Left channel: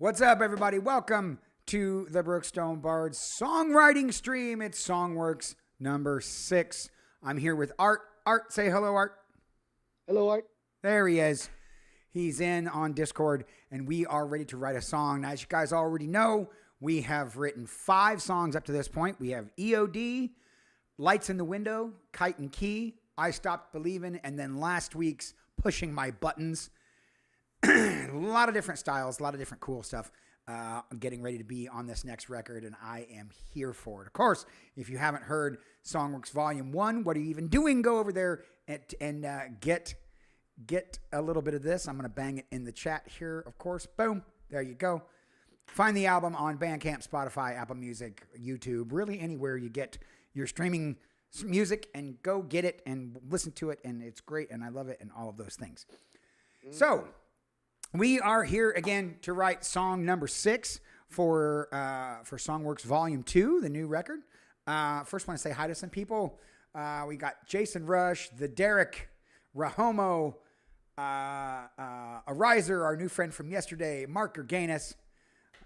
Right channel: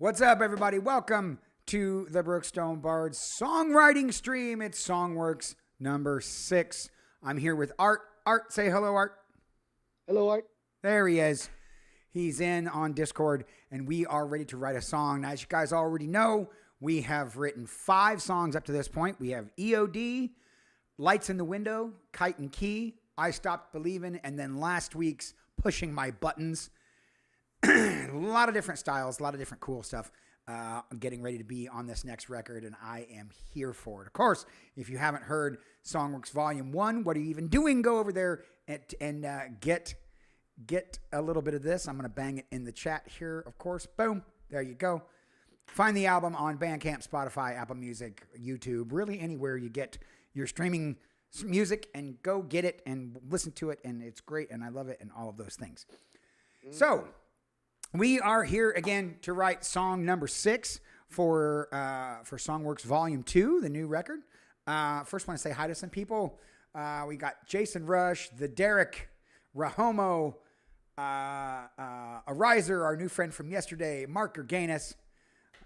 What's up, everybody? Welcome to the Brookstone Bards songwriting stream. It's Songw3rks number 6. I'm here with Art. Art, say hello, Art. Hello, Art. There he is. He's in on Discord, and we are ready to write a song. Now, as you guys already know, we have written 5 songs up to this point. We have EOD, Lights in the Window, Kite and Key, I Stopped Believing, and then last week's Pushing My Buttons. A lot of different styles, a lot of different cool stuff. I'm getting ready to be on this next record, and I am here for it. Of course, if you haven't heard Songw3rks Volume 1, what are you even doing? Go over there and get a little bit of this. I'm going to bang it in the chat here, of course. Boom. There you go. Find the album on Bandcamp, Spotify, Apple Music, YouTube, really anywhere you get your streaming music, and go get it and listen to it, and it's great, and I love it, and all of those things. So we are here again to write song number 6 for Songw3rks Volume 2, the new record. First, want to say hi to some people. We got Jason Rush, the Derek, Rahomo, Ariser, our new friend from yesterday, Mark Gerganis.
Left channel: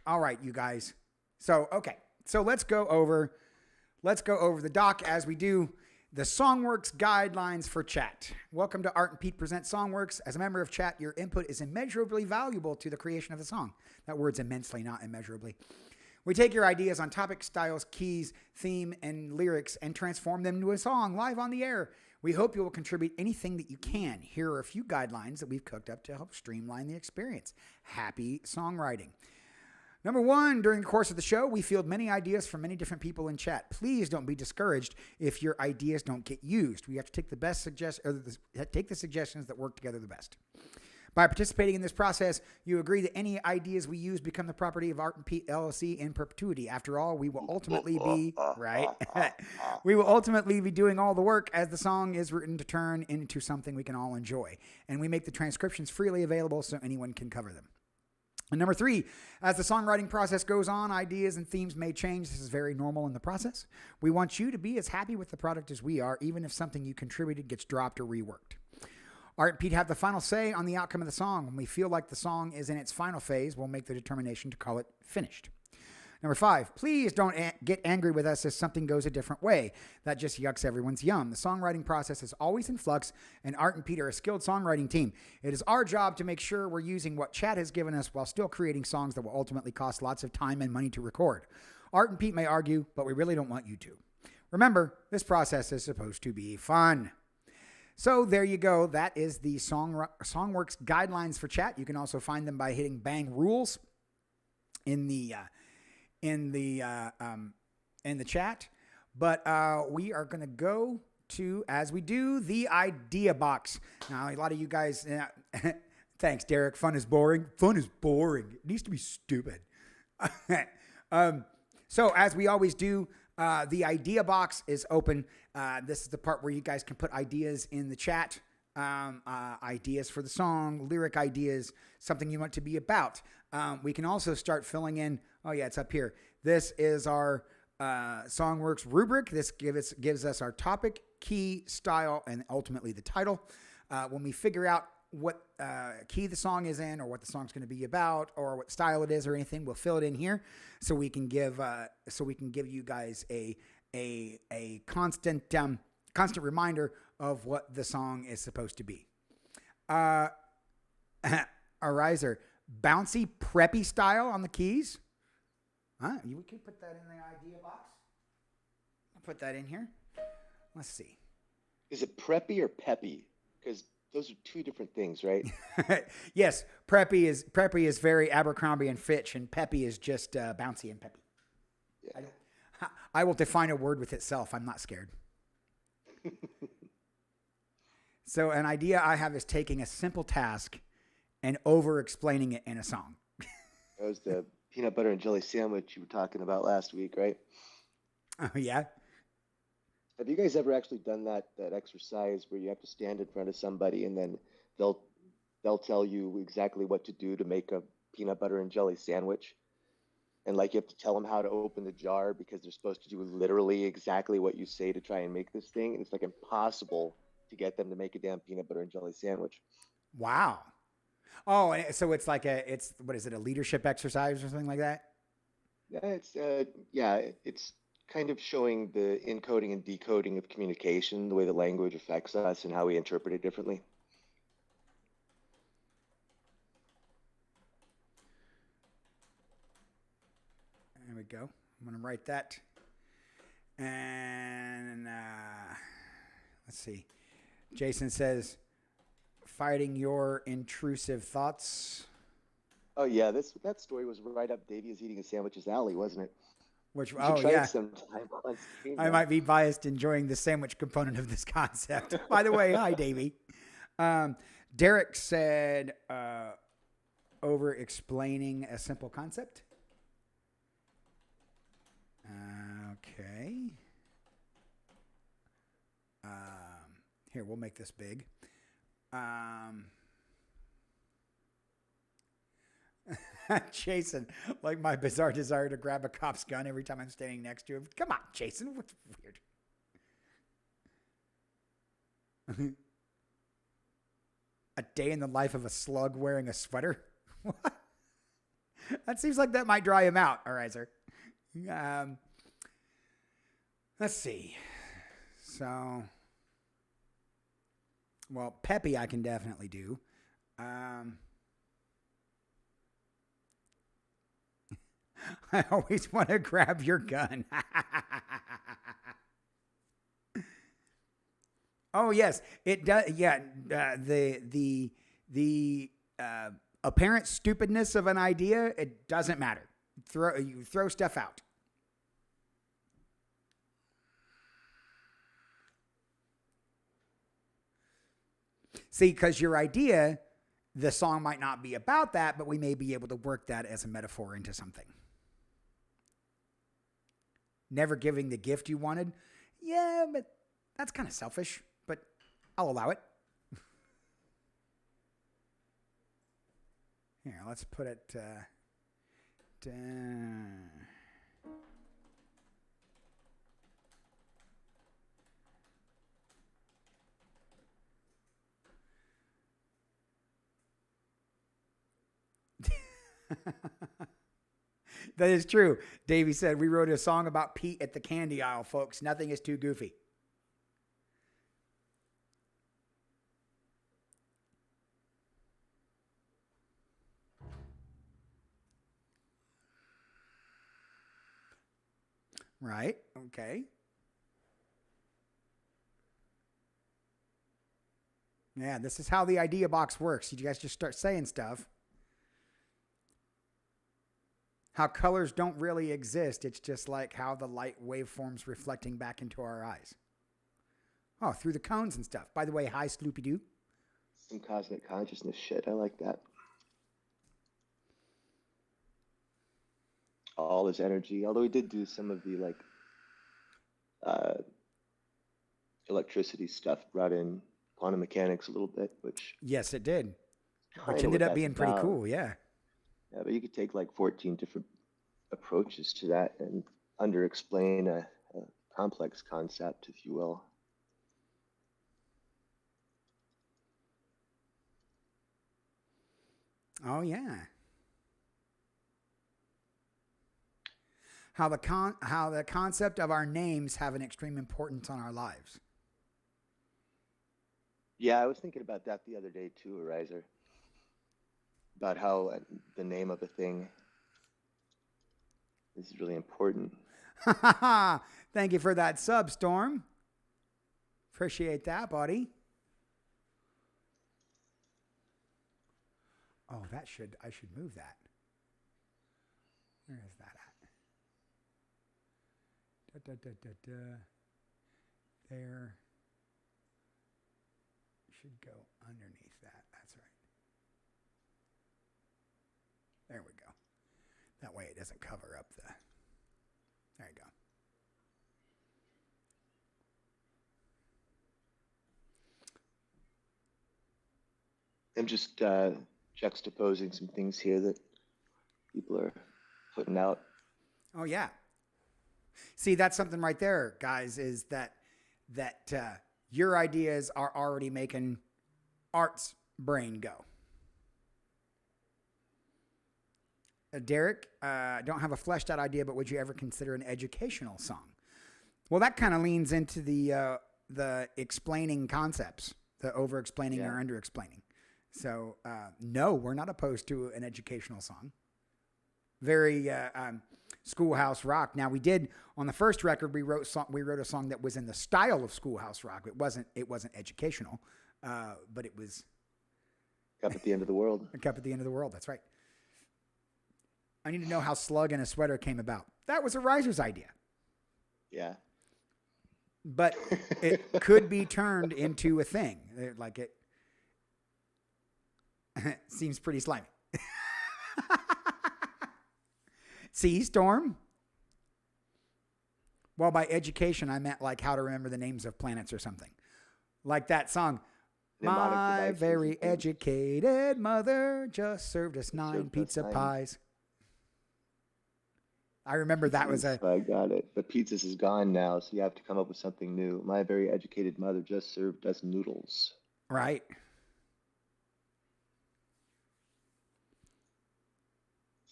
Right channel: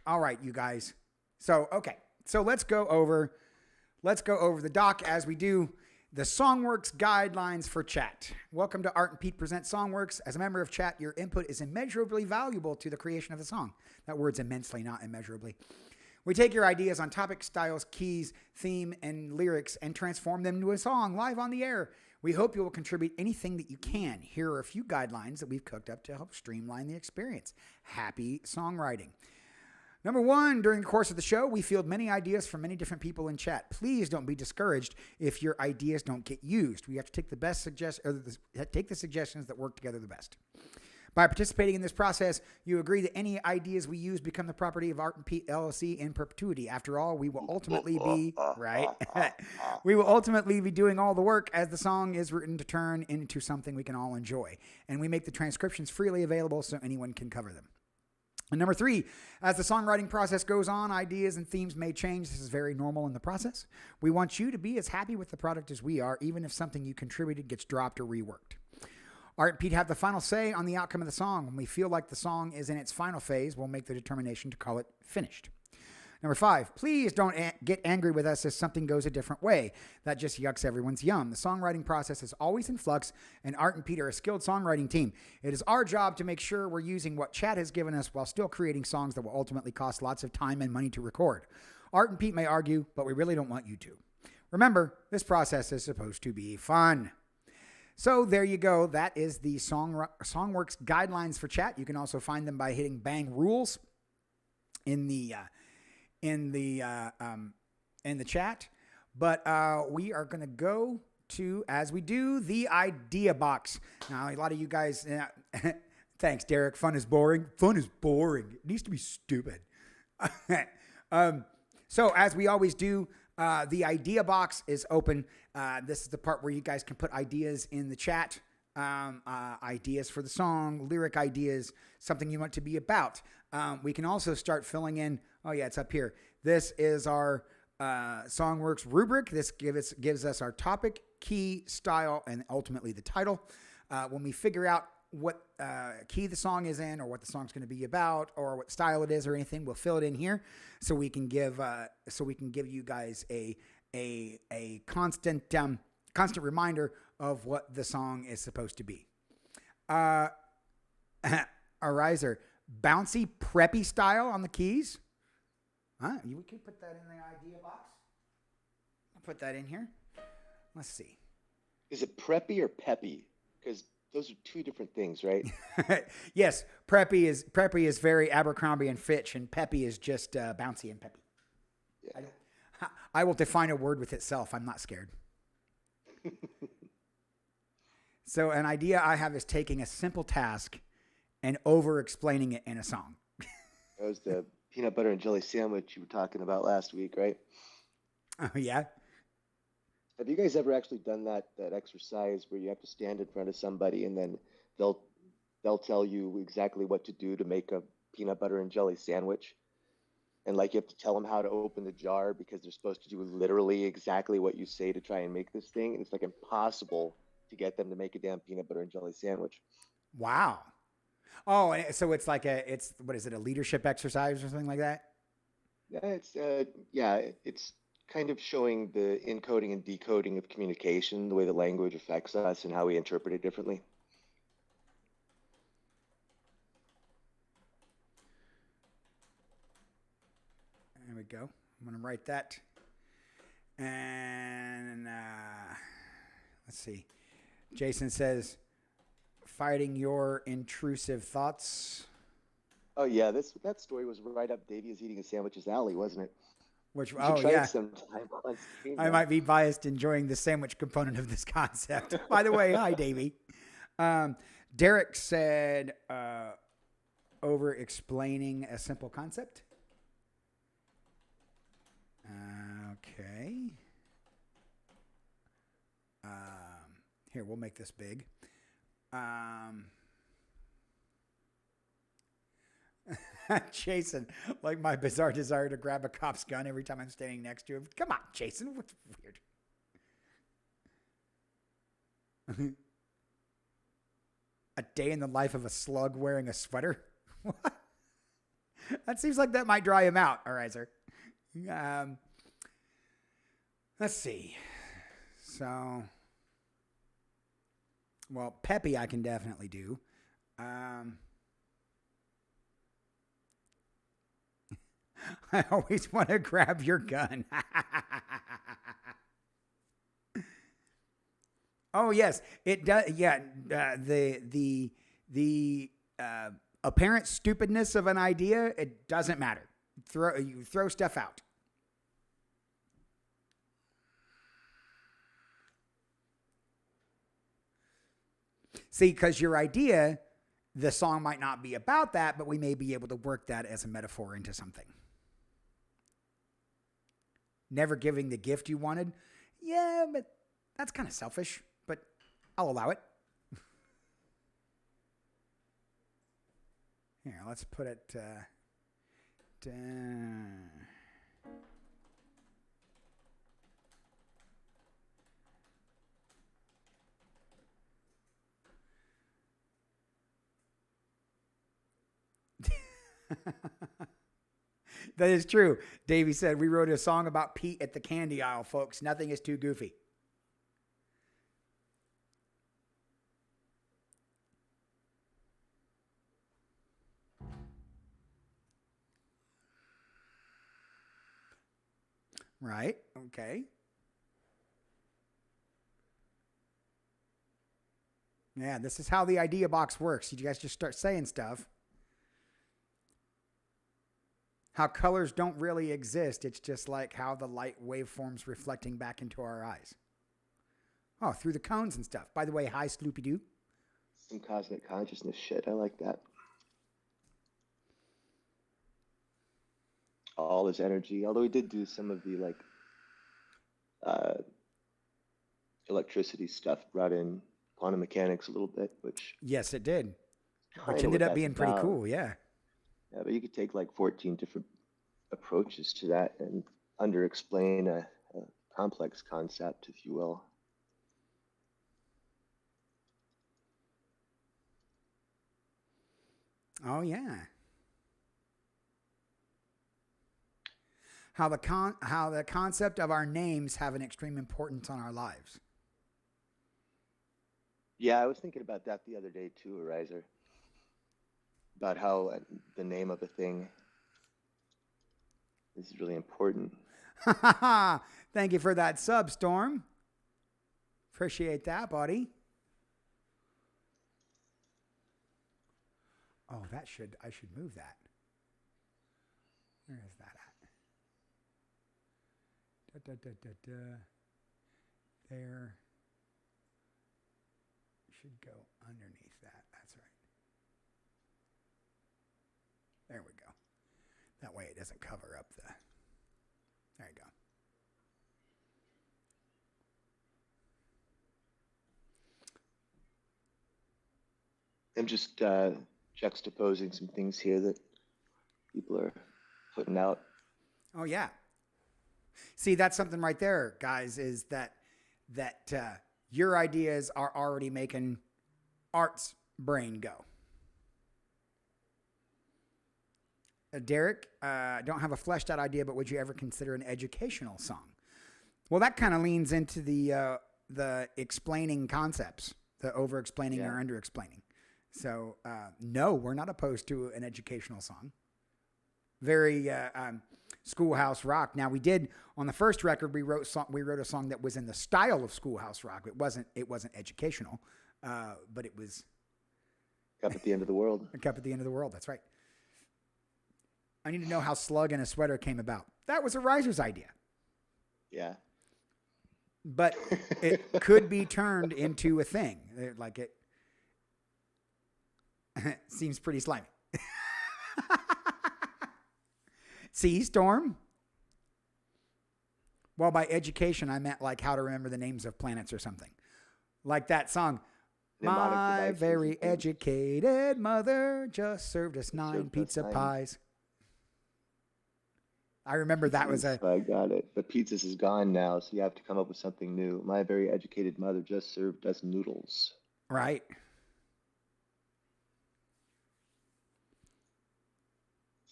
All right, you guys. So let's go over the doc as we do the Songw3rks guidelines for chat. Welcome to Art and Pete Present Songw3rks. As a member of chat, your input is immeasurably valuable to the creation of the song. That word's immensely, not immeasurably. We take your ideas on topic, styles, keys, theme, and lyrics and transform them into a song live on the air. We hope you will contribute anything that you can. Here are a few guidelines that we've cooked up to help streamline the experience. Happy songwriting. Number 1, during the course of the show, we field many ideas from many different people in chat. Please don't be discouraged if your ideas don't get used. We have to take take the suggestions that work together the best. By participating in this process, you agree that any ideas we use become the property of Art and Pete LLC in perpetuity. After all, we will ultimately be we will ultimately be doing all the work as the song is written to turn into something we can all enjoy. And we make the transcriptions freely available so anyone can cover them. And number 3, as the songwriting process goes on, ideas and themes may change. This is very normal in the process. We want you to be as happy with the product as we are, even if something you contributed gets dropped or reworked. Art and Pete have the final say on the outcome of the song. When we feel like the song is in its final phase, we'll make the determination to call it finished. Number 5, please don't get angry with us if something goes a different way. That just yucks everyone's yum. The songwriting process is always in flux, and Art and Pete are a skilled songwriting team. It is our job to make sure we're using what chat has given us while still creating songs that will ultimately cost lots of time and money to record. Art and Pete may argue, but we really don't want you to. Remember, this process is supposed to be fun. So there you go. That is the Songw3rks guidelines for chat. You can also find them by hitting bang rules in the chat, but we are going to go to, as we do, the idea box. Now, a lot of you guys, thanks, Derek. Fun is boring. Fun is boring. It needs to be stupid. So as we always do, the idea box is open. This is the part where you guys can put ideas in the chat. Ideas for the song, lyric ideas, something you want to be about. We can also start filling in. Oh yeah, it's up here. This is our Songw3rks rubric. This gives us our topic, key, style, and ultimately the title. When we figure out what key the song is in, or what the song's going to be about, or what style it is, or anything, we'll fill it in here so we can give you guys a constant reminder of what the song is supposed to be. Ariser, bouncy, preppy style on the keys. You can put that in the idea box. I'll put that in here. Let's see. Is it preppy or peppy? Because those are 2 different things, right? Yes, preppy is very Abercrombie and Fitch, and peppy is just bouncy and peppy. Yeah. I will define a word with itself. I'm not scared. So an idea I have is taking a simple task and over-explaining it in a song. That was the peanut butter and jelly sandwich you were talking about last week, right? Oh, yeah? Have you guys ever actually done that exercise where you have to stand in front of somebody and then they'll tell you exactly what to do to make a peanut butter and jelly sandwich? And like you have to tell them how to open the jar because they're supposed to do literally exactly what you say to try and make this thing. And it's like impossible to get them to make a damn peanut butter and jelly sandwich. Wow. Oh, so it's like what is it, a leadership exercise or something like that? Yeah, it's kind of showing the encoding and decoding of communication, the way the language affects us and how we interpret it differently. There we go. I'm going to write that. And let's see. Jason says, fighting your intrusive thoughts. Oh yeah, that story was right up Davey is eating a sandwich's alley, wasn't it? Which, You should oh, try it yeah. sometime on stream I then. might be biased enjoying the sandwich component of this concept. By the way, hi, Davey. Um, Derek said, over explaining a simple concept. Okay. Here, we'll make this big. Jason, like my bizarre desire to grab a cop's gun every time I'm standing next to him. Come on, Jason. What's weird? A day in the life of a slug wearing a sweater? What? That seems like that might dry him out. All right, sir. Let's see. So, well, Peppy I can definitely do. I always want to grab your gun. Oh yes, it does. Yeah, the apparent stupidness of an idea, it doesn't matter. You throw stuff out. See, because your idea, the song might not be about that, but we may be able to work that as a metaphor into something. Never giving the gift you wanted. Yeah, but that's kind of selfish, but I'll allow it. Here, let's put it That is true. Davey said, we wrote a song about Pete at the candy aisle, folks. Nothing is too goofy. Right. Okay. Yeah, this is how the idea box works. You guys just start saying stuff. How colors don't really exist. It's just like how the light waveforms reflecting back into our eyes. Oh, through the cones and stuff. By the way, hi, Sloopy Doo. Some cosmic consciousness shit. I like that. All this energy. Although we did do some of the like uh, electricity stuff, brought in quantum mechanics a little bit, which Yes, it did. kind Which of ended what up that's being pretty about. cool. Yeah. Yeah, but you could take like 14 different approaches to that and under explain a complex concept, if you will. Oh, yeah. How the concept of our names have an extreme importance on our lives. Yeah, I was thinking about that the other day too, Ariser, about how the name of a thing is really important. Thank you for that sub, Storm. Appreciate that, buddy. Oh, I should move that. Where is that at? There. Should go underneath that. That's right. There we go. That way it doesn't cover up the. There you go. I'm just juxtaposing some things here that people are putting out. Oh yeah. See, that's something right there, guys. Is that your ideas are already making Art's brain go. Derek, don't have a fleshed out idea, but would you ever consider an educational song? Well, that kind of leans into the explaining concepts, the over explaining or under explaining. So, no, we're not opposed to an educational song. Very schoolhouse rock. Now, we did on the first record, we wrote a song that was in the style of schoolhouse rock. It wasn't educational, but it was Cup at the End of the World. A Cup at the End of the World. That's right. I need to know how Slug and a Sweater came about. That was a Riser's idea. Yeah. But it could be turned into a thing. Like it seems pretty slimy. See, Storm? Well, by education, I meant like how to remember the names of planets or something. Like that song. My very educated mother just served us 9 pizza pies. I remember that was a... I got it. But pizzas is gone now, so you have to come up with something new. My very educated mother just served us noodles. Right.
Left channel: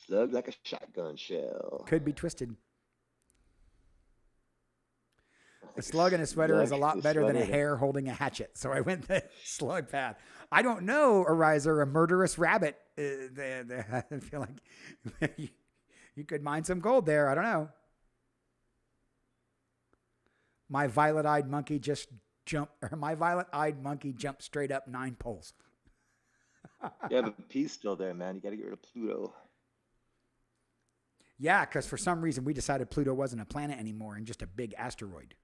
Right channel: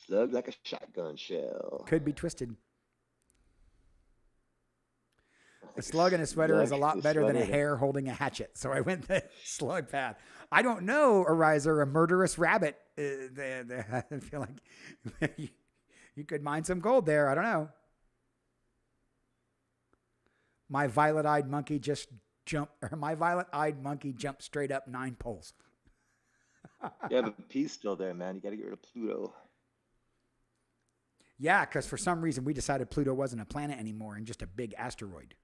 Slug like a shotgun shell. Could be twisted. A slug and a sweater is a lot better than a hare holding a hatchet. So I went the slug path. I don't know, Ariser, a murderous rabbit. I feel like you could mine some gold there. I don't know. My violet-eyed monkey jumped straight up 9 poles. Yeah, but P's still there, man. You got to get rid of Pluto. Yeah, because for some reason we decided Pluto wasn't a planet anymore and just a big asteroid.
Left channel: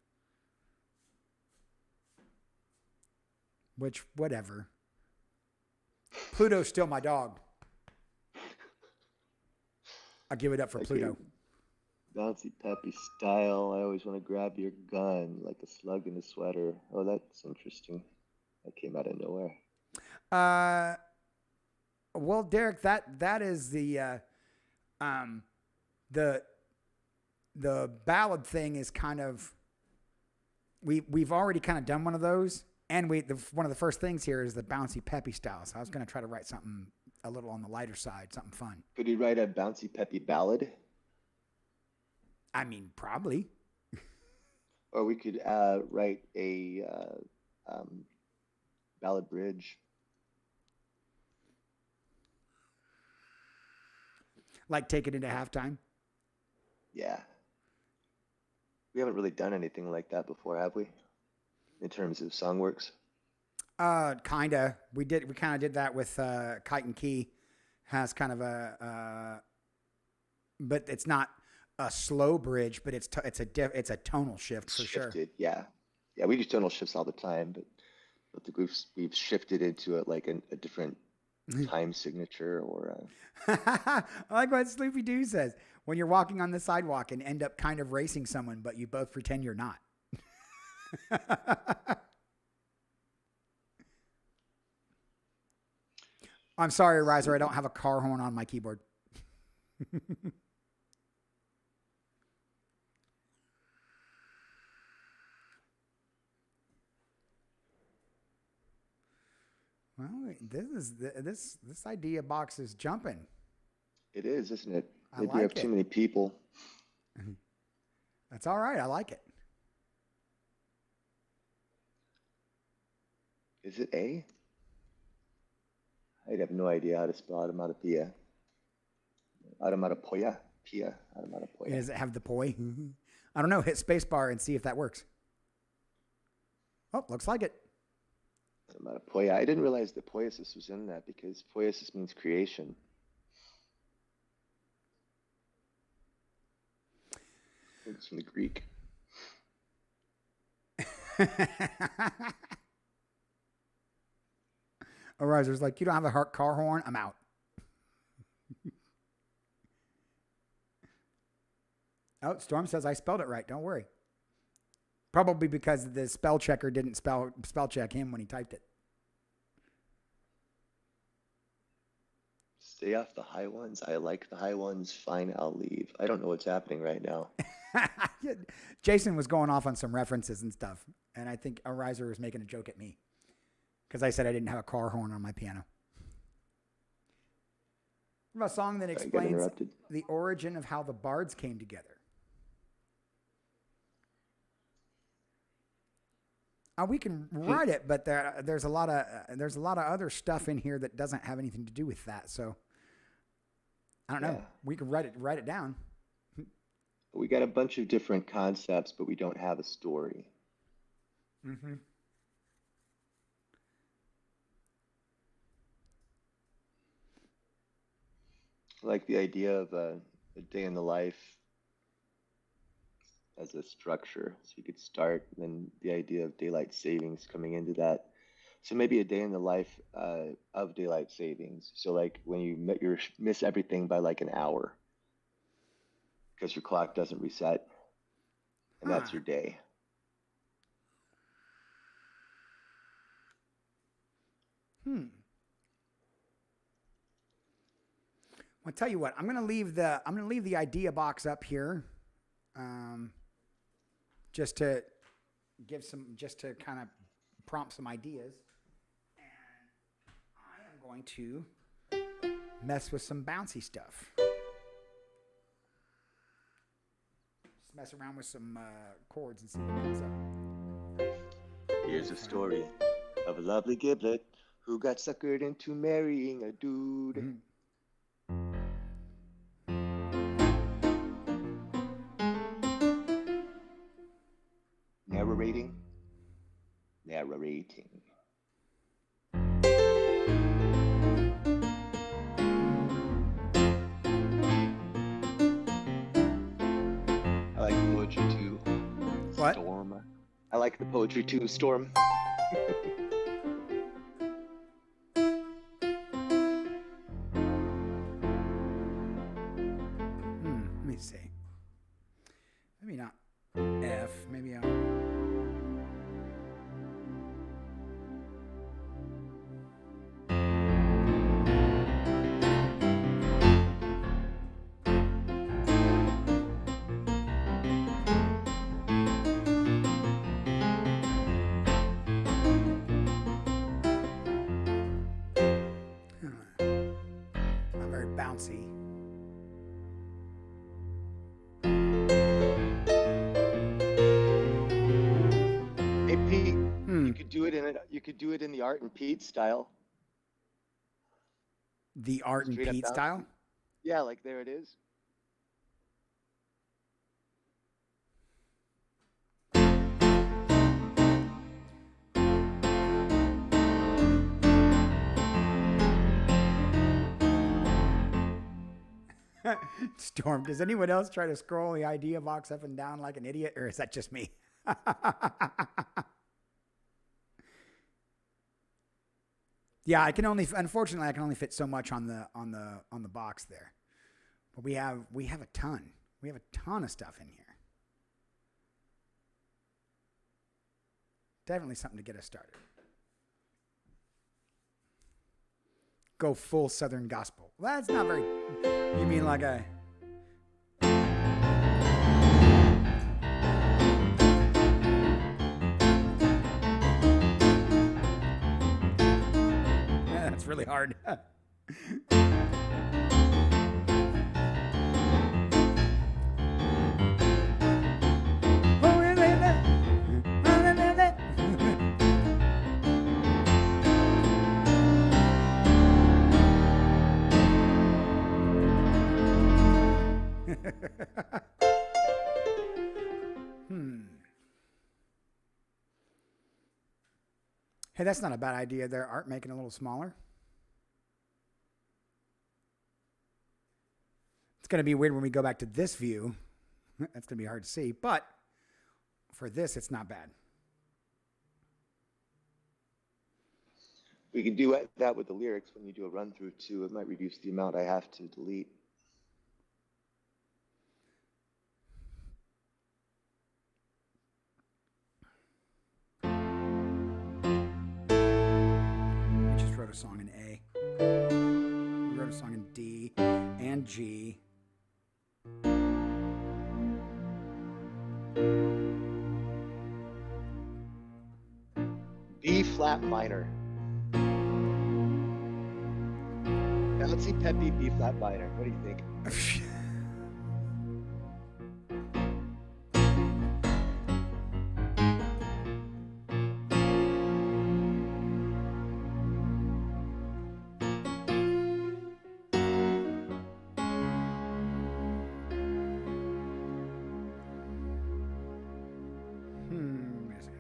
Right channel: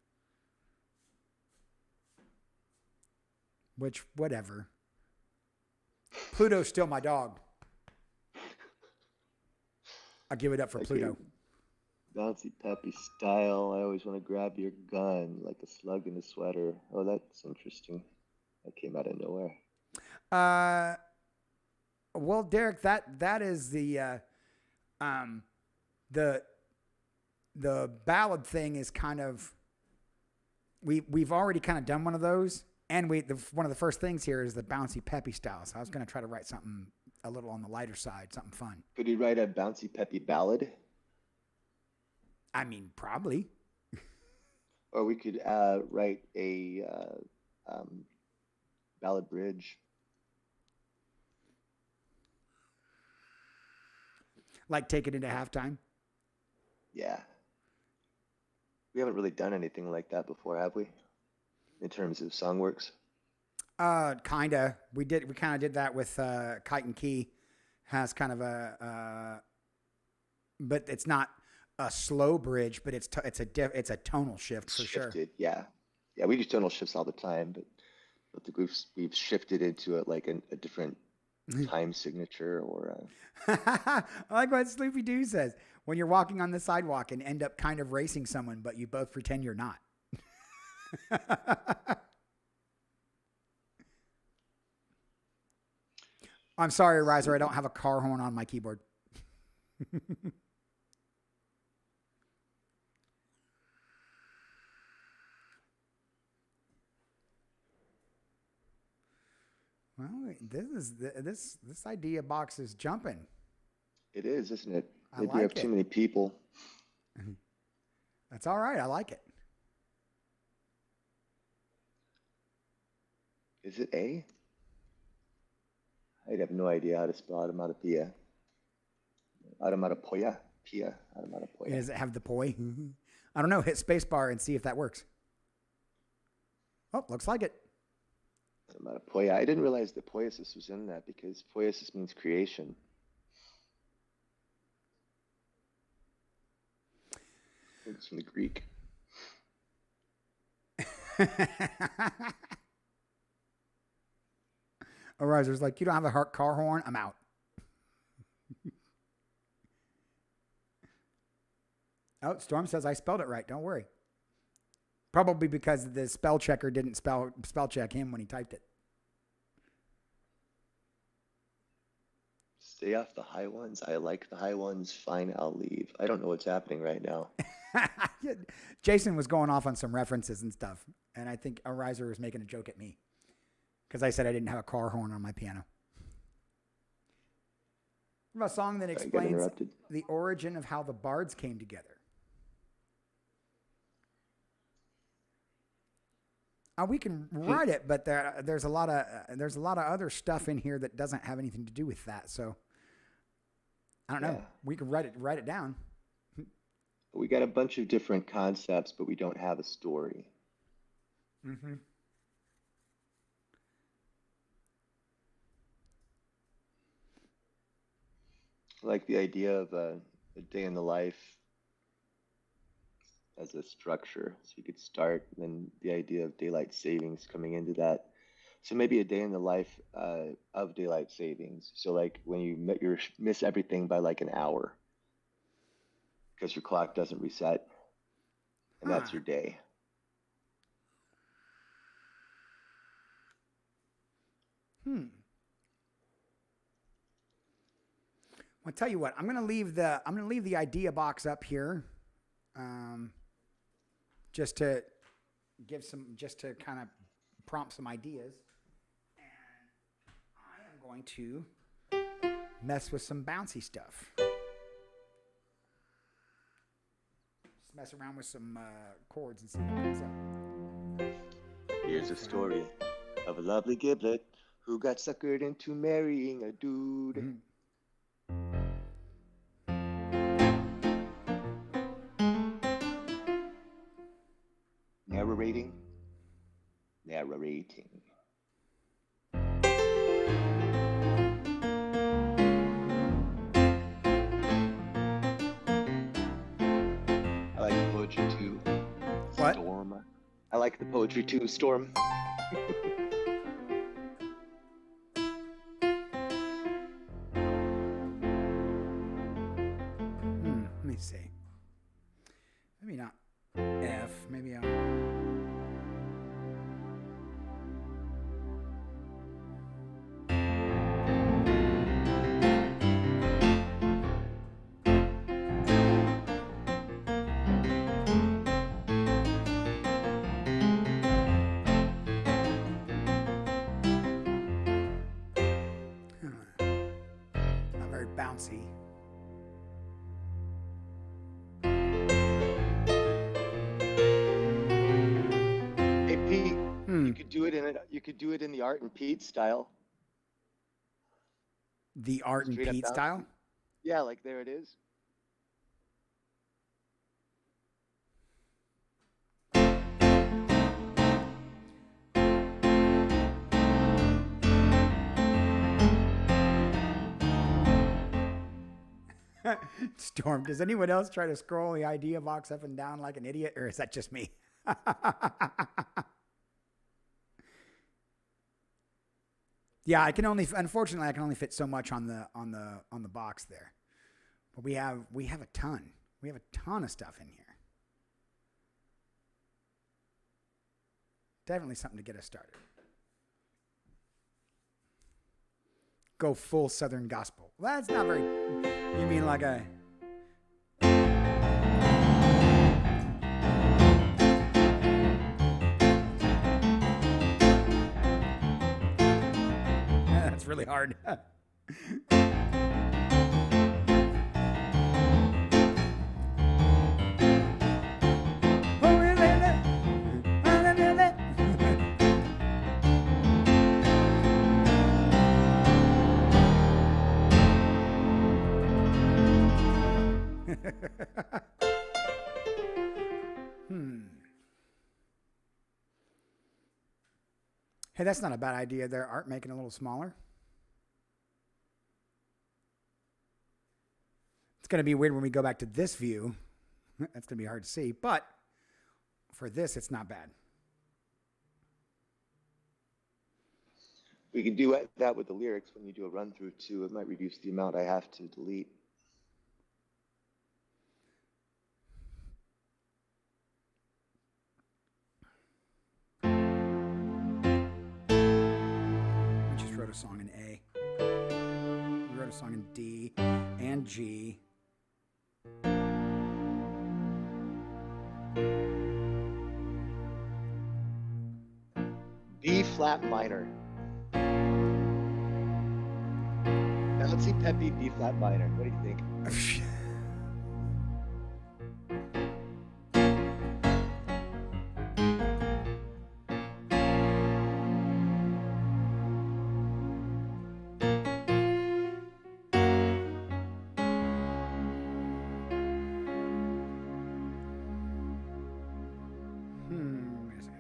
Which, whatever. Pluto's still my dog. I'll give it up for Pluto. Bouncy peppy style. I always want to grab your gun like a slug in a sweater. Oh, that's interesting. That came out of nowhere. Well, Derek, that is the ballad thing is kind of we've already kind of done one of those, and one of the first things here is the bouncy peppy style. So I was going to try to write something a little on the lighter side, something fun. Could you write a bouncy peppy ballad? I mean, probably. Or we could write a ballad bridge. Like take it into halftime? Yeah. We haven't really done anything like that before, have we? In terms of Songw3rks? Kinda. We kind of did that with Kite and Key. Has kind of but it's not a slow bridge, but it's a tonal shift for Shifted, sure. Yeah. Yeah, we do tonal shifts all the time, but we've shifted into it like a different time signature or I like what Sloopy Doo says. When you're walking on the sidewalk and end up kind of racing someone, but you both pretend you're not. I'm sorry, Riser. I don't have a car horn on my keyboard. Well, this idea box is jumping. It is, isn't it? Maybe we have too many people. That's all right. I like it. Is it A? I have no idea how to spell automatopoeia. Automatopoeia. Automatopoeia. Does it have the poi? I don't know. Hit spacebar and see if that works. Oh, looks like it. Automatopoeia. I didn't realize that poiesis was in that because poiesis means creation. It's from the Greek. Ariser's like, you don't have a car horn? I'm out. Oh, Storm says I spelled it right. Don't worry. Probably because the spell checker didn't spell check him when he typed it. Stay off the high ones. I like the high ones. Fine, I'll leave. I don't know what's happening right now. Jason was going off on some references and stuff, and I think Ariser was making a joke at me because I said I didn't have a car horn on my piano. What about a song that Sorry, I got explains interrupted. the origin of how the bards came together? We can write it, but there's a lot of other stuff in here that doesn't have anything to do with that. So I don't know. Yeah. We can write it down. We got a bunch of different concepts, but we don't have a story. Mm-hmm. I like the idea of a day in the life as a structure. So you could start, and then the idea of daylight savings coming into that. So maybe a day in the life of daylight savings. So like when you miss everything by like an hour because your clock doesn't reset, and Huh. that's your day. I'll tell you what. I'm gonna leave the idea box up here, just to kind of prompt some ideas, and I am going to mess with some bouncy stuff. Just mess around with some chords and see what comes up. Here's a story of a lovely giblet who got suckered into marrying a dude. Mm-hmm. Narrating. I like the poetry too. What? Storm. I like the poetry too, Storm. Let me see. Maybe not F. Maybe I'll. Not very bouncy. Hey Pete, you could do it in the Art and Pete style. The Art and Straight up Pete bouncy. style? Yeah, like there it is. Storm, does anyone else try to scroll the idea box up and down like an idiot, or is that just me? Yeah, unfortunately I can only fit so much on the box there. But we have a ton. We have a ton of stuff in here. Definitely something to get us started. Go full Southern gospel. Well, that's not very. You mean like a. That's really hard. Hey, that's not a bad idea there, Art, making it a little smaller. It's going to be weird when we go back to this view. That's going to be hard to see, but for this, it's not bad. We can do that with the lyrics when you do a run through too. It might reduce the amount I have to delete. We just wrote a song in A. We wrote a song in D and G. B flat minor. bouncy peppy B flat minor. What do you think? Wait a second.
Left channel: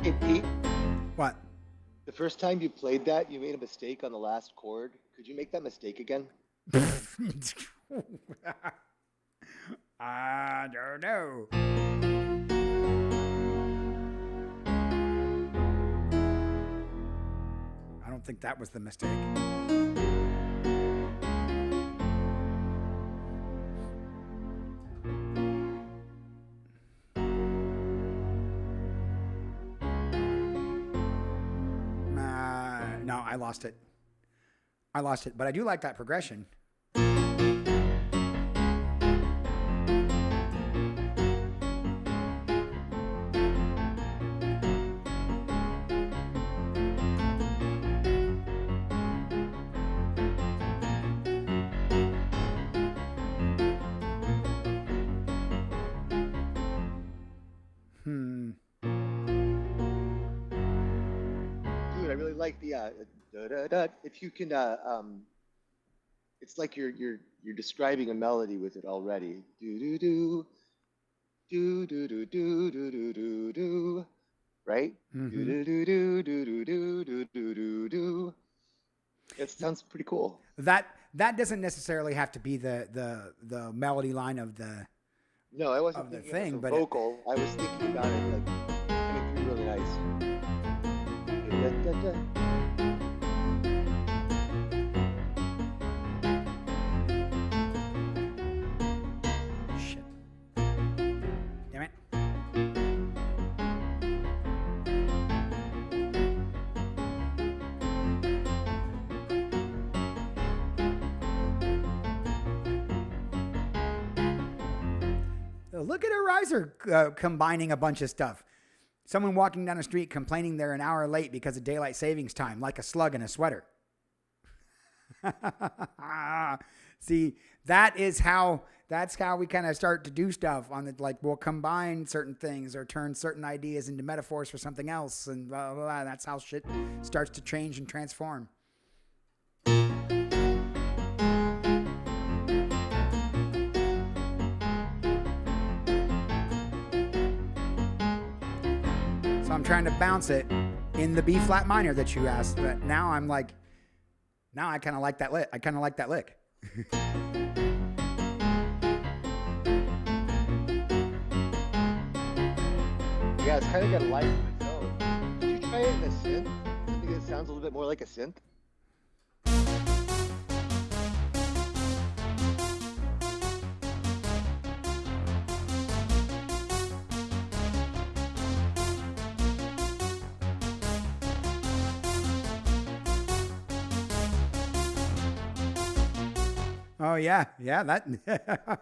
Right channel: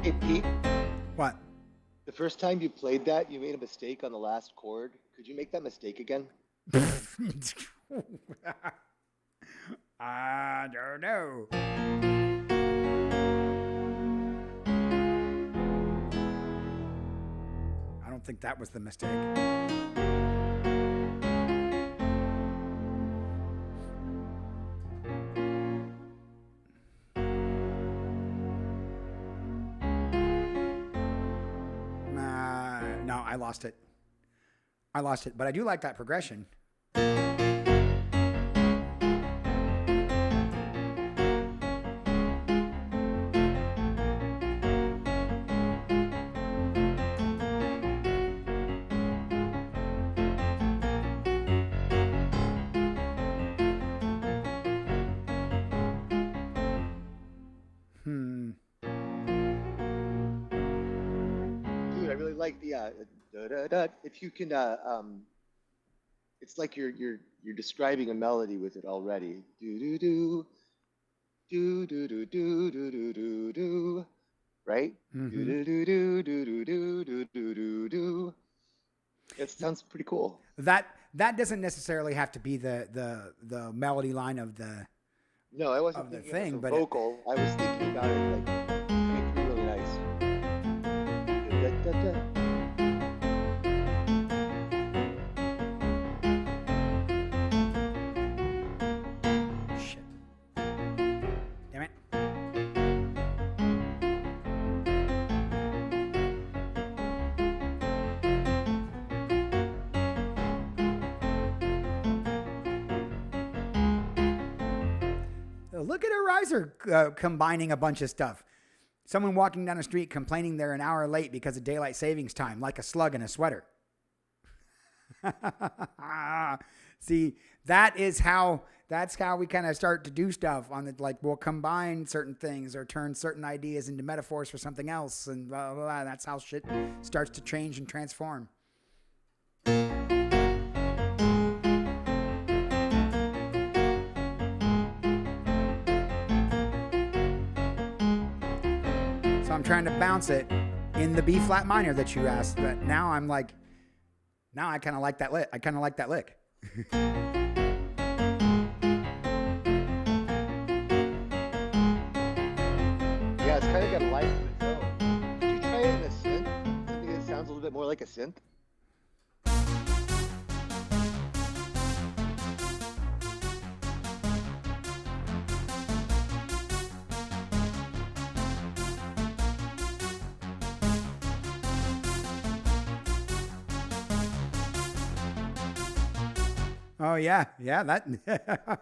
Hey, Pete, What? the first time you played that, you made a mistake on the last chord. Could you make that mistake again? I don't know. I don't think that was the mistake. No, I lost it. I lost it, but I do like that progression. Dude, I really like the if you can it's like you're describing a melody with it already. Do do do do do do do do do do, right? Do do do do do do do do do do. It sounds pretty cool. That doesn't necessarily have to be the melody line of the No, I wasn't of the thinking thing, of but the vocal. I was thinking about it like it's coming through really nice. Da, da, da, da. shit. Damn it. Look at a riser combining a bunch of stuff. Someone walking down the street complaining they're an hour late because of daylight savings time, like a slug in a sweater. See, that's how we kind of start to do stuff on the, like, we'll combine certain things or turn certain ideas into metaphors for something else, and blah, blah, blah. That's how shit starts to change and transform. So I'm trying to bounce it in the B flat minor that you asked, but now I'm like, now I kind of like that lick. I kind of like that lick. Yeah, it's kind of got a life of its own. Could you try it in a synth? Something that sounds a little bit more like a synth? Oh yeah, that. At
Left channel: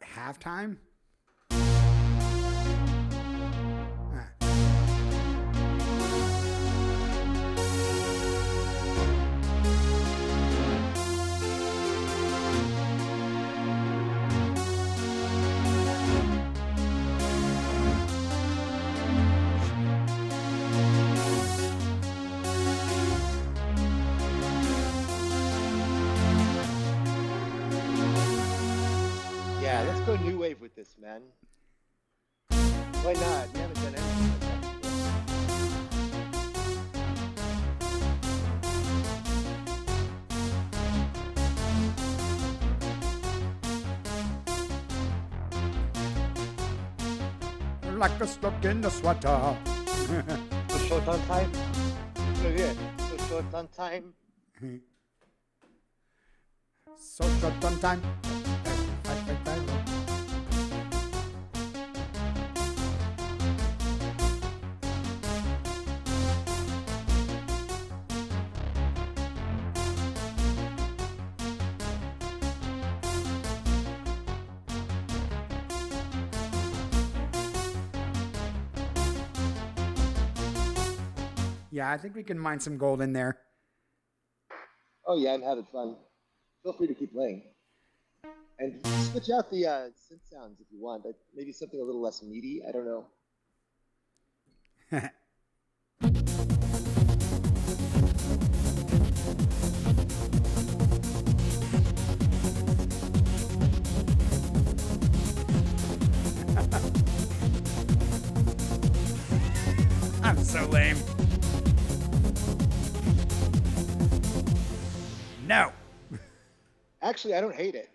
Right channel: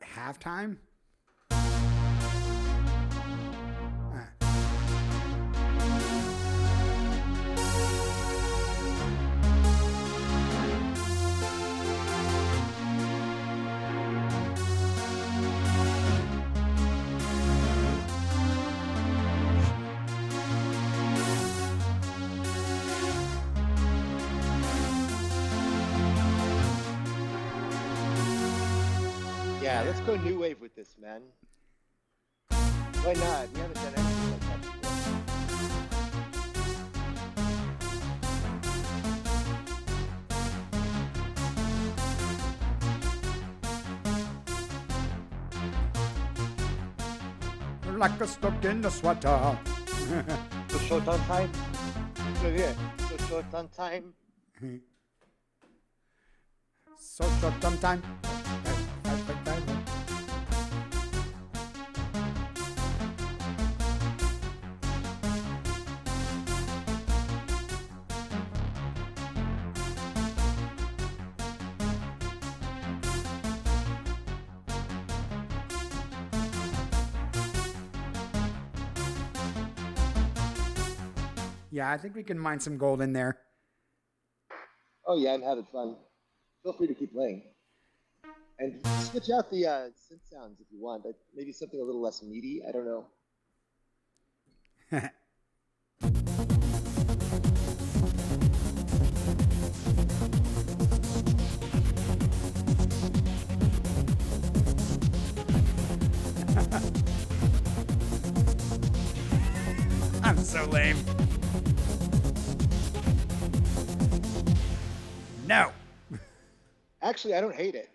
halftime. Yeah, let's go new wave with this, man. Why not? We haven't done anything like that before. like a stuck in the sweater. So short on time. So yeah, so short on time. So short on time. Yeah, I think we can mine some gold in there. Oh yeah, I'm having fun. Feel free to keep playing. And switch out the synth sounds if you want. Maybe something a little less meaty. I don't know. I'm so lame. No. Actually, I don't hate it.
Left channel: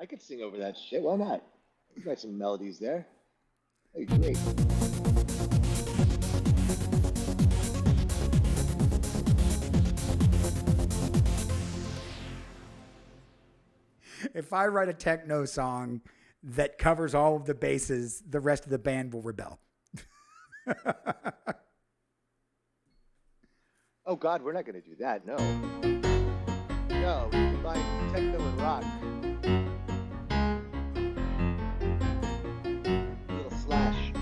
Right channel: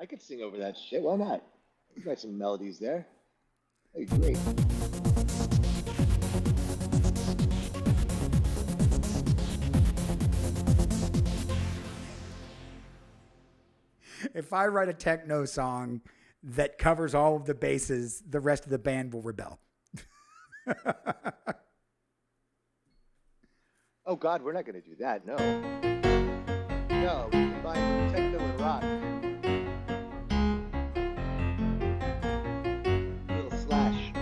I could sing over that shit. Why not? You got some melodies there. That'd be great. If I write a techno song that covers all of the bases, the rest of the band will rebel. Oh God, we're not going to do that. No. No, we combine techno and rock. A little slash.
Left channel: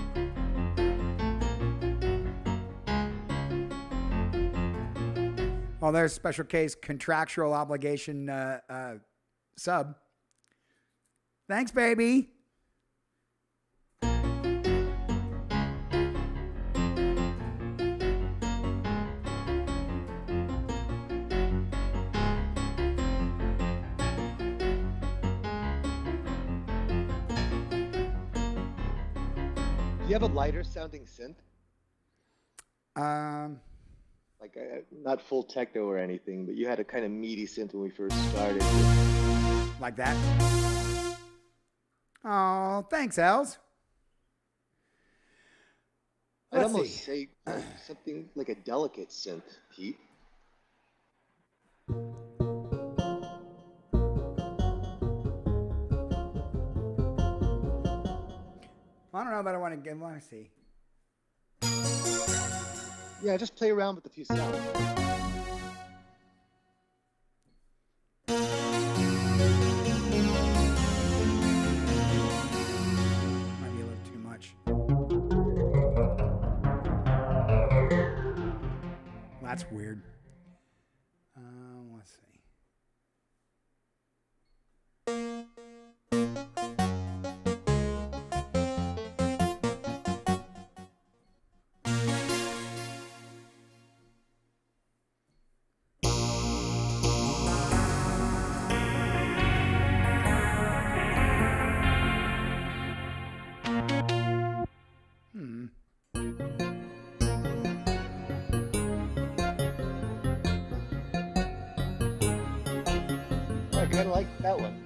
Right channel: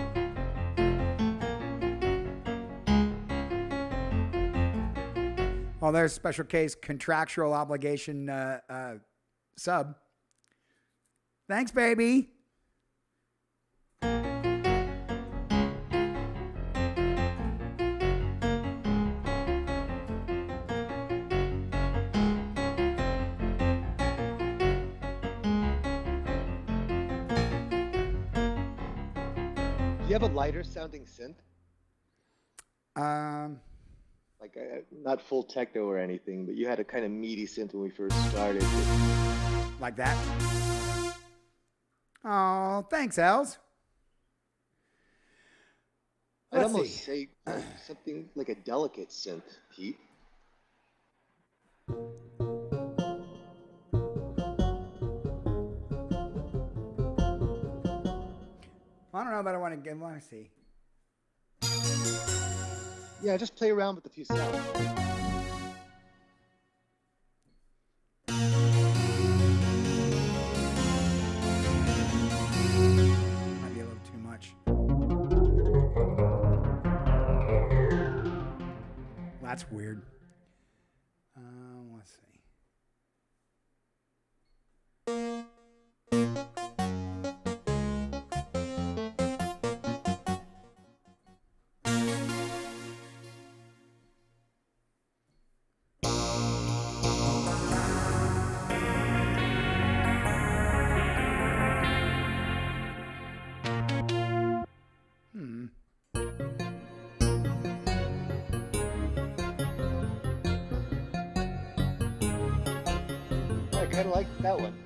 Well, there's special case contractual obligation sub. Thanks, baby. Do you have a lighter sounding synth? Like not full techno or anything, but you had a kind of meaty synth when we first started. Like that. Oh, thanks, Els. I'd almost say something like a delicate synth, Pete. I don't know, but I want to see. Yeah, just play around with a few sounds. Might be a little too much. Well, that's weird. Let's see. I kind of like that one.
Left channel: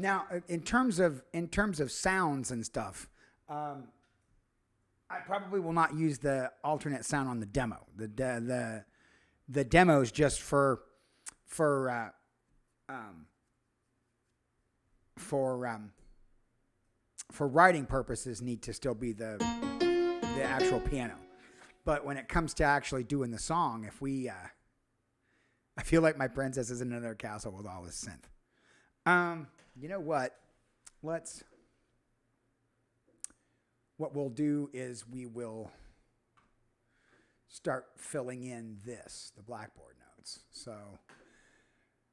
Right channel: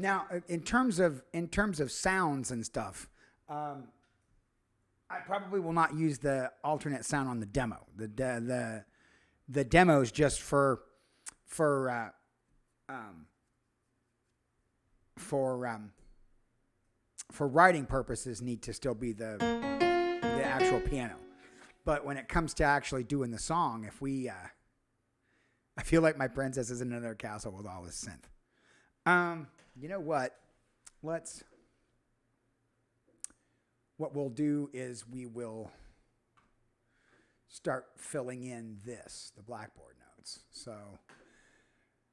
Now, in terms of sounds and stuff, I probably will not use the alternate sound on the demo. The demo is just for writing purposes need to still be the actual piano. But when it comes to actually doing the song, if we I feel like my princess is in another castle with all this synth. You know what? What we'll do is we will start filling in the blackboard notes. So,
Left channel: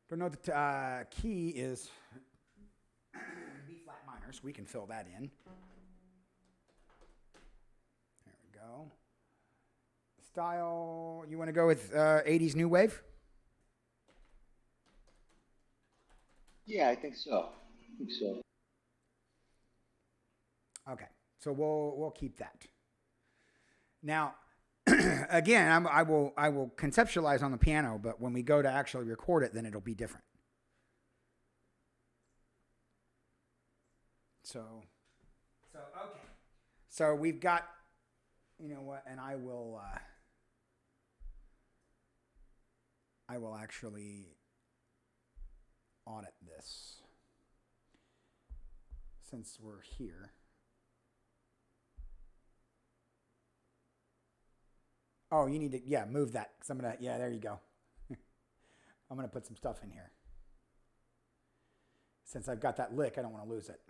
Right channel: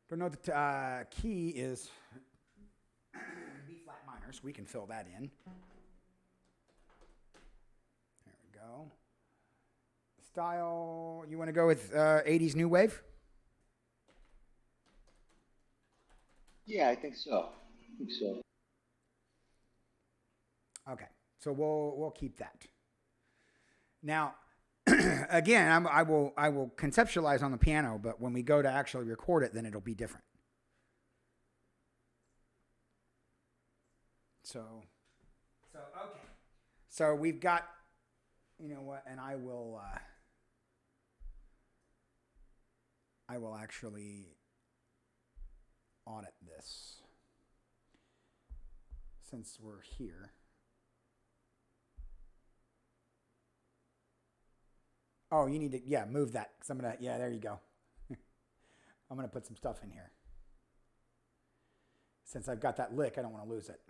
don't know the key is B flat minor, so we can fill that in. There we go. Style, you want to go with 80s new wave? Yeah, I think so. Okay, so we'll keep that. Now, again, I will conceptualize on the piano, but when we go to actually record it, then it'll be different. So okay. So we've got, you know what, and I will actually audit this since we're here. Oh, you need to, move that. Because I'm going to, there you go. I'm going to put some stuff in here. Since I've got that lick, I don't want to lose it.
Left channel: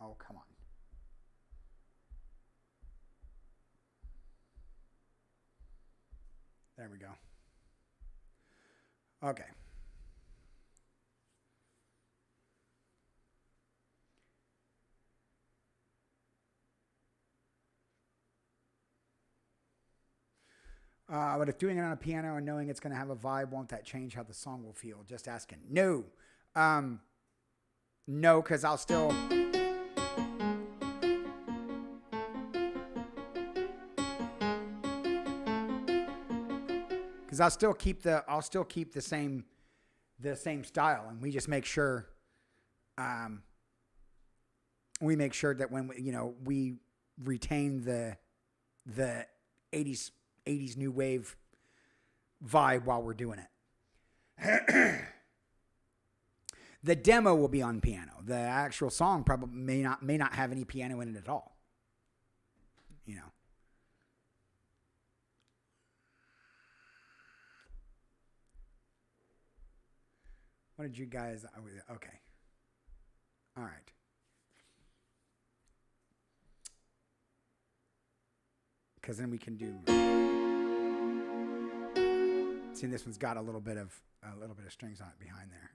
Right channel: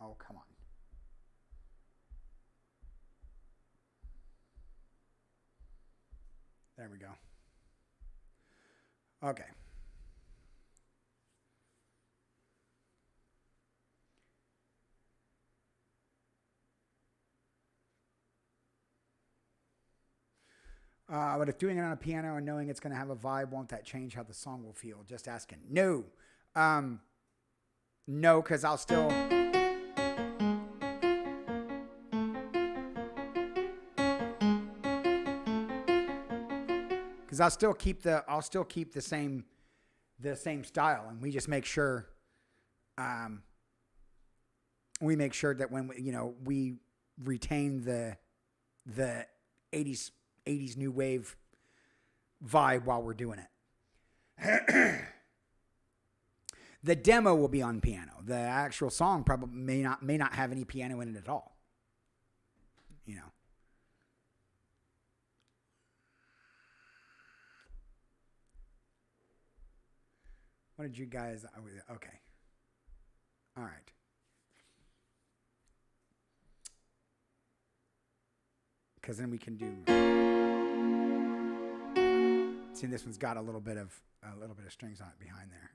Oh, come on. There we go. Okay. But if doing it on a piano and knowing it's going to have a vibe, won't that change how the song will feel? Just asking. No. No, because I'll still... Because I'll still keep the same style, and we just make sure that when we retain the 80s new wave vibe while we're doing it. The demo will be on piano. The actual song probably may not have any piano in it at all. What did you guys... Okay. All right. Because then we can do... See, this one's got a little bit of strings on it behind there.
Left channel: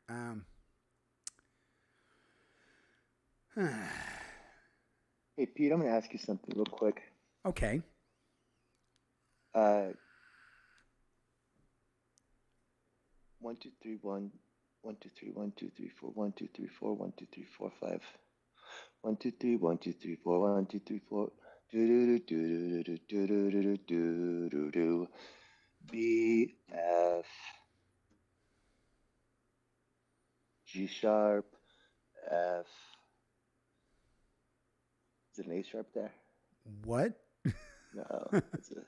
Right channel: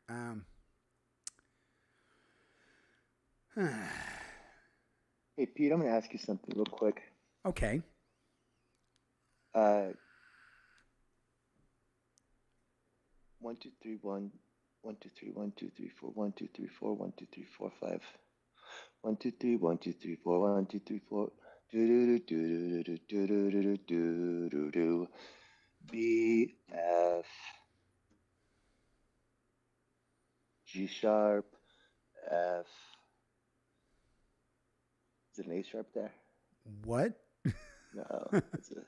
Hey, Pete, I'm going to ask you something real quick. Okay. 1, 2, 3, 1. 1, 2, 3, 1, 2, 3, 4, 1, 2, 3, 4, 1, 2, 3, 4, 5. 1, 2, 3, 1, 2, 3, 4, 1, 2, 3, 4. Do do do do do do do do do do. B F G sharp F. Is it an A sharp there? What? No, it's a.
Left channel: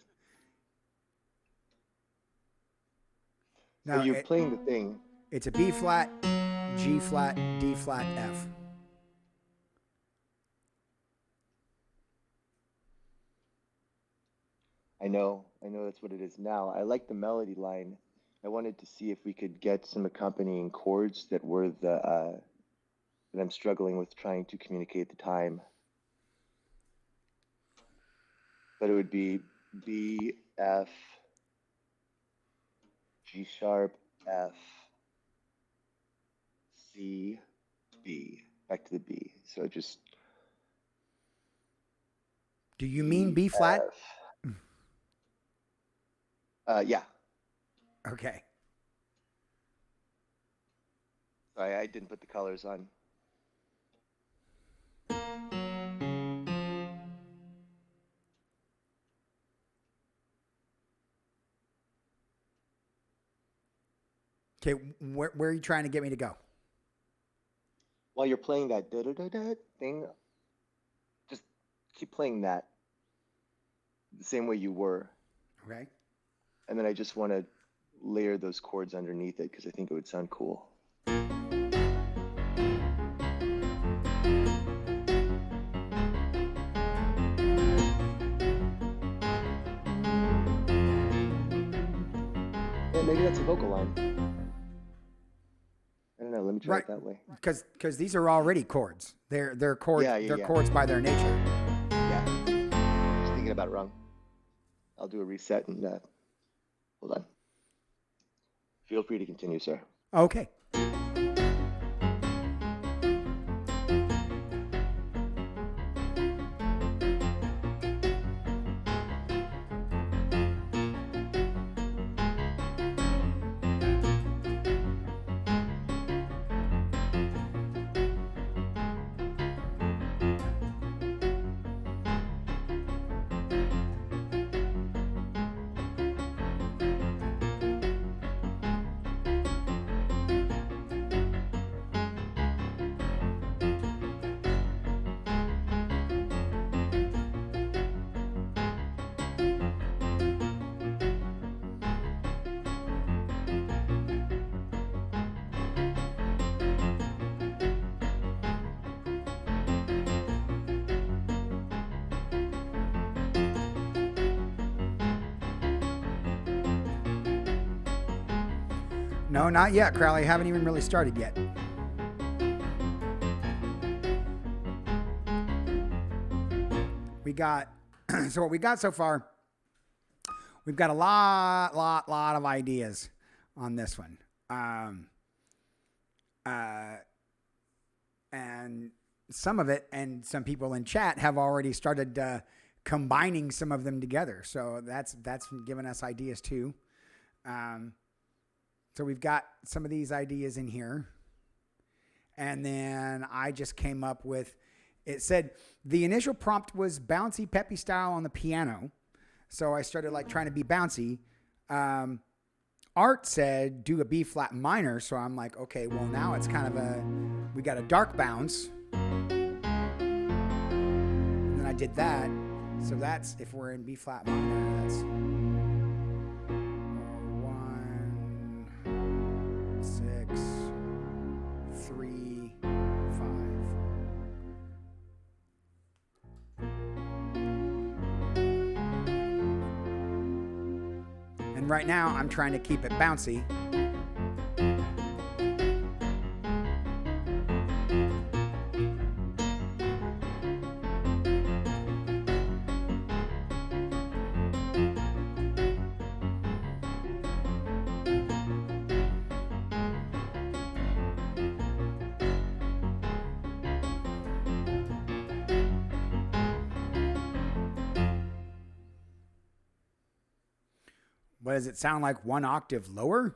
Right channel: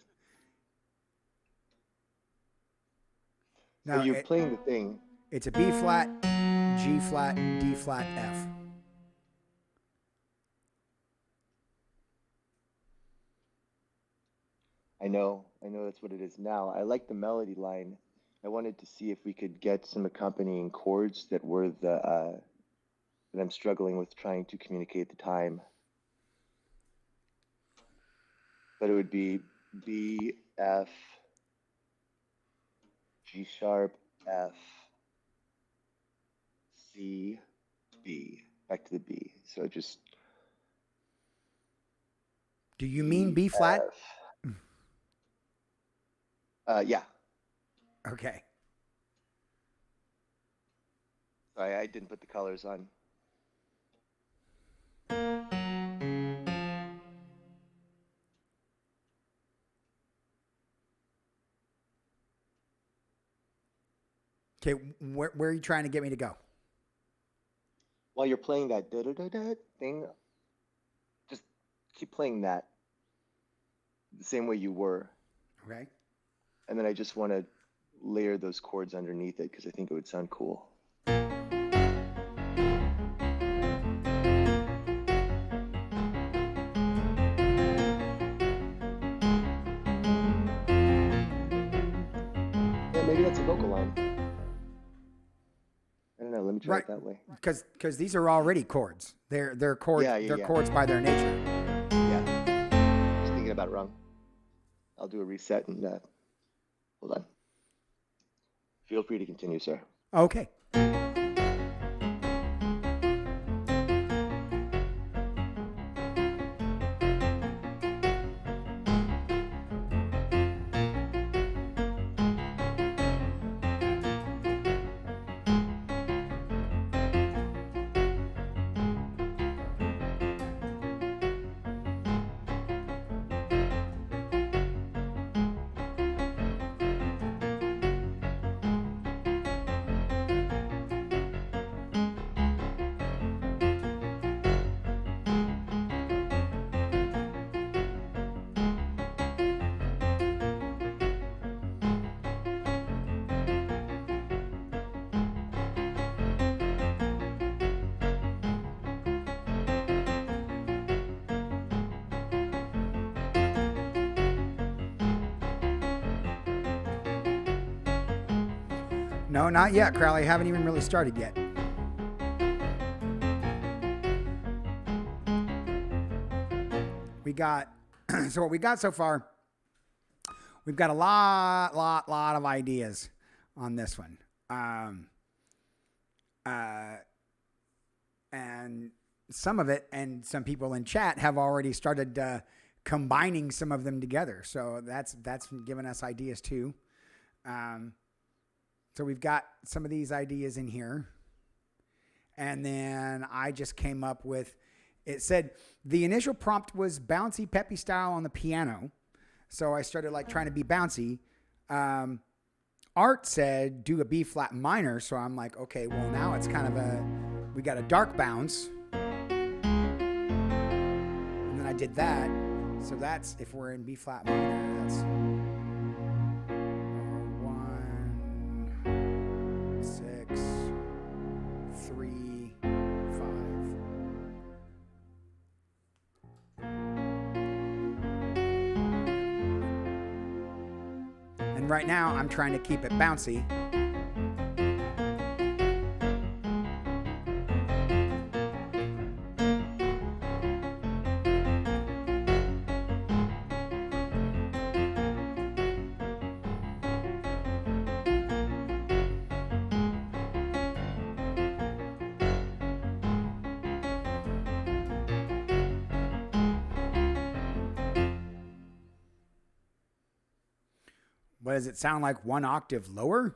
No, you're playing the thing. It's a B flat, G flat, D flat, F. I know that's what it is now. I like the melody line. I wanted to see if we could get some accompanying chords that were that I'm struggling with trying to communicate the time. But it would be B, F, G sharp, F, C, B. Back to the B. So just... Do you mean B flat? Yeah. Okay. Sorry, I didn't put the colors on. Okay. Where are you trying to get me to go? While you're playing that da da da da thing, just keep playing that the same way you were. Okay. And then I just want to layer those chords underneath it because I think it would sound cool. Yeah, maybe that's a vocal line. I don't know. Let me try it that way. Because these are already chords. They're chords. They're chords by their nature. Yeah. Just thinking about it wrong. I'll do a reset and hold on. Feel free to continue, sir. Okay. No, not yet, Crowley. I haven't even really started yet. We got, so what we got so far, we've got a lot of ideas on this one. And some of it, and some people in chat have already started combining some of them together. So that's given us ideas too. So we've got some of these ideas in here. And then I just came up with, it said the initial prompt was bouncy, peppy style on the piano. So I started like trying to be bouncy. Art said do a B flat minor. So I'm like, okay, well now it's kind of we got a dark bounce. And then I did that. So that's, if we're in B flat minor, that's 1, 6, 3, 5. And right now I'm trying to keep it bouncy. What does it sound like? 1 octave lower?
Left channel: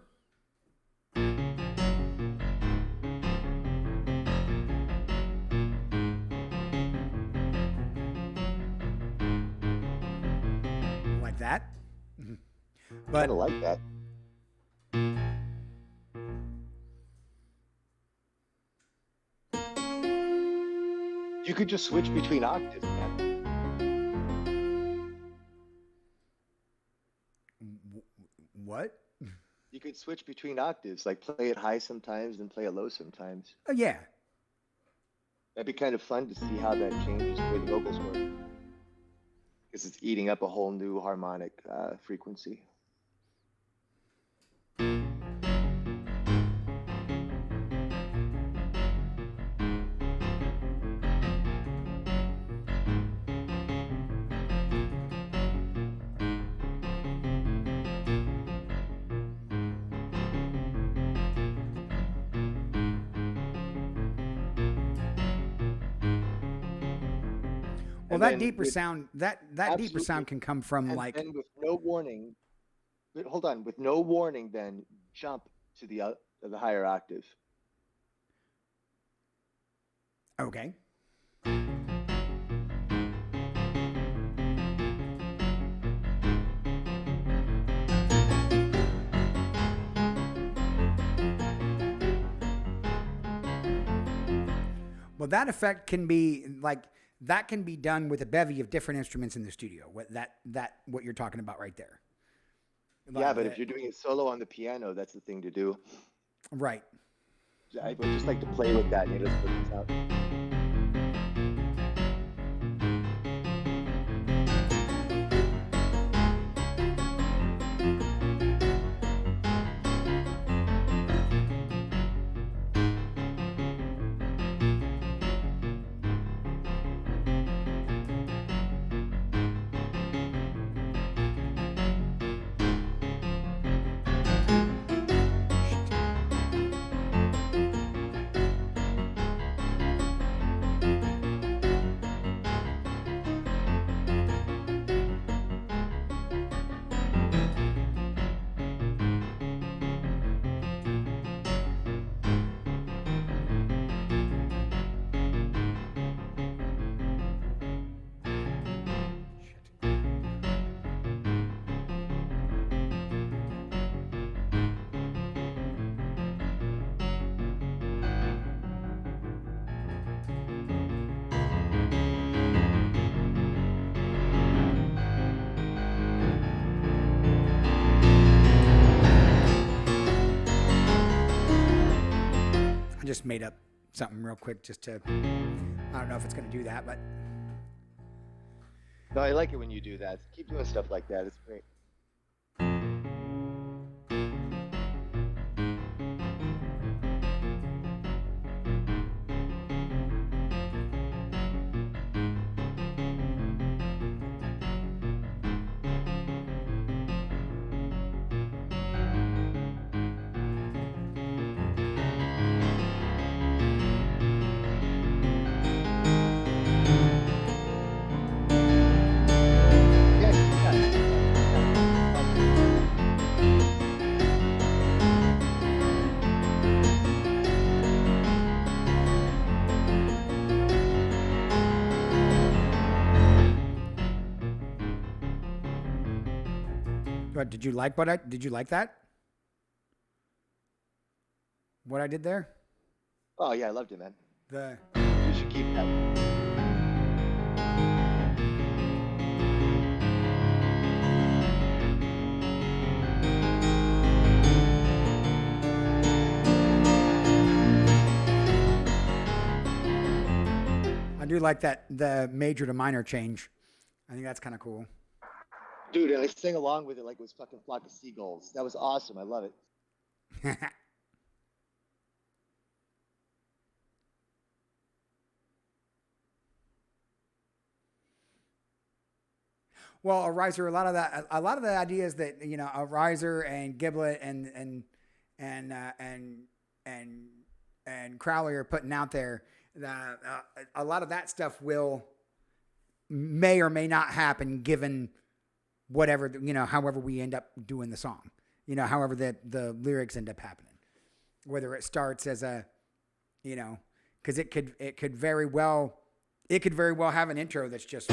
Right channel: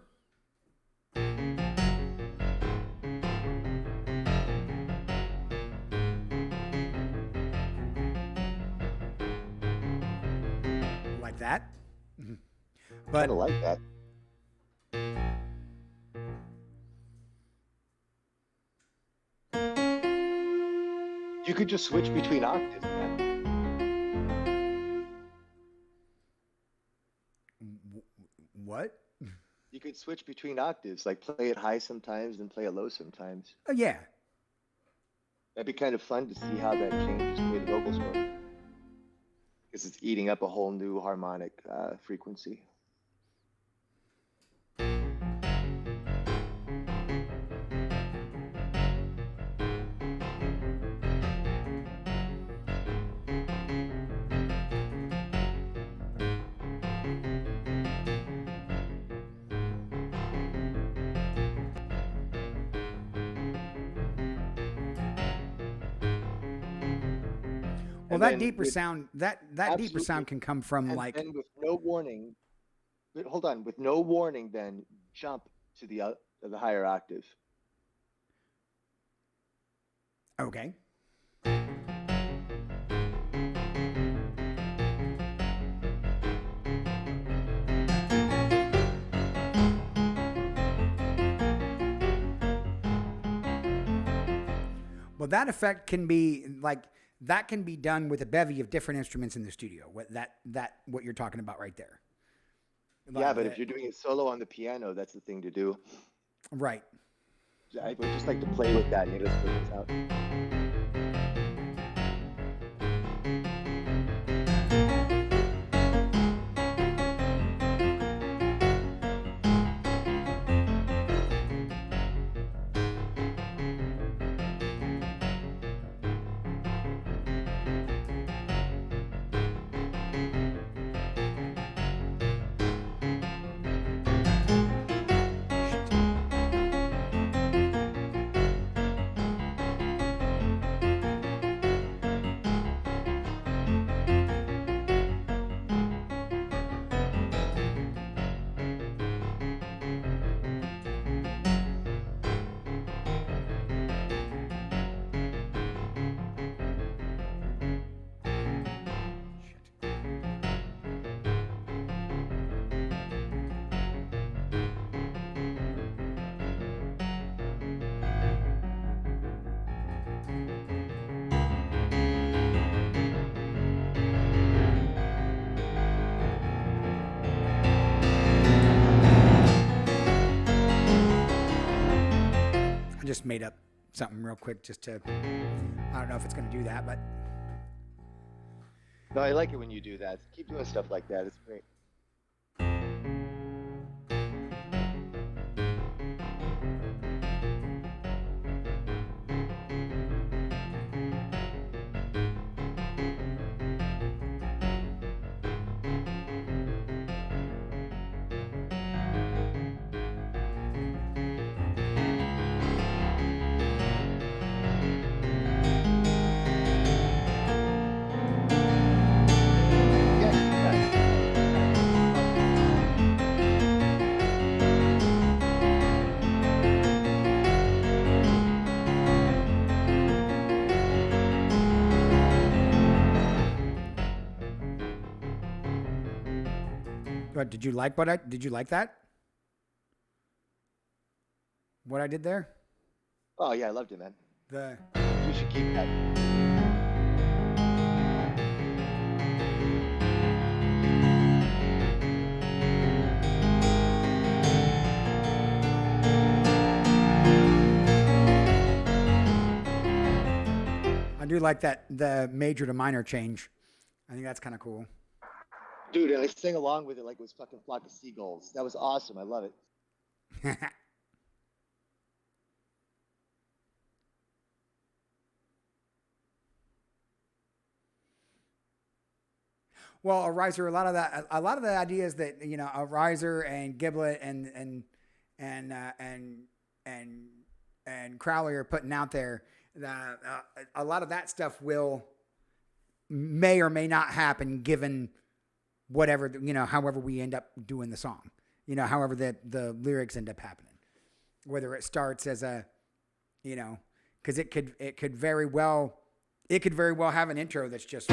Like that? But kind of like that. You could just switch between octaves, man. What? You could switch between octaves, like play it high sometimes and play it low sometimes. Oh, yeah. That'd be kind of fun to see how that changes the way the vocals work. Because it's eating up a whole new harmonic frequency. Well, that deeper sound, that deeper sound can come from and like. then with no warning, But hold on, with no warning, then jump to the higher octave. Okay. Well, that effect can be like that can be done with a bevy of different instruments in the studio. What you're talking about right there. Yeah, but if you're doing it solo on the piano, that's the thing to do. Right. I would just like to play with that and you just what comes out. I just made up something real quick just to, I don't know if it's going to do that, but. No, I like it when you do that. Keep doing stuff like that. It's great. Yeah, keep that. Keep that. Keep that. What did you like? Did you like that? What I did there? Oh yeah, I loved it, man. The You should keep that. I do like that the major to minor change. I think that's kind of cool. Dude, and I sang along with it like it was fucking Flock of Seagulls. That was awesome. I love it. Well, a riser, a lot of the ideas that a riser and Giblet and and and Crowley are putting out there, a lot of that stuff may or may not happen given whatever however we end up doing the song, however the lyrics end up happening, whether it starts as a, because it could very well have an intro that's just.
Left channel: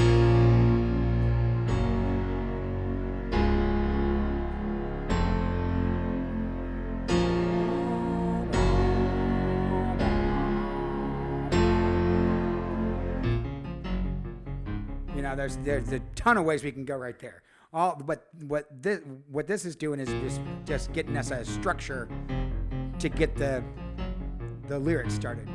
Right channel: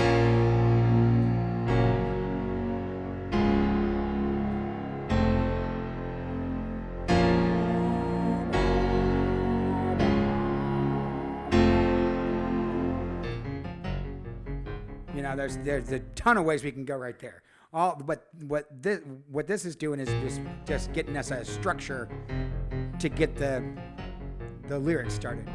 There's a ton of ways we can go right there. But what this is doing is just getting us a structure to get the lyrics started.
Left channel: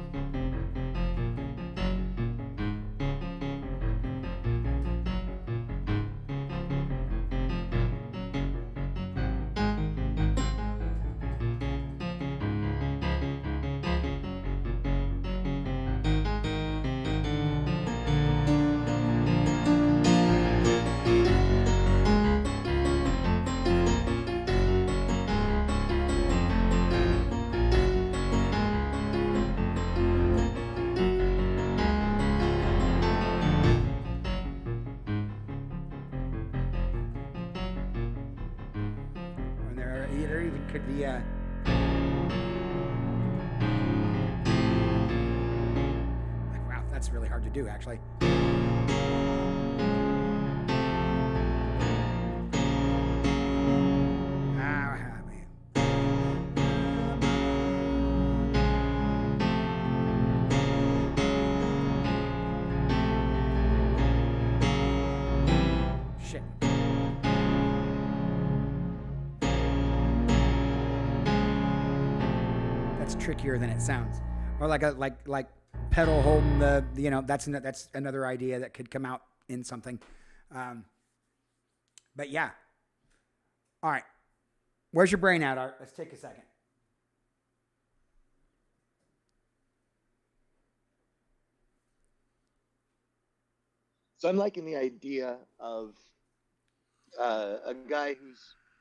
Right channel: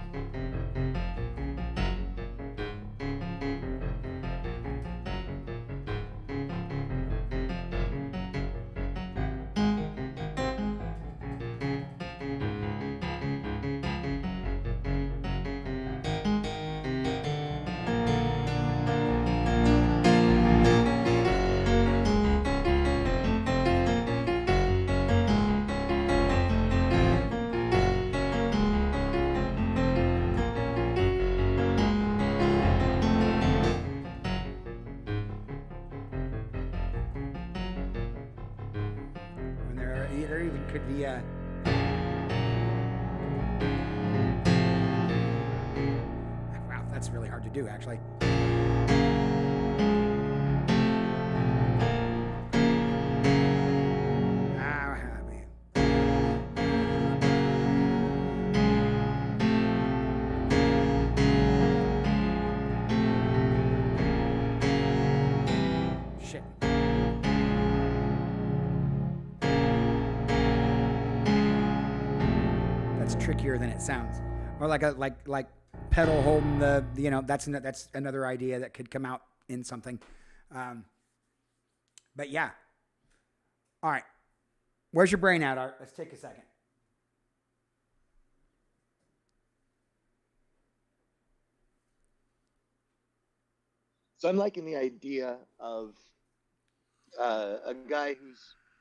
there even could be a. Wow, that's really hard to do, actually. Shit. That's trickier than it sounds. Or like a like pedal holding the that's another idea that could come out in something. But yeah. All right. Where's your brain at, Art? Let's take a second. So I'm liking the idea of a guy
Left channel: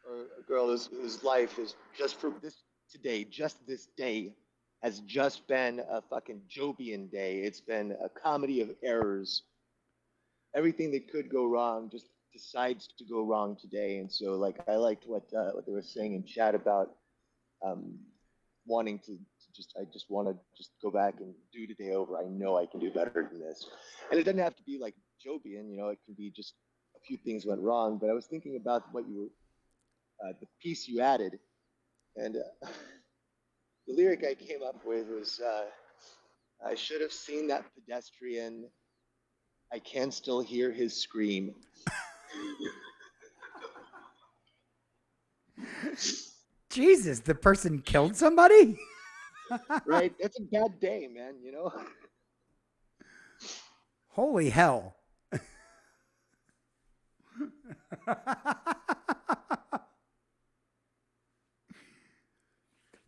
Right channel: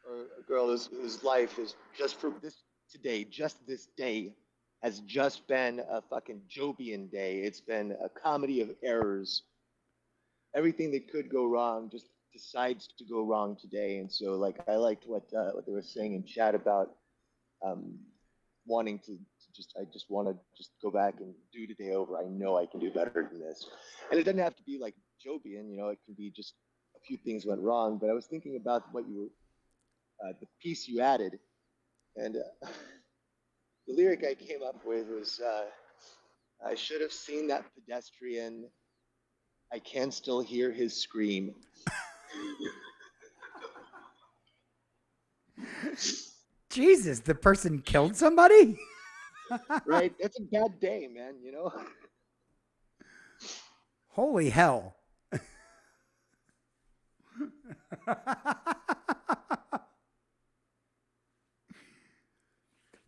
or a girl whose life is just for this day, has just been a fucking Jobian day. It's been a comedy of errors. Everything that could go wrong just decides to go wrong today. And so, like, I liked what they were saying in chat about um, wanting I just want to just go back and do today over. I know I can do better than this. And it doesn't have to be like Jobian, it can be just a few things went wrong. But I was thinking about what the piece you added, and the lyric I came up with was, I should have seen that pedestrian. I can still hear his scream. Jesus, the person killed somebody? Right? That's a bad day, man, Holy hell.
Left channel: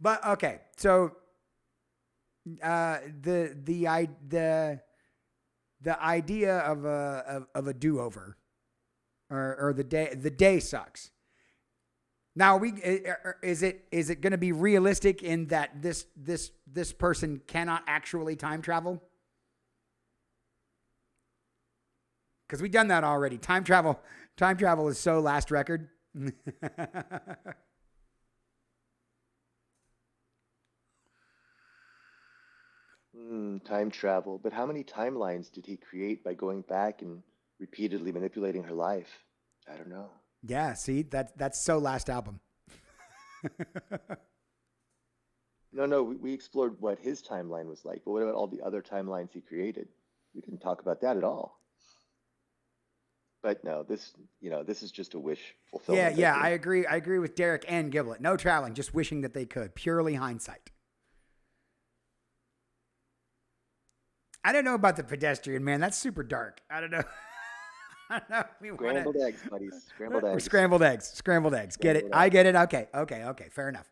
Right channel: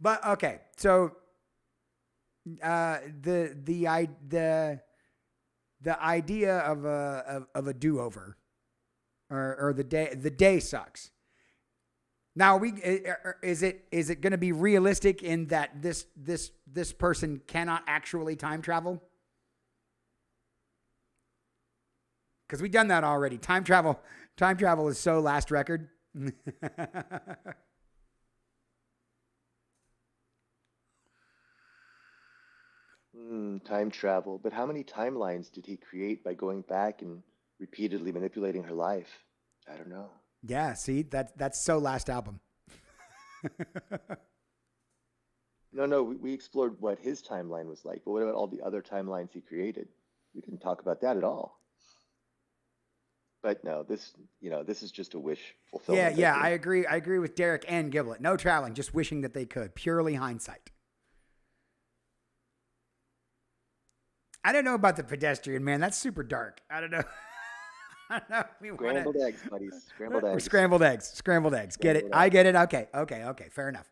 But okay, so the idea of a do-over or the day sucks. Now is it going to be realistic in that this person cannot actually time travel? Because we've done that already. Time travel is so last record. Time travel. But how many timelines did he create by going back and repeatedly manipulating her life? I don't know. Yeah, see, that's so last album. No, we explored what his timeline was like, but what about all the other timelines he created? We didn't talk about that at all. But no, this is just a wish fulfillment. Yeah, I agree. I agree with Derek and Giblet. No traveling, just wishing that they could. Purely hindsight. I don't know about the pedestrian, man. That's super dark. I don't know. Scrambled eggs, buddies. Scrambled eggs. Scrambled eggs. Get it? I get it. Okay. Fair enough.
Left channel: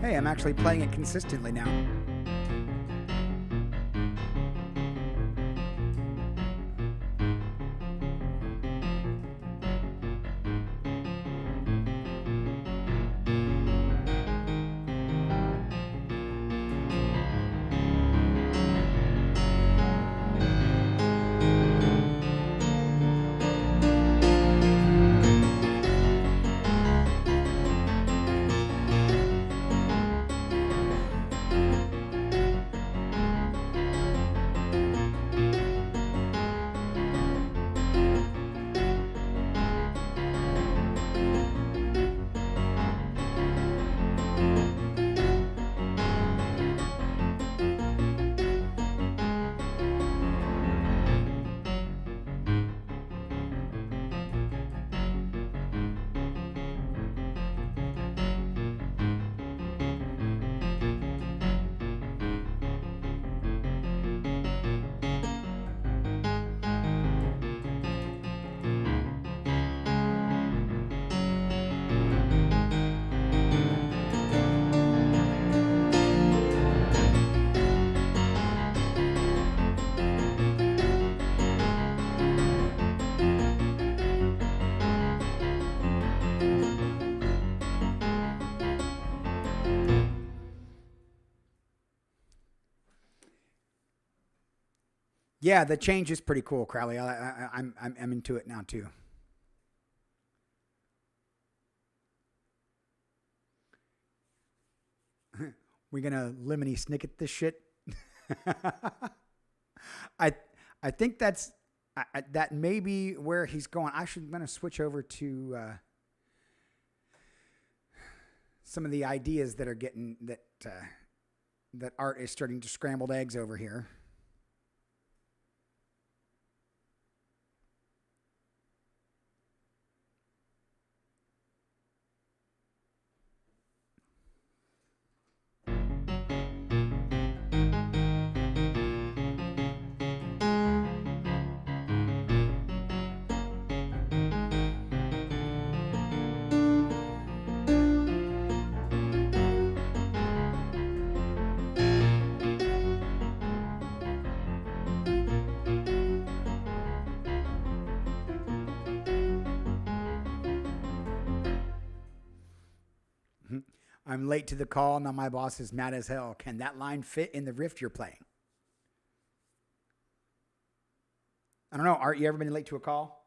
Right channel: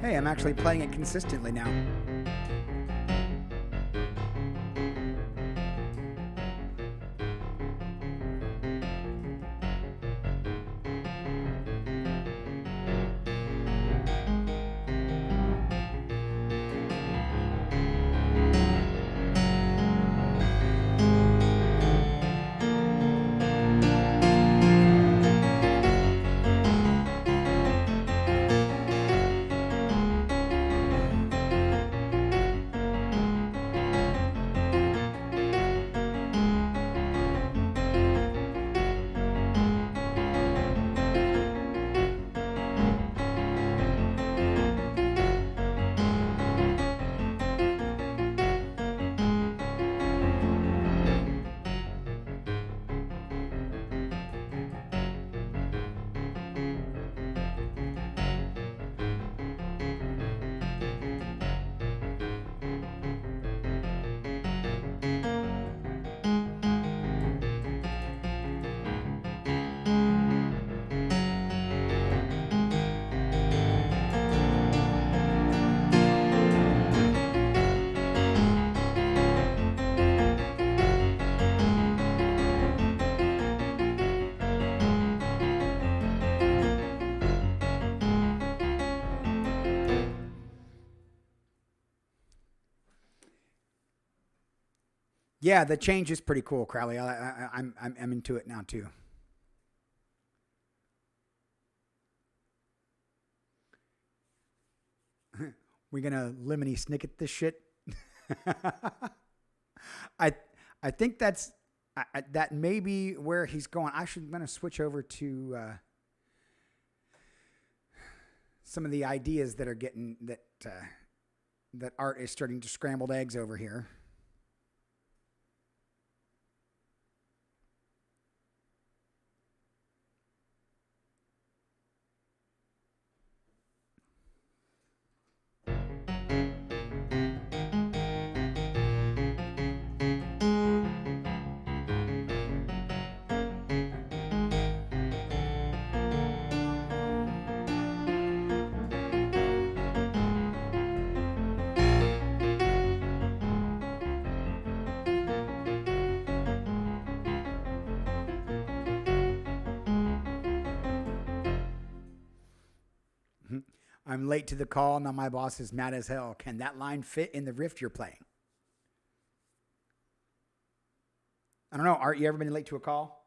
Hey, I'm actually playing it consistently now. Yeah, the change is pretty cool, Crowley. I'm into it now too. We're gonna lemony snicket this shit. I I think that may be where he's going. I'm gonna switch over to some of the ideas that are getting that Art is starting to scrambled eggs over here. I'm late to the call. Now my boss is mad as hell. Can that line fit in the riff you're playing? I don't know. Art, you ever been late to a call?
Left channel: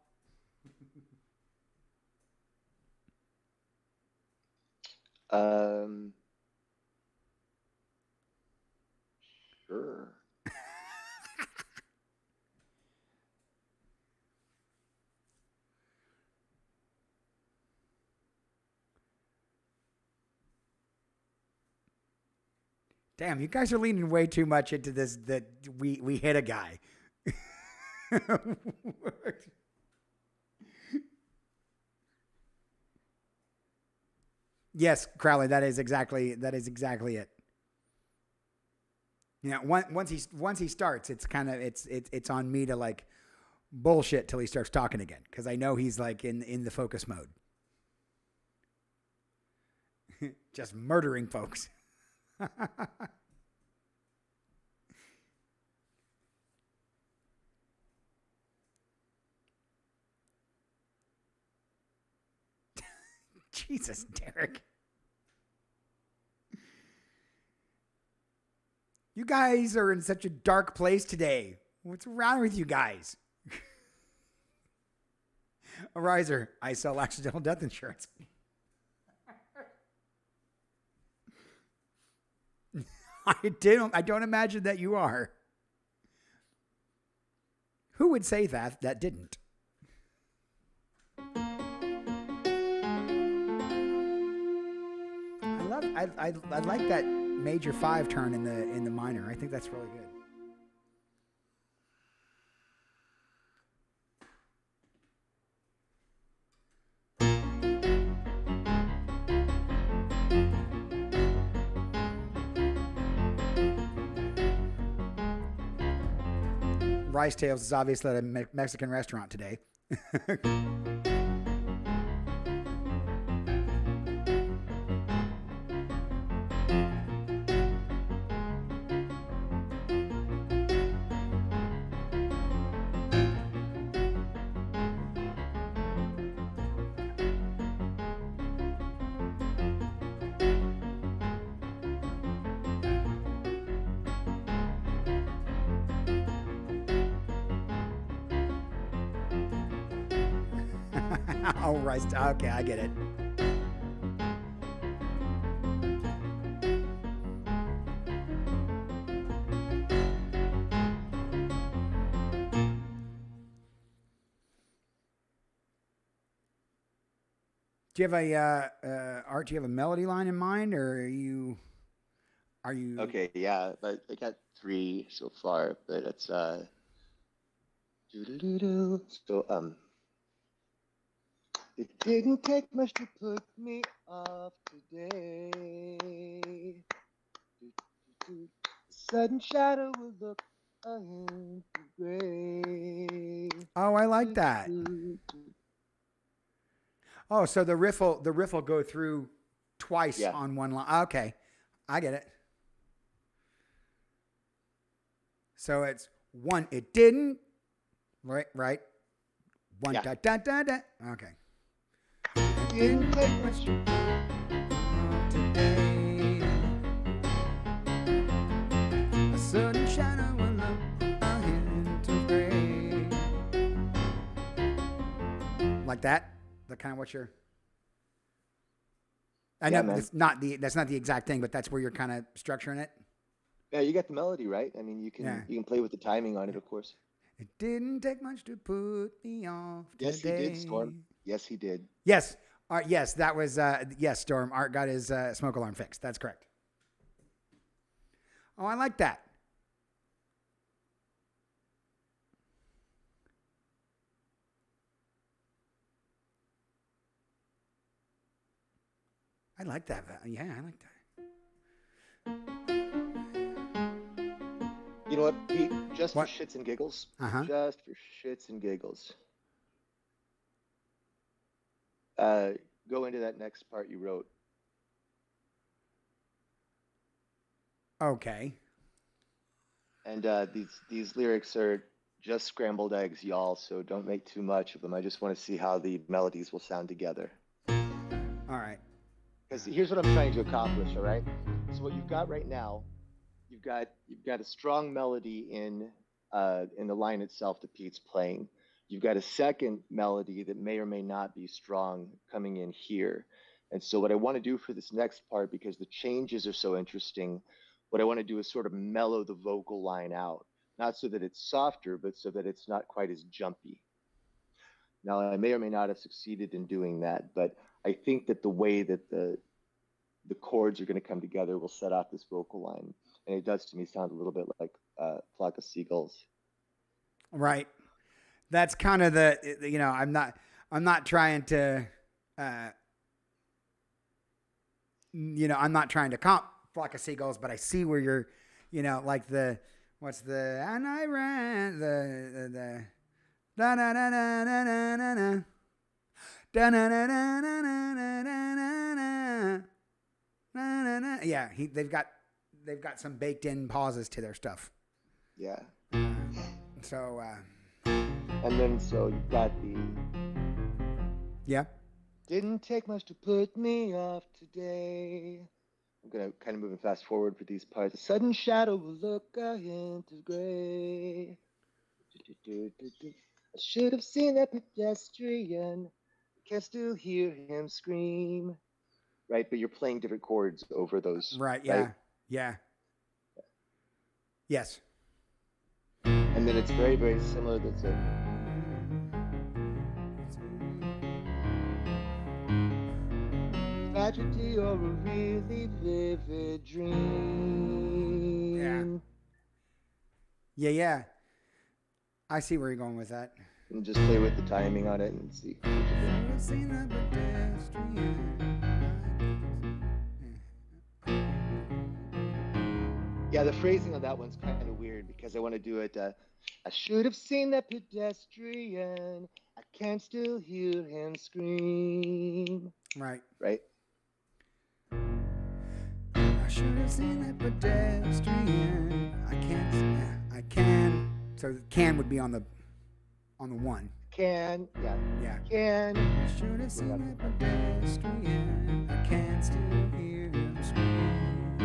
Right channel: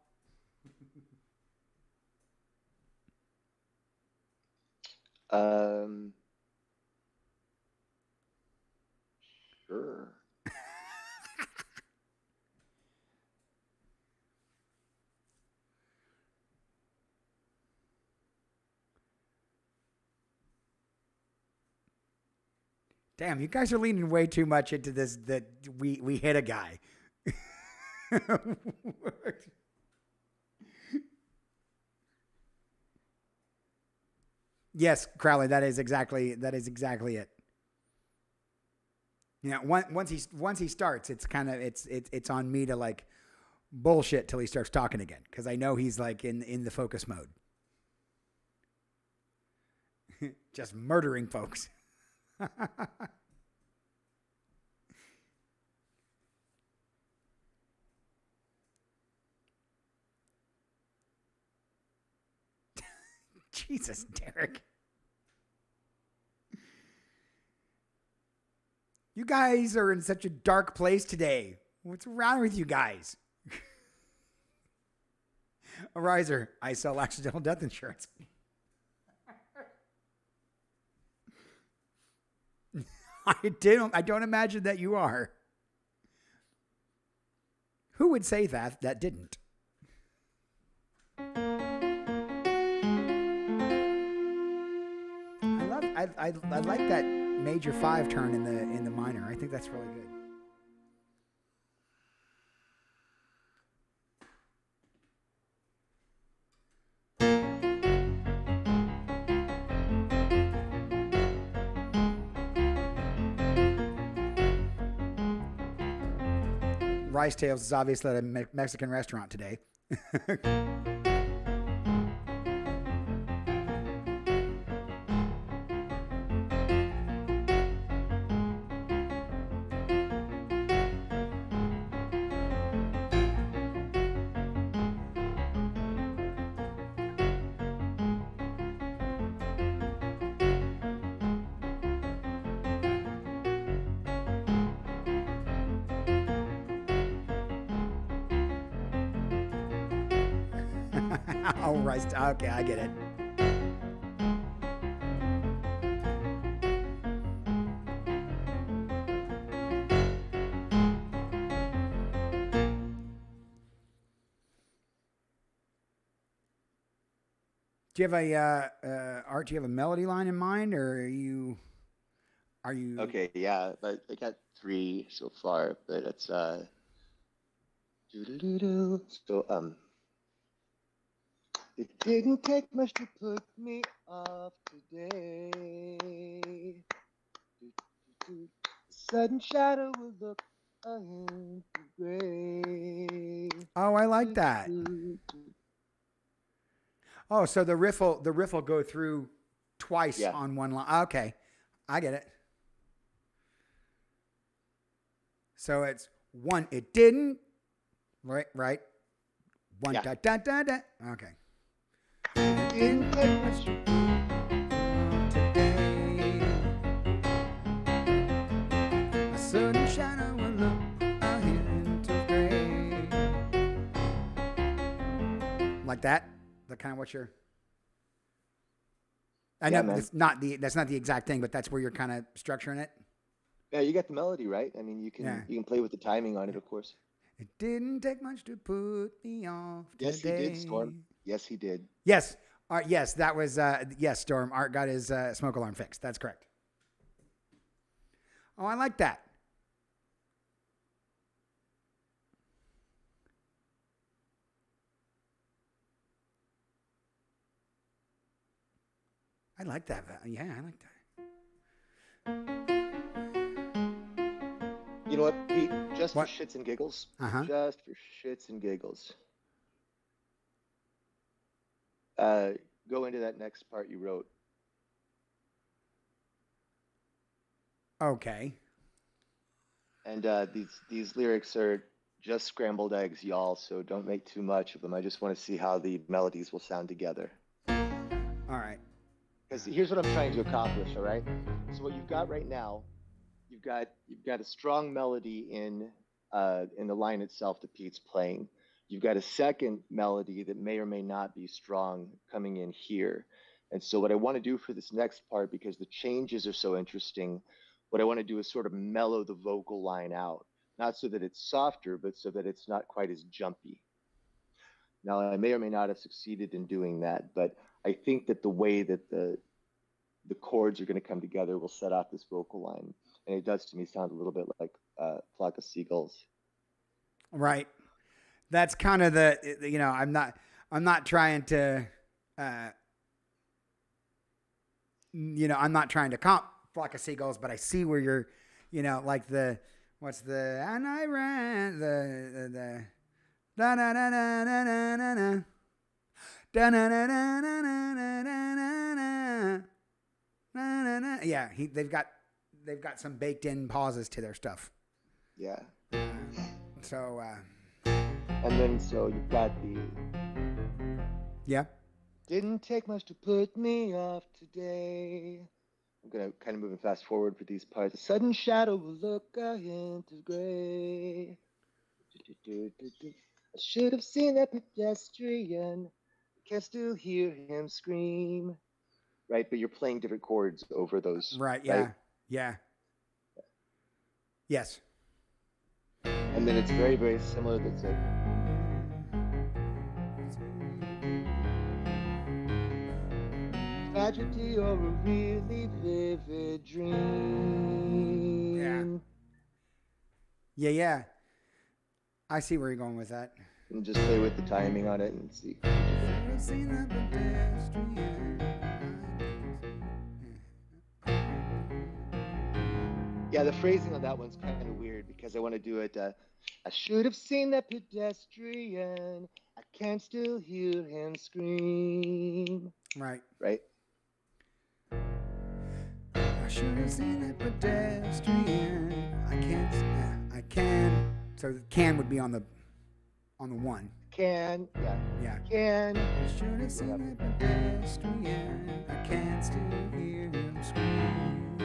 Sure. Damn, you guys are leaning way too much into this that we hit a guy. Yes, Crowley, that is exactly it. You know, once he starts, it's kind of it's on me to like bullshit till he starts talking again because I know he's like in the focus mode, just murdering folks. Jesus, Derek. You guys are in such a dark place today. What's wrong with you guys? A riser. I sell accidental death insurance. I don't imagine that you are. Who would say that didn't? I like that major 5 turn in the minor. I think that's really good. Rice Tales is obviously at a Mexican restaurant today. Oh, Rice. Okay, I get it. Do you have Art? Do you have a melody line in mind, or are you? Okay, yeah, but I got 3 so far, but it's doo-doo-doo-doo. So it didn't take much to put me off today. The sudden shadow will look a hint gray. Oh, I like that. Oh, so the riff will go through twice on one line. Okay, I get it. So it's 1. It didn't. Right. 1 da da da da. Okay. It didn't take much to put today. A sudden shadow will look a hint of gray. Like that? That kind of what you're. I Yeah, know man. that's not the exact thing, but that's where you're kind of structuring it. Yeah, you got the melody right. I mean, Yeah. you can play with the timing on it, Yeah. of course. It didn't take much to put me off Yes, he did, today. Storm. Yes, he did. Yes. Yes, that was yes, Storm. Art got his smoke alarm fixed. That's correct. Oh, I like that. I like that. Yeah, I like that. You know what, Pete? Just for What? shits and giggles. Uh-huh. Just for shits and giggles. Uh, Go into that next part you wrote. Okay. And these lyrics are just scrambled eggs, y'all. So don't make too much of them. I just want to see how the melodies will sound together. All right. Because here's what I'm trying to accomplish. All right. So what you've got right now, you've got a strong melody in the line itself that Pete's playing. You've got a second melody that may or may not be strong coming in here. And so what I want to do for this next part, because the changes are so interesting, what I want to do is sort of mellow the vocal line out, not so that it's softer, but so that it's not quite as jumpy. Now, I may or may not have succeeded in doing that, but I think that the way that the chords are going to come together will set off this vocal line, and it does to me sound a little bit like Flock of Seagulls. Right. That's kind of the I'm not trying to uh I'm not trying to comp Flock of Seagulls, but I see where you're, like the what's the and I ran the da da da da da da da da da da da da da. Yeah, they've got some baked in pauses to their stuff. Yeah. So And then so you've got the yeah. didn't take much to put me off today. I'm gonna kind of moving fast forward for these parts. A sudden shadow will look a hint of gray. I should have seen that pedestrian. Can still hear him scream. Right, but you're playing different chords over those, Right. right? Yeah. Yeah. Yes. And then it's very, very similar. That's a tragedy or a really vivid Yeah. dream. Yeah. Yeah. I see where you're going with that. And just play with the timing on it and see what you think. Should have seen that pedestrian. Yeah, the phrasing on that one's kind of weird because I want to do it. I should have seen that pedestrian. I can still hear him scream. Right. Right? I should have seen that pedestrian. I can't. Yeah, I can. So can would be on the one. Can, yeah. Yeah. Can. I should have seen that pedestrian. I can still hear him scream.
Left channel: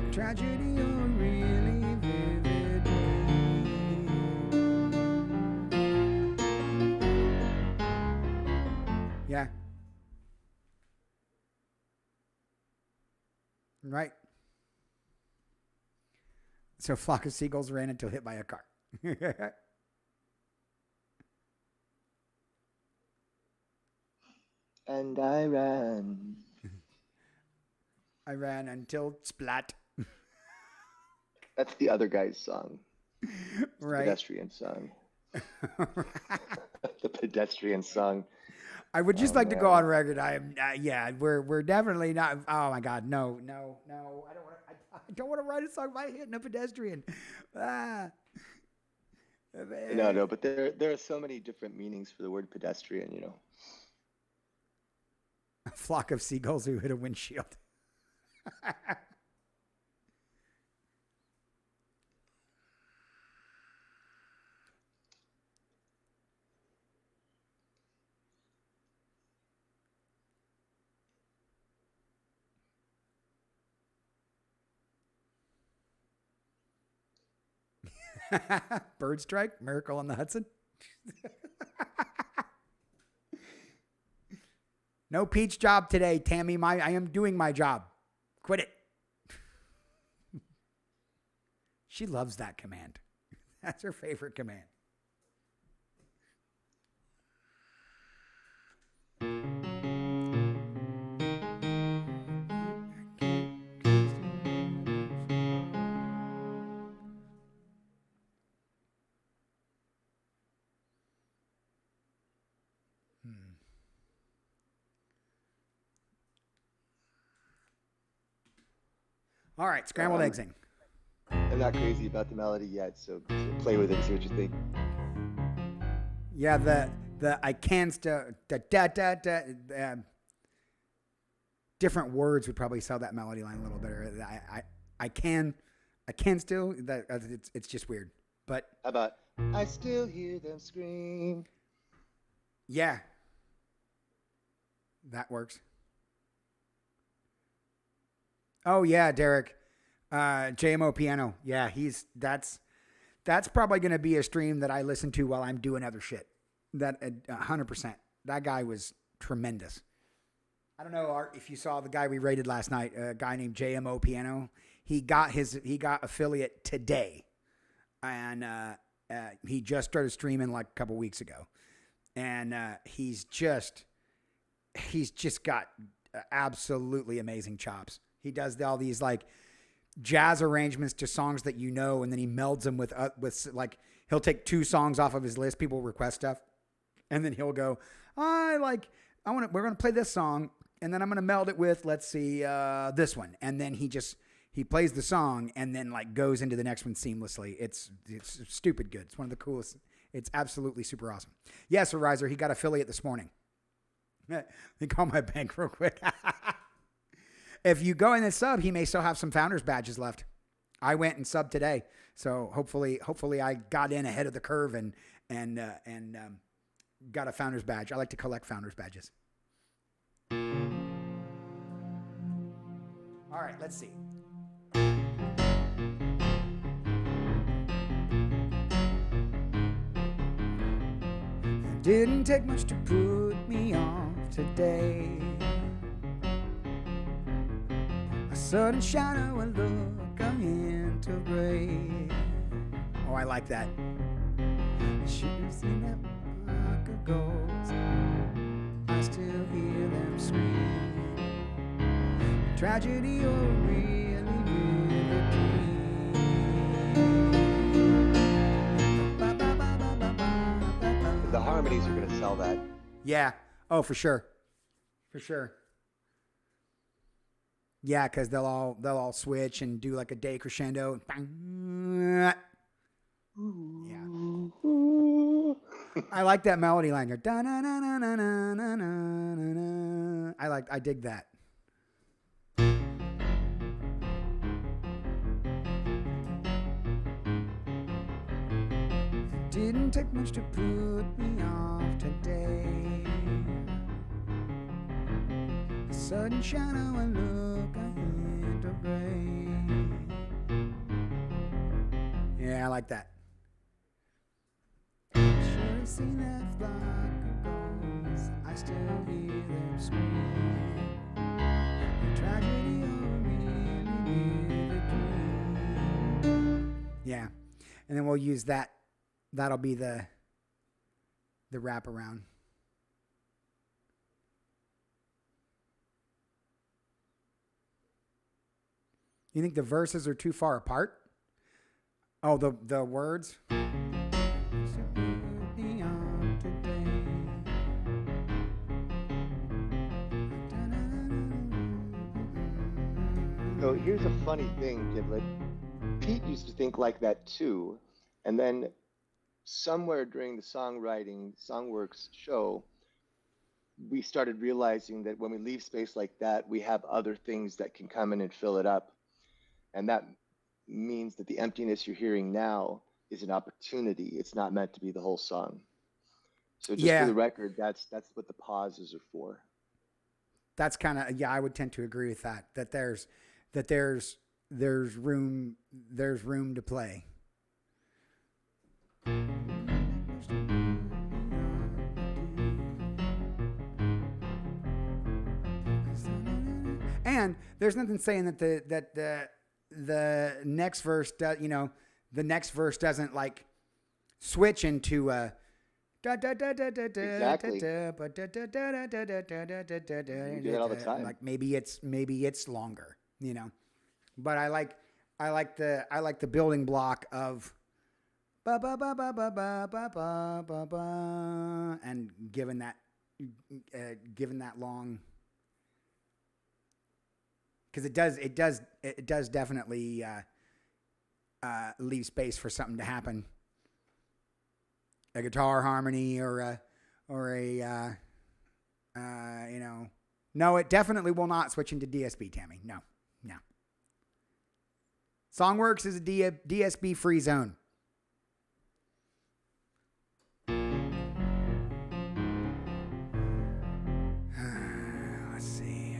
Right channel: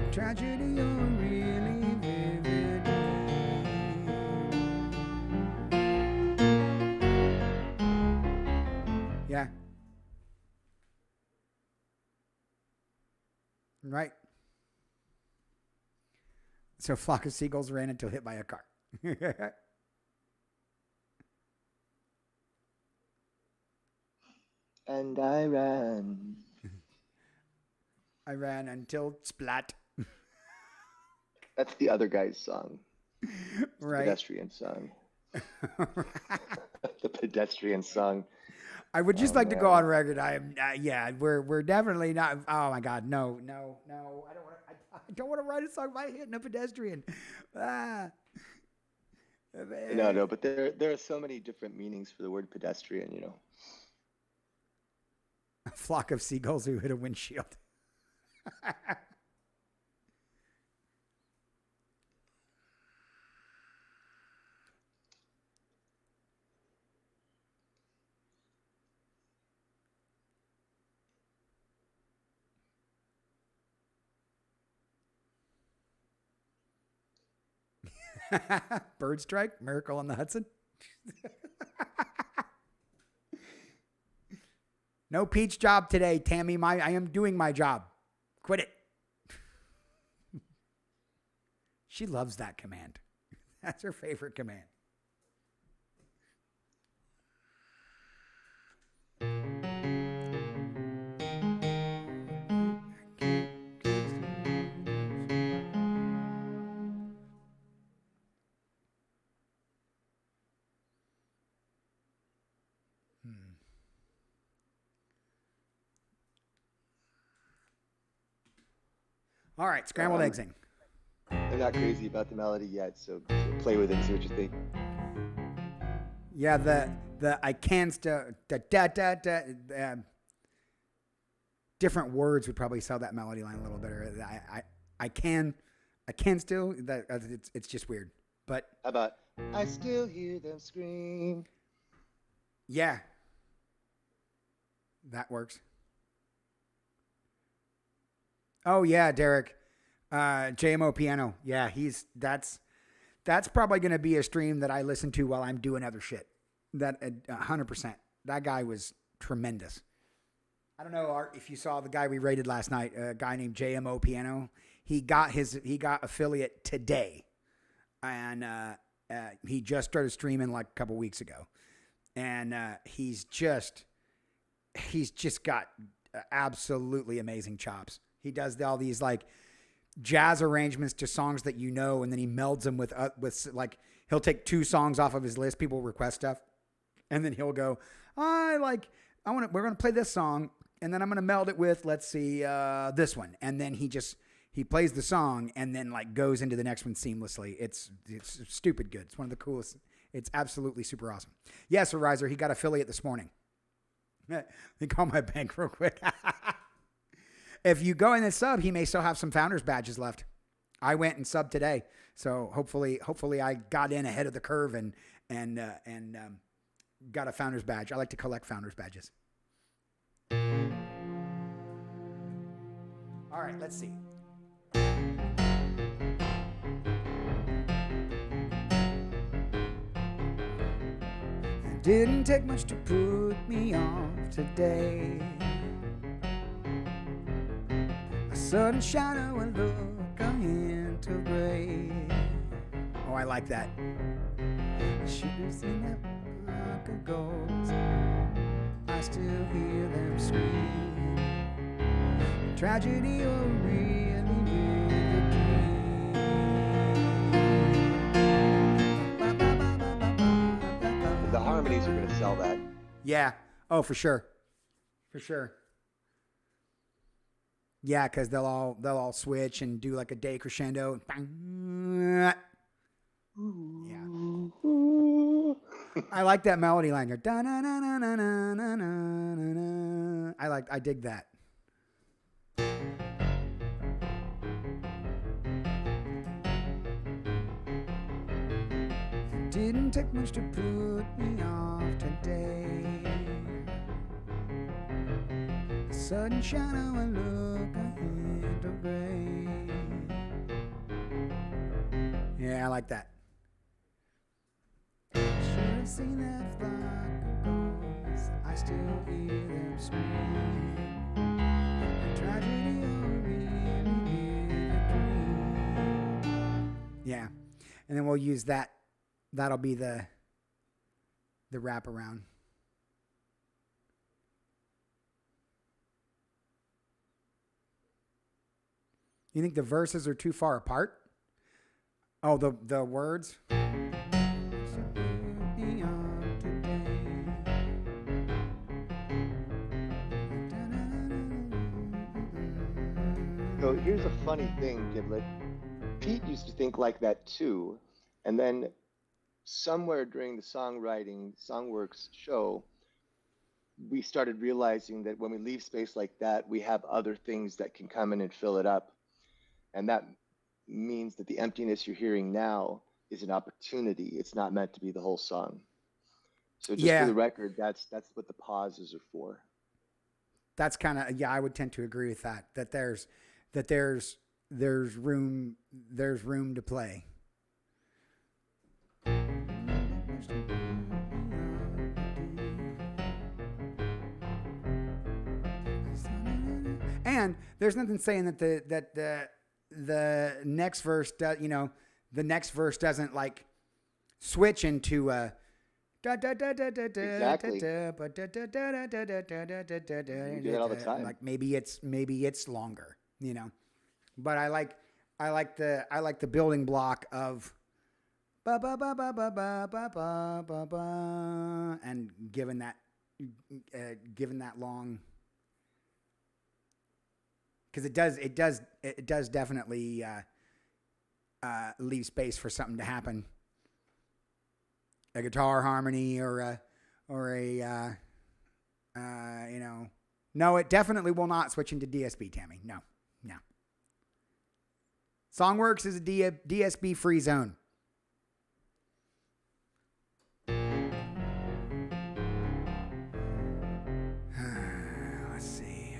A tragedy or a really vivid dream. Yeah. Right. So flock of seagulls ran until hit by a car. And I ran. I ran until splat. That's the other guy's song. It's the Right. pedestrian song. The pedestrian song. I would just Oh, like to go man. on record. I am, yeah, we're definitely not. Oh my God, no. I don't want to write a song by hitting a pedestrian. Ah, No, but there are so many different meanings for the word pedestrian, you know. a flock of seagulls who hit a windshield. Bird strike, Miracle on the Hudson. No peach job today, Tammy. I am doing my job. Quit it. She loves that command. That's her favorite command. All right, scrambled eggsing. I'm not crazy about the melody yet, so play with it and see what you think. Yeah, the I can still different words would probably sell that melody line a little better. I can still that it's just weird. But how about I still hear them scream? Yeah, that works. Oh yeah, Derek, JMO piano. Yeah, that's probably going to be a stream that I listen to while I'm doing other shit. That 100%. That guy was tremendous. I don't know, Art, if you saw the guy we rated last night, a guy named JMO Piano. He got affiliate today, and he just started streaming like a couple weeks ago, and he's just got absolutely amazing chops. He does all these like jazz arrangements to songs that you know, and then he melds them with like he'll take 2 songs off of his list. People request stuff, and then he'll go, we're gonna play this song, and then I'm gonna meld it with, let's see, this one, and then he plays the song and then like goes into the next one seamlessly. It's stupid good. It's one of the coolest. It's absolutely super awesome. Yes, Riser, he got affiliate this morning. Let me call my bank real quick. If you go in and sub, he may still have some founders badges left. I went and subbed today, so hopefully I got in ahead of the curve and got a founders badge. I like to collect founders badges. All right, let's see. It didn't take much to put me off today. A sudden shadow, a look into gray. Oh, I like that. I should have seen that flock of ghosts. I still hear them scream. Tragedy or really vivid dream. The harmonies are going to sell that. Yeah. Oh, for sure. For sure. Yeah, because they'll all switch and do like a day crescendo. Yeah. I like that melody line. I dig that. It didn't take much to put me off today. A sudden shadow, a look, a hint of gray. Yeah, I like that. Should have seen that flock of ghosts. I still hear them scream. A tragedy or a really vivid dream. Yeah, and then we'll use that. That'll be the wraparound. You think the verses are too far apart? Oh, the words. So here's a funny thing, Giblet. Pete used to think like that too, and then somewhere during the songwriting Songw3rks show, we started realizing that when we leave space like that, we have other things that can come in and fill it up, and that means that the emptiness you're hearing now is an opportunity. It's not meant to be the whole song. So just for the record, that's what the pauses are for. That's kind of, I would tend to agree with that. That there's room to play. And there's nothing saying that the next verse does, the next verse doesn't like switch into Exactly. You do that all the time. like maybe it's longer, But I like the building block of ba ba ba ba ba ba ba ba ba ba, and given that long, because it does definitely leave space for something to happen, a guitar harmony or a no, it definitely will not switch into DSB, Tammy. No. Songw3rks is a DSB free zone. Let's see.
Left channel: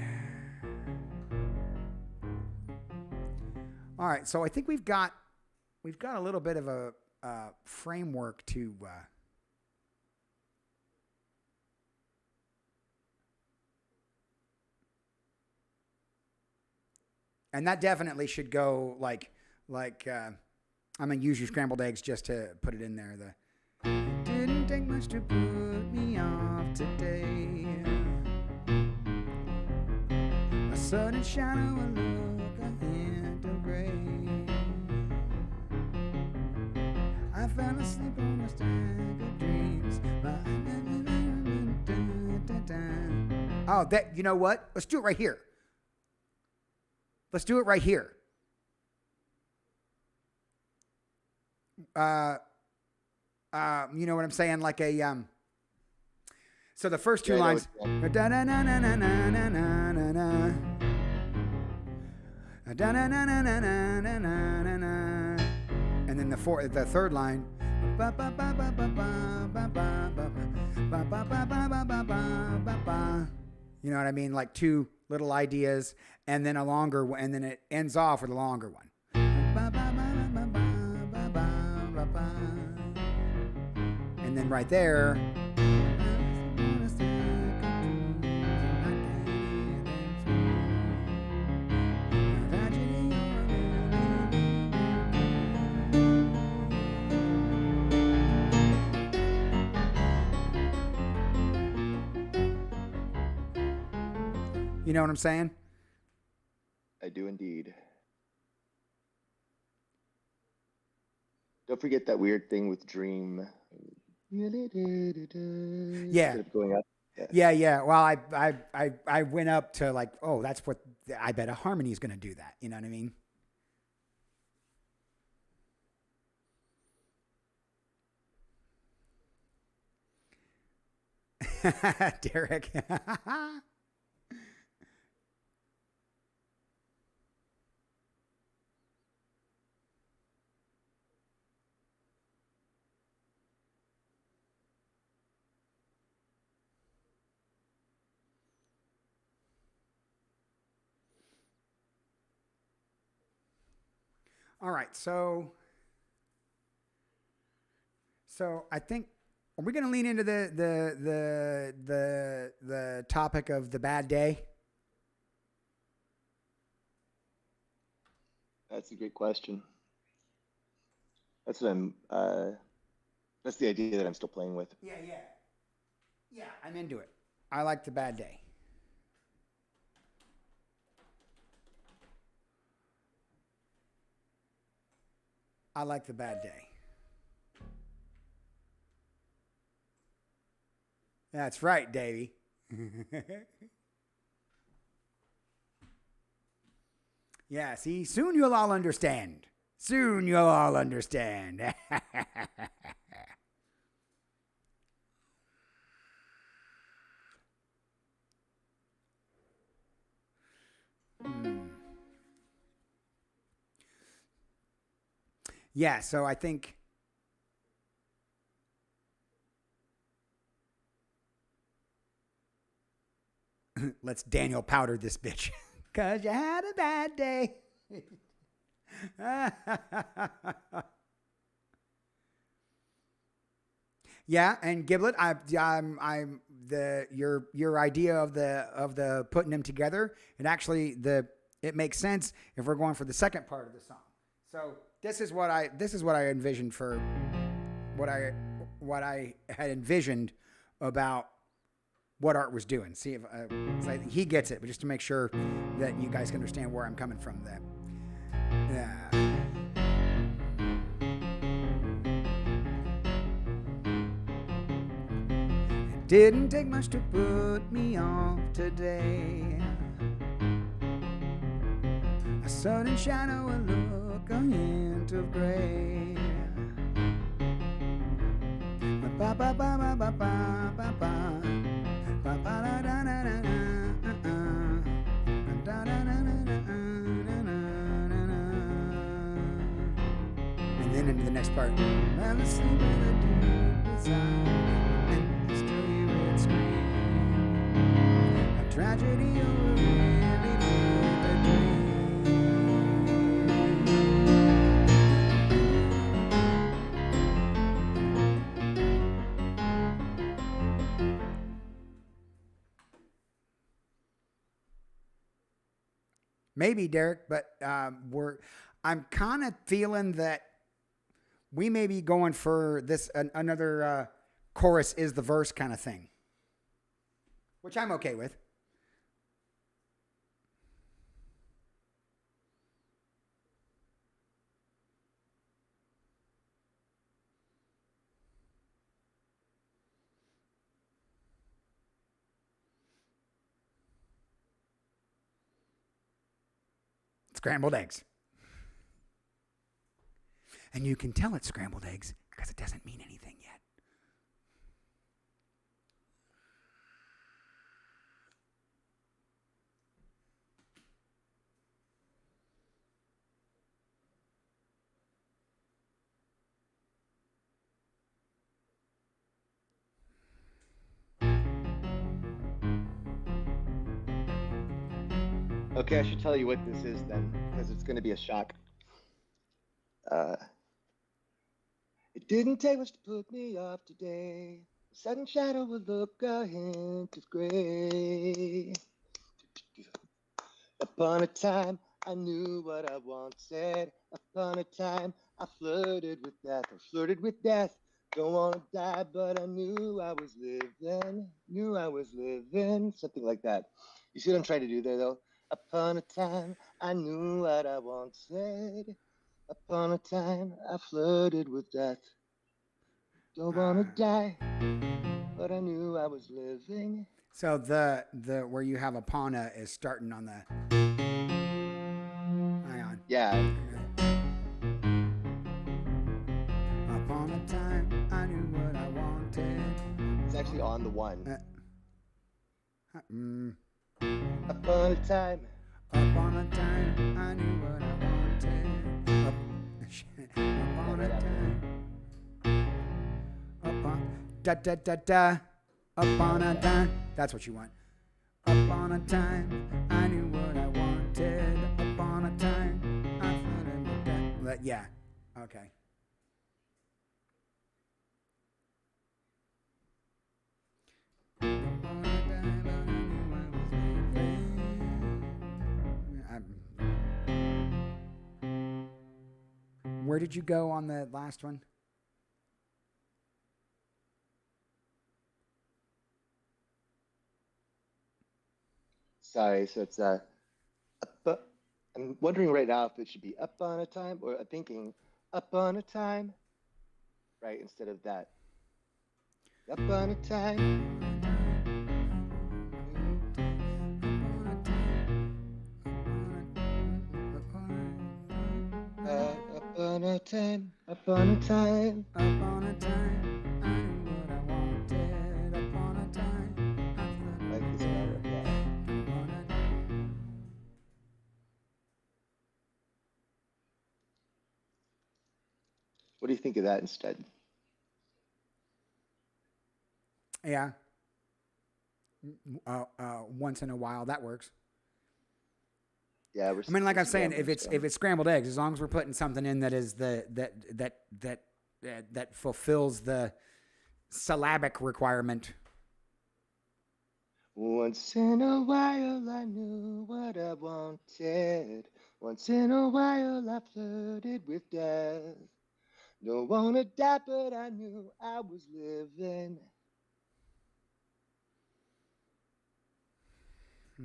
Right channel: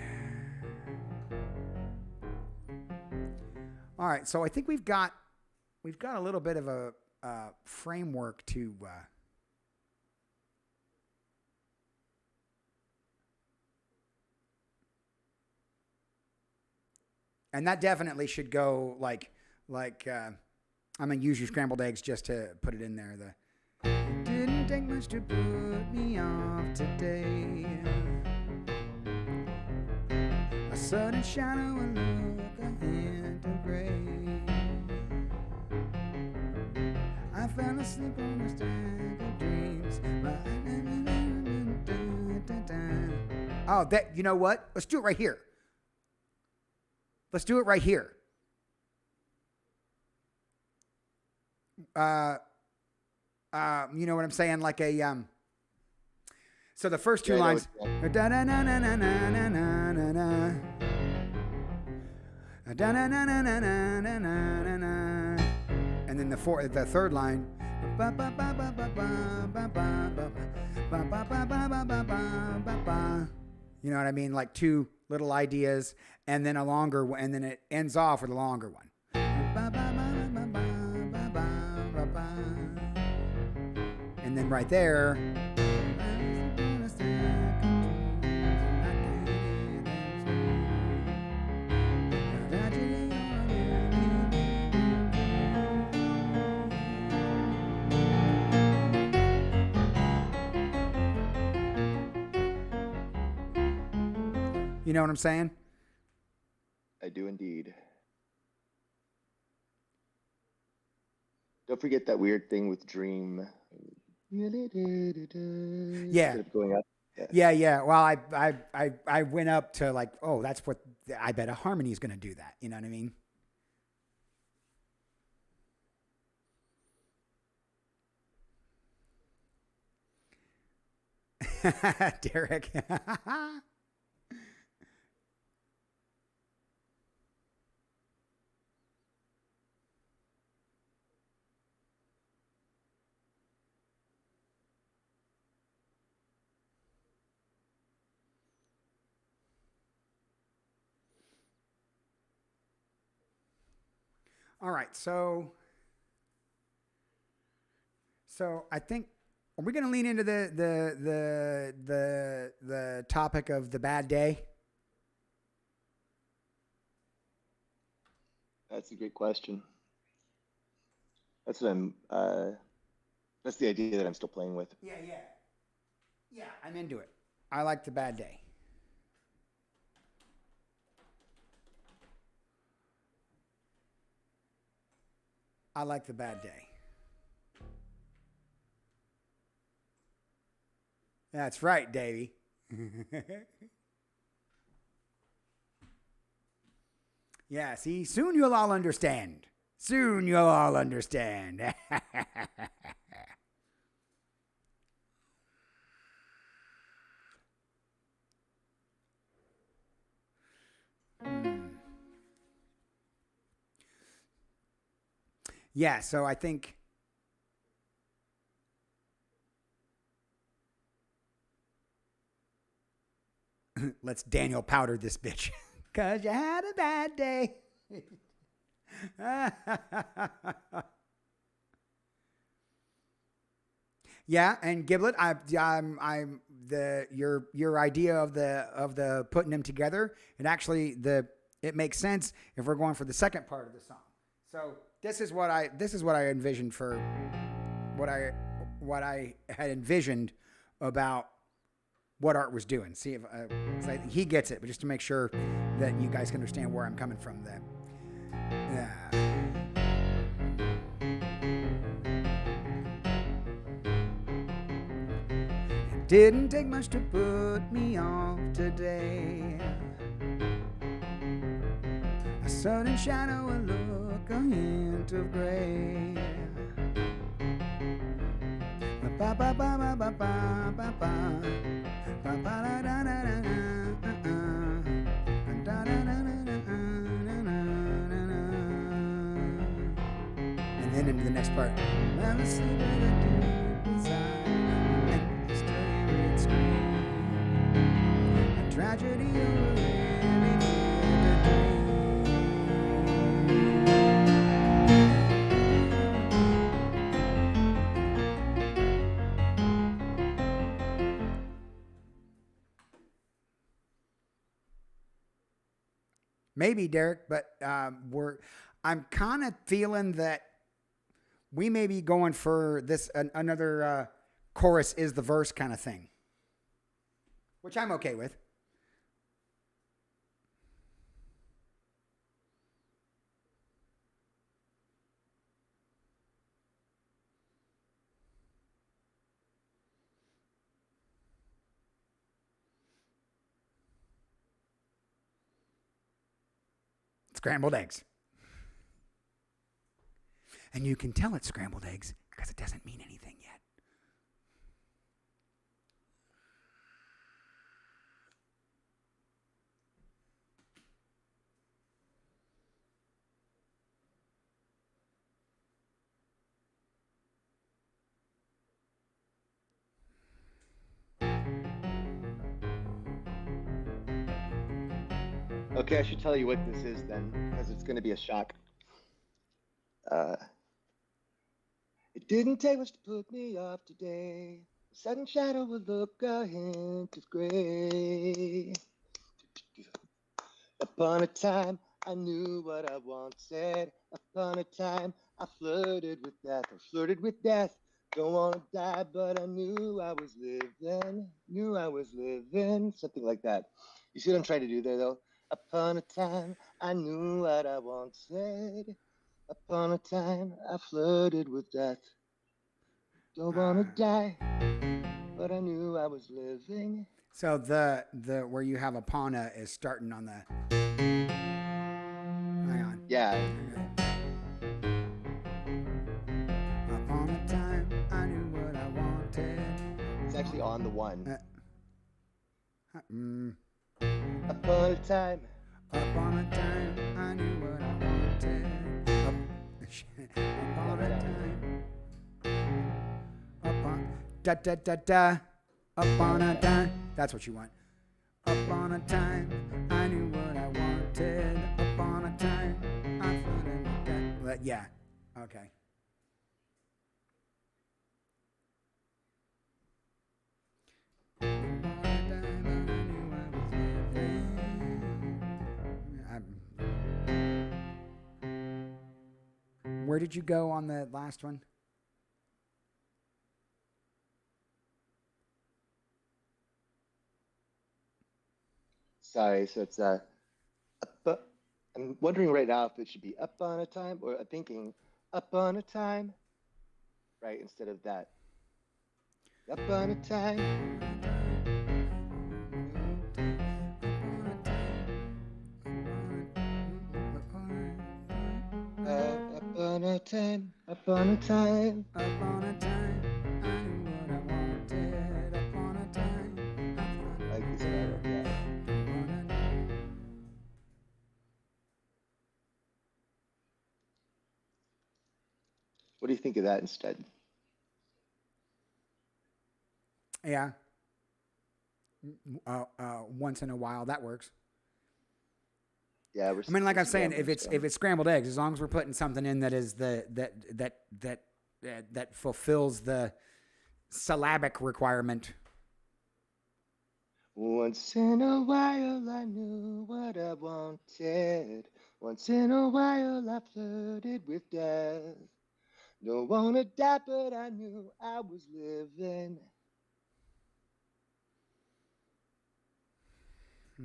All right, so I think we've got a little bit of a framework to and that definitely should go like I'm gonna use your scrambled eggs just to put it in there. It didn't take much to put me off today. A sudden shadow, a look, a hint of gray. I fell asleep on a stack of dreams. Oh, that, you know what? Let's do it right here. Let's do it right here. You know what I'm saying? Like a so the first two lines. And then the third line. You know what I mean? Like two little ideas, and then a longer one, and then it ends off with a longer one. And then right there. You know what I'm saying? I do indeed. Don't forget that weird thing with Dream. Yeah. Instead of going up. Yeah. Well, I went up to like, oh, that's what I bet a harmony is going to do that. You know what I mean? Derek. All right, so I think, are we going to lean into the topic of the bad day? That's a great question. That's what that's the idea that I'm still playing with. Yeah, I'm into it. I like the bad day. I like the bad day. That's right, Davey. Yeah, see, soon you'll all understand. Soon you'll all understand. Yeah, so I think let's Daniel Powder this bitch. 'Cause you had a bad day. Yeah, and Giblet, I'm the your idea of the putting them together. It makes sense if we're going for the second part of the song. So this is what I envisioned for what I had envisioned about what Art was doing. See if he gets it, but just to make sure that you guys can understand where I'm coming from. That yeah. Didn't take much to put me off today. A sudden shadow, a look, a hint of gray. Ba ba ba ba ba ba ba ba. Ba ba da da da da da da da da. And then into the next part. Well, asleep by the deep desire, and still hear it scream. A tragedy or a really vivid dream. Maybe Derek, but I'm kind of feeling that we may be going for this another chorus is the verse kind of thing, which I'm okay with. Scrambled eggs. And you can tell it's scrambled eggs because it doesn't mean anything yet. Okay, I should tell you what this is then, because it's going to be a shock. Uh, it didn't take much to put me off today. A sudden shadow will look a hint of gray. Upon a time, I knew what I wanted. Upon a time, I flirted with death. I flirted with death. Don't want to die, but I knew I was living. Knew I was living. Something like that. You see what I'm trying to do there, though? Upon a time, I knew what I wanted. Upon a time, I flirted with death. Don't want to die, but I knew I was living. So the where you have Apana is starting on the. Hang on. Yeah. Okay. Upon a time, I knew what I wanted. It's actually on the one. Mm. Upon a time. Upon a time, I knew what I wanted. Upon a time. Upon da da da da. Upon a time. That's what you want. Upon a time, I knew what I wanted. Upon a time, I flirted with that. Yeah. Okay. Upon a time, but I knew I was living. Where did you go on the last one? Sorry, so it's up, I'm wondering right now if it should be up on a time or thinking up on a time, right, instead of that. Up on a time. Upon a time, upon a time, upon a time, I knew what I wanted. Upon a time, I flirted. Like this better, yeah. What do you think of that instead? Yeah. Once in a while, that works. Yeah, I mean, like I'm saying, if it's scrambled eggs, as long as we're putting something in that is that fulfills the syllabic requirement. Once in a while I knew what I wanted. Once in a while I flirted with death. Don't wanna die, but I knew I was living. I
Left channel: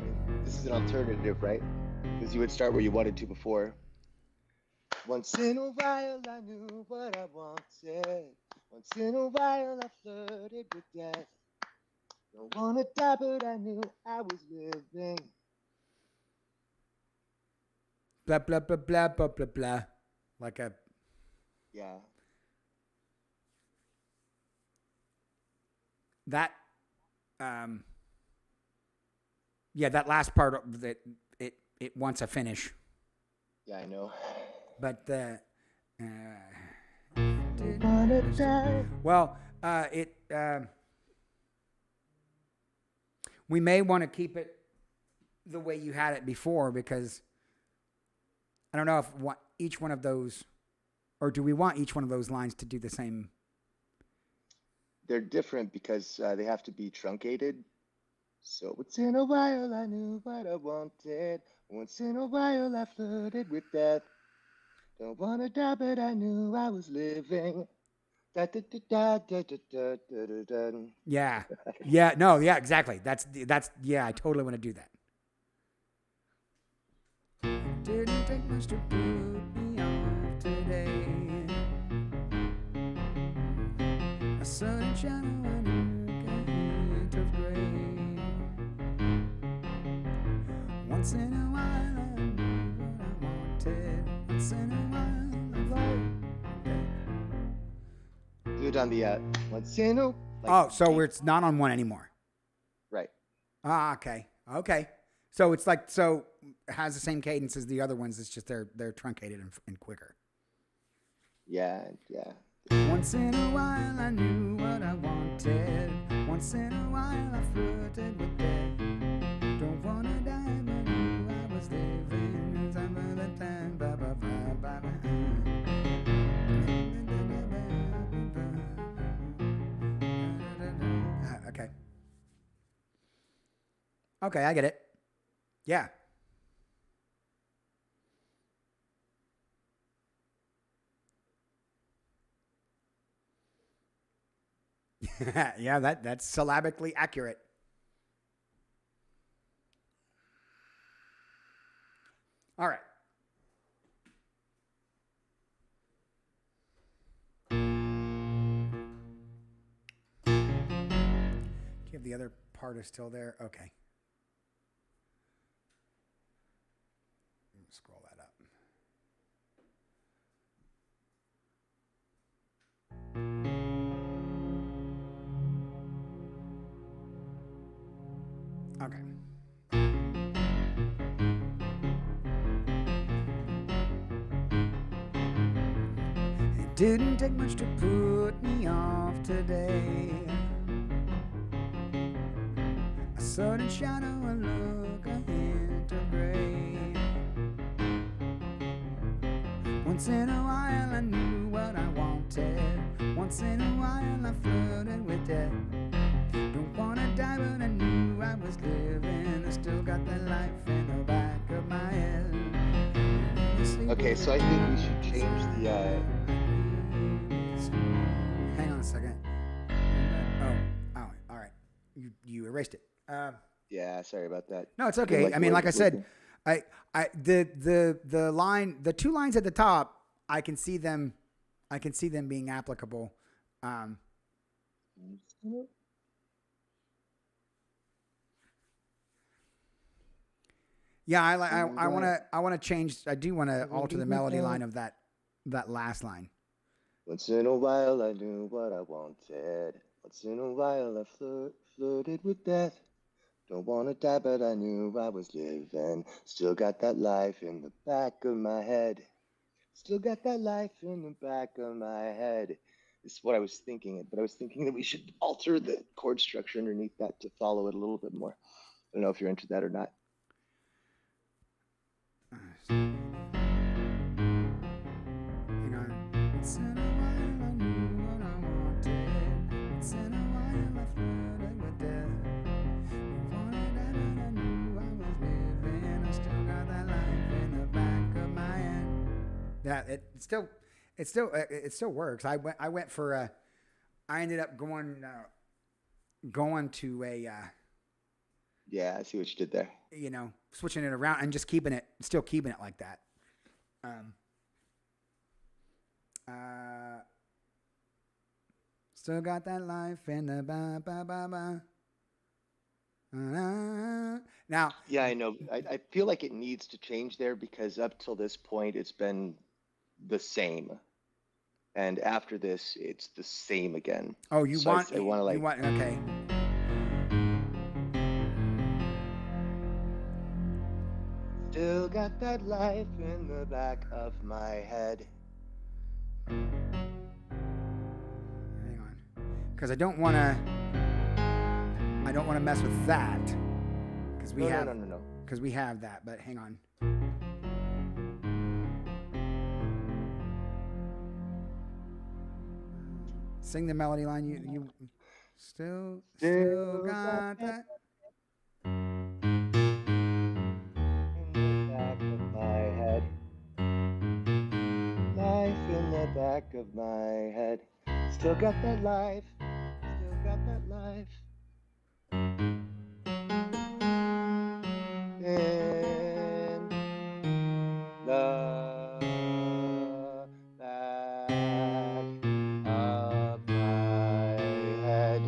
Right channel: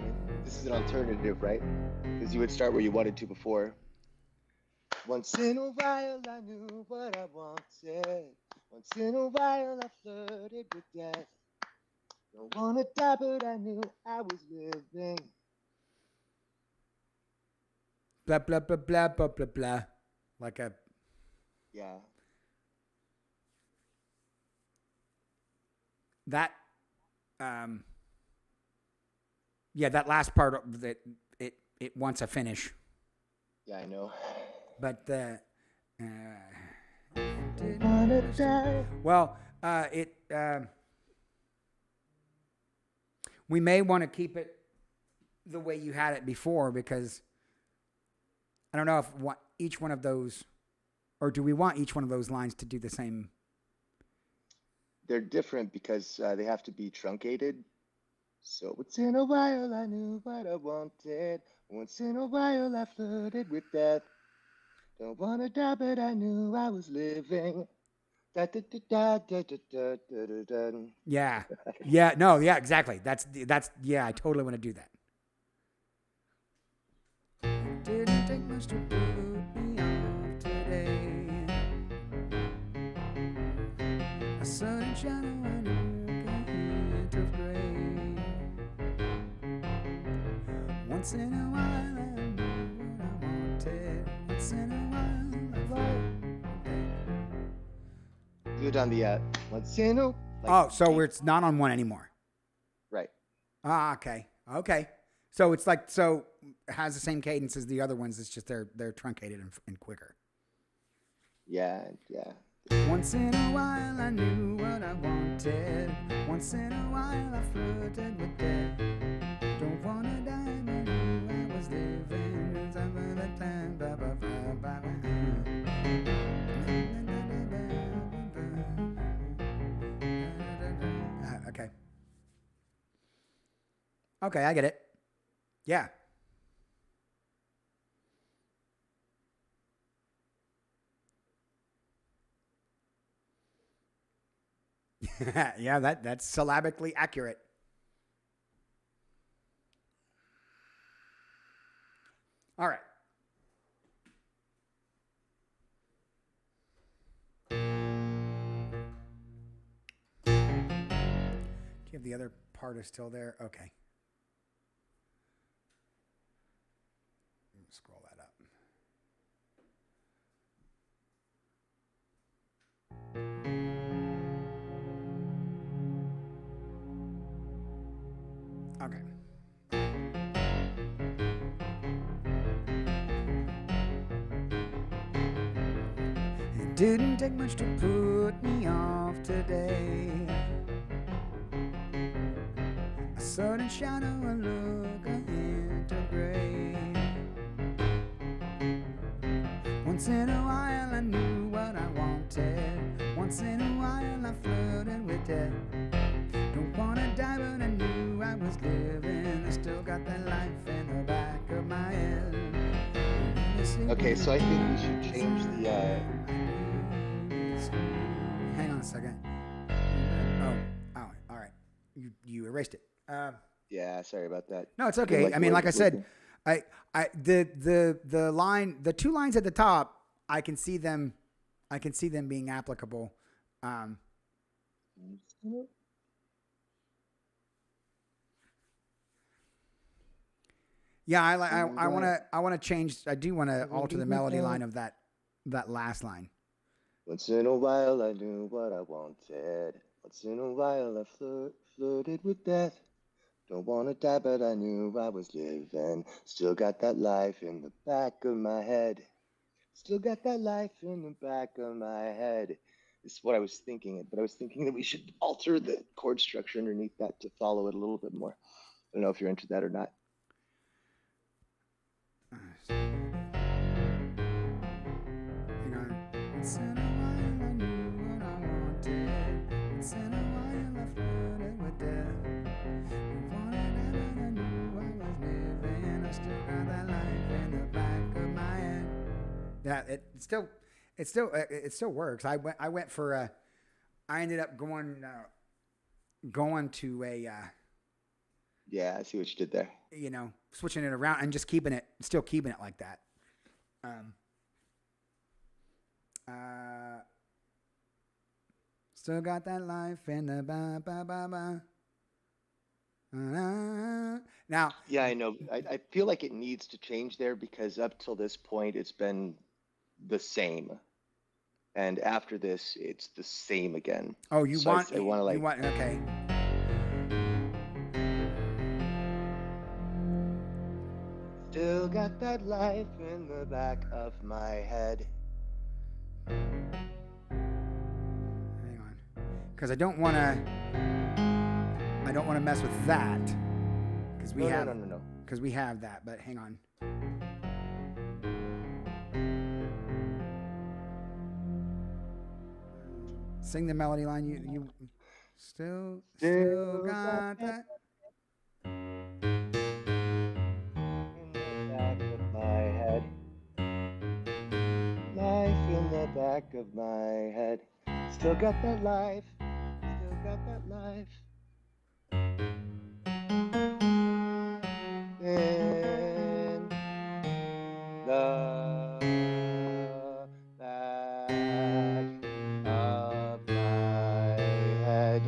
mean, this is an alternative, right? Because you would start where you wanted to before. Once in a while I knew what I wanted. Once in a while I flirted with death. Don't wanna die, but I knew I was living. Blah blah blah blah blah blah blah. Like a Yeah. that. Yeah, that last part of it wants a finish. Yeah, I know. But Don't wanna die. well, we may want to keep it the way you had it before, because I don't know if each one of those, or do we want each one of those lines to do the same? They're different because they have to be truncated. So once in a while I knew what I wanted. Once in a while I flirted with death. Don't wanna die, but I knew I was living. Da, da, da, da, da, da, da, da, da. Yeah. Yeah. No. Yeah. Exactly. That's. Yeah. I totally want to do that. Didn't take much to put me off today. A sudden shadow I knew a hint of gray. Once in a while I knew what I wanted. Once in a while I wanted. Do it on the once in a Oh, so it's not on one anymore. right. Ah, okay. Okay. So it's like, so it has the same cadence as the other ones. It's just they're truncated and quicker. Yeah, yeah. Once in a while I knew what I wanted. Once in a while I flirted with death. Don't wanna die, but I knew I was living. Some of the time, ba ba ba ba ba. Okay. Okay, I get it. Yeah. Yeah, that's syllabically accurate. All right. Do you have the other part is still there? Okay. Scroll that up. Okay. It didn't take much to put me off today. A sudden shadow, a look, a hint of gray. Once in a while I knew what I wanted. Once in a while I flirted with death. Don't wanna die, but I knew I was living. I still got that life in the back of my head. Okay, so I think we should change the Hang on a second. Oh, all right. You erased it. yeah, sorry about that. No, it's okay. I mean, like I said, the line, the two lines at the top, I can see them being applicable. Yeah, I want to change. I do want to alter the melody line of that last line. Once in a while I knew what I wanted. Once in a while I flirted with death. Don't wanna die, but I knew I was living. Still got that life in the back of my head. Still got that life in the back of my head. This is what I was thinking, but I was thinking that we should alter the chord structure underneath that to follow it a little bit more. I don't know if you're into that or not. Hang on. Once in a while I knew what I wanted. Once in a while I flirted with death. I wanted heaven, I knew I was living. I still got that life in the back of my head. That it still works. I went for I ended up going to a Yeah, I see what you did there. switching it around and just still keeping it like that. Still got that life in the ba ba ba ba. Now, Yeah, I know. I feel like it needs to change there because up till this point, it's been the same. And after this, it's the same again. oh, you So want I want to you like, want okay. still got that life in the back of my head. Hang on, because I don't want to mess with that because we have No. that. But hang on. Sing the melody line. You still got that. In the back of my head. Life in the back of my head. Still got that life. Still got that life. In the back of my head.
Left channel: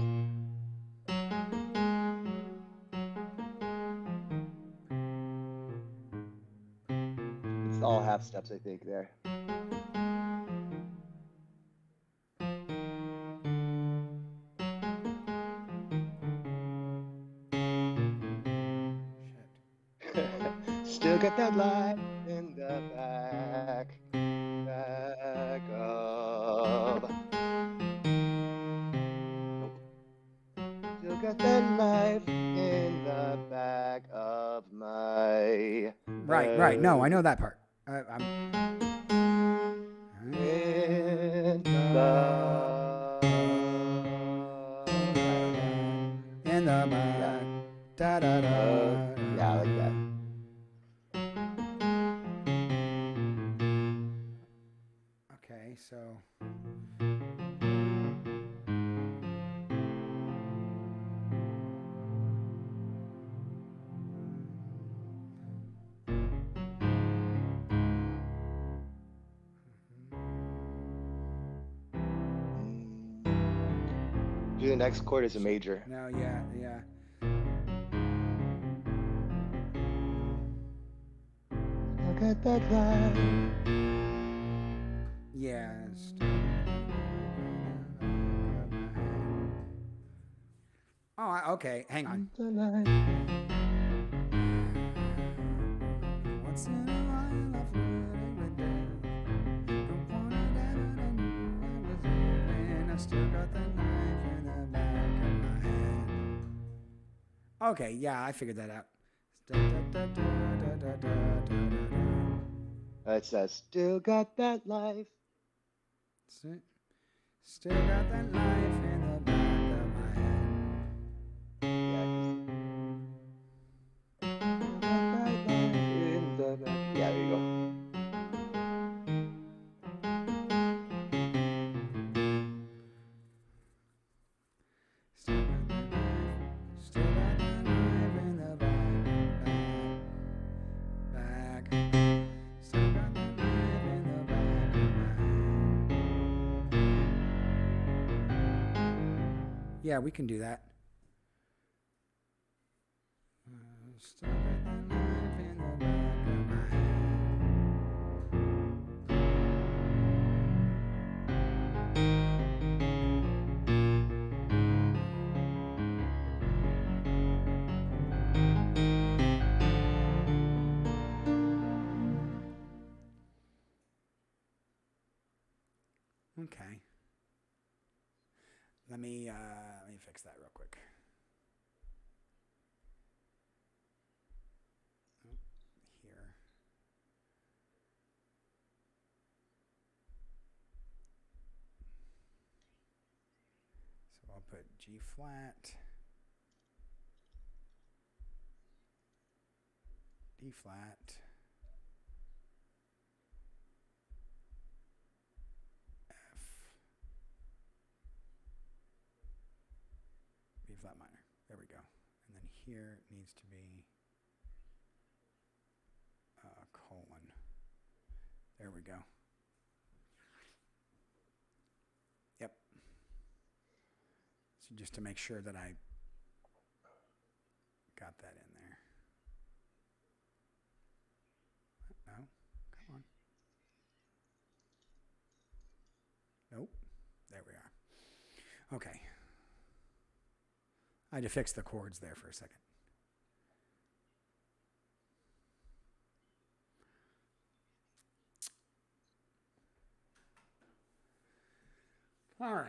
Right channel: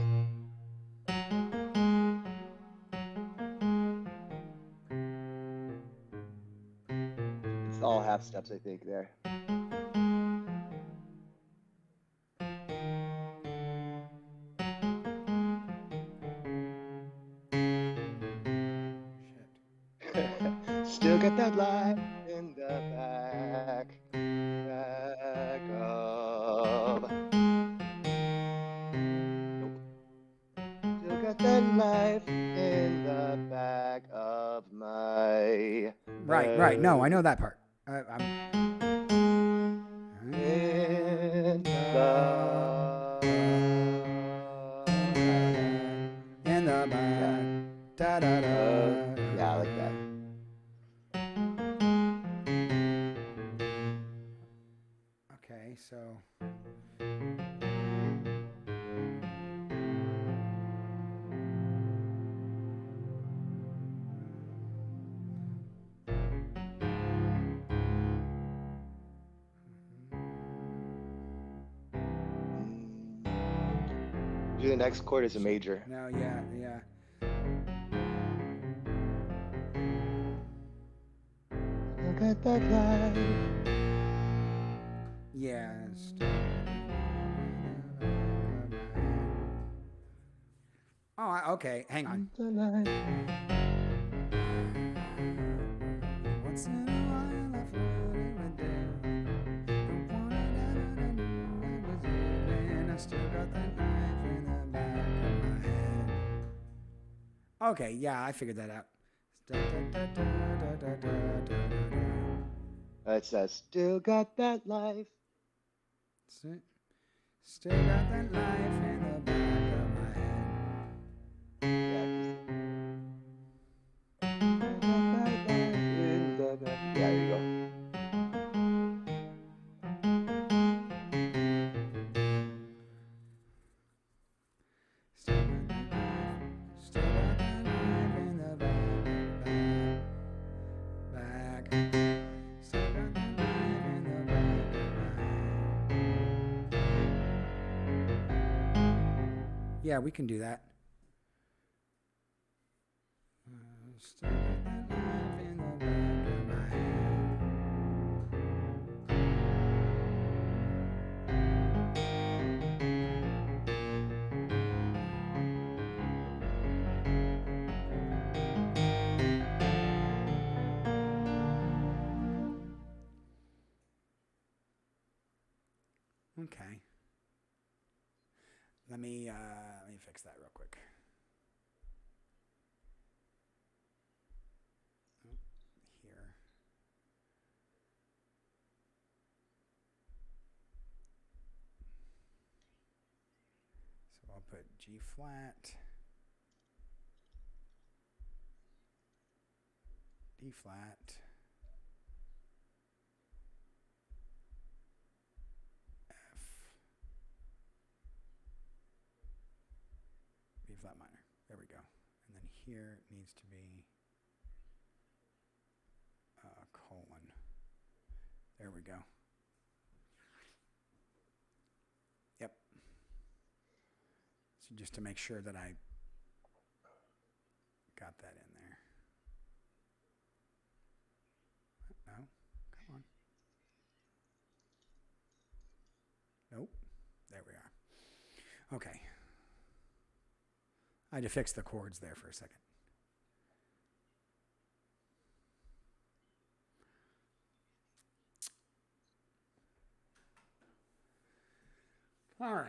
It's all half steps, I think, there. Shit. Still got that life in the back of. Nope. Still got that life in the back of my. Right. No, I know that part. In the back. Da da da. Yeah, I like that. Okay, so. Do the next chord as a major. No, yeah. Look at that life. Yes. Oh, okay. Hang on. Once in a while I flirted with death. Don't wanna die, but I knew I was living. I still got that knife in the back of my head. Okay, yeah, I figured that out. It says, still got that life. Still got that life in the back of my head. Yeah, still got that life in the back. Yeah, there you go. Still got that life in the back. Still got that life in the back of my head. Yeah, we can do that. Still got that life in the back of my head. Okay. Let me fix that real quick. Oh, here. put G flat, D flat, F, B flat minor. There we go. And then here it needs to be colon. There we go. Yep. So just to make sure that I got that in there. No, come on. Nope. There we are. Okay. I had to fix the chords there for a second. All right.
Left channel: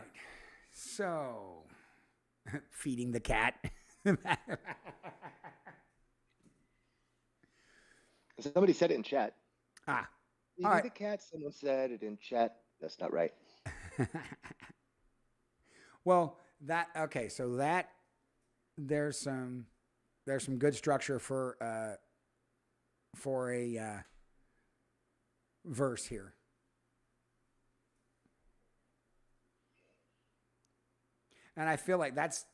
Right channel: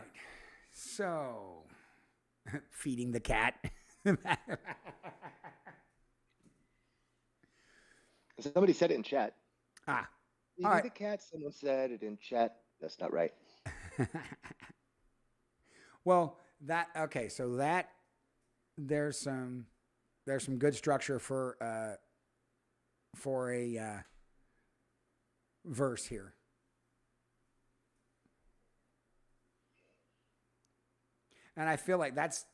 So, feeding the cat. Somebody said it in chat. All Feeding right. the cat, someone said it in chat. That's not right. Well, okay, so that there's some good structure for a verse here. And I feel like that's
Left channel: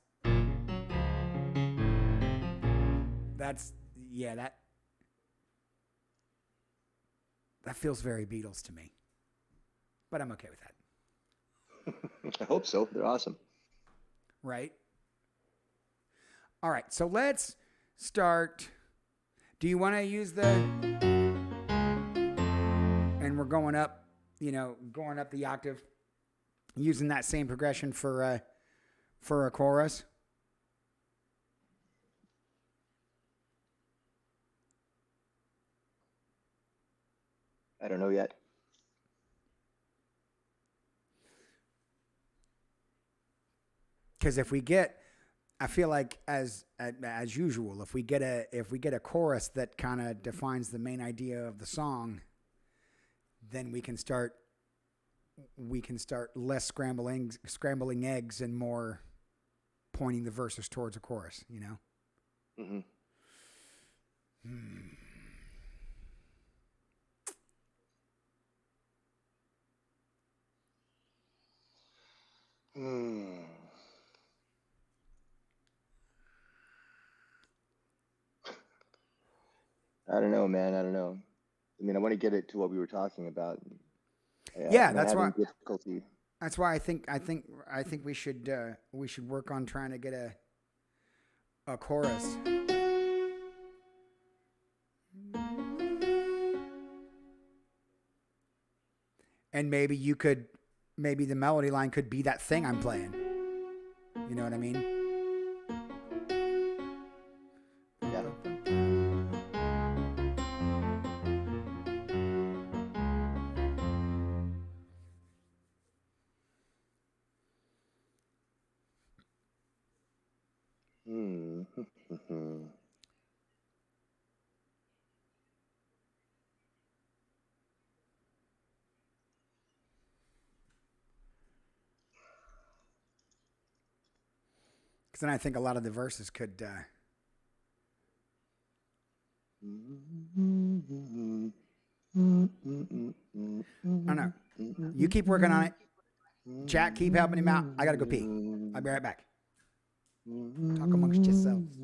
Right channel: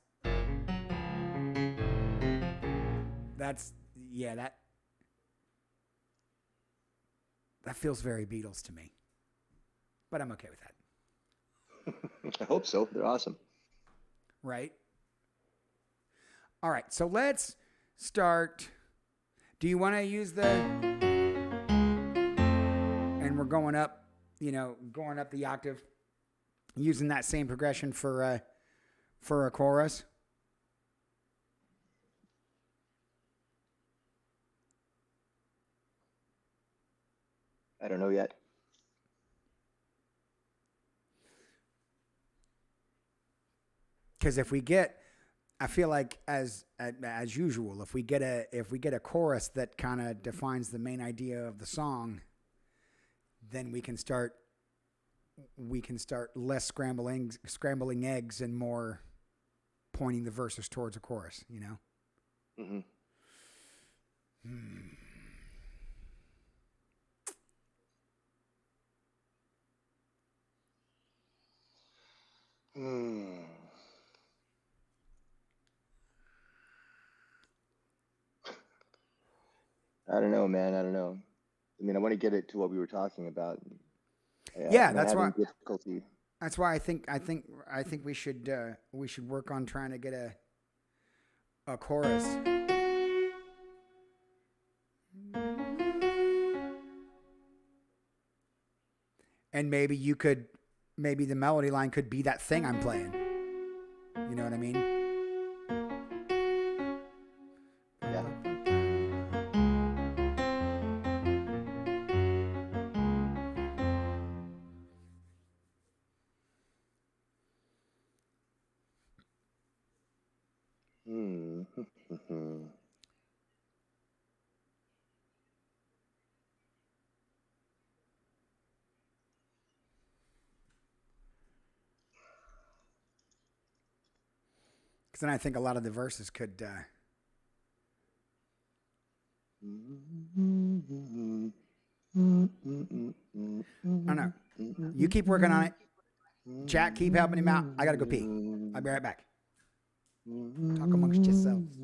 yeah, that feels very Beatles to me. But I'm okay with that. I hope so. They're awesome. Right? All right, so let's start. Do you want to use and we're going up, going up the octave, using that same progression for a chorus? I don't know yet. Because I feel like as usual, if we get a chorus that kind of defines the main idea of the song, then we can start less scrambling eggs and more pointing the verses towards a chorus. Mm-hmm. I don't know, man. I don't know. I mean, I want to get it to what we were talking about. Yeah, I'm that's having why. difficulty. That's why I think we should work on trying to get a chorus. And maybe the melody line could be that thing I'm playing. You know what I mean? Yeah. Because then I think a lot of the verses could. I don't know. You keep working on it. Chat, keep helping him out. I gotta go pee. I'll be right back. Talk amongst yourselves.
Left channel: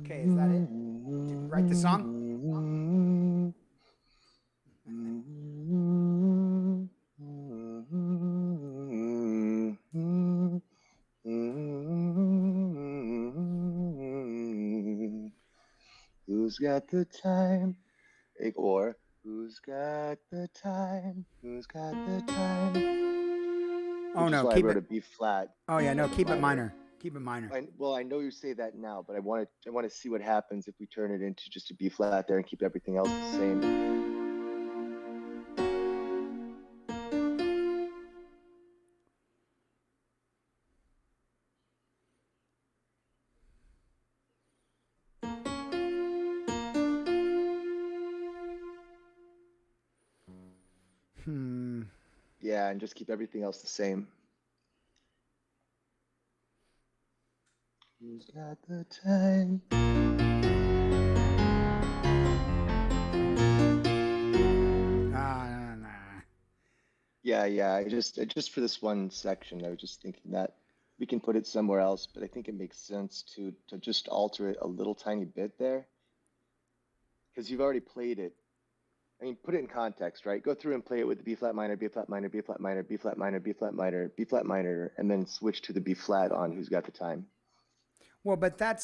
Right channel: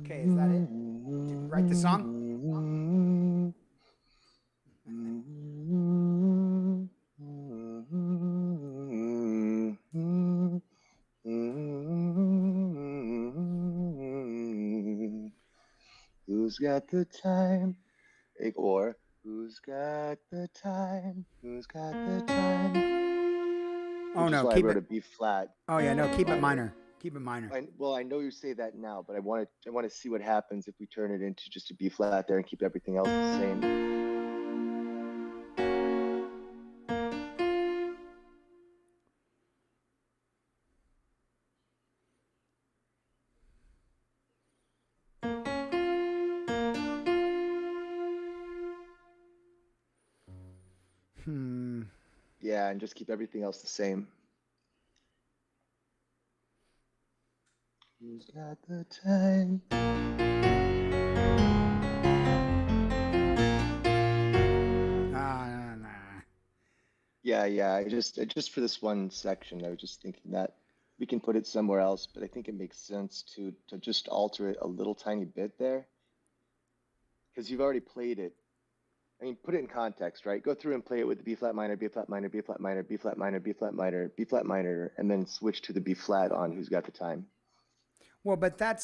Okay, is that it? Did we write the song? Who's got the time? Or who's got the time? Who's got the time? Oh Which is no, why I keep wrote it. a B flat Oh yeah, no, instead of a keep it minor. minor. Keep it minor. Well, I know you say that now, but I want to see what happens if we turn it into just a B flat there and keep everything else the same. Hmm. Yeah, and just keep everything else the same. Who's got the time? Nah. Yeah. I just for this one section, I was just thinking that we can put it somewhere else, but I think it makes sense to just alter it a little tiny bit there because you've already played it. I mean, put it in context, right? Go through and play it with the B flat minor, B flat minor, B flat minor, B flat minor, B flat minor, B flat minor, and then switch to the B flat on Who's Got the Time. Well, but that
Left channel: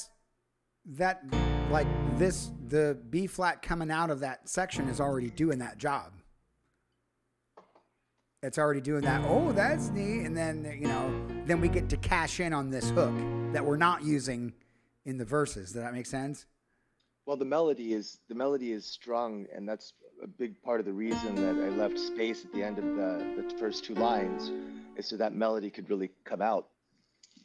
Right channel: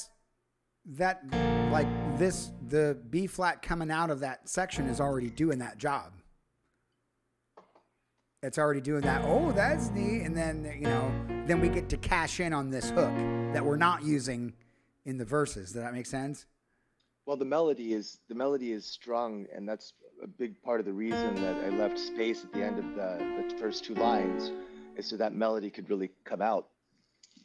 like this the B flat coming out of that section is already doing that job. It's already doing that. Oh, that's neat. And then then we get to cash in on this hook that we're not using in the verses. Does that make sense? Well, the melody is strong, and that's a big part of the reason that I left space at the end of the first two lines, is so that melody could really come out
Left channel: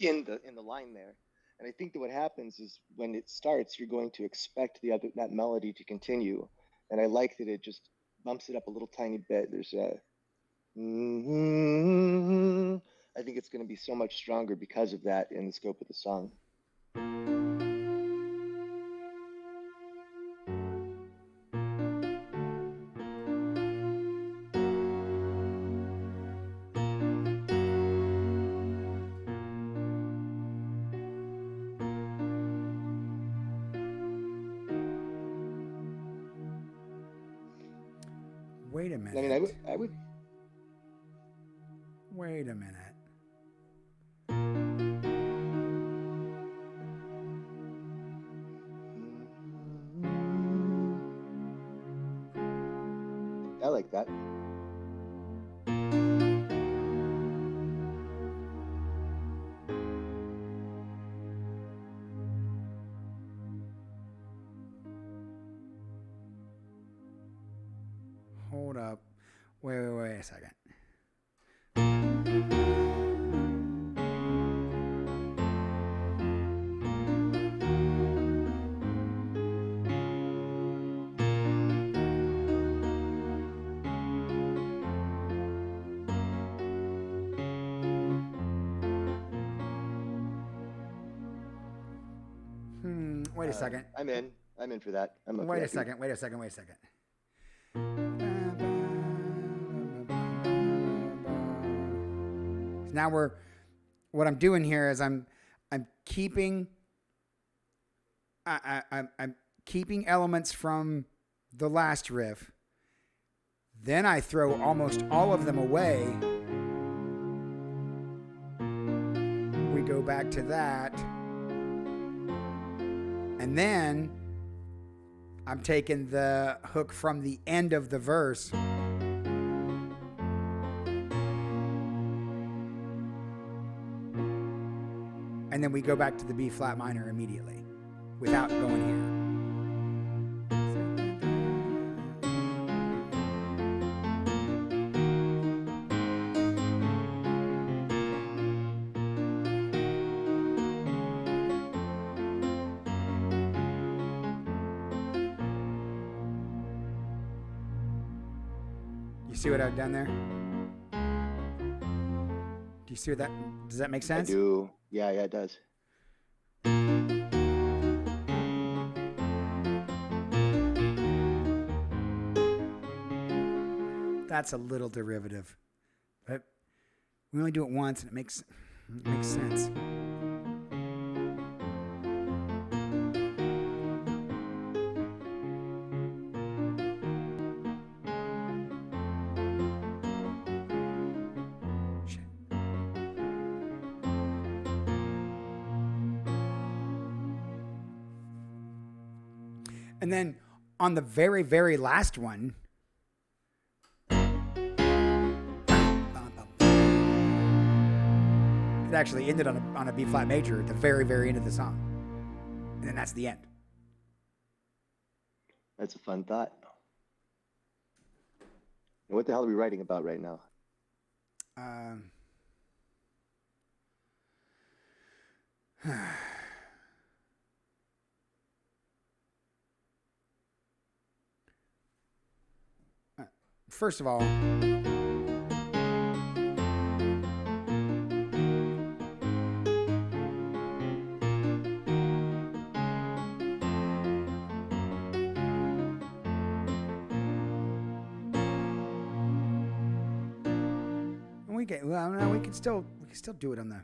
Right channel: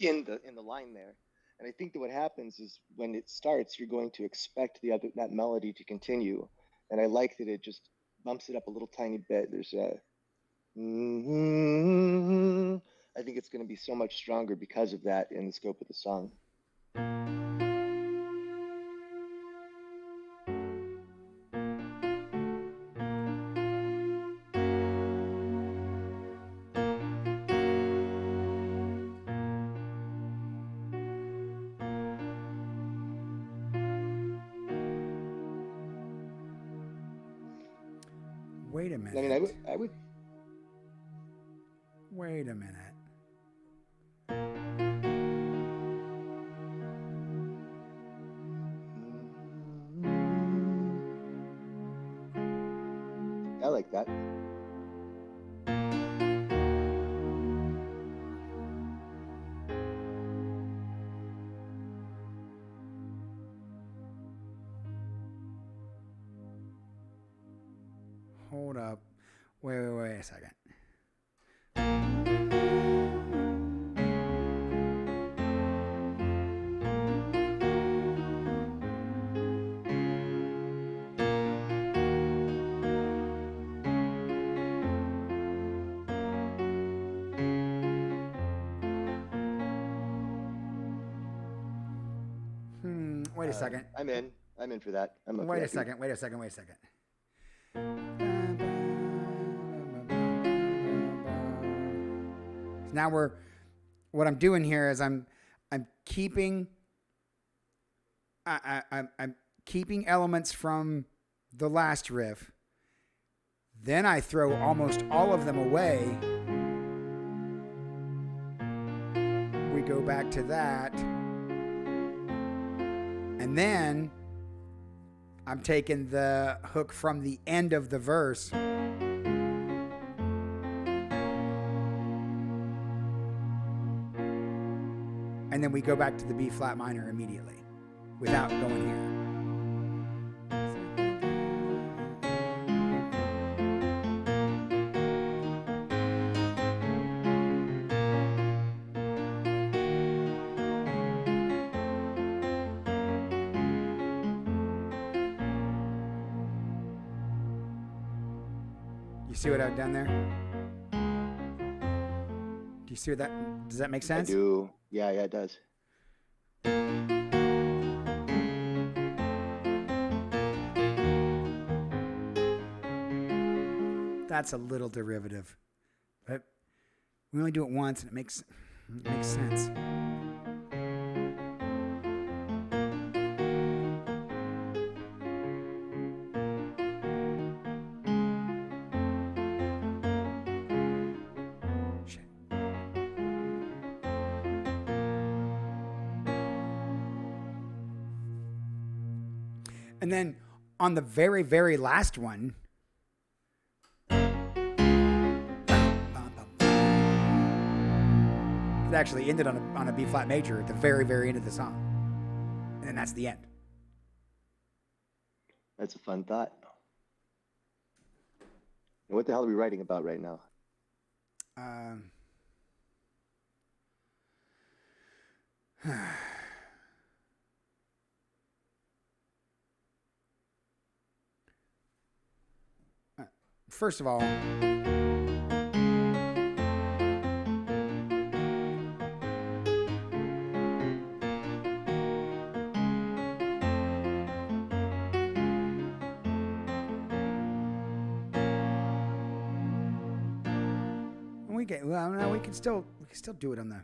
in the line there. And I think that what happens is when it starts, you're going to expect that melody to continue. And I like that it just bumps it up a little tiny bit. There's a I think it's going to be so much stronger because of that in the scope of the song. Wait a I mean, minute. I would. Wait a minute. I like that. Hold up. Wait a second. Wait a second. I'm in. I'm in for that. I'm up for Wait a that beat. second. Wait a second. Wait a second. Now what I'm doing here is I'm keeping I'm keeping elements from the last riff. Then I throw almost all of them away. We go back to that. And then I'm taking the hook from the end of the verse. And then we go back to the B flat minor immediately without going here. You see what I've done there? Do you see what that? Does that make sense? I do. Yeah, it does. That's a little derivative, but we only do it once, and it makes sense. And then on the very, very last one, it actually ended on a B flat major at the very, very end of the song. And then that's the end. That's a fun thought. And what the hell are we writing about right now? First of all, we can still do it on the.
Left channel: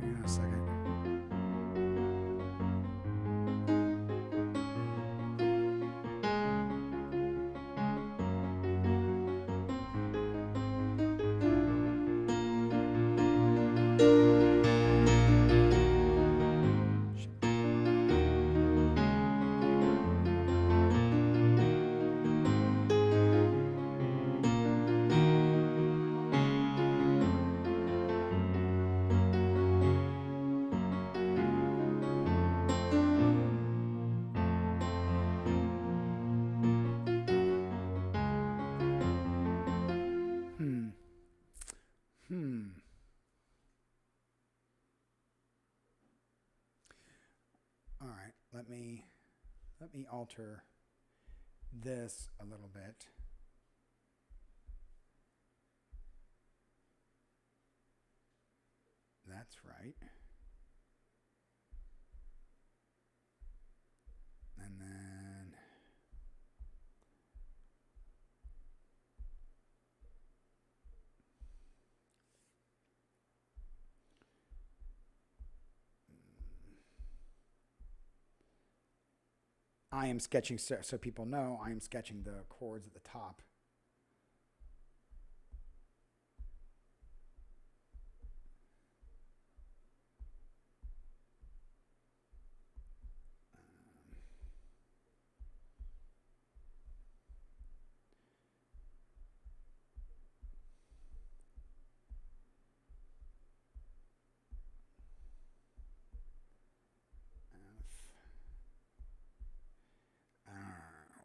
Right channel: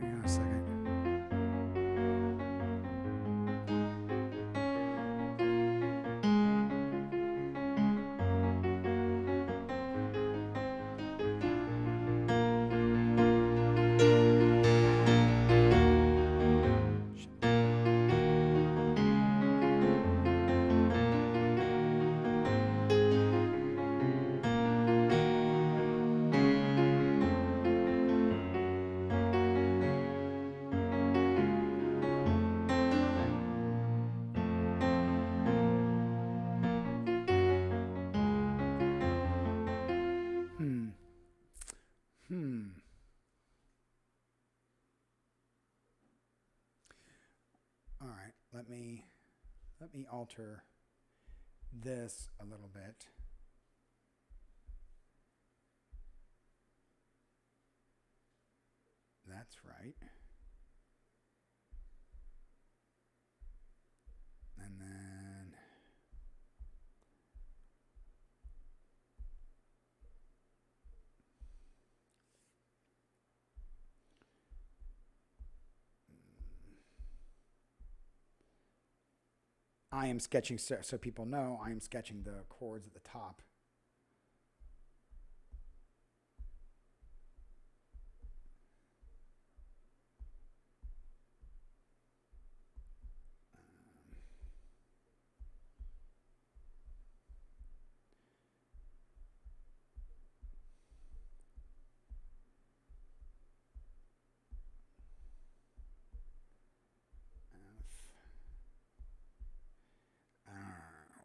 Hang on a second. All right, let me alter this a little bit. That's right. And then I am sketching, so people know I am sketching the chords at the top.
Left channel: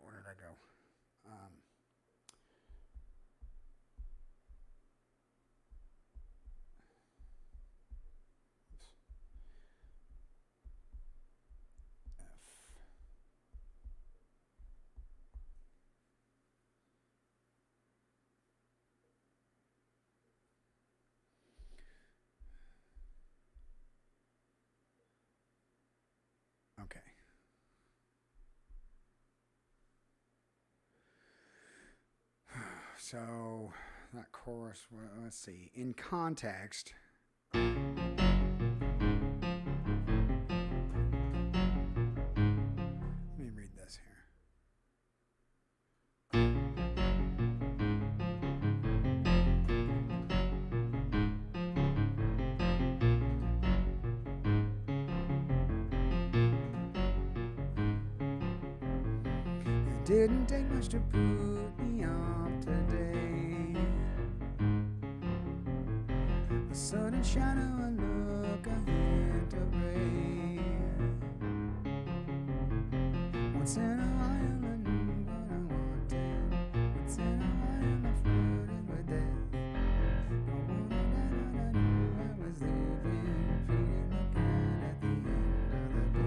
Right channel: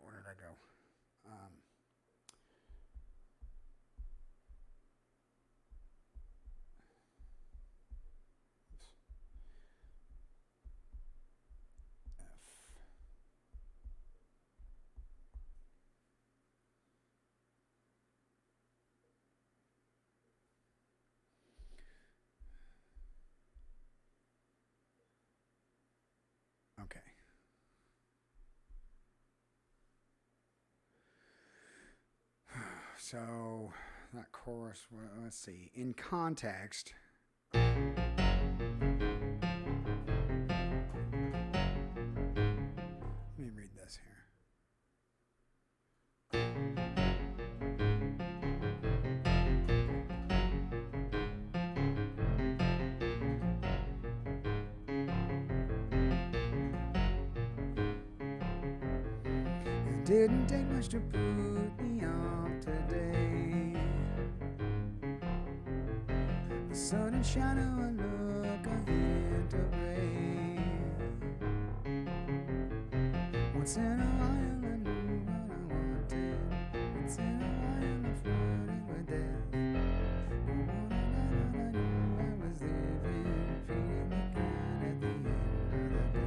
Where did I go? Okay. So that chorus, let's see. In context, let me read this here. It didn't take much to put me off today. A sudden shadow, a look like a hint of gray. Once in a while I knew what I wanted. Once in a while I flirted with death. No one I knew I was living, feeding the cat at the end of the day.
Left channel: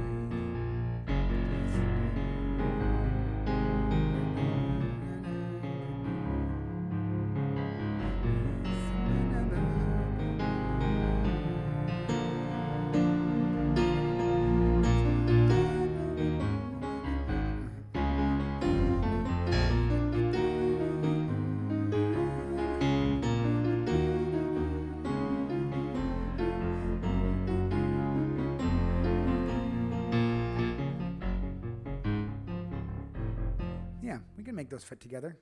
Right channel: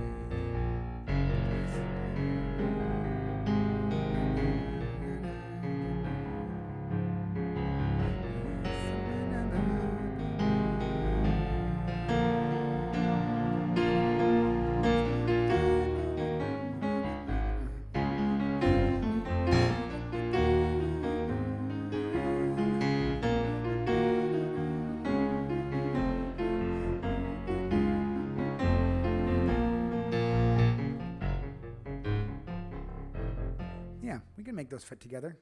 Yeah, we can make those fit together.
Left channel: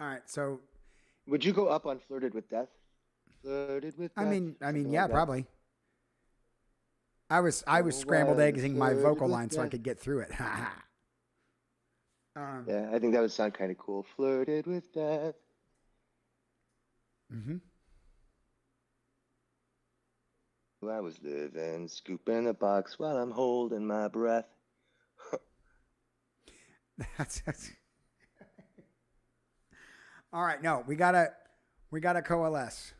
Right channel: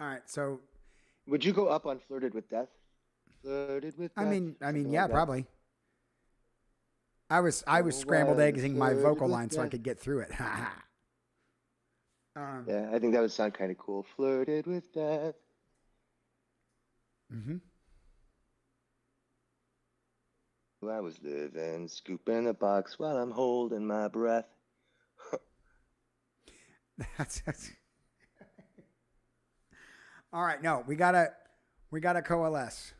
All right, so Would you go up on Flirted with Death? Flirted with Death. Yeah, like probably. I was scrambled egging my vocal line so I could get through it. Yeah, I think that would sound kind of cool. Flirted with Death. Mm-hmm. Well, I was living, scooping a box while I'm holding my breath. That's all right. No, we gotta coalesce.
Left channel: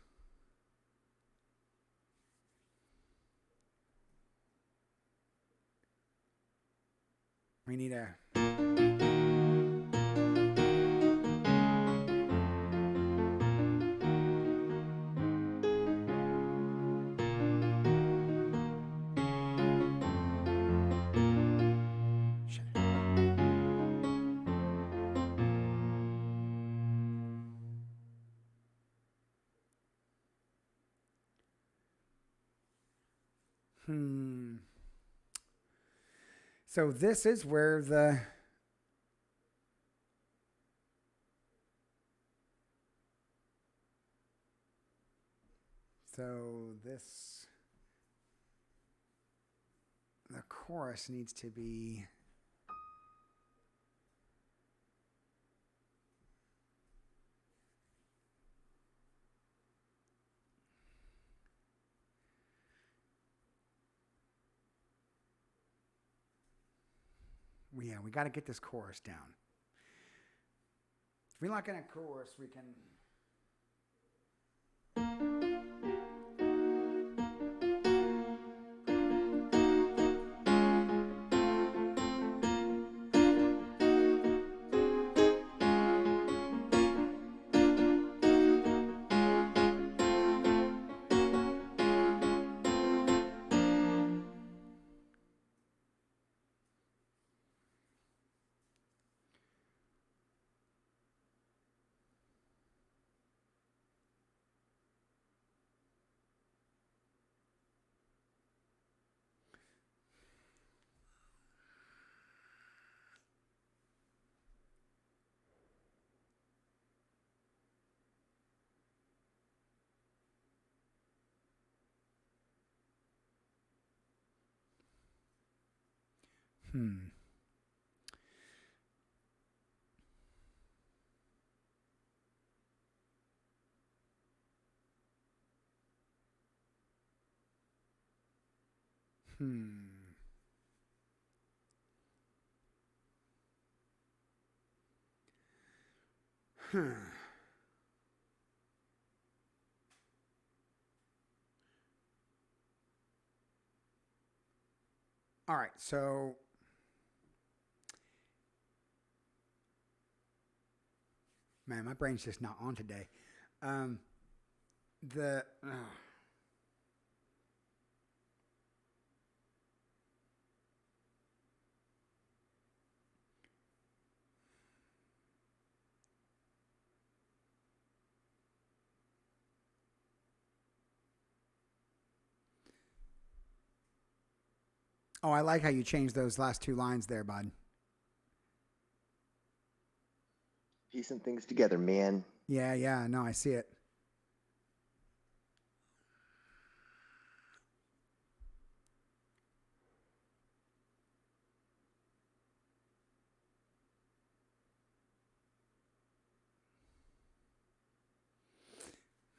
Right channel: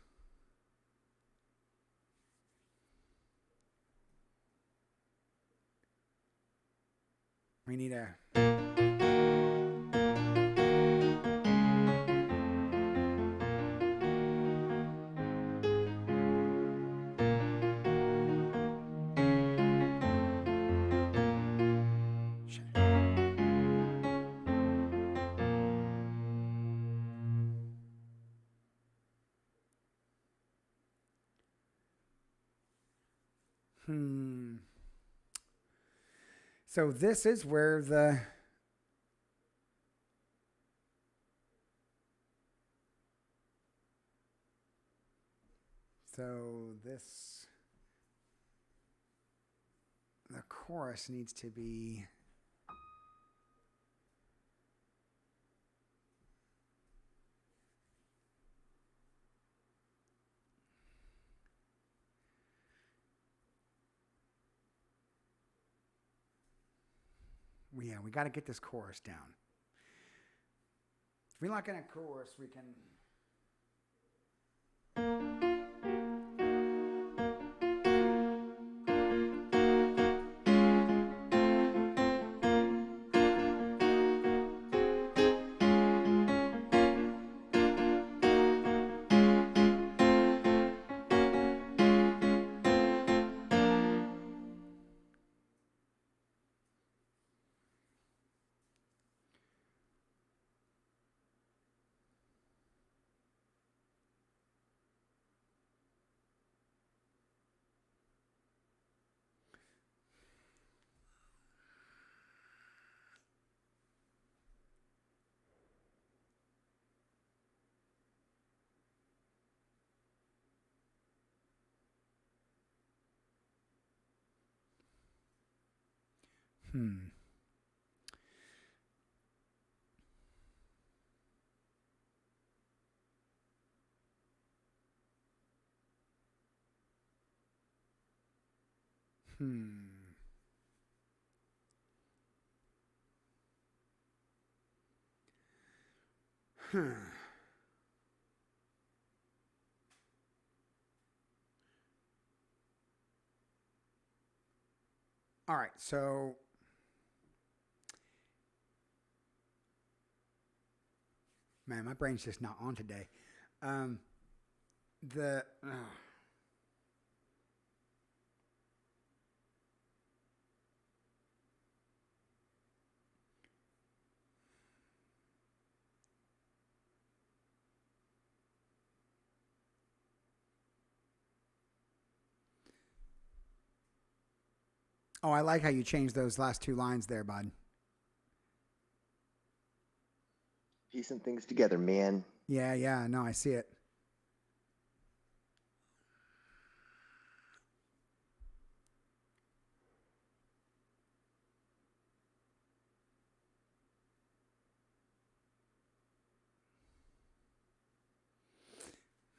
We need a. So this is where the the chorus needs to be we got to get this chorus down. If we lock in a chorus, we can. All right, so man, my brain's just not on today. The Oh, I like how you changed those last two lines there, bud. Piecing things together, man. Yeah, no, I see it.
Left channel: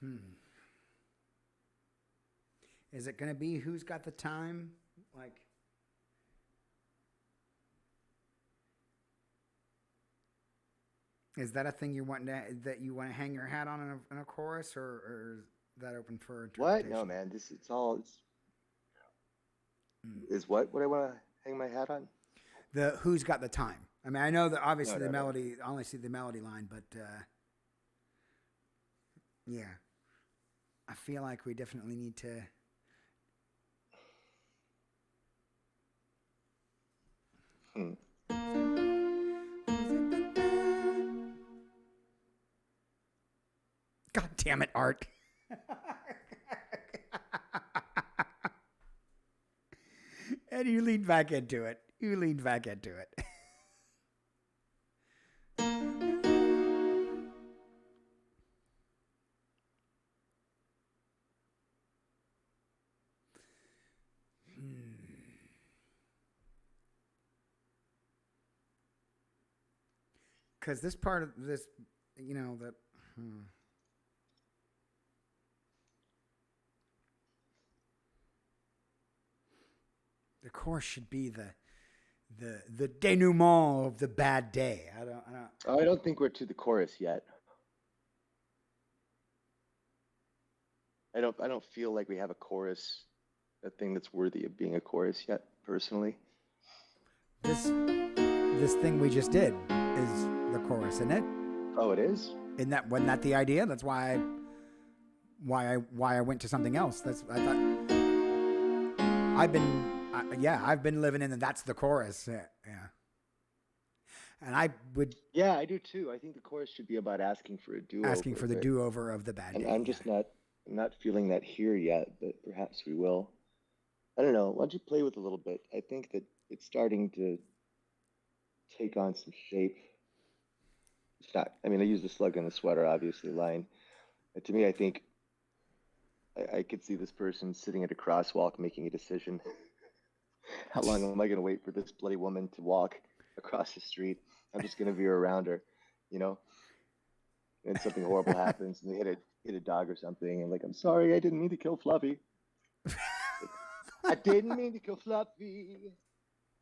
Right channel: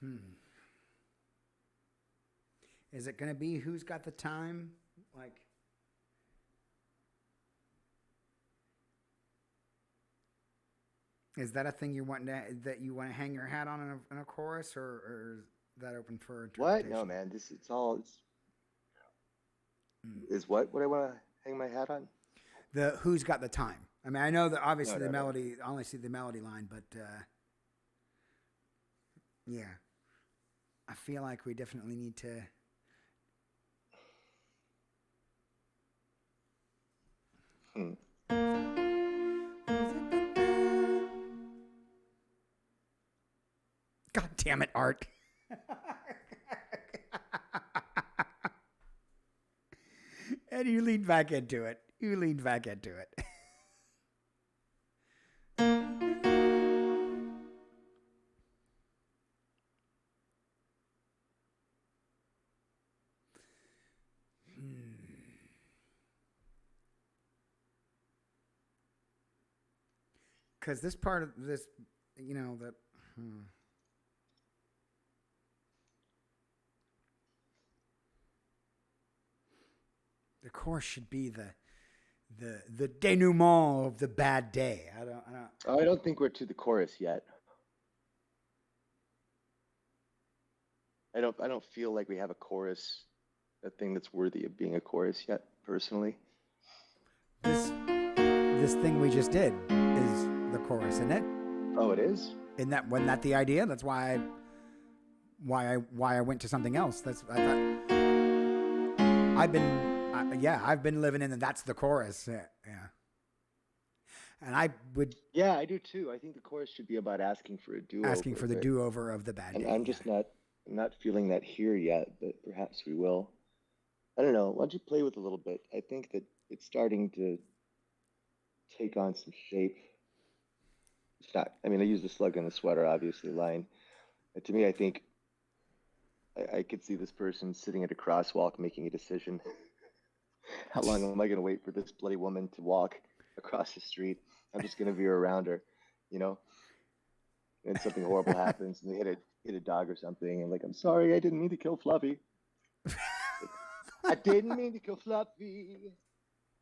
Hmm. Is it going to be who's got the time? Like, is that a thing that you want to hang your hat on in a chorus, or is that open for What? interpretation? No, man. This it's all it's Hmm. is what I want to hang my hat on. The who's got the time? I mean, I know that No, obviously the no, no. melody. I only see the melody line, but yeah, I feel like we definitely need to. Hmm. God damn it, Art. And you leaned back into it. You leaned back into it. Because this part of this, you know, that. The chorus should be the denouement of the bad day. I don't. Oh, I don't think we're to the chorus yet. I don't feel like we have a chorus, a thing that's worthy of being a chorus yet, personally. This this thing we just did is the chorus, isn't it? Oh, it is? Wasn't that the idea? That's why I went to something else. That's I thought I've been living in that's the chorus. Yeah. And I would Yeah, I do too. I think the chorus should be about asking for a do-over. asking for the do-over of the bad And day. I'm just not feeling that here yet, but perhaps we will. I don't know. Why don't you play with it a little bit? I think that it's starting to take on some shape. It's not, I mean, I use the slug in the sweater, obviously, line. But to me, I think I could see this person sitting at a crosswalk making a decision. How long am I going to wait for this bloody woman to walk across the street? I'm just going to veer around her, you know? And something horrible happens, and they hit a dog or something, and like, I'm sorry, I didn't mean to kill Fluffy. I didn't mean to kill Fluffy.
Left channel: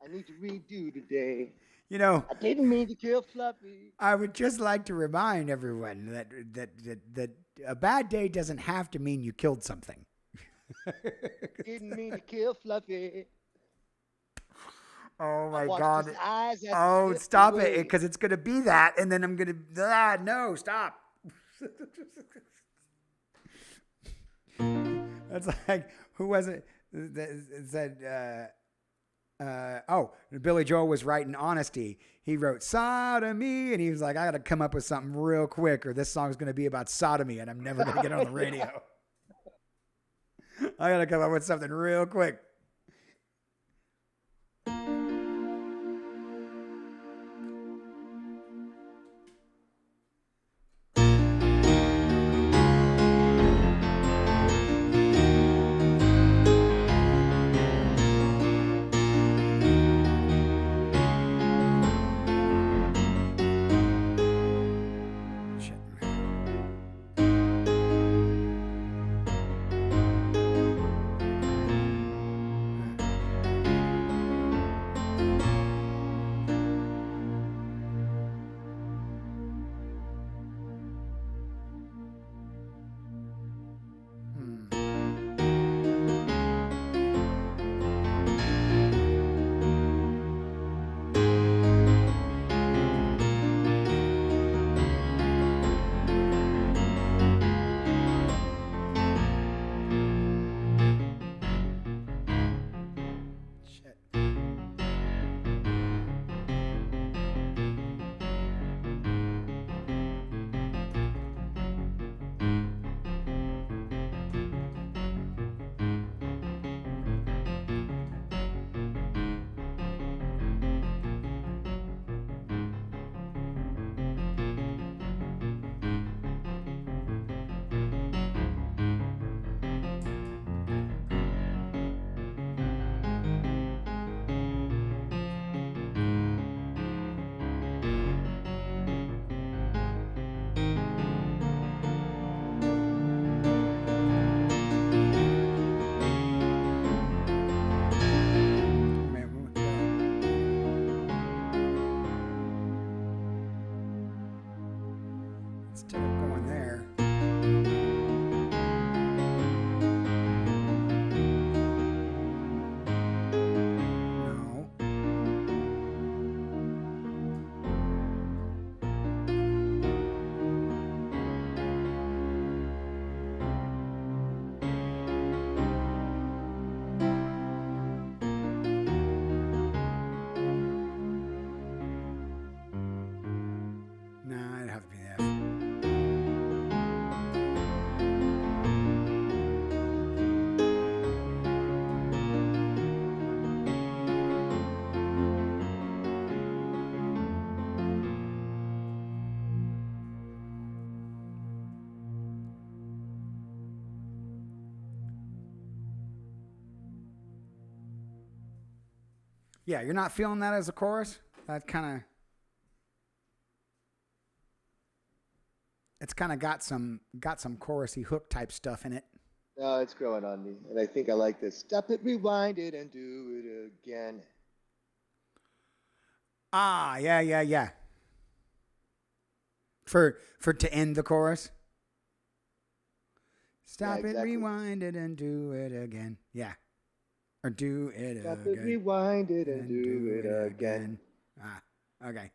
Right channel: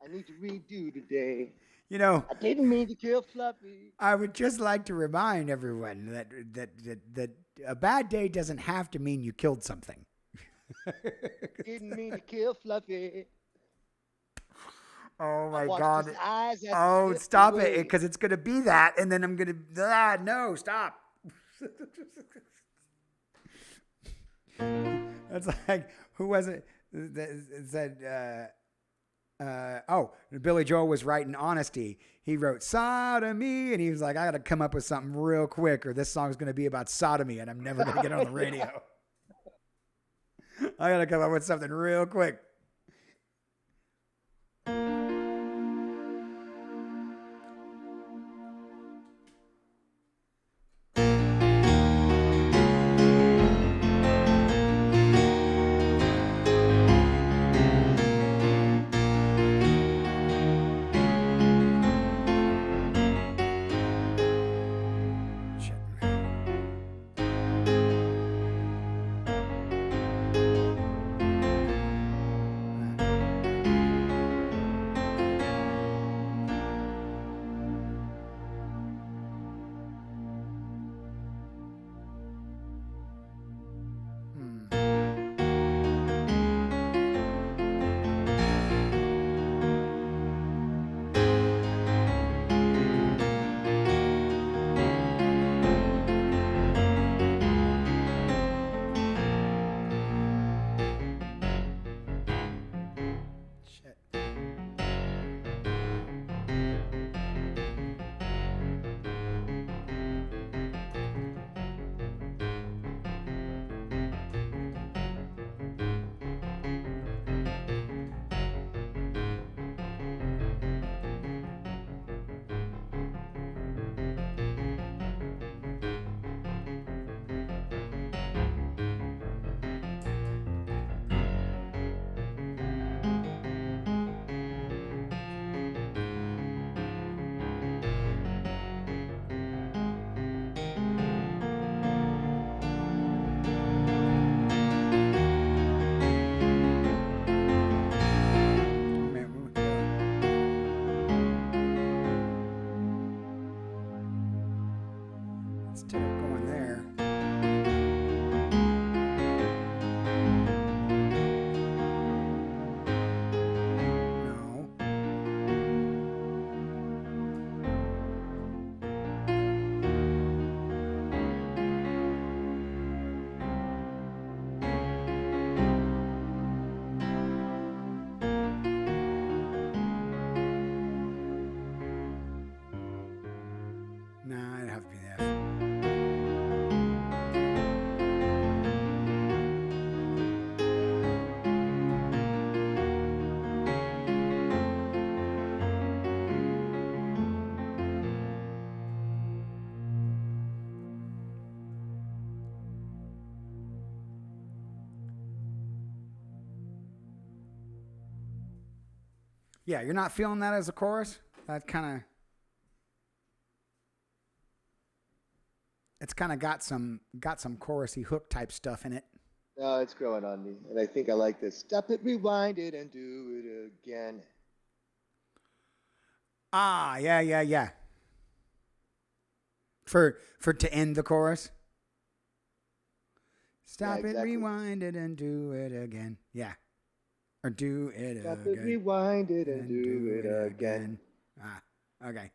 I need to redo today. You know, I didn't mean to kill Fluffy. I would just like to remind everyone that a bad day doesn't have to mean you killed something. Didn't mean to kill Fluffy. Oh I my watched God. his eyes as Oh, he slipped stop away. it. Because it's going to be that. And then I'm going to. No, stop. That's like, who was it that said, Billy Joel was writing Honesty. He wrote Sodomy, and he was like, I got to come up with something real quick, or this song's going to be about sodomy, and I'm never going to get it on the radio. I got to come up with something real quick. Instead of going there. No. Nah, it'd have to be an F. Yeah, you're not feeling that as a chorus? That kind of... It's kind of got some chorusy hook type stuff in it. No, it's growing on me. And I think I like this. Stop it, rewind it, and do it again. Ah, yeah. For to end the chorus. Stop Yeah, exactly. it, rewind it, and do it again. Yeah. Or do it Stop again. it, rewind it, and do it again. Ah, okay.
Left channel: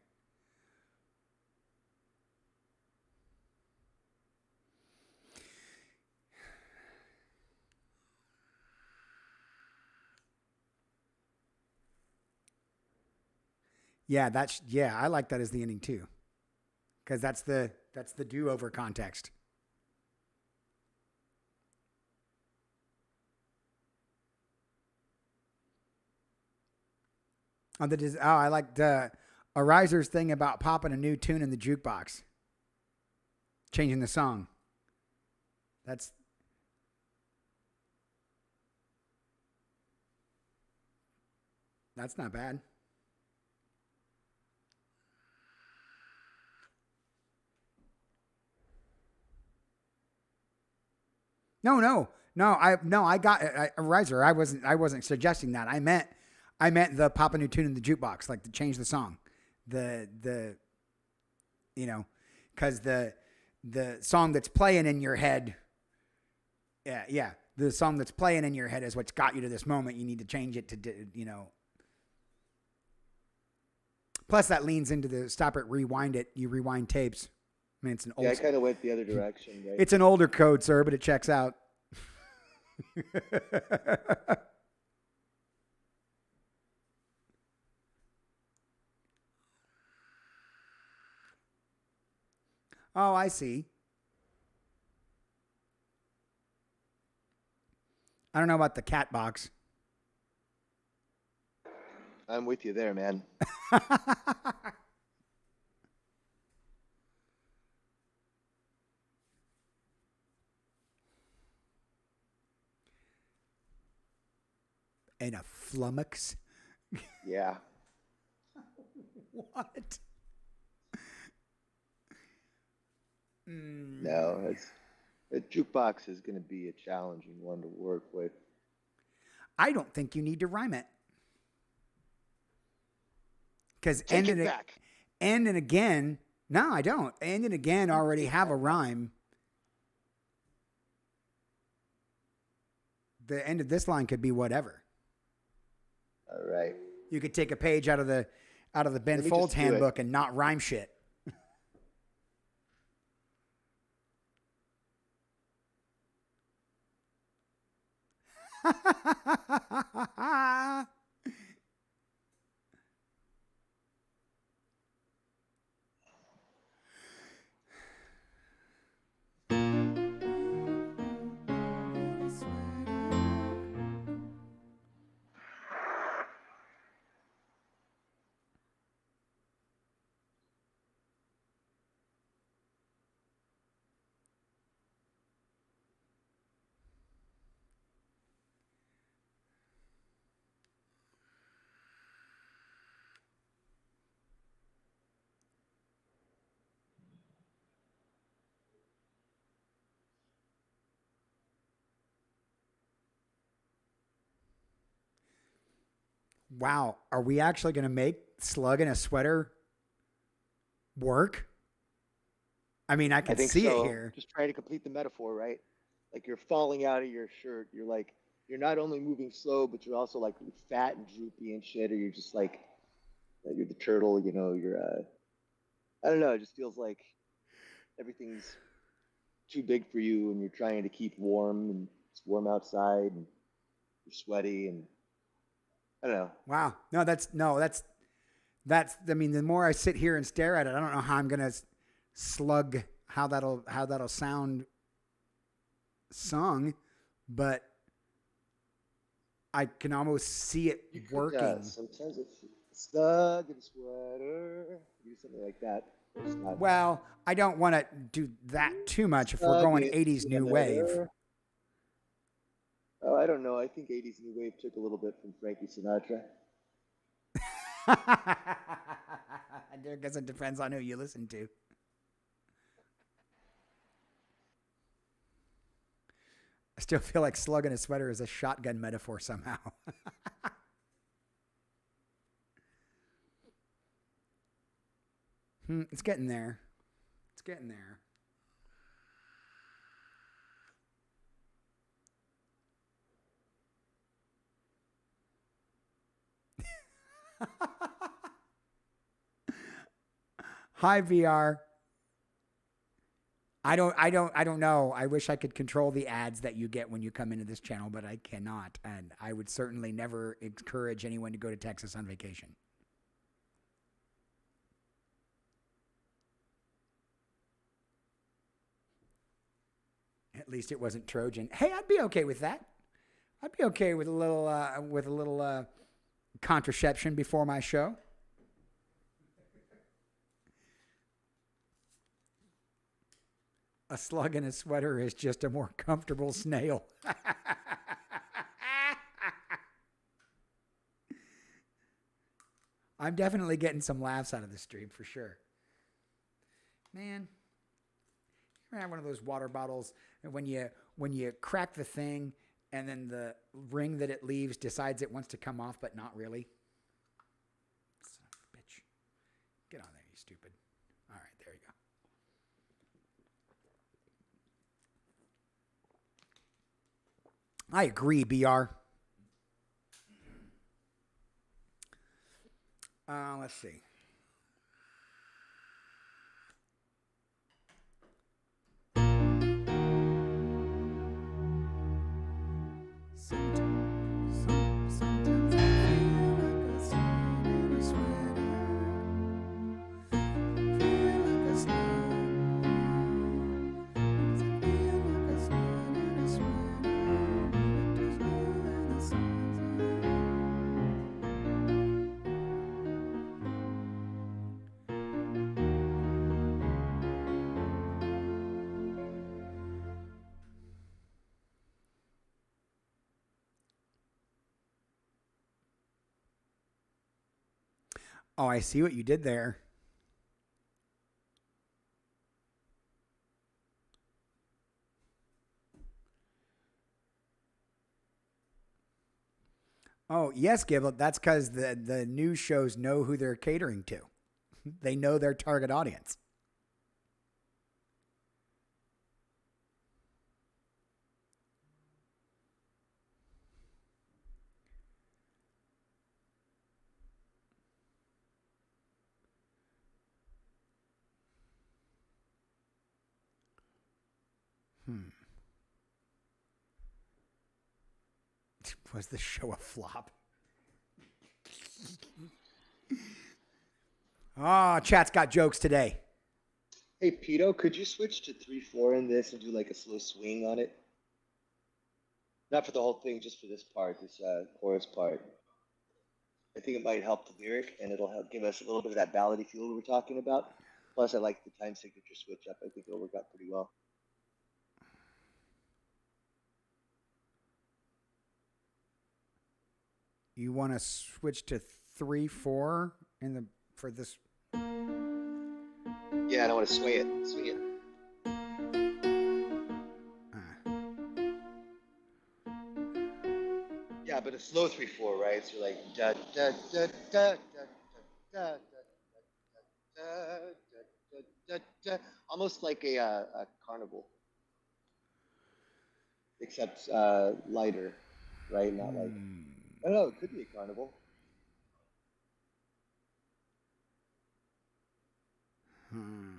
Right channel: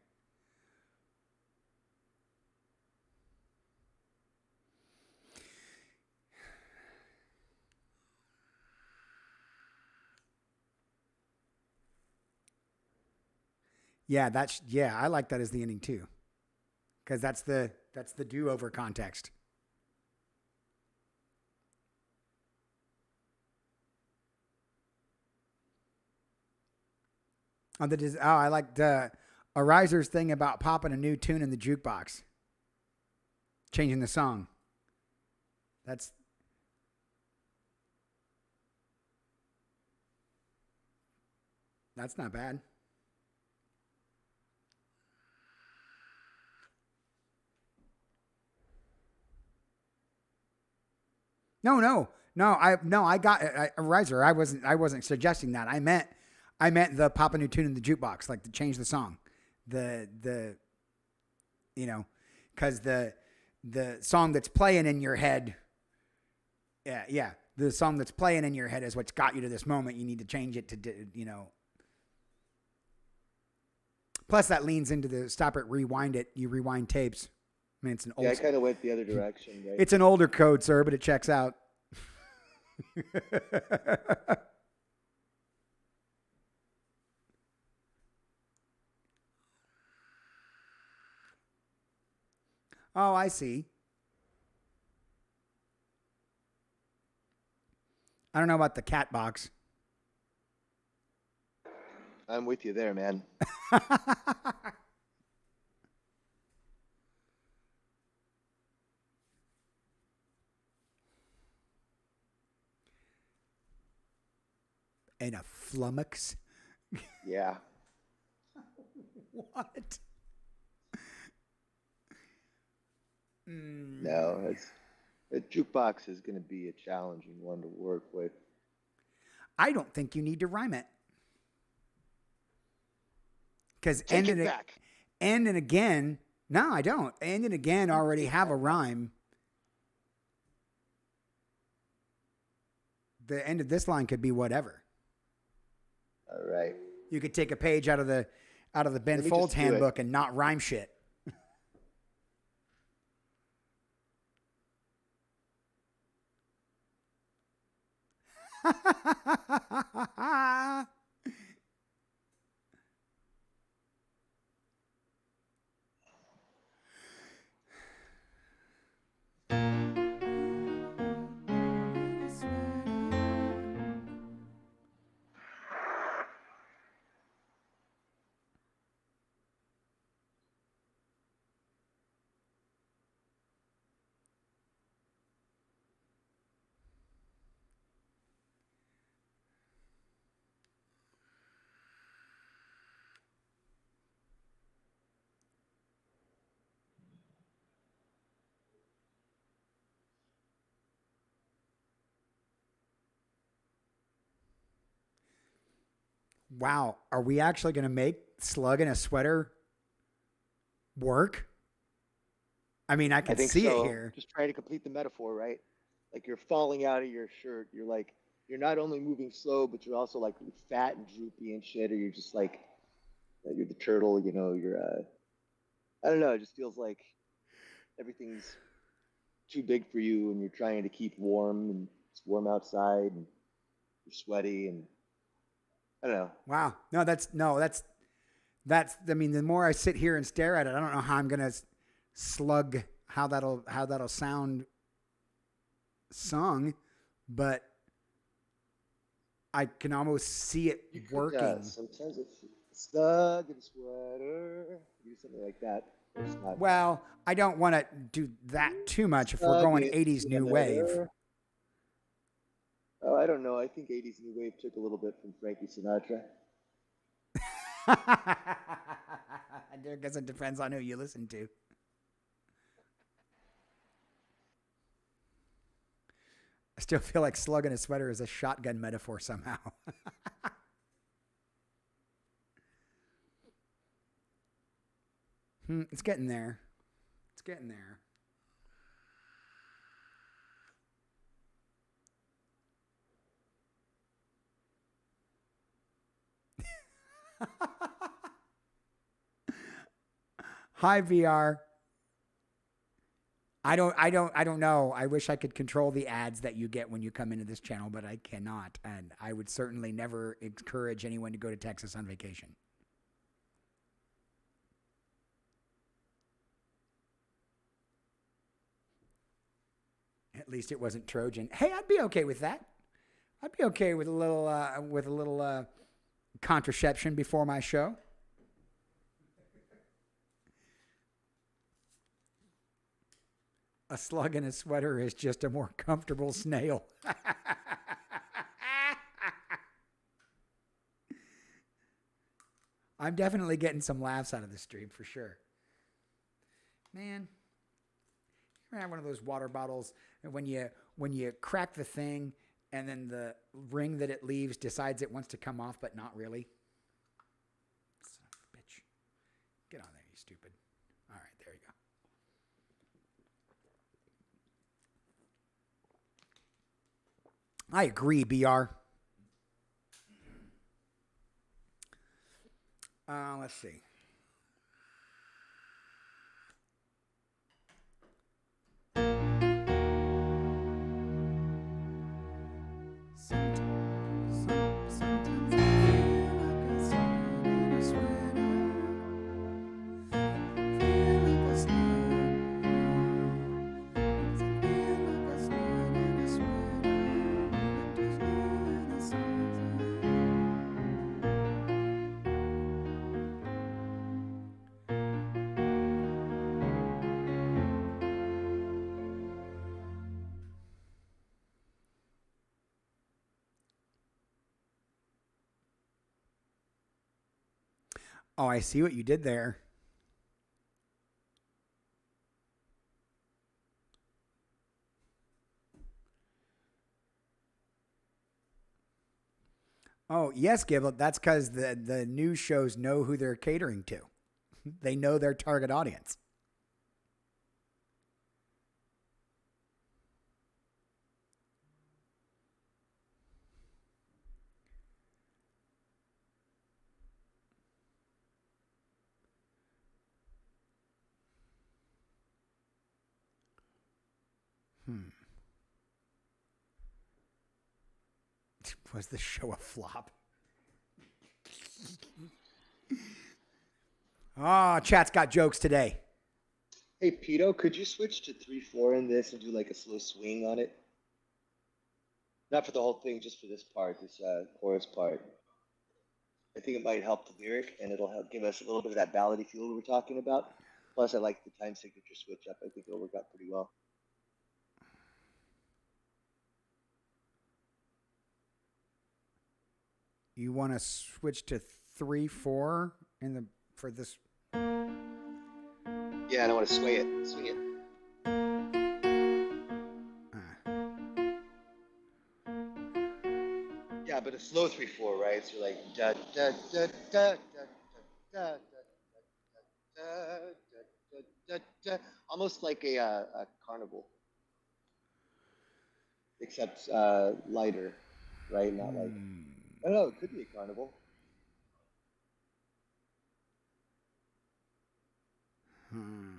Yeah, I like that as the ending too. Because that's the do-over context. I like the Ariser's thing about popping a new tune in the jukebox. Changing the song. That's not bad. No. I got Riser. I wasn't suggesting that. I meant the pop a new tune in the jukebox, like to change the song. Because the song that's playing in your head. Yeah. The song that's playing in your head is what's got you to this moment. You need to change it to, Plus, that leans into the stop it, rewind it. You rewind tapes. I mean, it's an old. Yeah, I kind of went the other direction, right? It's an older code, sir, but it checks out. Oh, I see. I don't know about the cat box. I'm with you there, man. And a flummox. Yeah. What? No, a jukebox is going to be a challenging one to work with. I don't think you need to rhyme it. Because Take it back. And again. No, I don't. And again already have a rhyme. The end of this line could be whatever. All right. You could take a page out of the Ben Folds handbook and not rhyme shit. Wow, are we actually going to make Slug in a Sweater work? I mean, I I can think see it so. here. Just trying to complete the metaphor, right? Like you're falling out of your shirt. You're like, you're not only moving slow, but you're also like fat and droopy and shit, or you're just like, you're the turtle, you're, I don't know, it just feels like everything's too big for you and you're trying to keep warm and it's warm outside and you're sweaty and I don't know. Wow. That's. I mean, the more I sit here and stare at it, I don't know how I'm gonna slug how that'll sound sung, but I can almost see it You could, working. sometimes it's snug in a sweater, do something like that. It's not Well, I don't want to do that too much if we're snug going in a 80s new wave. sweater. Oh, I don't know. I think 80s new wave took a little bit from Frankie Sinatra. I guess it depends on who you listen to. I still feel like slugging a sweater is a shotgun metaphor somehow. It's getting there. It's getting there. Hi VR. I don't know. I wish I could control the ads that you get when you come into this channel, but I cannot. And I would certainly never encourage anyone to go to Texas on vacation. At least it wasn't Trojan. Hey, I'd be okay with that. I'd be okay with a little contraception before my show. A slug in a sweater is just a more comfortable snail. I'm definitely getting some laughs out of this stream for sure. Man, you ever have one of those water bottles and when you crack the thing and then the ring that it leaves decides it wants to come off, but not really? Son of a bitch. Get on there, you stupid. All right, there you go. I agree, BR. Let's see. Sometimes I feel like a slug in a sweater. Feel like a slug. Feel like a slug in a sweater. Moving too slow in the sun's Oh, I see what you did there. Oh, yes, Giblet. That's because the news shows know who they're catering to. They know their target audience. Was the show a flop? Oh, chat's got jokes today. Hey, Pito, could you switch to 3/4 in this and do like a slow swing on it? Not for the whole thing, just for this part, this chorus part. I think it might help the lyric and it'll help give us a little bit of that ballady feel we were talking about. Plus, I like the time signature switch up. I think it'll work out pretty well. You want to switch to 3/4 in the for this? Yeah, I don't want to sway it. Swing it. Yeah, but a slow 3/4, right? So like da da da da da da da da da da almost like a carnival, except lighter, right? Not like I don't know. It could be a carnival. Hmm.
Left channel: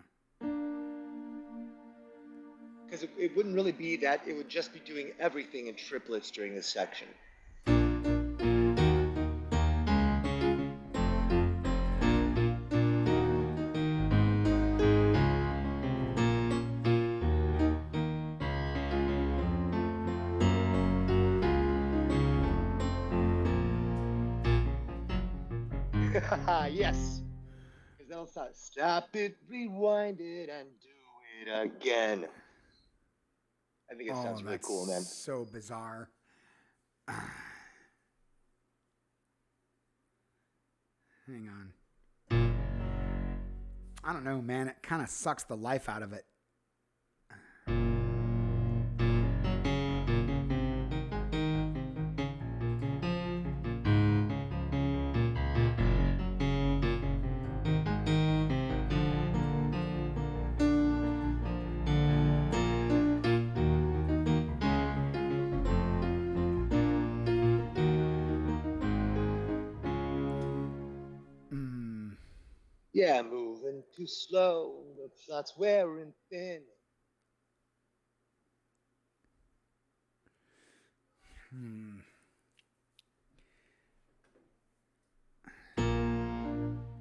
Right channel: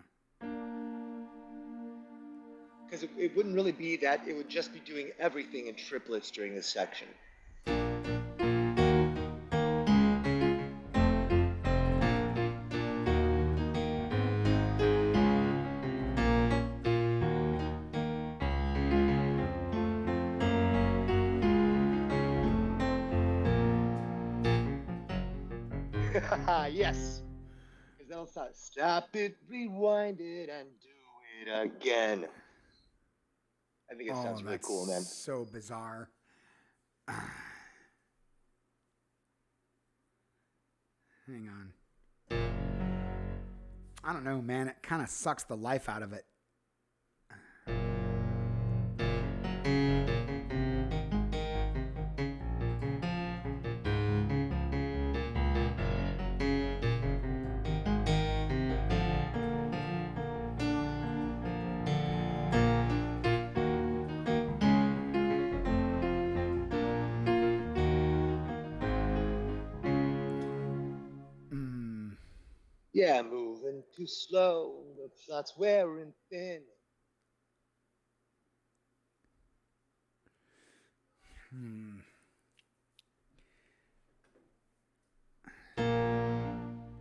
Because it wouldn't really be that. It would just be doing everything in triplets during this section. Yes. Because then I'll stop it, rewind it, and do it again. I think it Oh, sounds really that's cool, man. so bizarre. Hang on. I don't know, man. It kind of sucks the life out of it. Mm. Yeah, moving too slow. That's wearing thin. Hmm.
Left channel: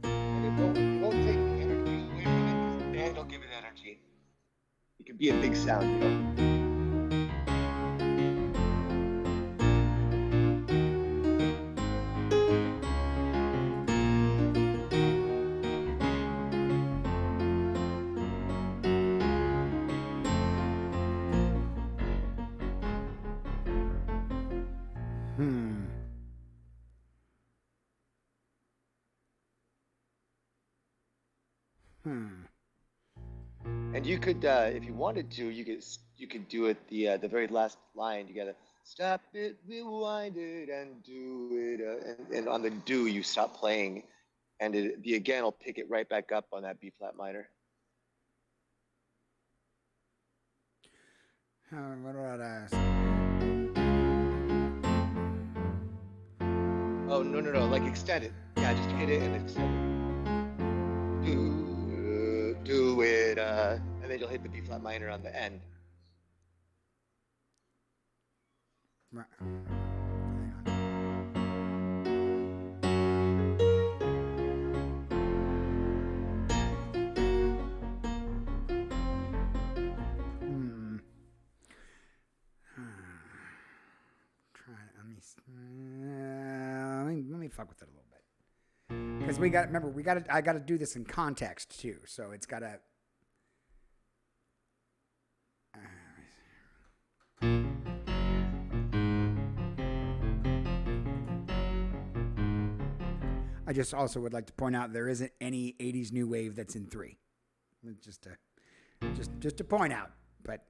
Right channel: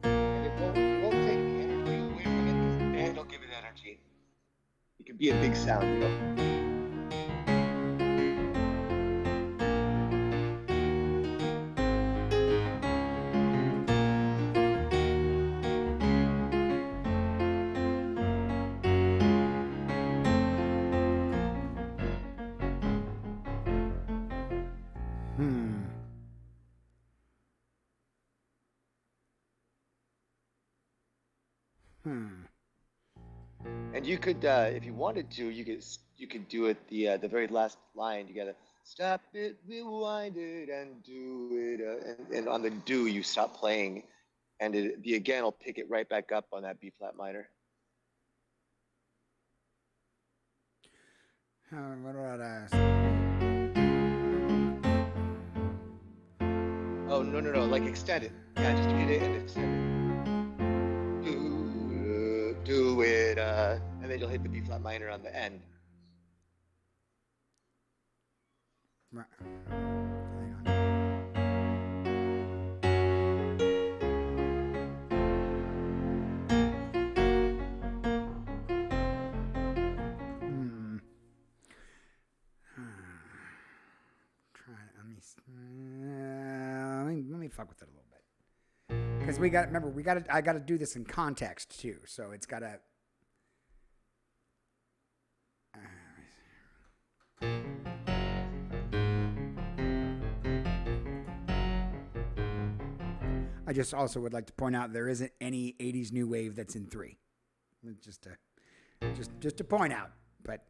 And it won't take the energy away from it because the band will give it energy. It could be a big sound, you know. Hmm. Hmm. And you could, if you wanted to, you could do it the very last line. You gotta stop it, rewind it, and do it. And on the do, you stop playing, and the again will pick it right back up on that B flat minor. What about Oh no no no! Like extend it. Yeah, just hit it and extend it. Do it, and then you'll hit the B flat minor on the end. Hang on. Hmm. Try. Let me fuck with it a little bit. Because we got. Remember, we got to. I got to do this in context too. So it's got to. I just also would like to point out there isn't any '80s new wave that's in 3. Just to point out, but.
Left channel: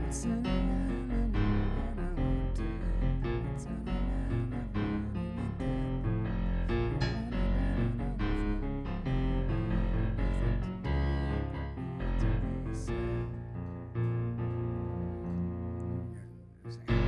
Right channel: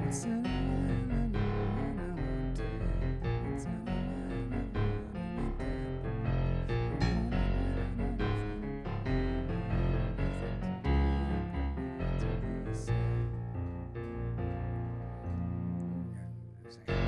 Once in a while I knew what I wanted. Once in a while I wanted that. I wanted that I was like today,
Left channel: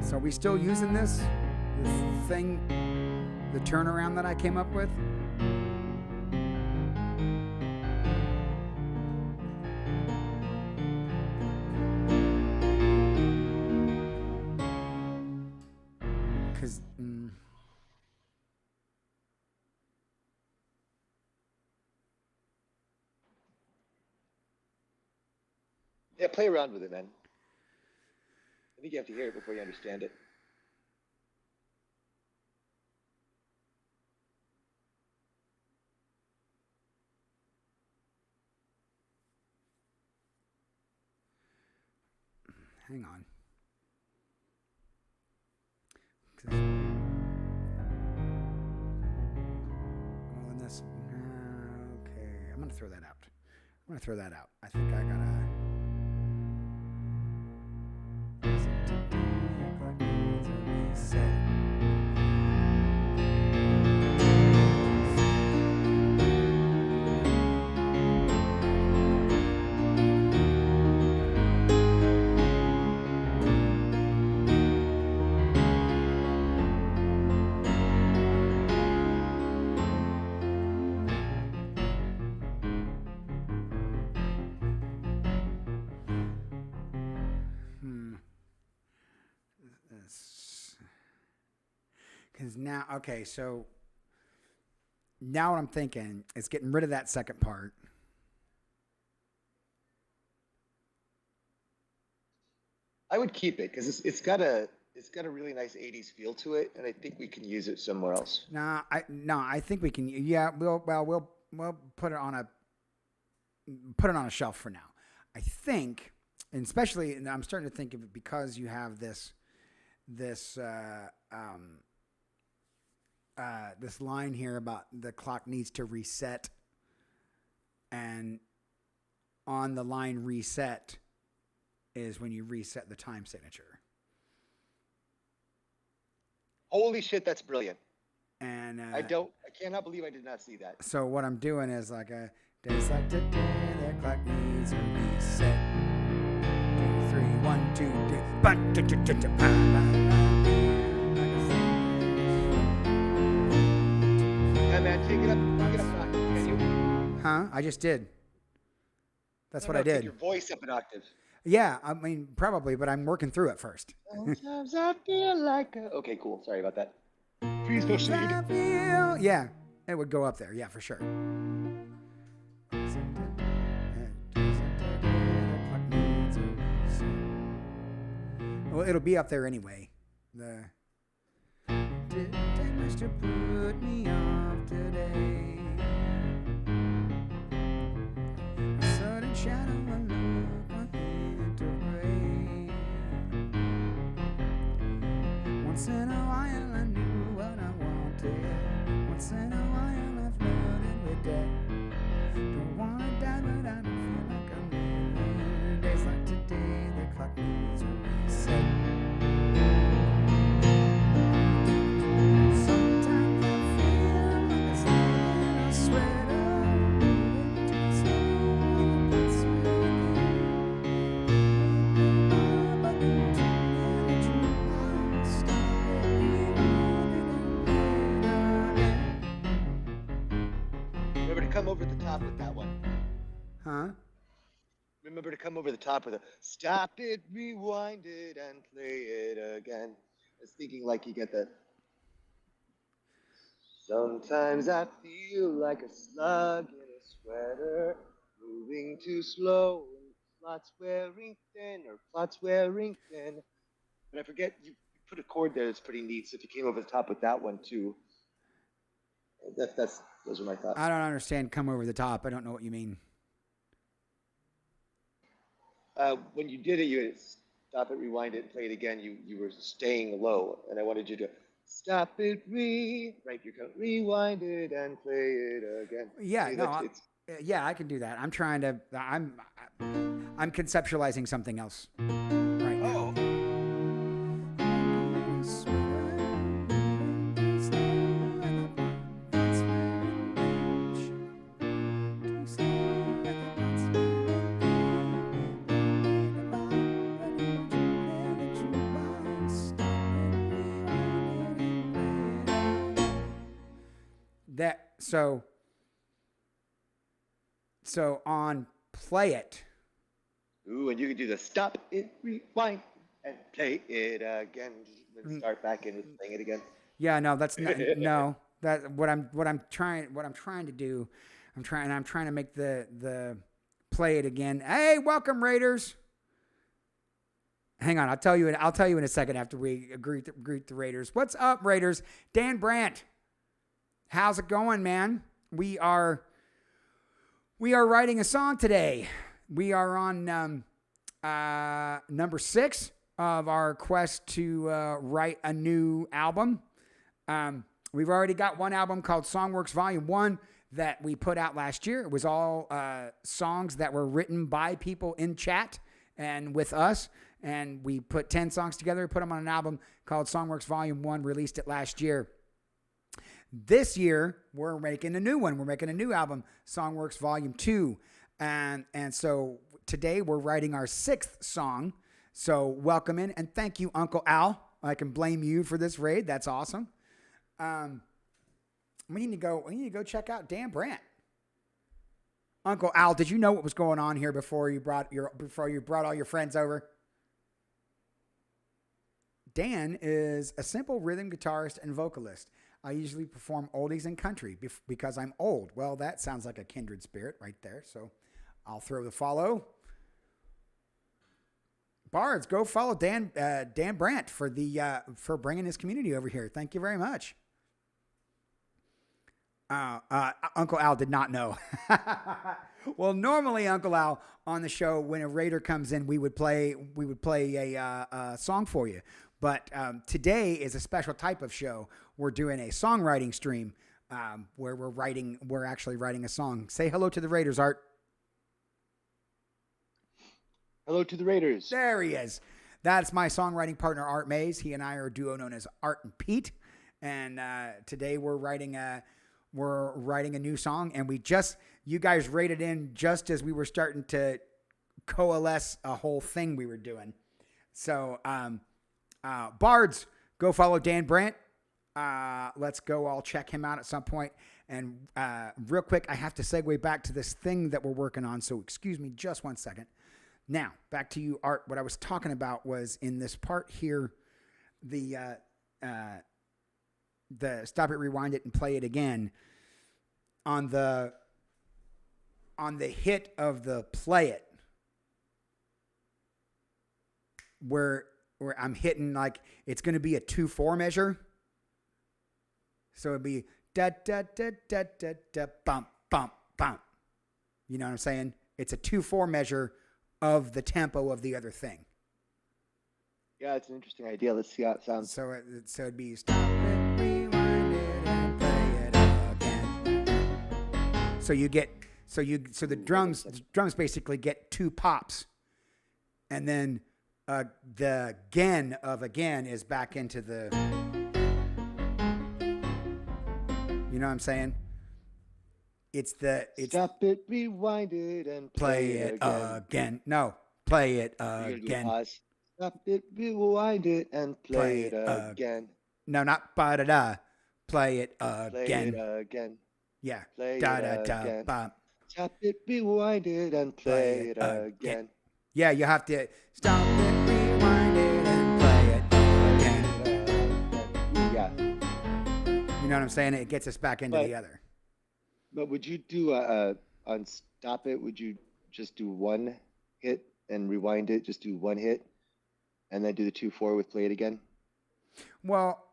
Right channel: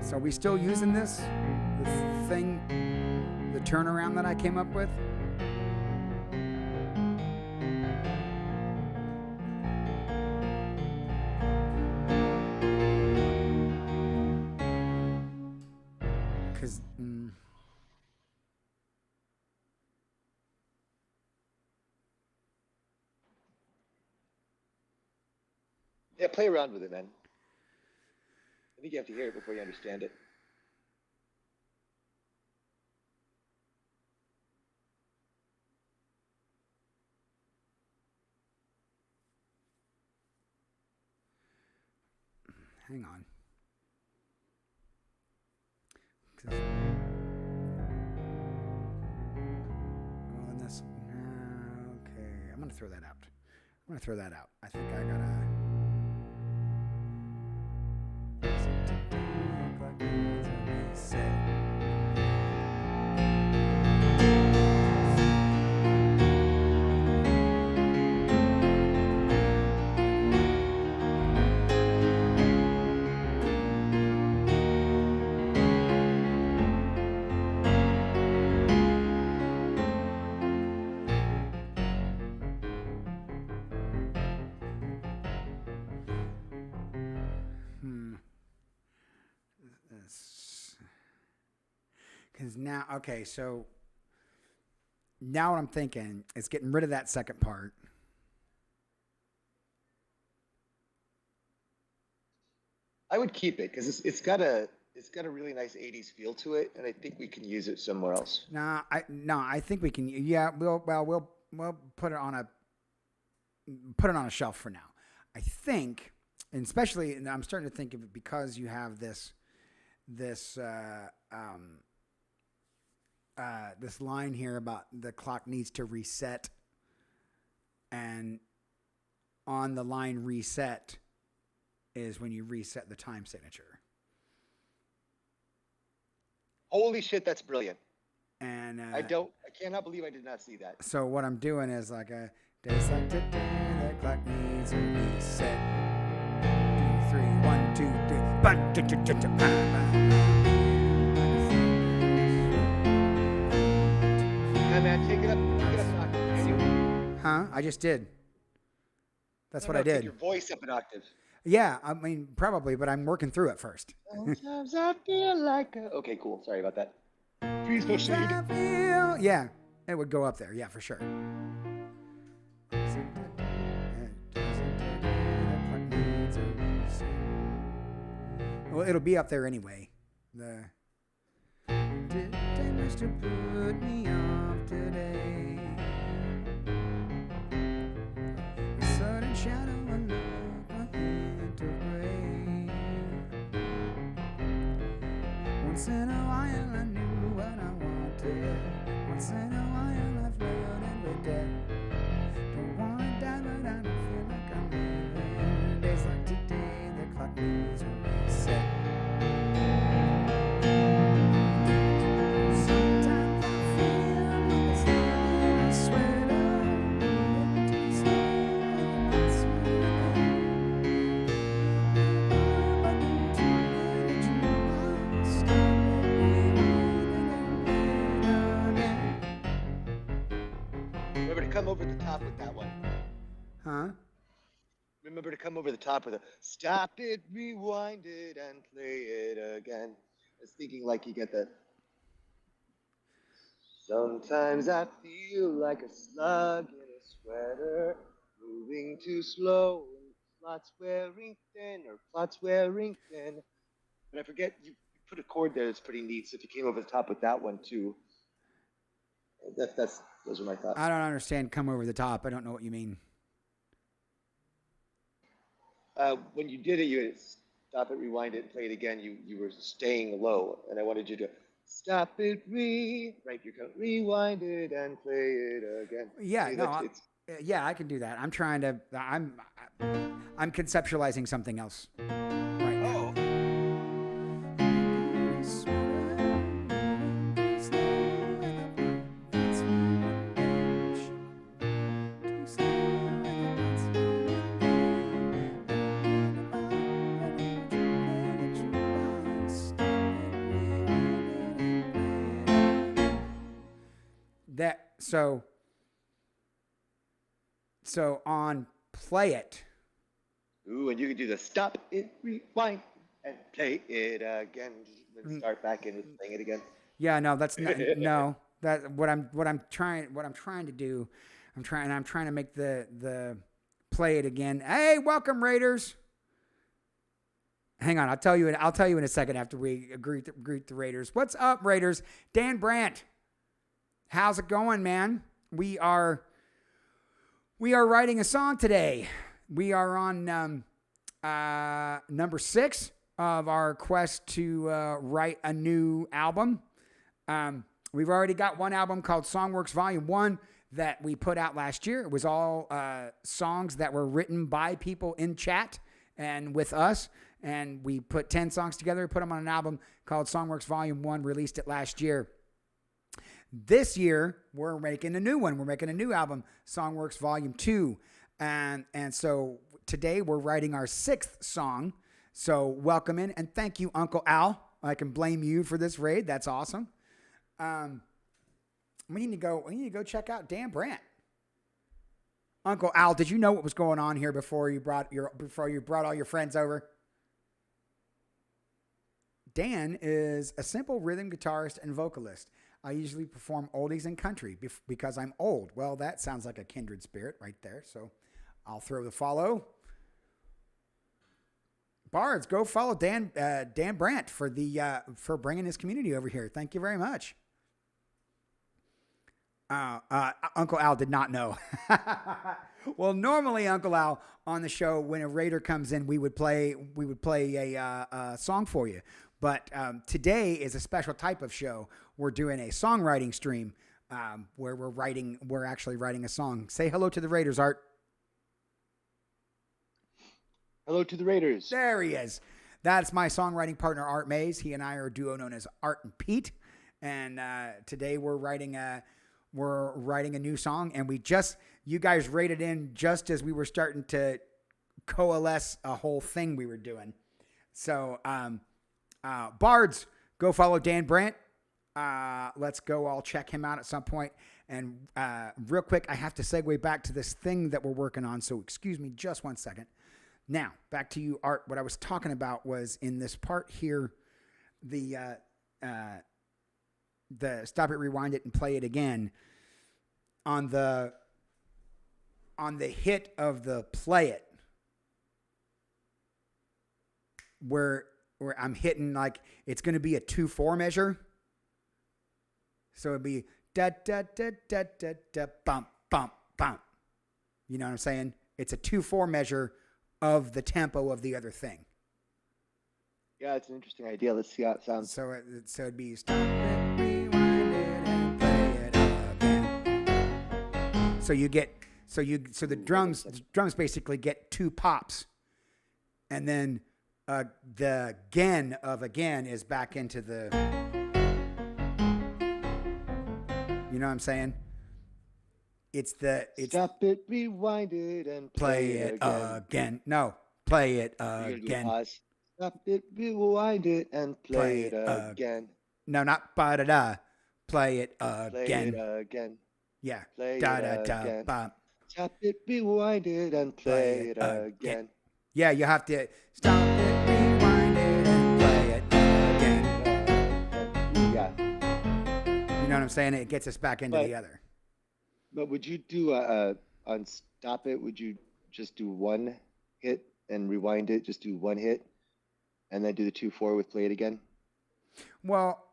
So are we still using this? The thing, the turnaround that I came up with? Because Yeah, play around with it, man. I think you have to hear it before you understand it. Hang on. Well, in this, okay, I'm gonna throw that out. I think I gotta. Clock needs a reset. Because now, okay, so now what I'm thinking is getting rid of that second part. I would keep it because it's got a really nice '80s feel to it, and I think we can use it somewhere else. I think we can. Yeah, we'll put it on a shelf for now. I think, and especially, and I'm starting to think of it because you have this line here about the clock needs to reset, and on the line reset is when you reset the time signature. Holy shit, that's brilliant. And I cannot believe I did not see that. So what I'm doing is like a days like today, the clock needs a reset. 2, 3, 1, 2, 3. Yeah, man, take it up an octave, can you? Huh? I just did. That's what I did. Take your voice up an octave. Yeah, I mean, probably, but I'm working through it first. Sometimes I feel like okay, cool. Sorry about that. Please proceed. Yeah, it would go up there. Yeah, for sure. Well, it'll be up there anyway. The they must have put me off today. A sudden shadow, a look, a hint of gray. Once in a while I knew what I wanted. Once in a while I flirted with death. Don't wanna die, but I don't feel like I'm living. Days like today, the clock needs a reset. Sometimes I feel like a slug in a sweater, moving too slow on the bus Papa don't tune in the jukebox. Stop it, rewind it and play it again. Remember to come over the top with that one. Huh? Remember to come over the top with a stop it, rewind it, and play it again. I was thinking like you get that. Sometimes I feel like a slug in a sweater, moving too slow, and plots wearing thin, or plots wearing thin. But I forget you put a chord there that's pretty neat. So if you came over the top with that one too, those are my thoughts. I don't understand. Come over the top. I don't know what you mean. When you did it, you had stop it, rewind it, and play it again. You were staying low, and I wanted you to stop it, right. You can rewind it and play it again. Yeah, See, no, yeah, I can do that. I'm trying to. I'm conceptualizing something else right now. Oh. That so on play it. Ooh, and you can do the stop it, rewind, and play it again. Then start back in with playing it again. Yeah, no, that's not no. That what I'm trying to do. I'm trying to make the play it again. Hey, welcome Raiders. Hang on, I'll tell you in a second after we greet the Raiders. What's up, Raiders? Dan Brandt, how's it going, man? We are writing a song today. We are on number 6 of our quest to write a new album. We've already got one album called Songw3rks Volume 1 that we put out last year. It was all songs that were written by people in chat and with us. And we put 10 songs together, put them on an album called Songw3rks Volume 1, released it last year. This year, we're making a new one. We're making a new album, Songw3rks Volume 2. And so today we're writing our 6th song. So welcome in and thank you, Uncle Al. I can blame you for this raid. That's awesome. We need to go check out Dan Brandt. Uncle Al, did you know what was going on here before you brought all your friends over? Dan is a simple rhythm guitarist and vocalist. I usually perform oldies and country because I'm old. Well, that sounds like a kindred spirit right there. So I'll throw the follow. Bards, go follow Dan Brandt for bringing his community over here. Thank you very much. Uncle Al did not know. Well, normally Uncle Al on the show, when a raider comes in, we would play a song for you. But today is a special type of show. We're doing a songwriting stream where we're actually writing a song. Say hello to the Raiders, Art. Hello to the Raiders. There he is. That's my songwriting partner, Art Mays. He and I are a duo known as Art and Pete. And today we're writing a new song. And you guys rated in just as we were starting to coalesce a whole thing we were doing. So, Bards, go follow Dan Brandt. Let's go all check him out at some point. And real quick, I have to segue back to this thing that we're working on. So excuse me just one second. Now, back to you, Art. What I was talking about was in this part here, the stop it, rewind it, and play it again. On the hit of the play it, where I'm hitting, like, it's going to be a 2/4 measure. So it'd be da da da da da da bump bump bump. You know what I'm saying? It's a 2/4 measure of the tempo of the other thing. Yeah, it's an interesting idea. Let's see how it sounds. So it'd be stop it, rewind it, and play it again. So the drums basically get 2 pops, and then the again of again is back into the. You know what I'm saying? Stop it, rewind it, and play it again. No, play it again. Stop it, rewind it, and play it again. No, not ba da da. Play it again. Play it again. Yeah. Play da it da again. da ba. Stop it, rewind it, and play it again. Yeah, you have to stop it, rewind it, and play it again. Ooh, yeah. You know what I'm saying? It gets us back into the other. But would you do on stop it? Would you just do one hit and rewind it? Just do one hit, and then do the 2/4 with play it again. Well,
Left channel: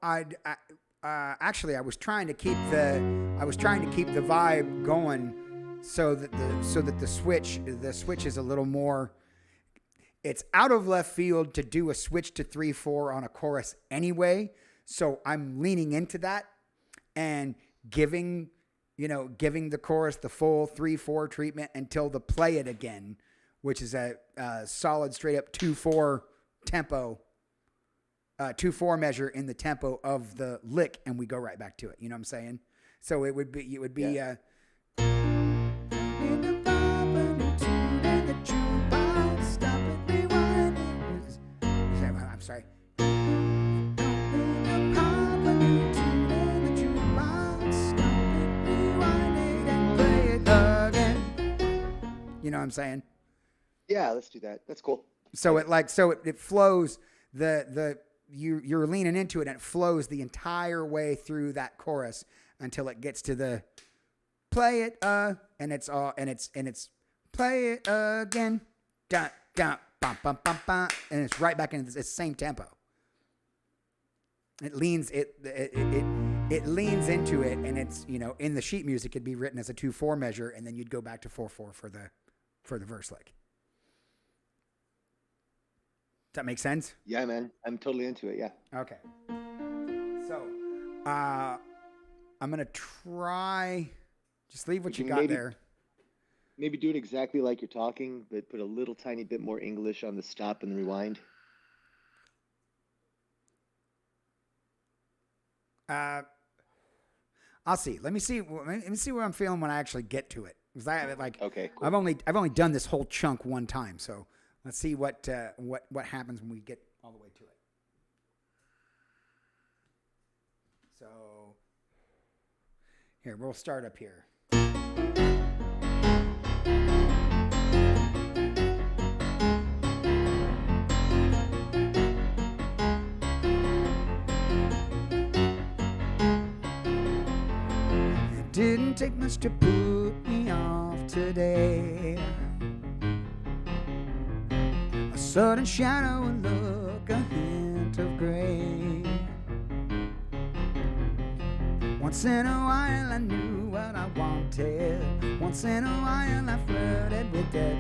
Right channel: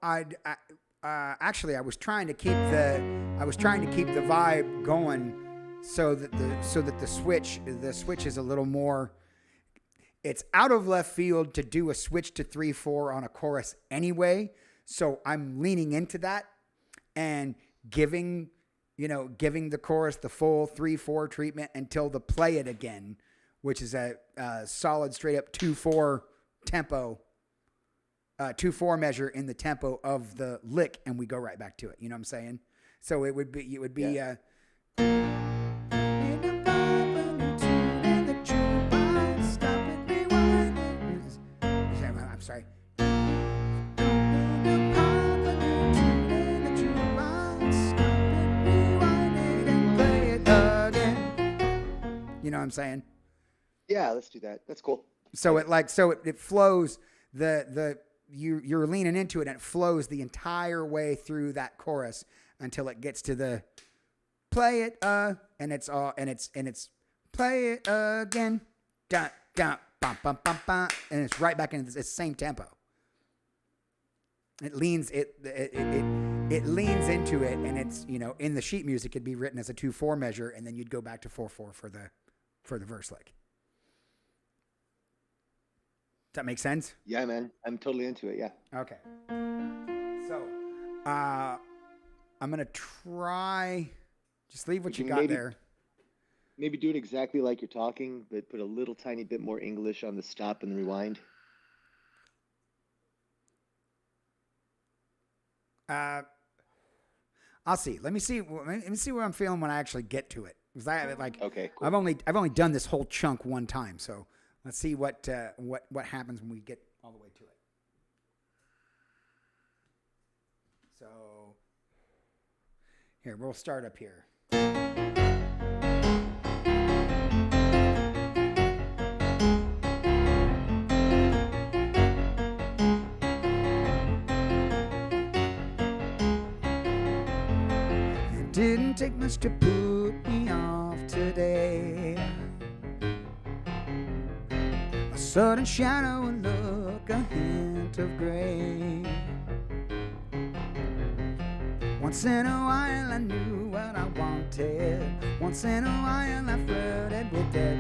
actually I was trying to keep the vibe going, so that the switch is a little more. It's out of left field to do a switch to 3/4 on a chorus anyway, so I'm leaning into that and giving the chorus the full 3/4 treatment until the play it again, which is a solid straight up 2/4 tempo, 2/4 measure in the tempo of the lick, and we go right back to it. You know what I'm saying? So it would be Yeah. In a pop a new tune in the jukebox, stop it, rewind it. I'm sorry. In a pop a new tune in the jukebox, stop it, rewind it, and play it again. You know what I'm saying? Yeah, let's do that. That's cool. So it flows you're leaning into it, and it flows the entire way through that chorus until it gets to the play it and it's play it again. Dun dun bum, bum, bum, bum, and it's right back into the same tempo. It leans it leans into it, and it's, you know, in the sheet music it'd be written as a 2/4 measure, and then you'd go back to 4/4 for the verse lick. Does that make sense? Yeah, man. I'm totally into it. Yeah. Okay. So, I'm gonna try. Just leave what you got there. Maybe do it exactly like you're talking, but put a little tiny bit more English on the stop and the rewind. I'll see. Let me see what I'm feeling when I actually get to it. Because Okay, cool. I've only done this whole chunk one time, so let's see what happens when we get all the way to it. So here, we'll start up here. Didn't take much to put me off today. A sudden shadow, a look, a hint of gray. Once in a while I knew what I wanted. Once in a while I flirted with death.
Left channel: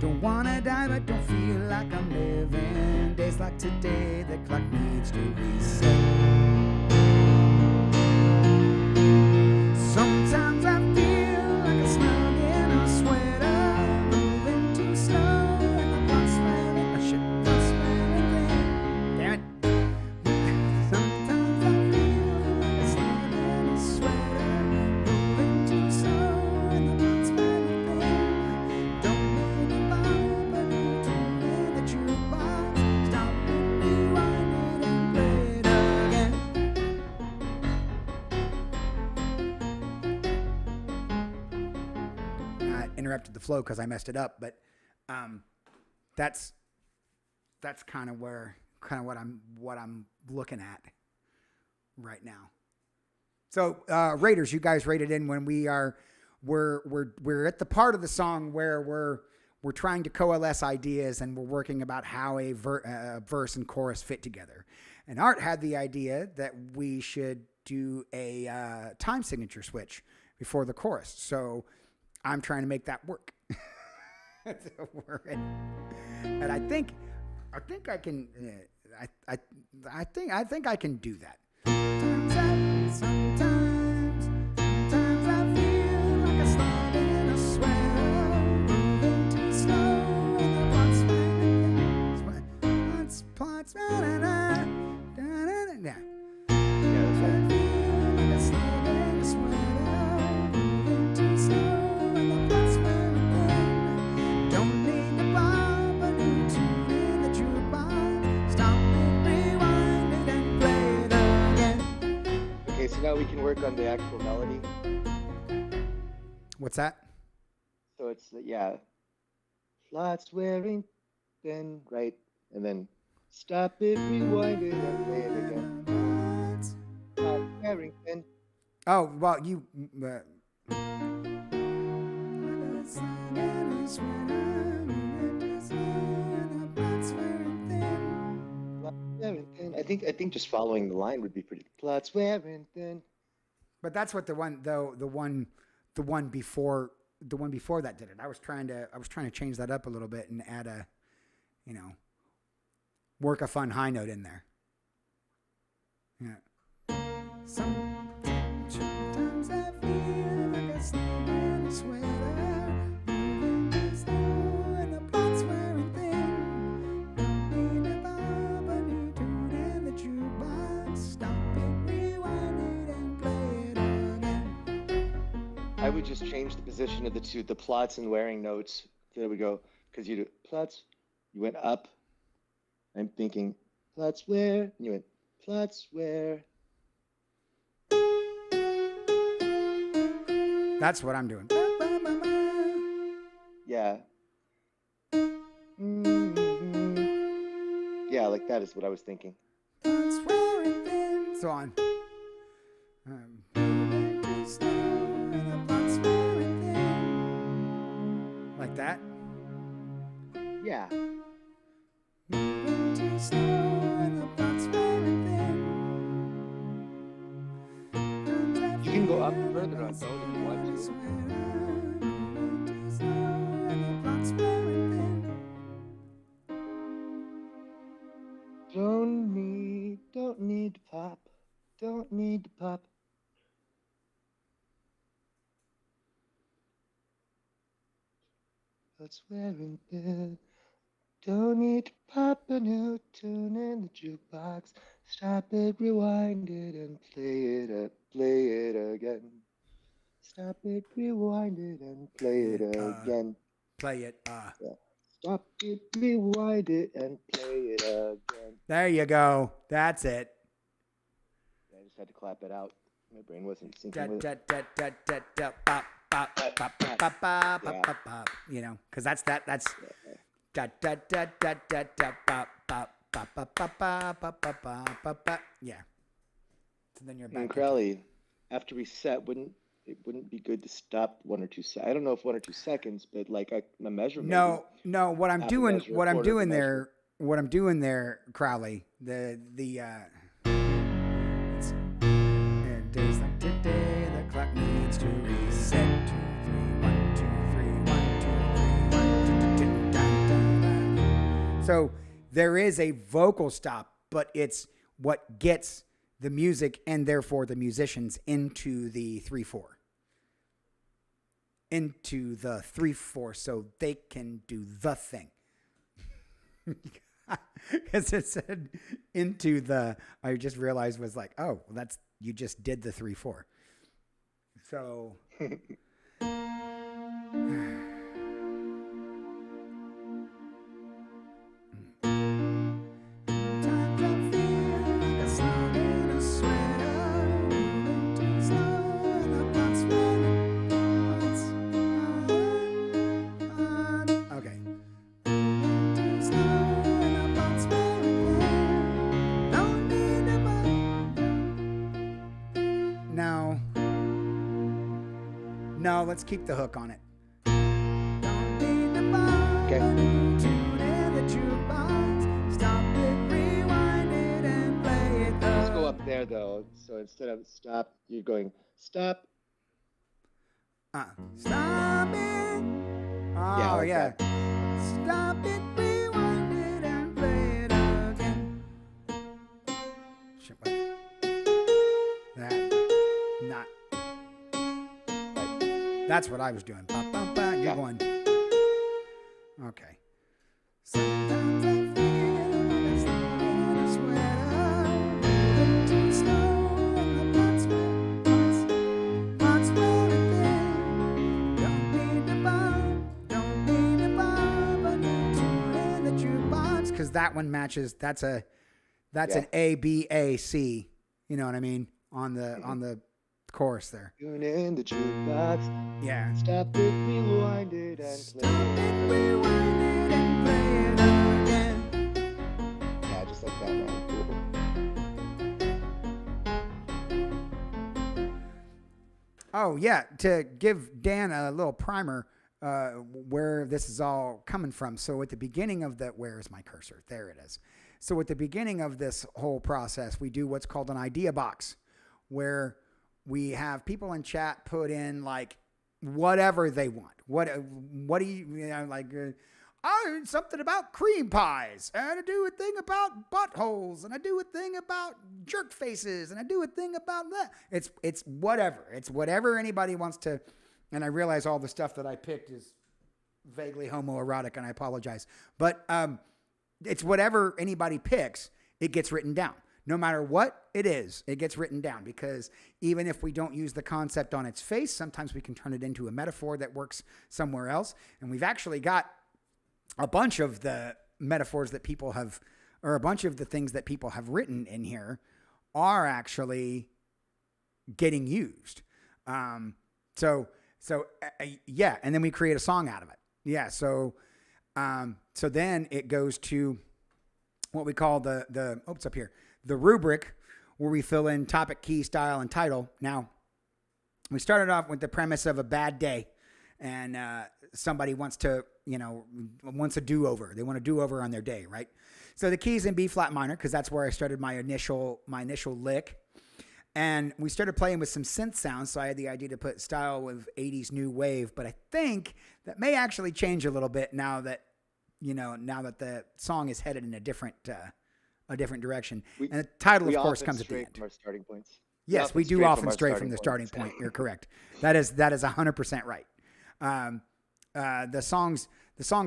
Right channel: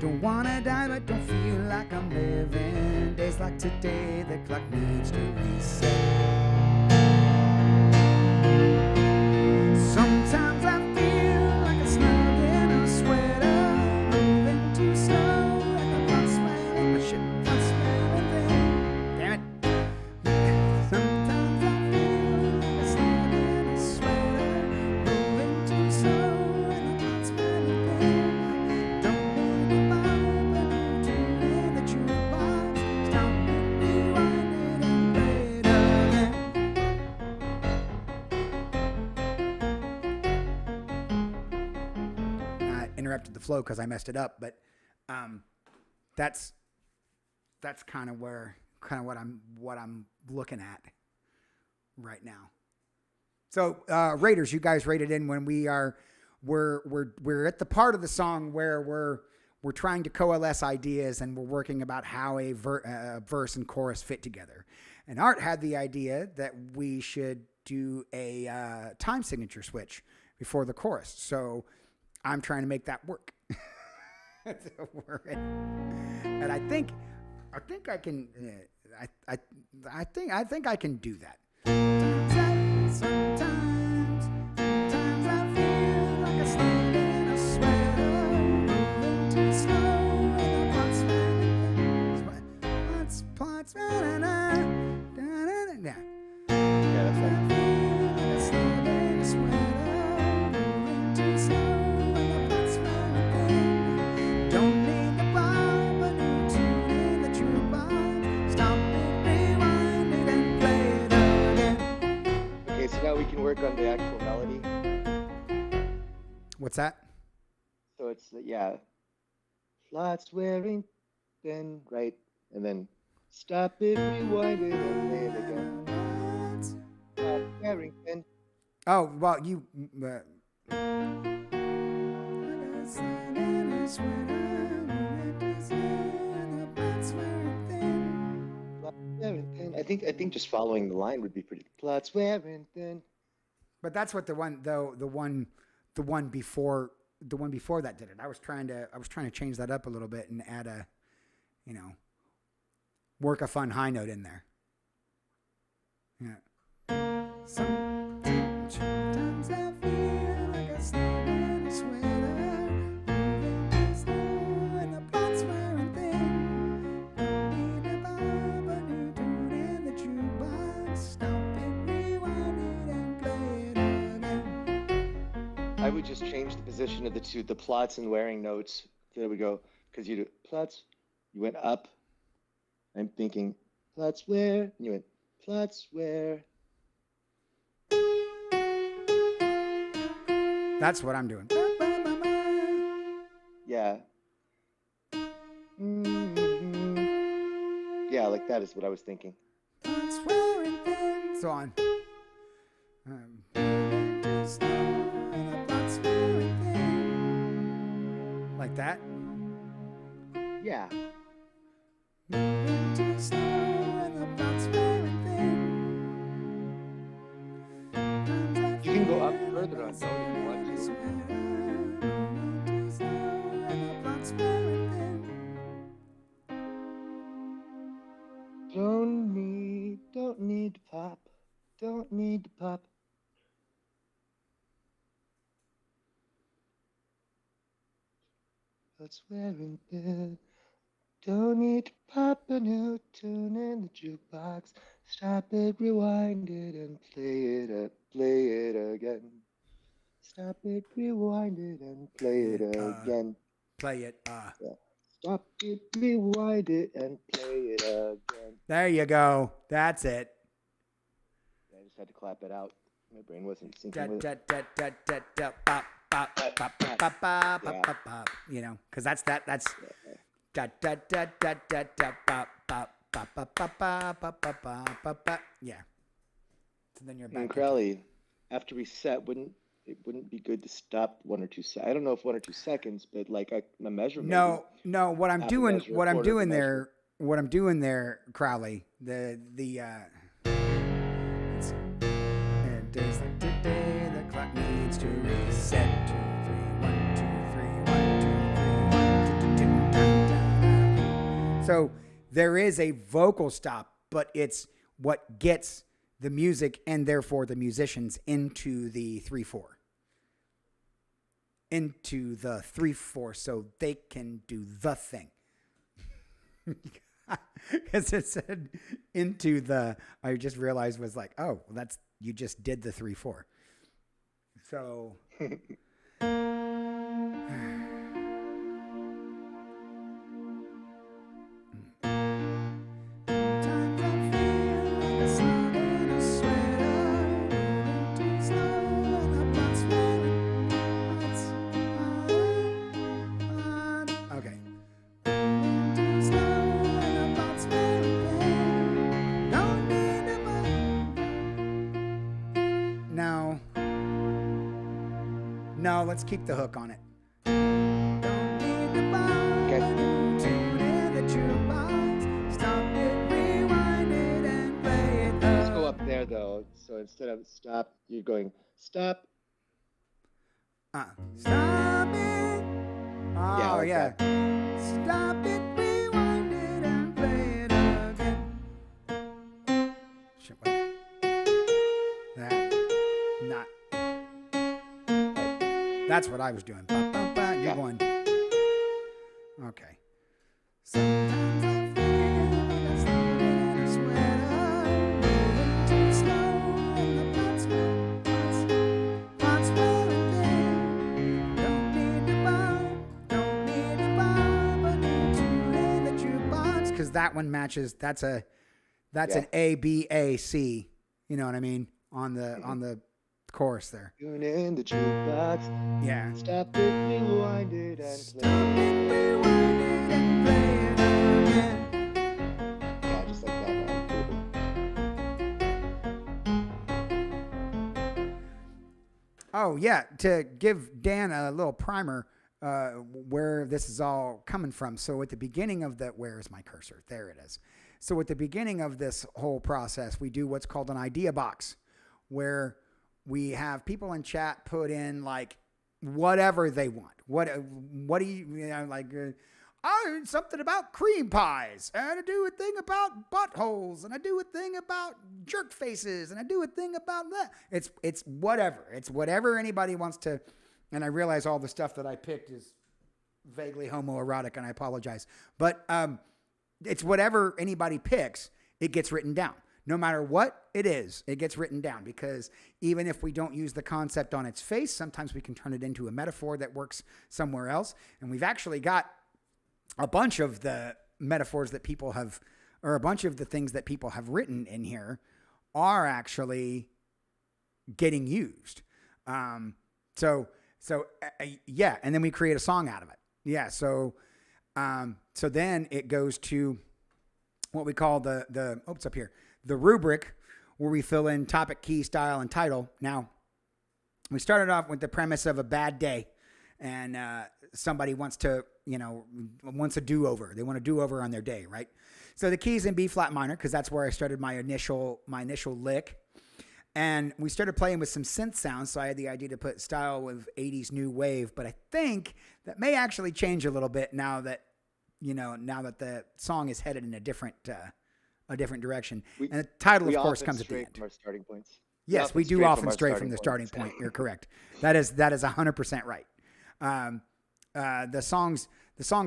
Don't wanna die but don't feel like I'm living. Days like today, the clock needs to reset. Sometimes I feel like a slug in a sweater, moving too slow, and the blood's wearing thin. Damn it. Sometimes I feel like a slug in a sweater, moving too slow, and the blood's wearing thin. Don't need to bob a new tune in the jukebox. Stop it, rewind it, and play it again. Interrupted the flow because I messed it up, but that's kind of what I'm looking at right now. So Raiders, you guys rated in when we're at the part of the song where we're trying to coalesce ideas and we're working about how a verse and chorus fit together. And Art had the idea that we should do a time signature switch before the chorus. So I'm trying to make that work. And I think I can. I think I can do that. Sometimes I feel like a slug in a sweater, moving too slow, and the blood's wearing thin. Spots, da-da-da, da-da-da. Yeah, that's right. I feel like a slug in a sweater, moving too slow. Don't need to bob a new tune in the jukebox. Stop it, rewind it, and play it again. Okay, so now we can work on the actual melody. What's that? So it's, yeah, flats wearing thin, right? And then stop it, rewind it, and play it again. Flats wearing thin. Oh, well, you... I think just following the line would be pretty. Plots wearing thin. But that's what the one before that did it. I was trying to change that up a little bit and add a, work a fun high note in there. Yeah. Sometimes I feel like a slug in a sweater, moving too slow, and the plot's wearing thin. Don't need to bob a new tune in the jukebox. Stop it, rewind it, and play it again. I would just change the position of the plots and wearing notes. There we go. Because you do plots, you went up. I'm thinking plots where, and you went plots where. That's what I'm doing. Yeah. Mm-hmm. Yeah, like that is what I was thinking. So on. Like that? Yeah. Moving too slow and the plot's wearing thin. You can go up further on tone if you want to. Moving too slow and the plot's wearing thin. Don't need to pop. Don't need to pop. Plot's wearing thin. Don't need to pop a new tune in the jukebox. Stop it, rewind it, and play it again. Stop it, rewind it, and play it again. Play it. Yeah. Stop it, rewind it, and play it again. There you go. That's it. I just had to clap it out. My brain wasn't syncing with it. You know, because that's that's yeah. So then you're back. And Crowley, after we set, it wouldn't be good to stop 1 or 2 seconds? I don't know if 1 or 2 seconds, but like a measurement. No. What I'm doing there, Crowley. It's days like today, the clock needs to reset. 2, 3, 1, 2, 3, 1, 2, 3, 1, 2, 2, 2, da, da, da. So there is a vocal stop, but it's what gets the music and therefore the musicians into the 3/4. Into the 3/4 so they can do the thing. Because it said into the, I just realized was like, oh, well, you just did the 3/4. So sometimes I feel like a slug in a sweater, moving too slow and the plot's wearing hearts. Okay. Moving too slow and the plot's wearing thin. Don't need to No, let's keep the hook on it. Don't need to buy a new tune in the jukebox. Stop it, rewind it, and play it. Let's go up there though. So instead of stop, you're going stop. Stop it. Oh yeah. That. Stop it, rewind it, and play it again. Shit, wait. That. Not. That's what I was doing. Ba, ba, ba. You're going. Okay. Sometimes I feel like a slug in a sweater, moving too slow, and the plot's wearing thin. Don't need to bob a new tune in the jukebox, because that one matches. That's an A B A C. You know what I mean on the chorus there. Tune in the jukebox. Yeah. Stop it, rewind it, and play it again. Yeah, just like that, man. Cool. Oh yeah, to give Dan a little primer where this is all coming from. So at the beginning of where is my cursor? There it is. So at the beginning of this whole process, we do what's called an idea box, where we have people in chat put in like whatever they want. What do you know, like, I heard something about cream pies, and I do a thing about buttholes, and I do a thing about jerk faces, and I do a thing about that. It's whatever. It's whatever anybody wants to. And I realize all the stuff that I picked is vaguely homoerotic, and I apologize. But it's whatever anybody picks, it gets written down. No matter what it is, it gets written down, because even if we don't use the concept on its face, sometimes we can turn it into a metaphor that works somewhere else. And we've actually got a bunch of the metaphors that people have, or a bunch of the things that people have written in here are actually getting used. Yeah. And then we create a song out of it. Yeah. So then it goes to what we call it's up here. The rubric, where we fill in topic, key, style, and title. Now, we started off with the premise of a bad day. And somebody wants to, wants a do-over. They want a do-over on their day, right? So the key's in B flat minor because that's where I started my initial lick. And we started playing with some synth sounds, so I had the idea to put style with 80s new wave, but I think that may actually change a little bit now that the song is headed in a different direction. And the title, of course, comes at the end. From our starting points. Yes, we do often stray from the starting point. You're correct. That is 100% right. The songs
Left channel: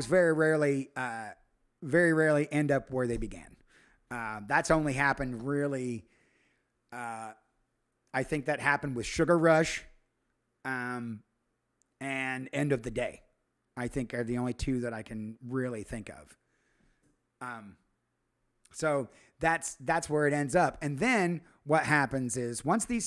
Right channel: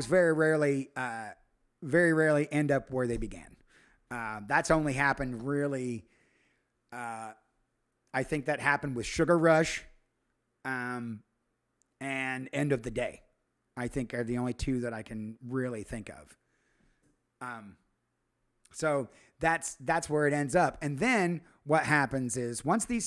very rarely end up where they began. That's only happened really. I think that happened with Sugar Rush, and End of the Day. I think are the only two that I can really think of. So that's where it ends up. And then what happens is once we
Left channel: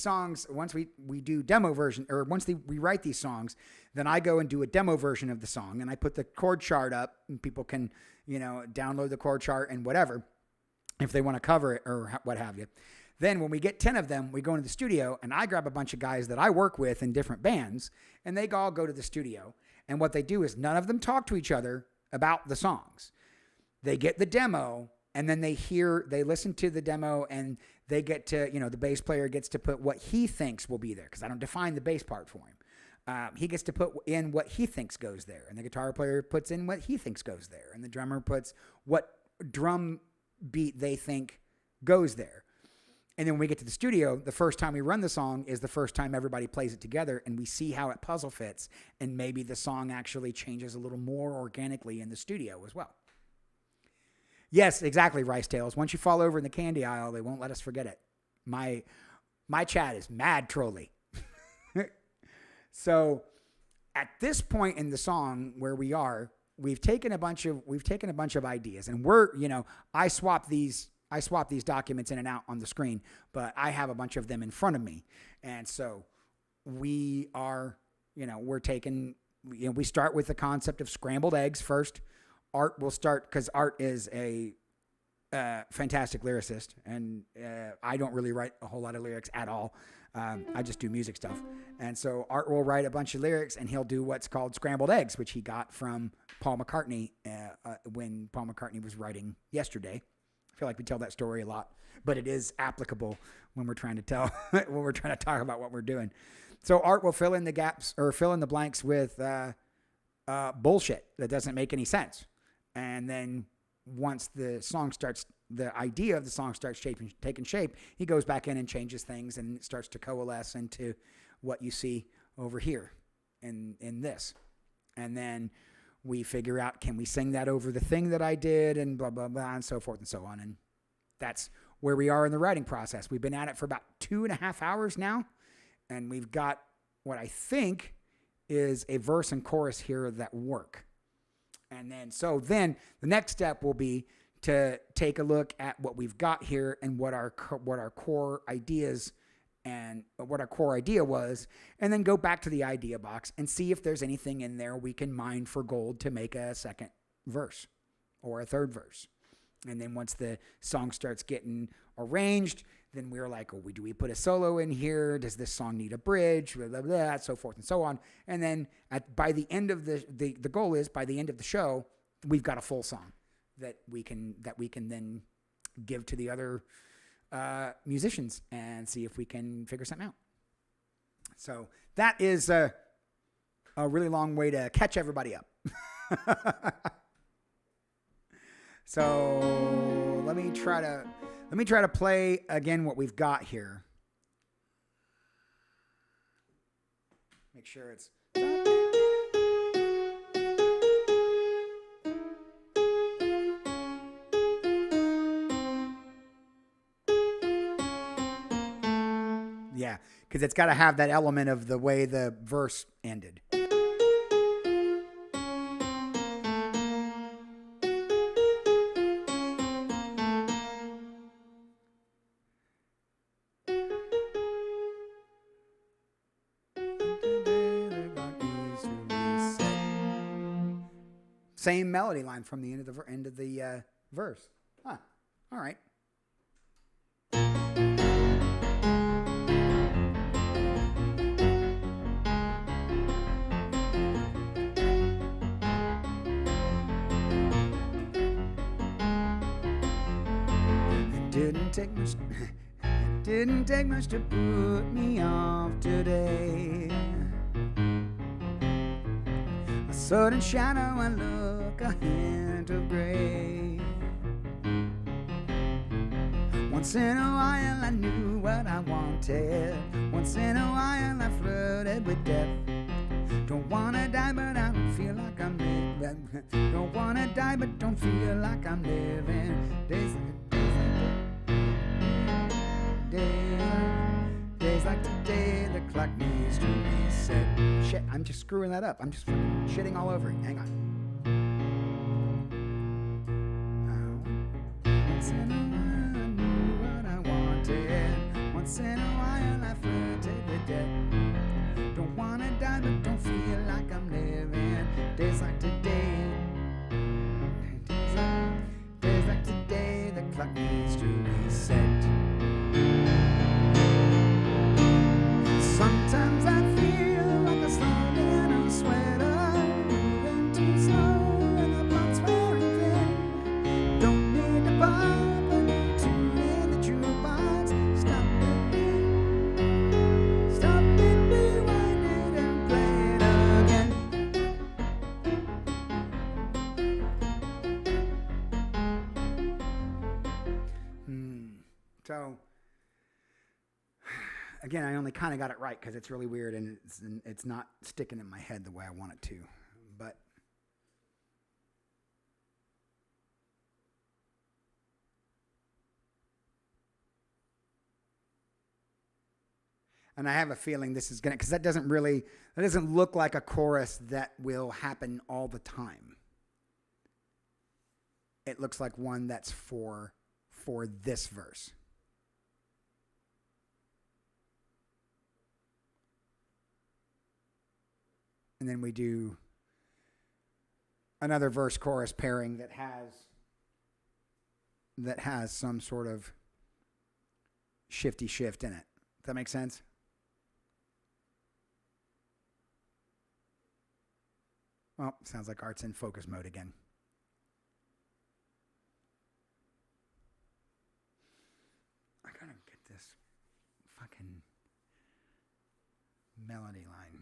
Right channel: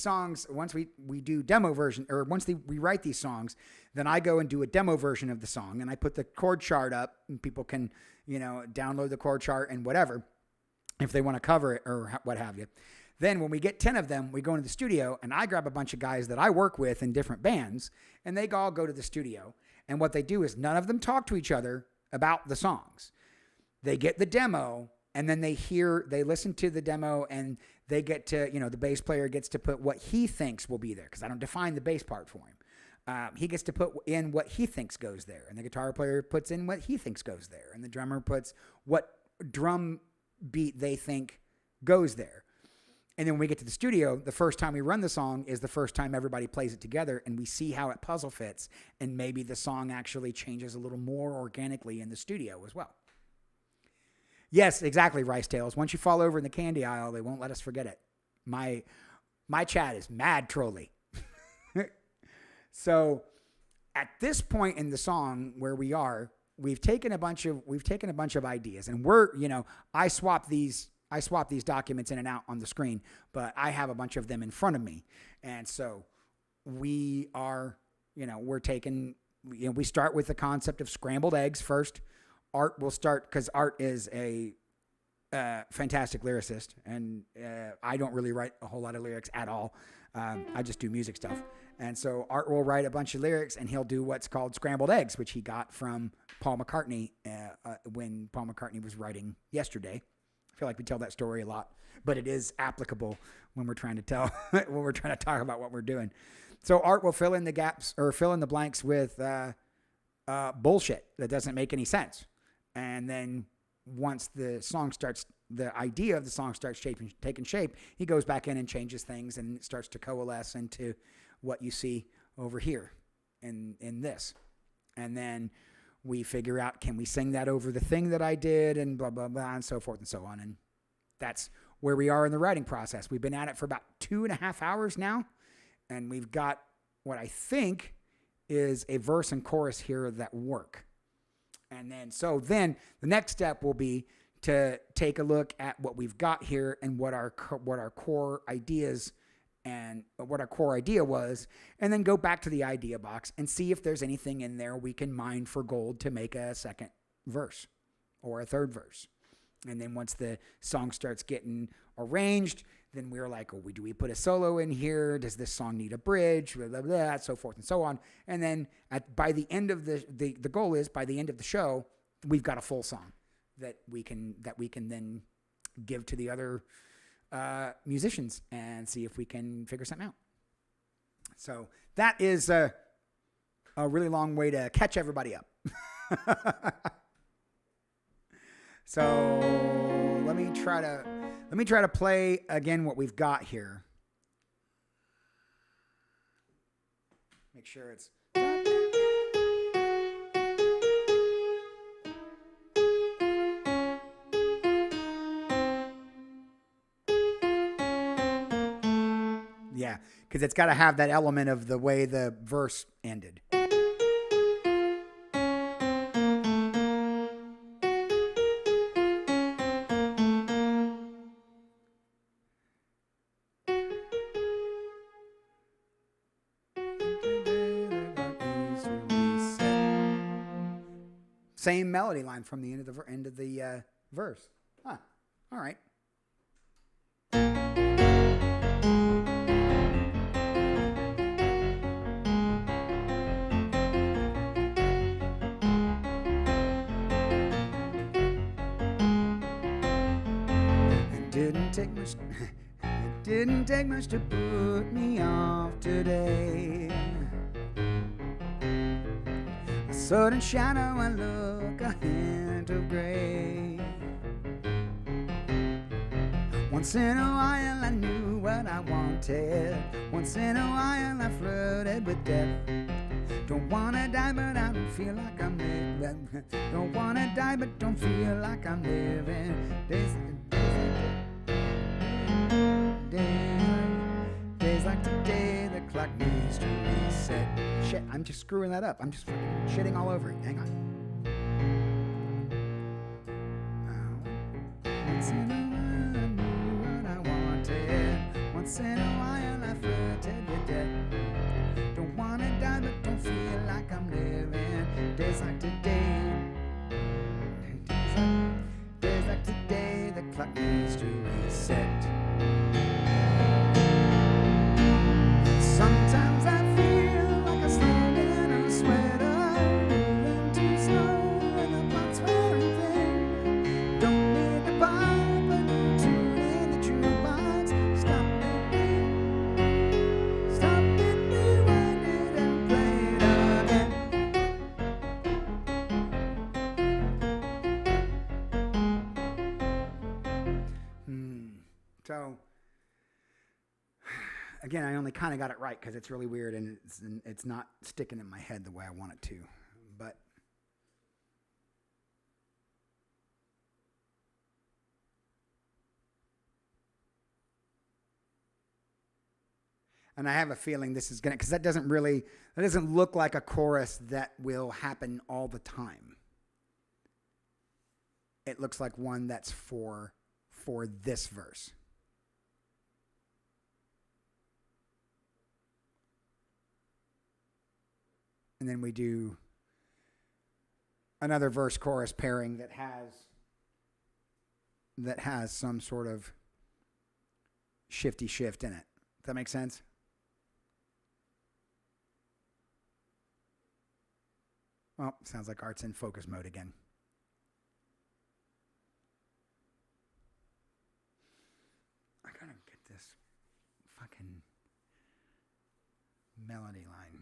do demo version, or we write these songs, then I go and do a demo version of the song and I put the chord chart up and people can, download the chord chart and whatever, if they want to cover it or what have you. Then when we get 10 of them, we go into the studio and I grab a bunch of guys that I work with in different bands and they all go to the studio. And what they do is none of them talk to each other about the songs. They get the demo and then they listen to the demo and they get to, the bass player gets to put what he thinks will be there because I don't define the bass part for him. He gets to put in what he thinks goes there. And the guitar player puts in what he thinks goes there. And the drummer puts what drum beat they think goes there. And then when we get to the studio, the first time we run the song is the first time everybody plays it together and we see how it puzzle fits. And maybe the song actually changes a little more organically in the studio as well. Yes, exactly, Rice Tales. Once you fall over in the candy aisle, they won't let us forget it. My chat is mad trolly. So at this point in the song where we are, we've taken a bunch of ideas and I swap these documents in and out on the screen, but I have a bunch of them in front of me. And so we are, we're taking, we start with the concept of scrambled eggs first. Art will start because Art is a fantastic lyricist, and I don't really write a whole lot of lyrics at all. I just do music stuff. And so Art will write a bunch of lyrics, and he'll do what's called scrambled eggs, which he got from Paul McCartney when Paul McCartney was writing Yesterday. I feel like we tell that story a lot, but it is applicable when we're trying to talk about what we're doing. So Art will fill in the gaps or fill in the blanks with bullshit that doesn't make any sense. And then once the idea of the song starts taking shape, he goes back in and changes things and it starts to coalesce into what you see over here in this. And then we figure out, can we sing that over the thing that I did and blah, blah, blah, and so forth and so on. And that's where we are in the writing process. We've been at it for about 2.5 hours now. And we've got what I think is a verse and chorus here that work. And then the next step will be to take a look at what we've got here and what our core ideas and what our core idea was, and then go back to the idea box and see if there's anything in there we can mine for gold to make a second verse or a third verse. And then once the song starts getting arranged, then we're like, oh, do we put a solo in here? Does this song need a bridge? Blah, blah, blah, so forth and so on. And then by the end of the goal is by the end of the show, we've got a full song that we can then give to the other musicians and see if we can figure something out. So that is a really long way to catch everybody up. So let me try to play again what we've got here. Make sure it's. Yeah, because it's got to have that element of the way the verse ended. Same melody line from the end of the verse. Huh. All right. didn't take much. It didn't take much to put me off today. A sudden shadow, a look, a hint of gray. Once in a while I knew what I wanted. Once in a while I flirted with death. Don't wanna die but I don't feel like I'm living. Don't wanna die but don't feel like I'm living. Days like today, the clock needs to reset. Shit, I'm just screwing that up. I'm just fucking shitting all over it. Hang on. Once in a while I knew what I wanted. Once in a while I flirted with death. Don't wanna die but don't feel like I'm living. Days like today. Days like today, the clock needs to reset. Sometimes I feel like a slug in a sweater, moving too slow and the plot's wearing thin. Don't need to pop a new tune in the jukebox. Stop it, rewind it and play it again. So again, I only kind of got it right because it's really weird and it's not sticking in my head the way I want it to. But and I have a feeling this is gonna, because that doesn't look like a chorus that will happen all the time. It looks like one that's for this verse. And then we do another verse chorus pairing that has some sort of shifty shift in it. Does that make sense? Well, sounds like Art's in focus mode again. I gotta get this fucking melody line.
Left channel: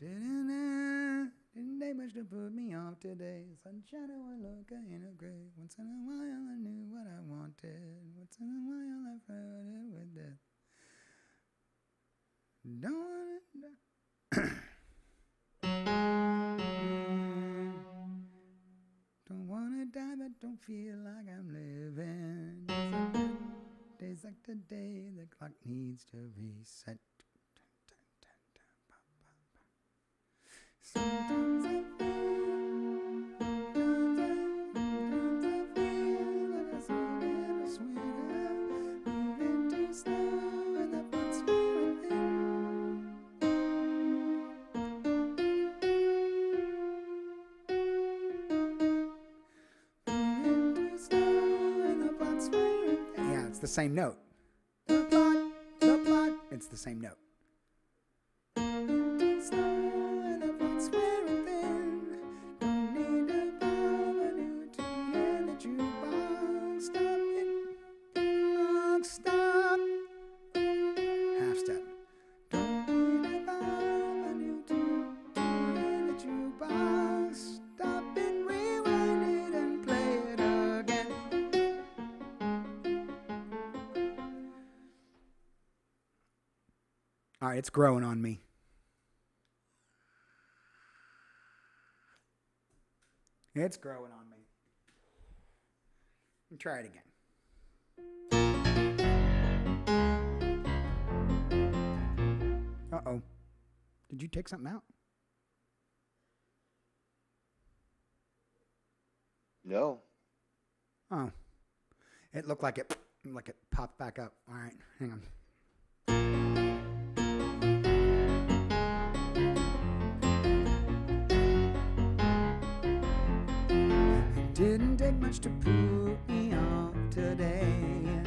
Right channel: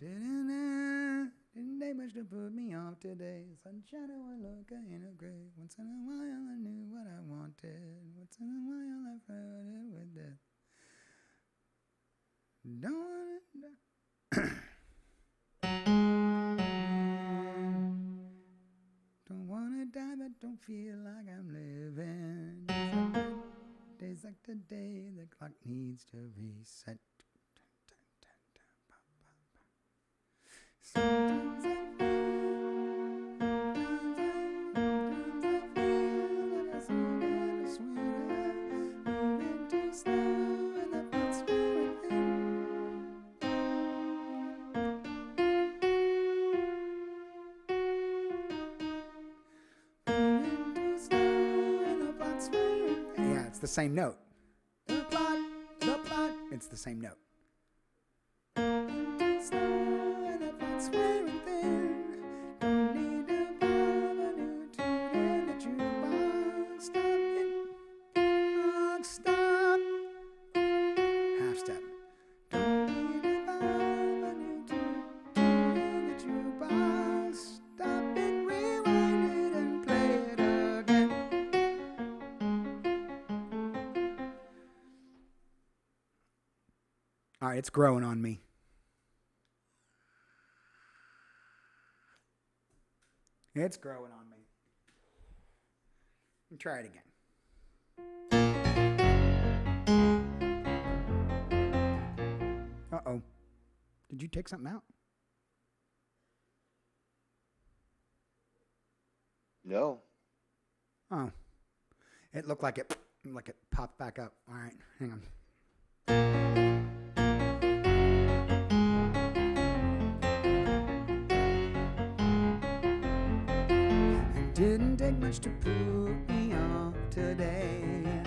Didn't take much to put me off today. Sunshine, I look in a gray. Once in a while I knew what I wanted. Once in a while I flirted with death. Don't wanna die but don't feel like I'm living. Days like today, the clock needs to reset. Sometimes I feel like a song in a sweater, moving too slow and the plot's wearing thin. Moving too slow and the plot's wearing thin. Yeah, it's the same note. The plot, it's the same note. Moving too slow. Wearing thin. Don't need to pop a new tune in the jukebox. Stop it. Stop. Half step. Don't need to pop a new tune in the jukebox. Stop it, rewind it and play it again. All right, it's growing on me. It's growing on me. Let me try it again. Uh-oh. Did you take something out? No. Oh. It looked like it popped back up. All right, hang on. Didn't take much to put me off today.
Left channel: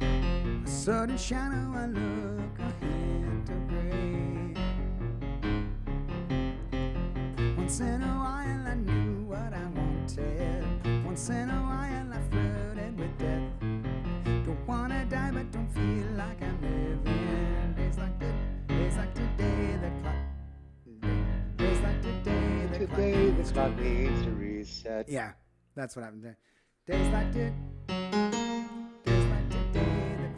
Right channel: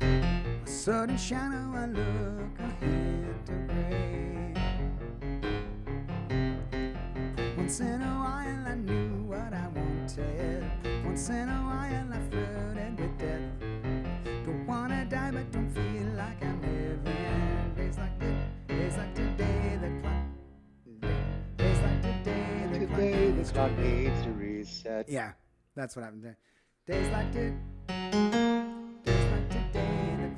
A sudden shadow, I look, a hint of gray. Once in a while I I knew what I wanted. Once in a while I flirted with death. Don't wanna die but don't feel like I'm living. Days like today, the clock. Days like today, the clock needs to reset. Yeah, that's what happened there. Days like today, the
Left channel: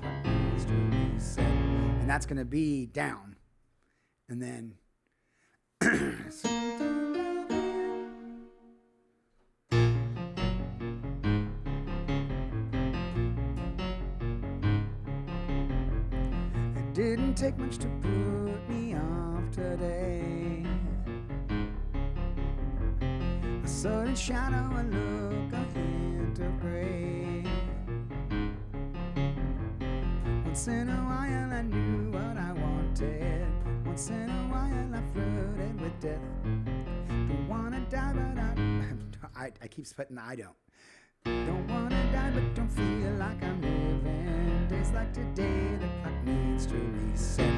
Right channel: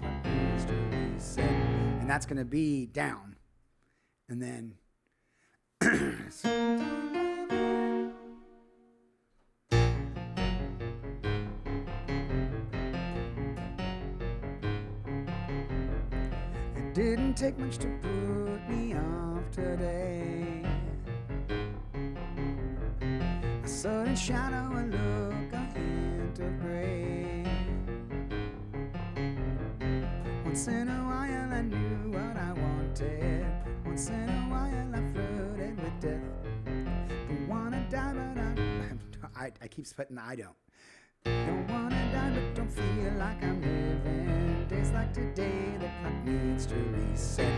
clock needs to reset. And that's gonna be down. And then it didn't take much to put me off today. A sudden shadow, a look, a hint of gray. Once in a while I knew what I wanted. Once in a while I flirted with death. Don't wanna die but I keep spitting I don't. Don't wanna die but don't feel like I'm living. Days like today, the clock needs to reset.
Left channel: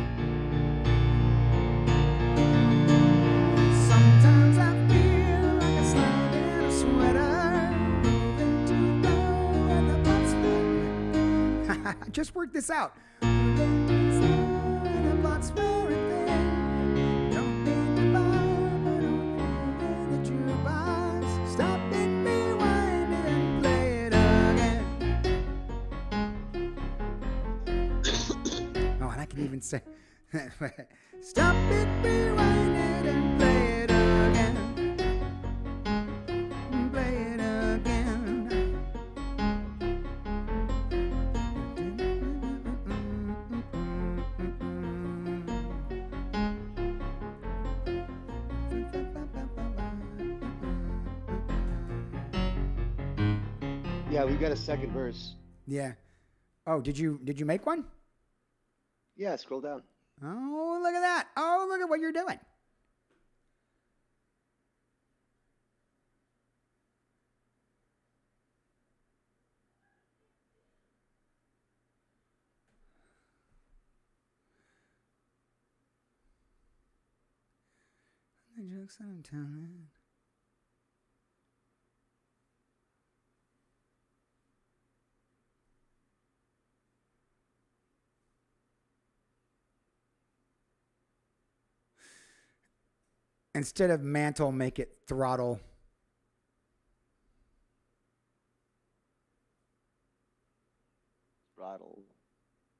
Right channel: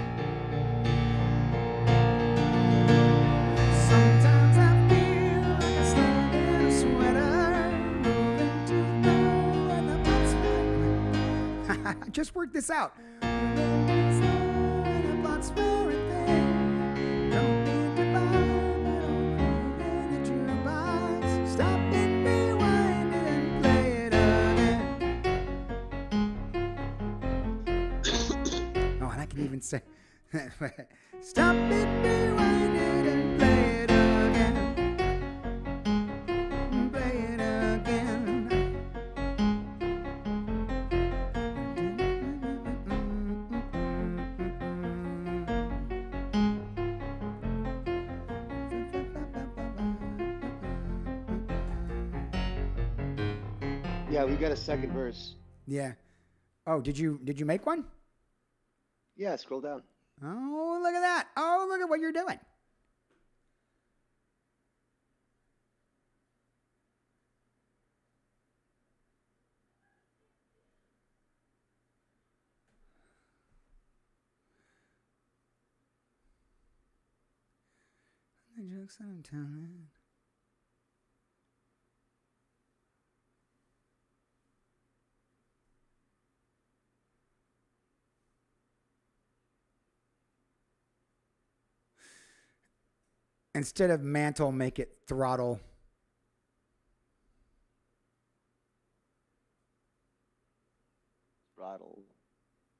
Sometimes I feel like a slug in a sweater, moving too low and the butt's I just worked this out. Moving too slow and the butt's wearing thin. Don't need to bar, but don't put in the jukebox. Stop it, rewind it, and play it again. Oh, and I can even say, stop it, rewind it, and play it again. Play it again. Yeah, we got a second verse. Yeah. Oh, did you make one? Yeah, scroll down. Oh, look at that. Oh, look at what you're doing. The jokes that I'm telling. Instead of mantle, make it throttle. Throttle.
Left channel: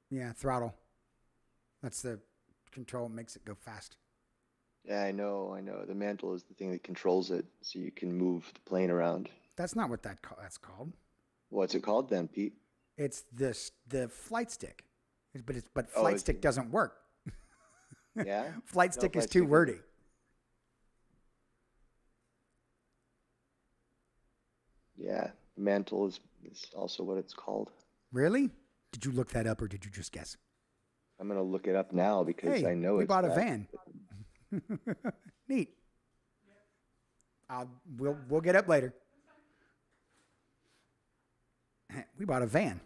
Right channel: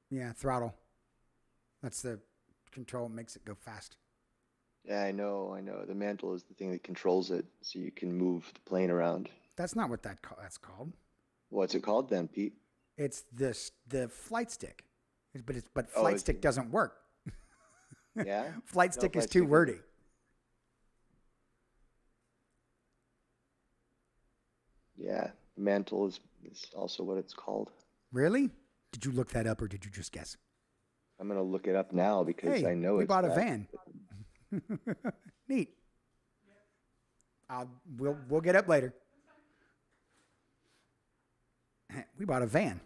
Yeah, throttle. That's the control, makes it go fast. Yeah, I know. The mantle is the thing that controls it, so you can move the plane around. That's not what that's called. What's it called then, Pete? It's the flight stick. But flight stick doesn't work. Yeah? Flight stick is too wordy. Yeah, mantle is also what it's called. Really? Did you look that up or did you just guess? I'm going to look it up now because I know we it's bought a van. Neat. We'll get up later. We bought a van.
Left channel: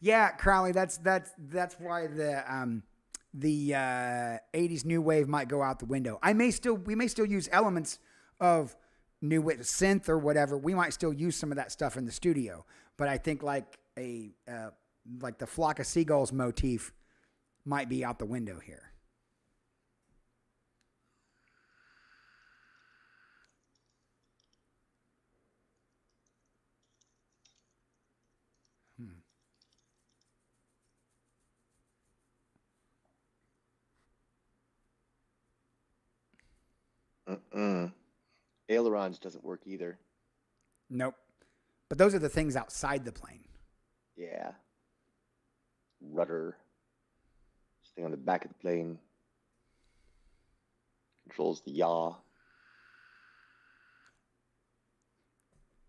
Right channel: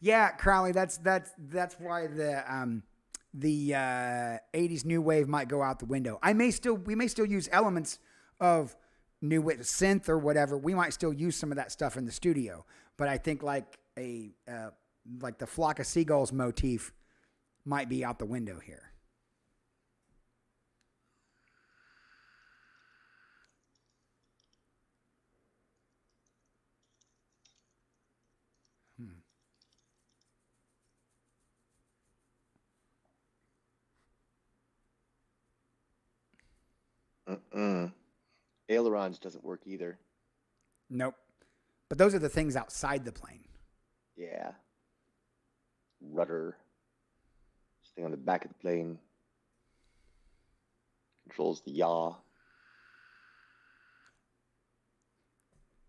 Yeah, Crowley, that's why the 80s new wave might go out the window. We may still use elements of new wave, synth or whatever. We might still use some of that stuff in the studio, but I think like the flock of seagulls motif might be out the window here. Ailerons doesn't work either. Nope. But those are the things outside the plane. Yeah. Rudder. This thing on the back of the plane. Controls the yaw.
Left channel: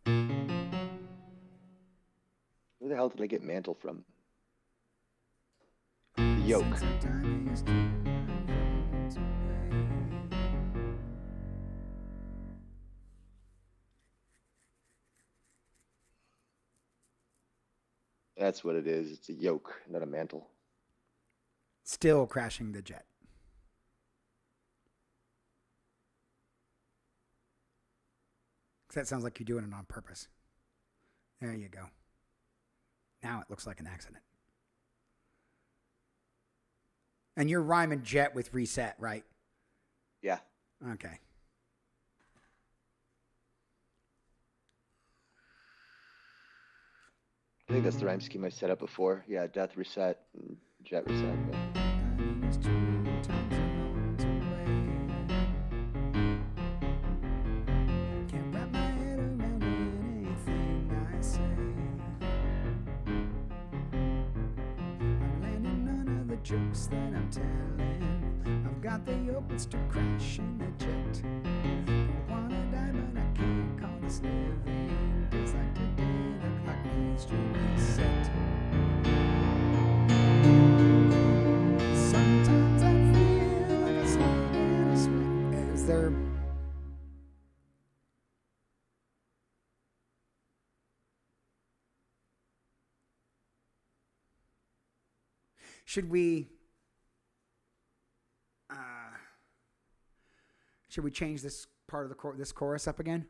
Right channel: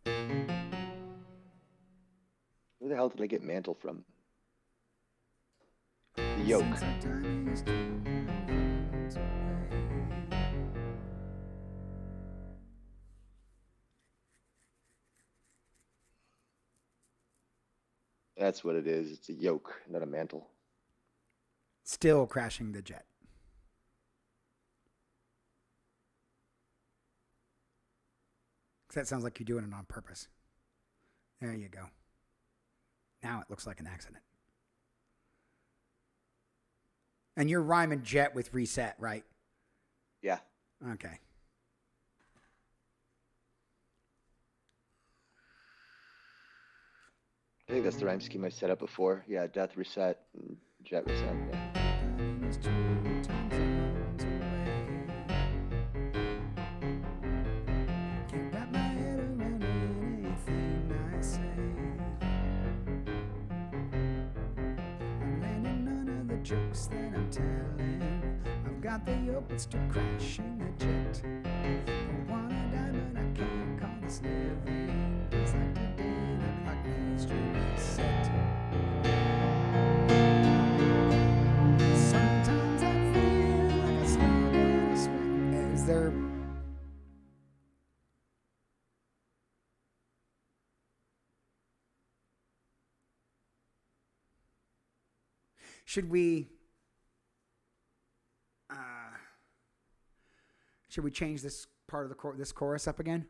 Where the hell did I get mantle from? The yoke. That's what it is. It's a yoke, not a mantle. Still crashing the jet. That sounds like you're doing it on purpose. There you go. Now it looks like an accident. And you're rhyming jet with reset, right? Yeah. Okay. I think that's the rhyme scheme I set up before. Yeah, death reset and jet reset. Yeah. Time is 2 time zones away. Can't wrap my head around anything I say. I'm landing none of the jokes that I'm telling. I've got the opens to crashing the jet. I wanna die, but I can't call this living. Days like today, the clock needs to reset. Sometimes I feel like a slug in a sweat. Is there... Should we change this part of the this chorus up again?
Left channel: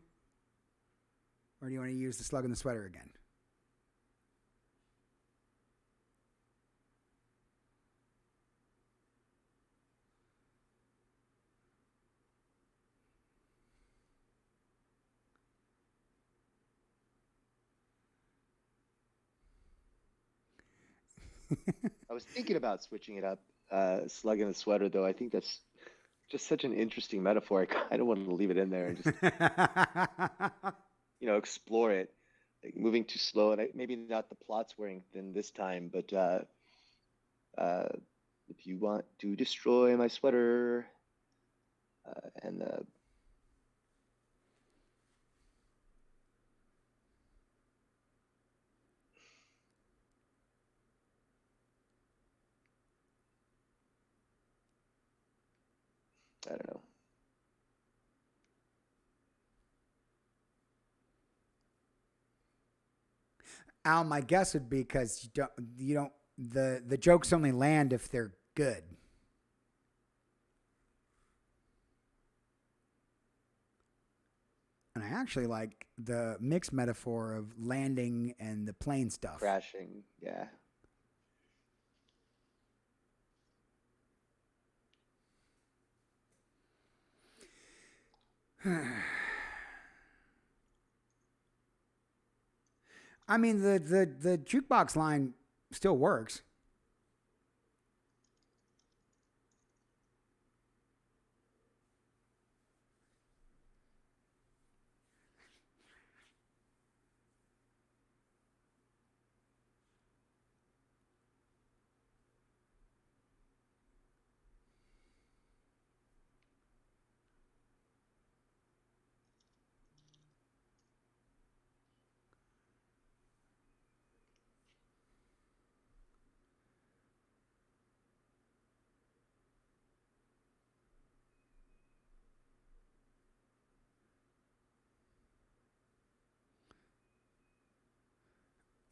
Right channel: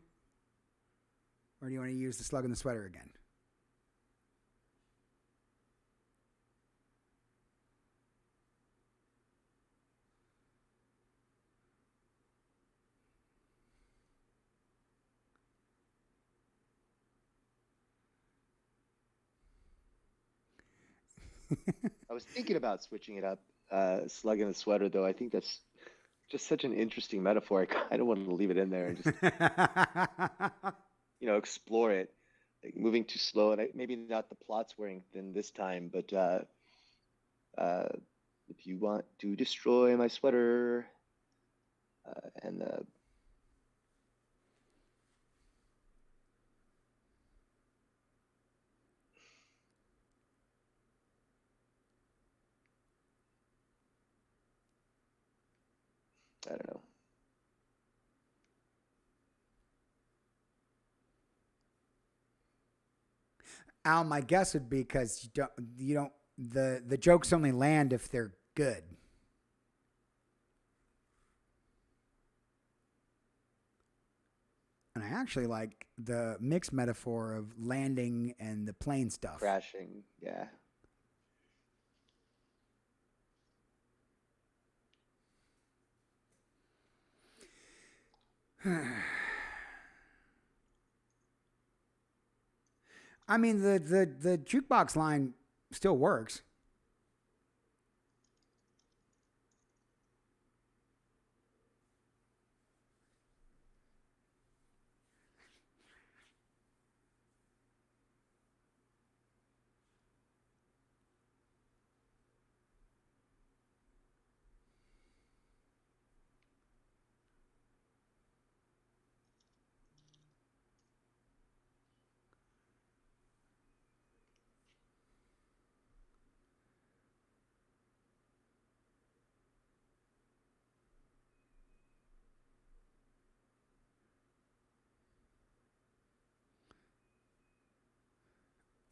Or do you want to use the slug in the sweater again? I was thinking about switching it up, slug in the sweater, though. I think that's just such an interesting metaphor. I kind of want to leave it in there and just, explore it. Like moving too slow, and maybe not the plot's wearing thin this time, but if you want to destroy my sweater, and I don't know. Al, my guess would be because the jokes only land if they're good. And I actually like the mixed metaphor of landing and the plane stuff. Crashing, yeah. I mean, the jukebox line still works.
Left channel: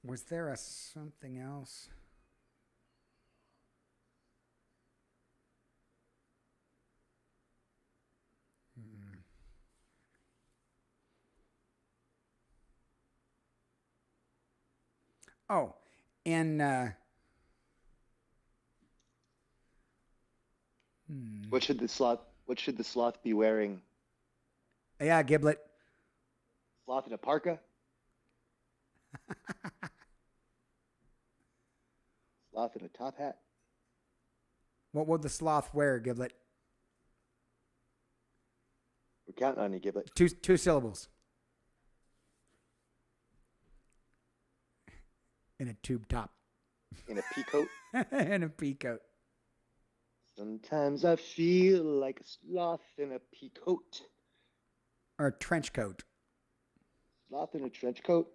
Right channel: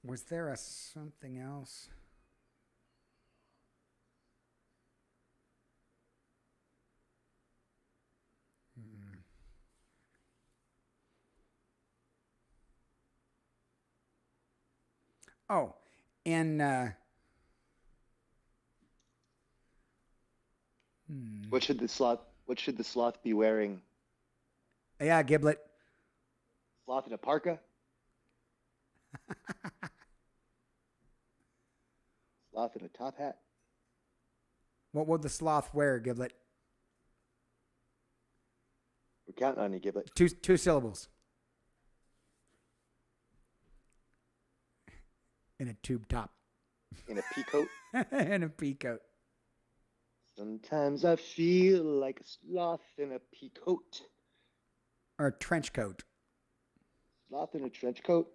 Was there a something else? Oh, and What should the sloth be wearing? yeah, Giblet. Sloth in a parka? Sloth in a top hat? What would the sloth wear, Giblet? We're counting on you, Giblet. Two syllables. In a tube top. In a pea coat? In a pea coat. Sometimes I feel like a sloth in a pea coat. Or a trench coat. Sloth in a trench coat?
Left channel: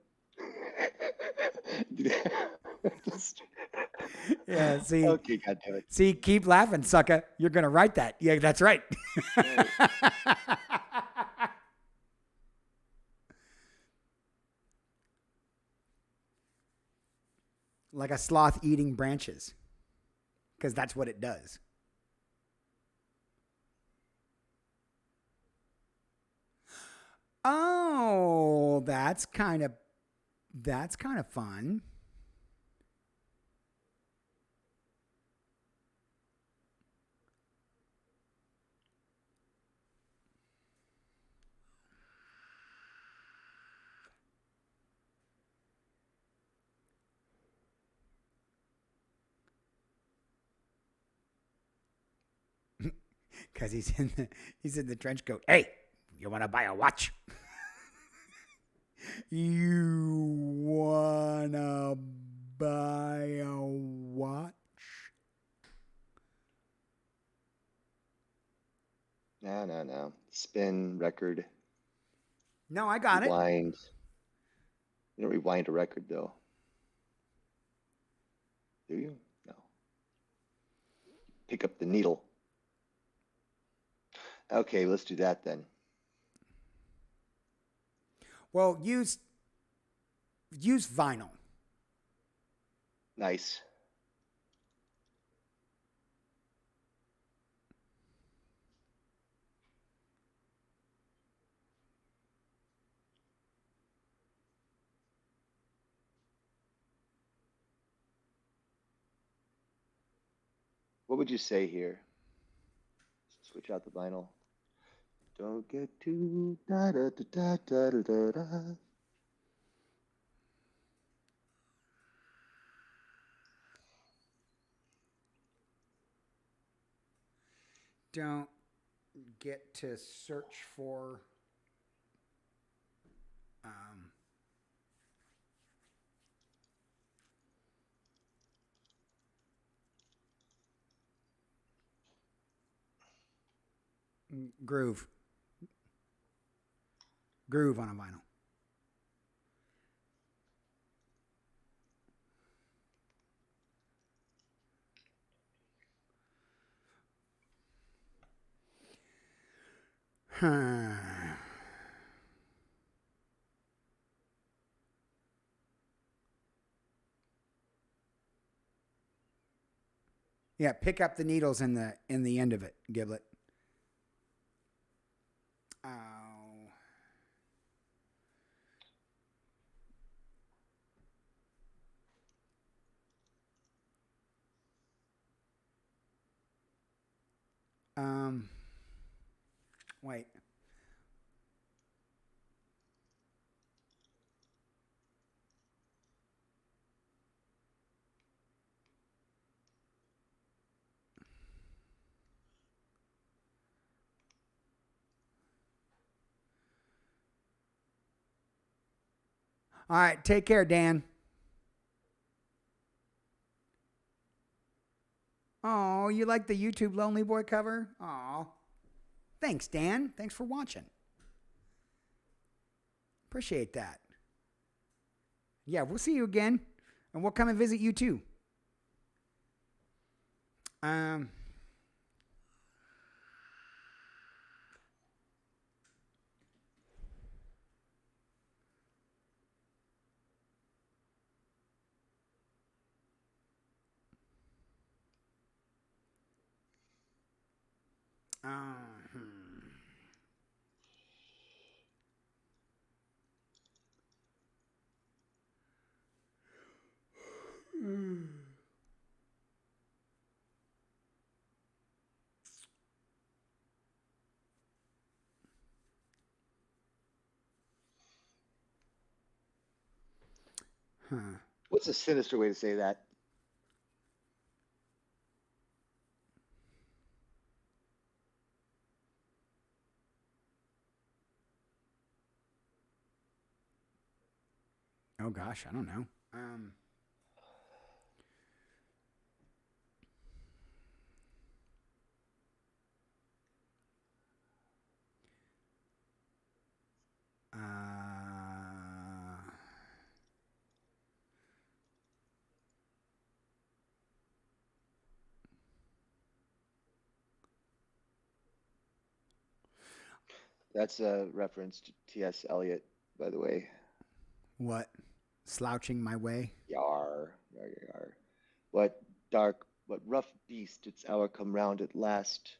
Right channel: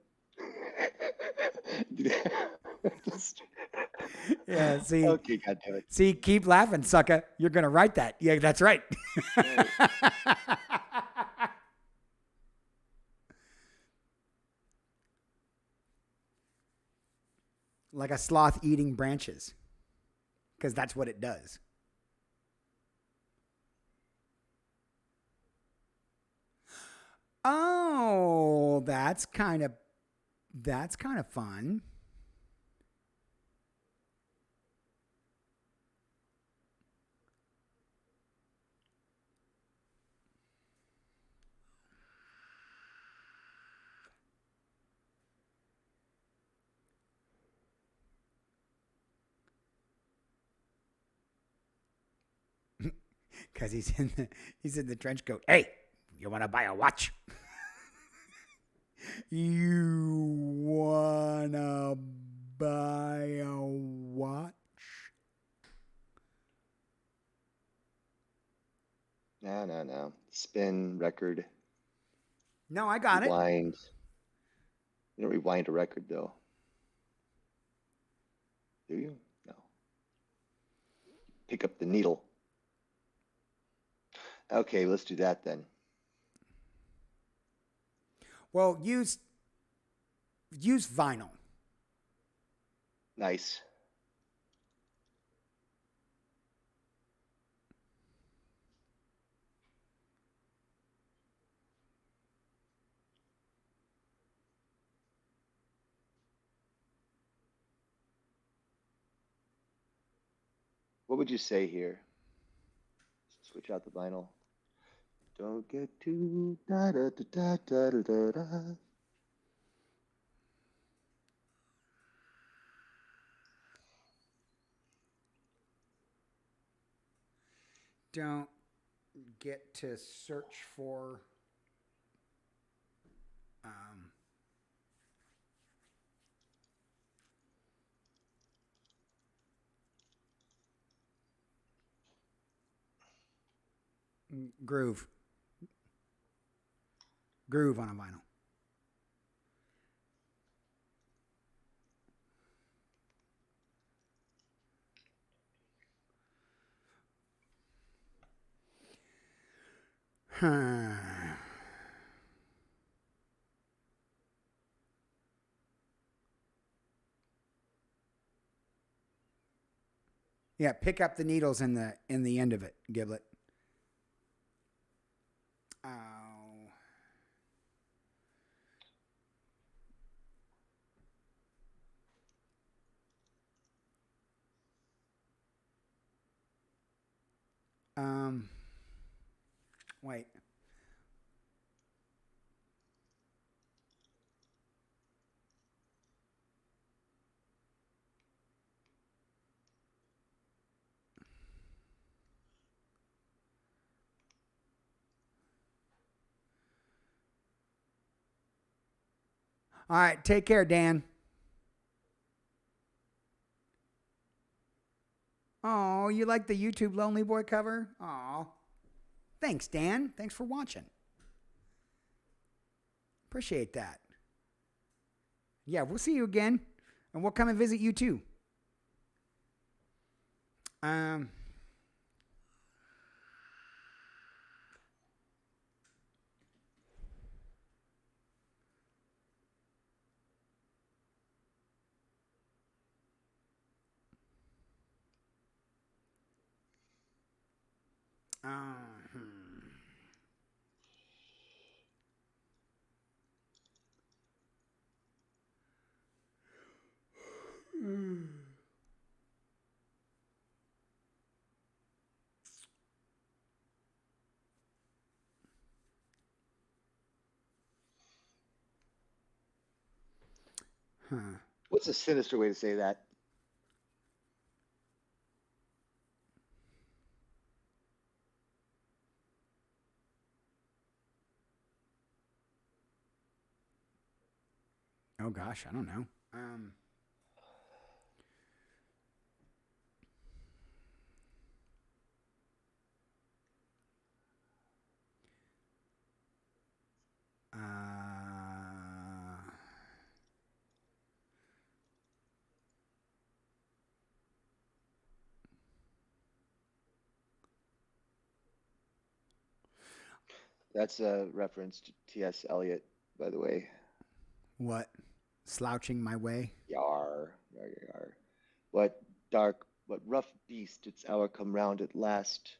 Yeah, see. Okay, goddammit. See, keep laughing, sucker. You're going to write that. Yeah, that's right. Right. Like a sloth eating branches. Because that's what it does. Oh, that's kind of fun. Because he's in the trench coat. Hey, you want to buy a watch? You wanna buy a watch? No. Spin, record, No, I got it. rewind. You don't rewind a record though. Do you? No. Pick up the needle. Okay, let's do that then. Well, use vinyl. Nice. What would you say here? Switch out the vinyl. Don't get too da da da da da da da. Don't get to search for groove on a vinyl. Yeah, pick up the needles in the end of it, Giblet. Oh. Wait. All right, take care, Dan. Oh, you like the YouTube Lonely Boy cover? Oh. Thanks, Dan. Thanks for watching. Appreciate that. Yeah, we'll see you again. And we'll come and visit you too. Um Huh. What's a sinister way to say that? Oh gosh, I don't know. That's a reference to T.S. Eliot, by the way. What? Slouching my way? Yar, yar, yar, yar. What dark, what rough beast its hour come round at last,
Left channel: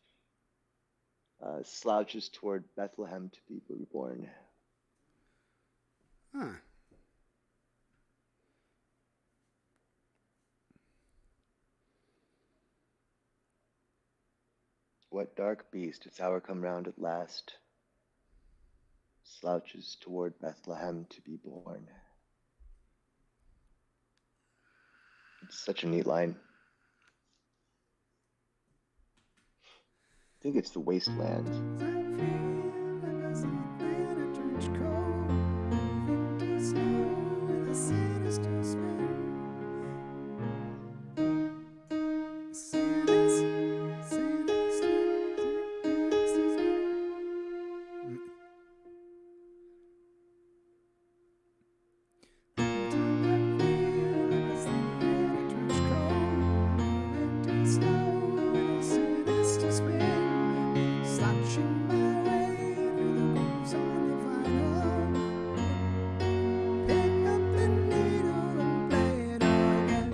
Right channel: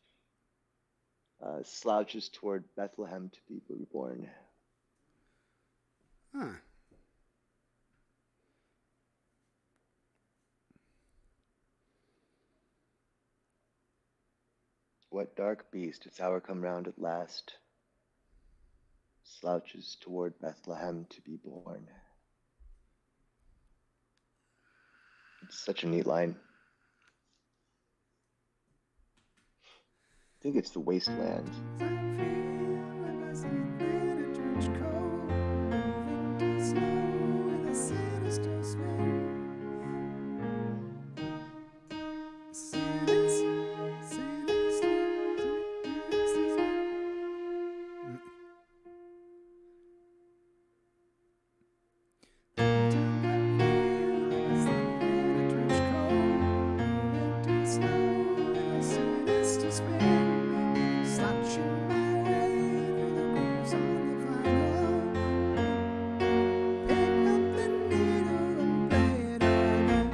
slouches toward Bethlehem to be reborn. Huh. What dark beast, its hour come round at last, slouches toward Bethlehem to be born. It's such a neat line. I think it's the wasteland. I feel like a sloth in a trench coat, moving too slow with a sinister spin. Sinister, sinister, sinister spin. Sometimes I feel like a sloth in a trench coat, moving too slow with a sinister spin. Slouching my way through the grooves on the vinyl. Pick up the needle and play it again.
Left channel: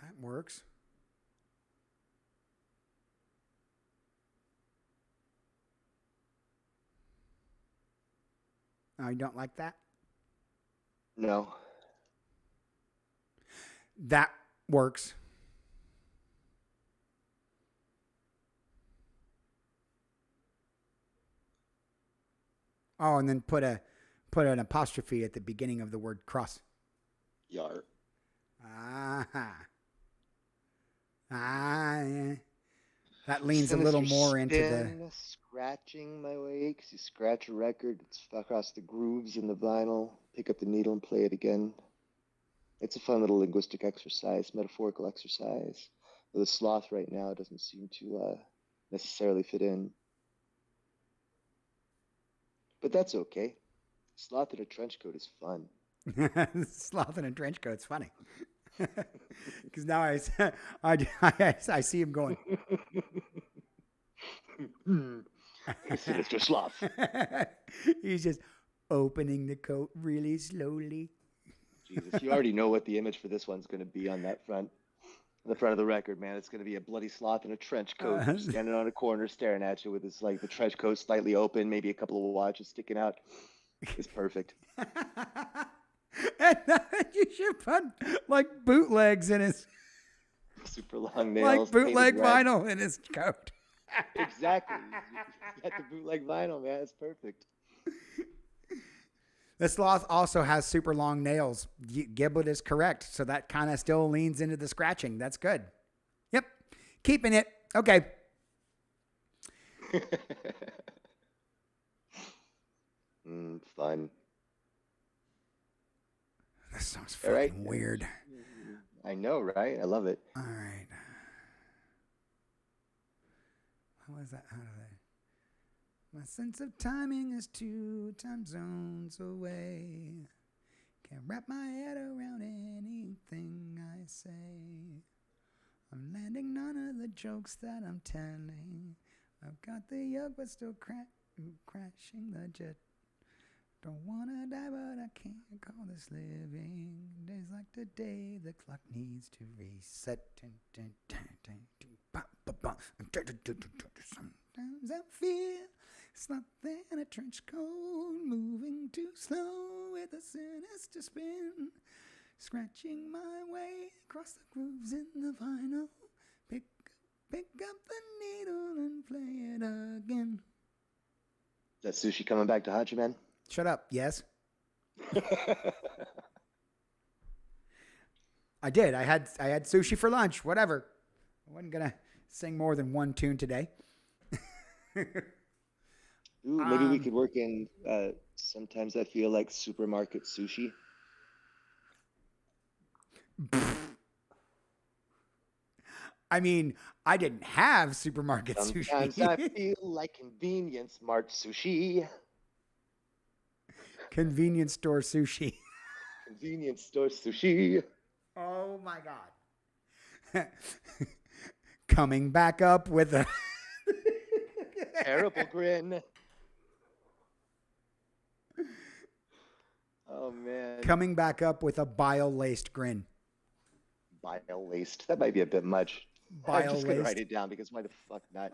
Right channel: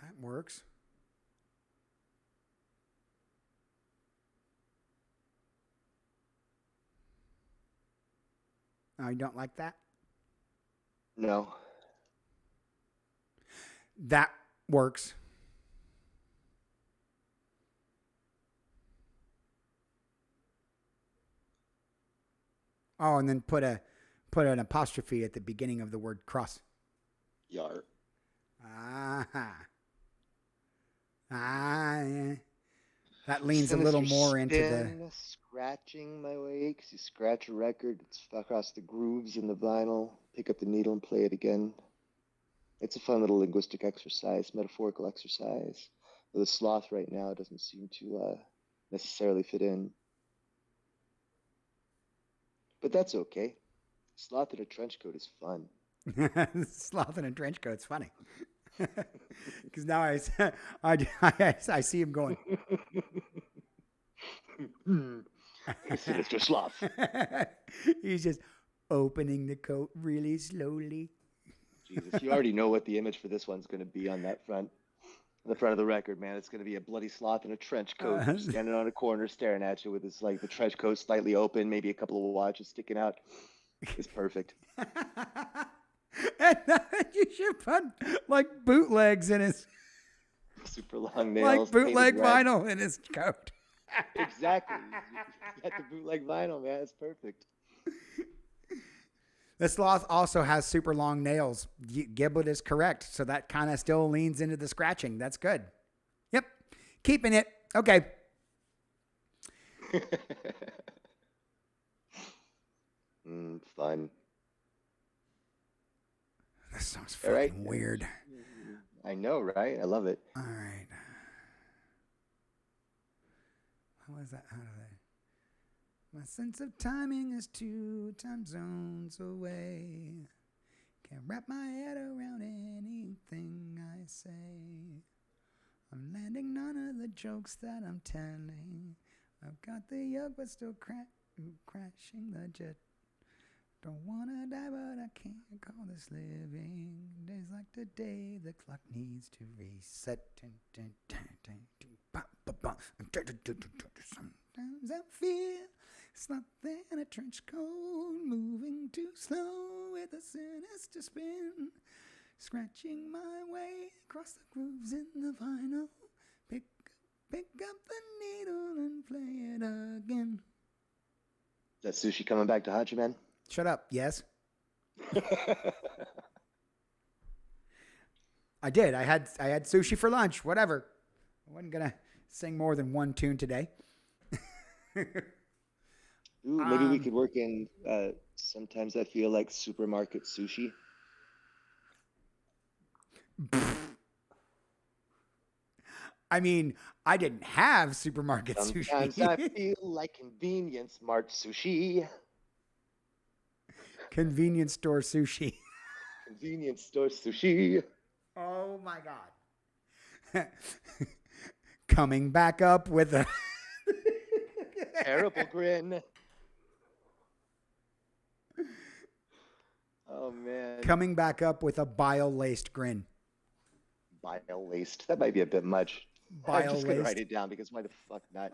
That works. Oh, you don't like that? No. That works. Oh, and then put an apostrophe at the beginning of the word cross. Yar. Yeah. That leans a little more into the... Scratching my way, because you scratch a record, it's across the grooves in the vinyl, pick up the needle and play it again. It's a fun little linguistic exercise, metaphorical exercise. The sloth right now doesn't seem to necessarily fit in. But that's okay. Sloth in a trench coat is fun. Sloth in a trench coat. It's funny. Because now I see him going. Sinister sloth. He's just opening the coat really slowly. Jesus, you already know what the image for this one's going to be on that front. On the front of the record, man. It's going to be a bloody sloth in a trench coat standing on a corner staring at you with his, like, the trench coat slightly open, maybe a couple of watches sticking out. It's perfect. And you should put like bootlegs in his super long nails, like bootleg vinyl in his coat. Exactly. You got the bootleg vinyl, man. It's perfect. The sloth also has super long nails. Giblet is correct, so that kind of still leans into the scratching. That's good. Yep, keeping it. Okay. Fun. This song's fucking weird. I know, right? I love it. All right. How was that? How did I? My sense of timing is 2 time zones away. Can't wrap my head around anything I say. I'm landing none of the jokes that I'm telling. I've got the yoke, but still crashing the jet. Don't wanna die, but I can't call this living. Days like today, the clock needs to reset. Sometimes I feel something in a trench coat, moving too slow with a sinister spin. Scratching my way across the grooves in the vinyl. Pick up the needle and play it again. Is that sushi coming back to haunt you, man? Shut up. Yes. I did. I had sushi for lunch. Whatever. I wasn't gonna sing more than one tune today. Ooh, maybe we could work in. Sometimes I feel like supermarket sushi. I mean, I didn't have supermarket sushi. Sometimes I feel like convenience mart sushi. Convenience store sushi. Convenience store sushi. Oh my God. Coming back up with a terrible grin. Oh man. Coming back up with a bile-laced grin. Bile-laced. That might be a bit much. I'm Bile just gonna write laced. it down because why the fuck not?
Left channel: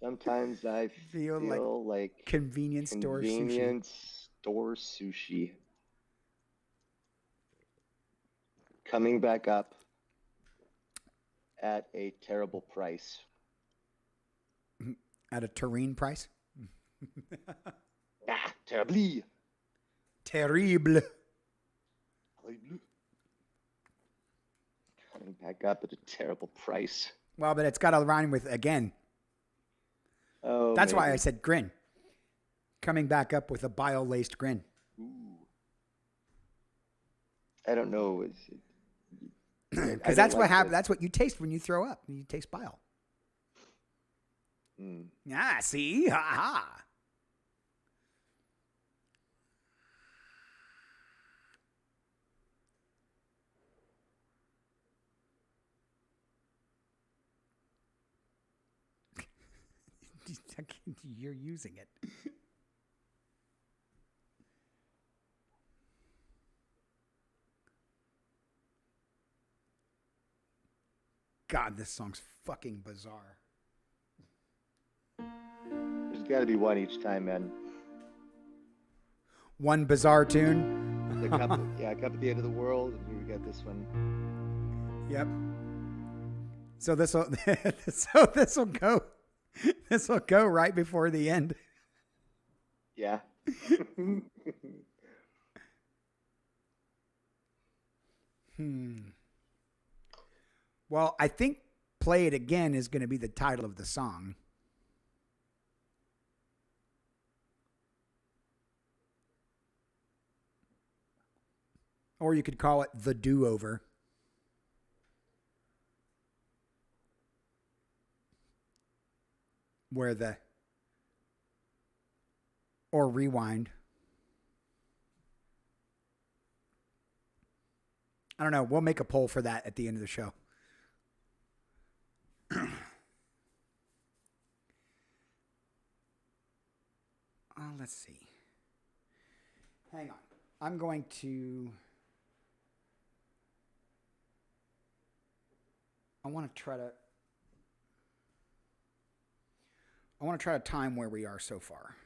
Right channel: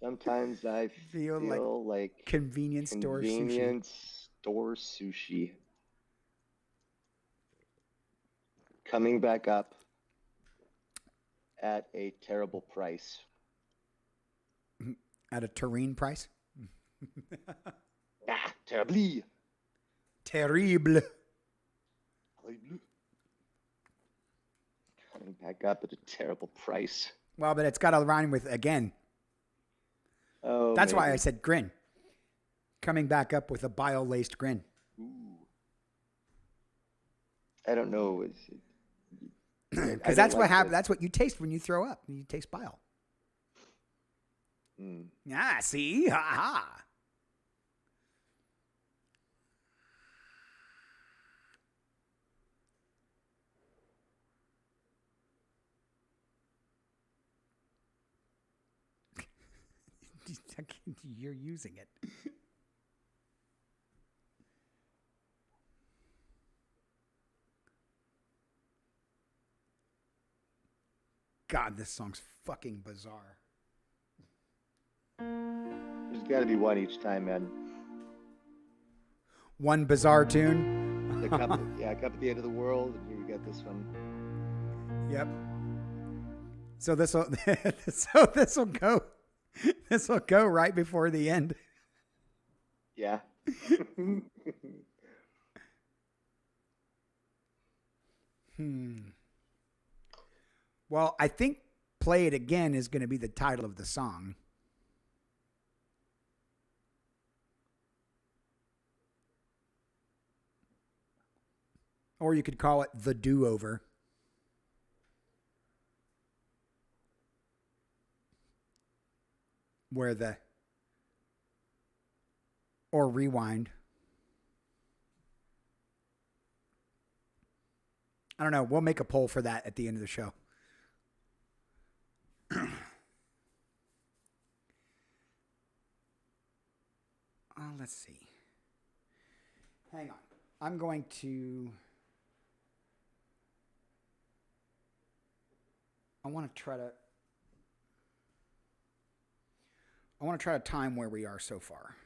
Sometimes I Feel like feel like convenience store sushi. convenience store sushi coming back up at a terrible price. At a terrine price. Ah, terribly. Terrible. Coming back up at a terrible price. Well, but it's got to rhyme with again. Oh, That's why I maybe. said grin. Coming back up with a bile laced grin. Ooh. I don't know. I Because don't that's what like happens. the. That's what you taste when you throw up. You taste bile. Mm. Ah, see? Ha ha. You're using it. God, this song's fucking bizarre. There's got to be one each time, man. One bizarre tune. The cup, yeah, cup at the end of the world, and here we got this one. Yep. So this will go right before the end. Yeah. Well, I think "Play It Again" is going to be the title of the song. Or you could call it "The Do-Over." Or "Rewind." I don't know. We'll make a poll for that at the end of the show. Let's see. Hang on. I'm going to. I want to try to time where we are so far.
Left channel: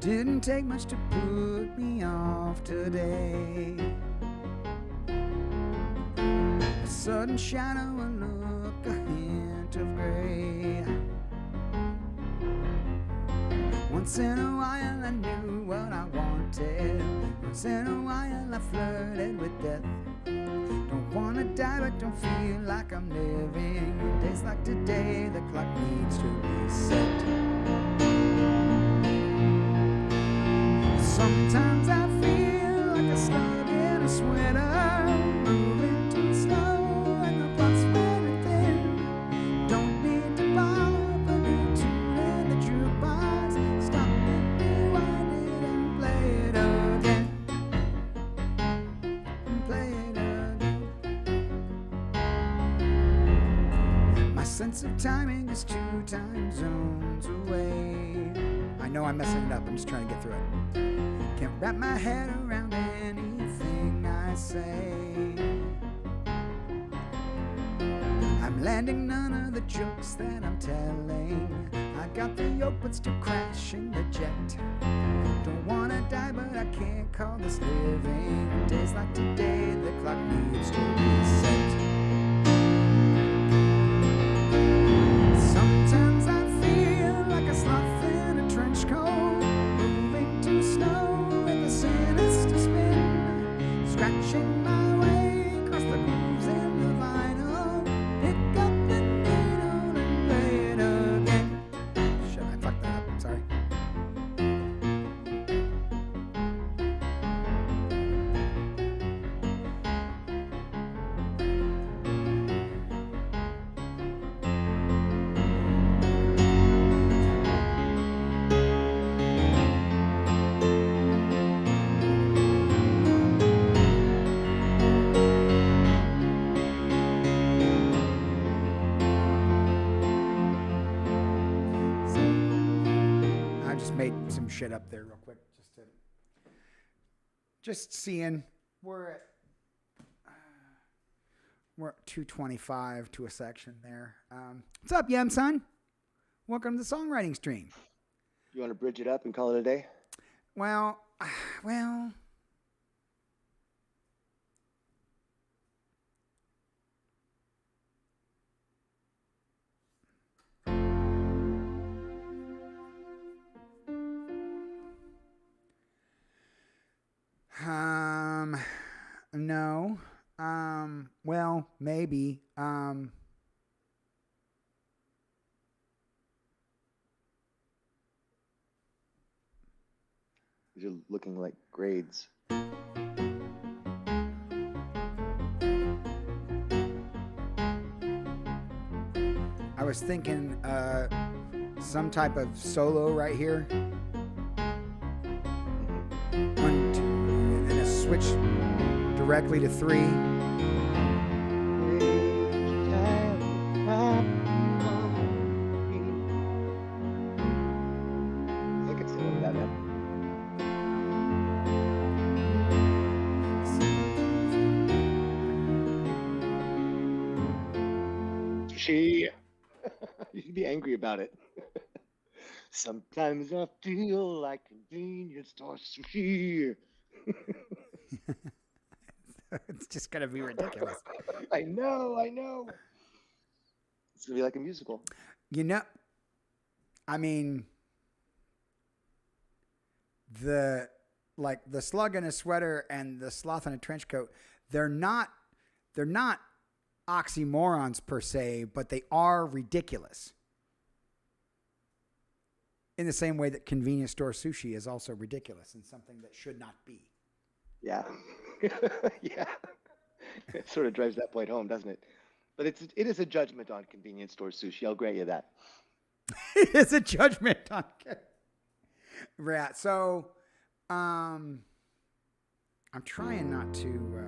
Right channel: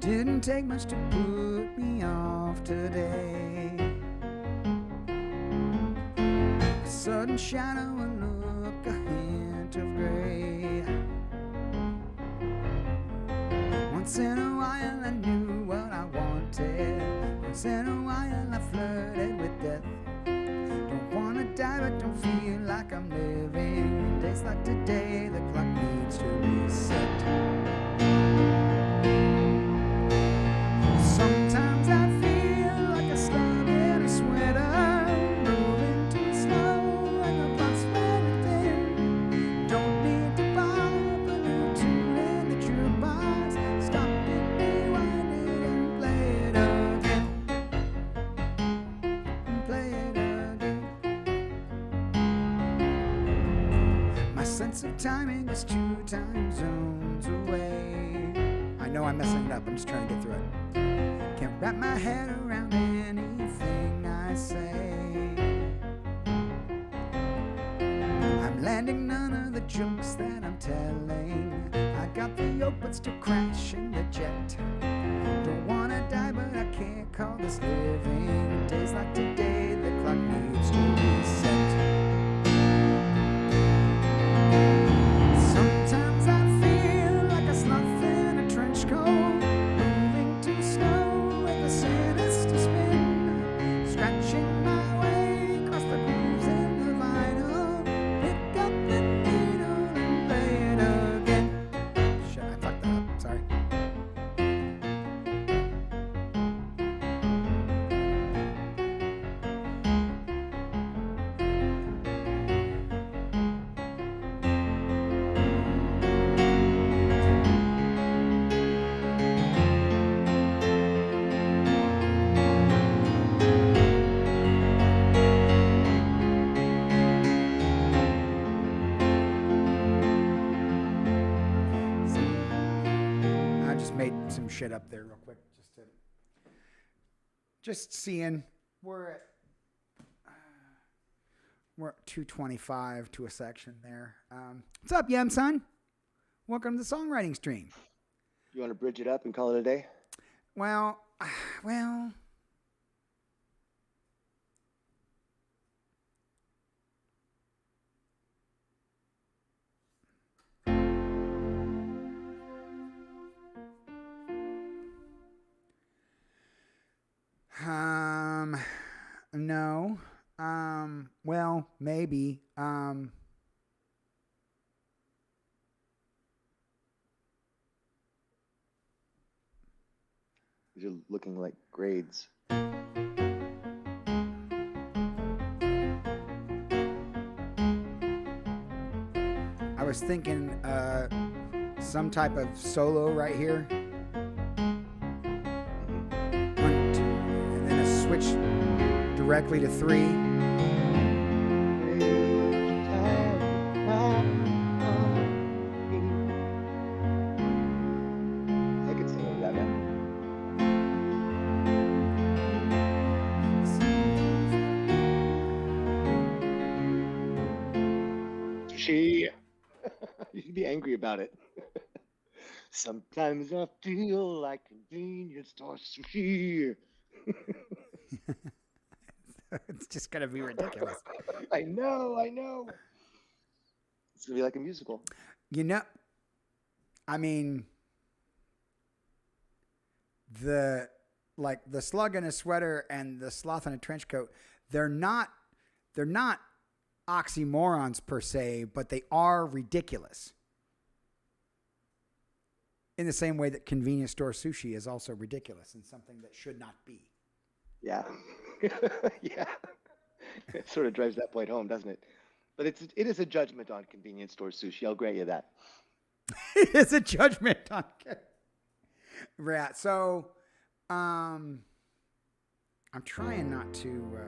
Didn't take much to put me off today. A sudden shadow, a look, a hint of gray. Once in a while I knew what I wanted. Once in a while I flirted with death. Don't wanna die but don't feel like I'm living. Days like today, the clock needs to reset. Sometimes I feel like a slug in a sweater, moving too slow and the plot's wearing thin. Don't need to pop a new tune in the jukebox. Stop it, rewind it and play it again. And play it again. My sense of timing is 2 time zones away. I know I'm messing it up. I'm just trying to get through it. Can't wrap my head around anything I say. I'm landing none of the jokes that I'm telling. I got the yoke but still crashing the jet. Don't wanna die but I can't call this living. Days like today, the clock needs to reset. Sometimes I feel like a sloth in a trench coat, moving too slow with a sinister spin, scratching my way across the grooves in the vinyl. Pick up the needle and play it again. Shit, I fucked that up. Sorry. I just made some shit up there real quick, just seeing. We're at 225 to a section there. What's up, Yem son? Welcome to the songwriting stream. You want to bridge it up and call it a day? Well. No. Well, maybe. You're looking like grades. I was thinking some type of solo right here. 1, 2, and then a switch directly to 3. I could sing over that, man. She. You can be angry about it. Sometimes I feel like convenience store sushi. It's just gonna be ridiculous. I know. It's gonna be like a musical. I mean, the slug in a sweater and the sloth in a trench coat, they're not oxymorons per se, but they are ridiculous. In the same way that convenience store sushi is also ridiculous and something that should not be. Yeah. Yeah. It sort of drives that point home, doesn't it? But it is a judgment on convenience store sushi. I'll grant you that. It is a judgment on. Right. So, I'm trying not to.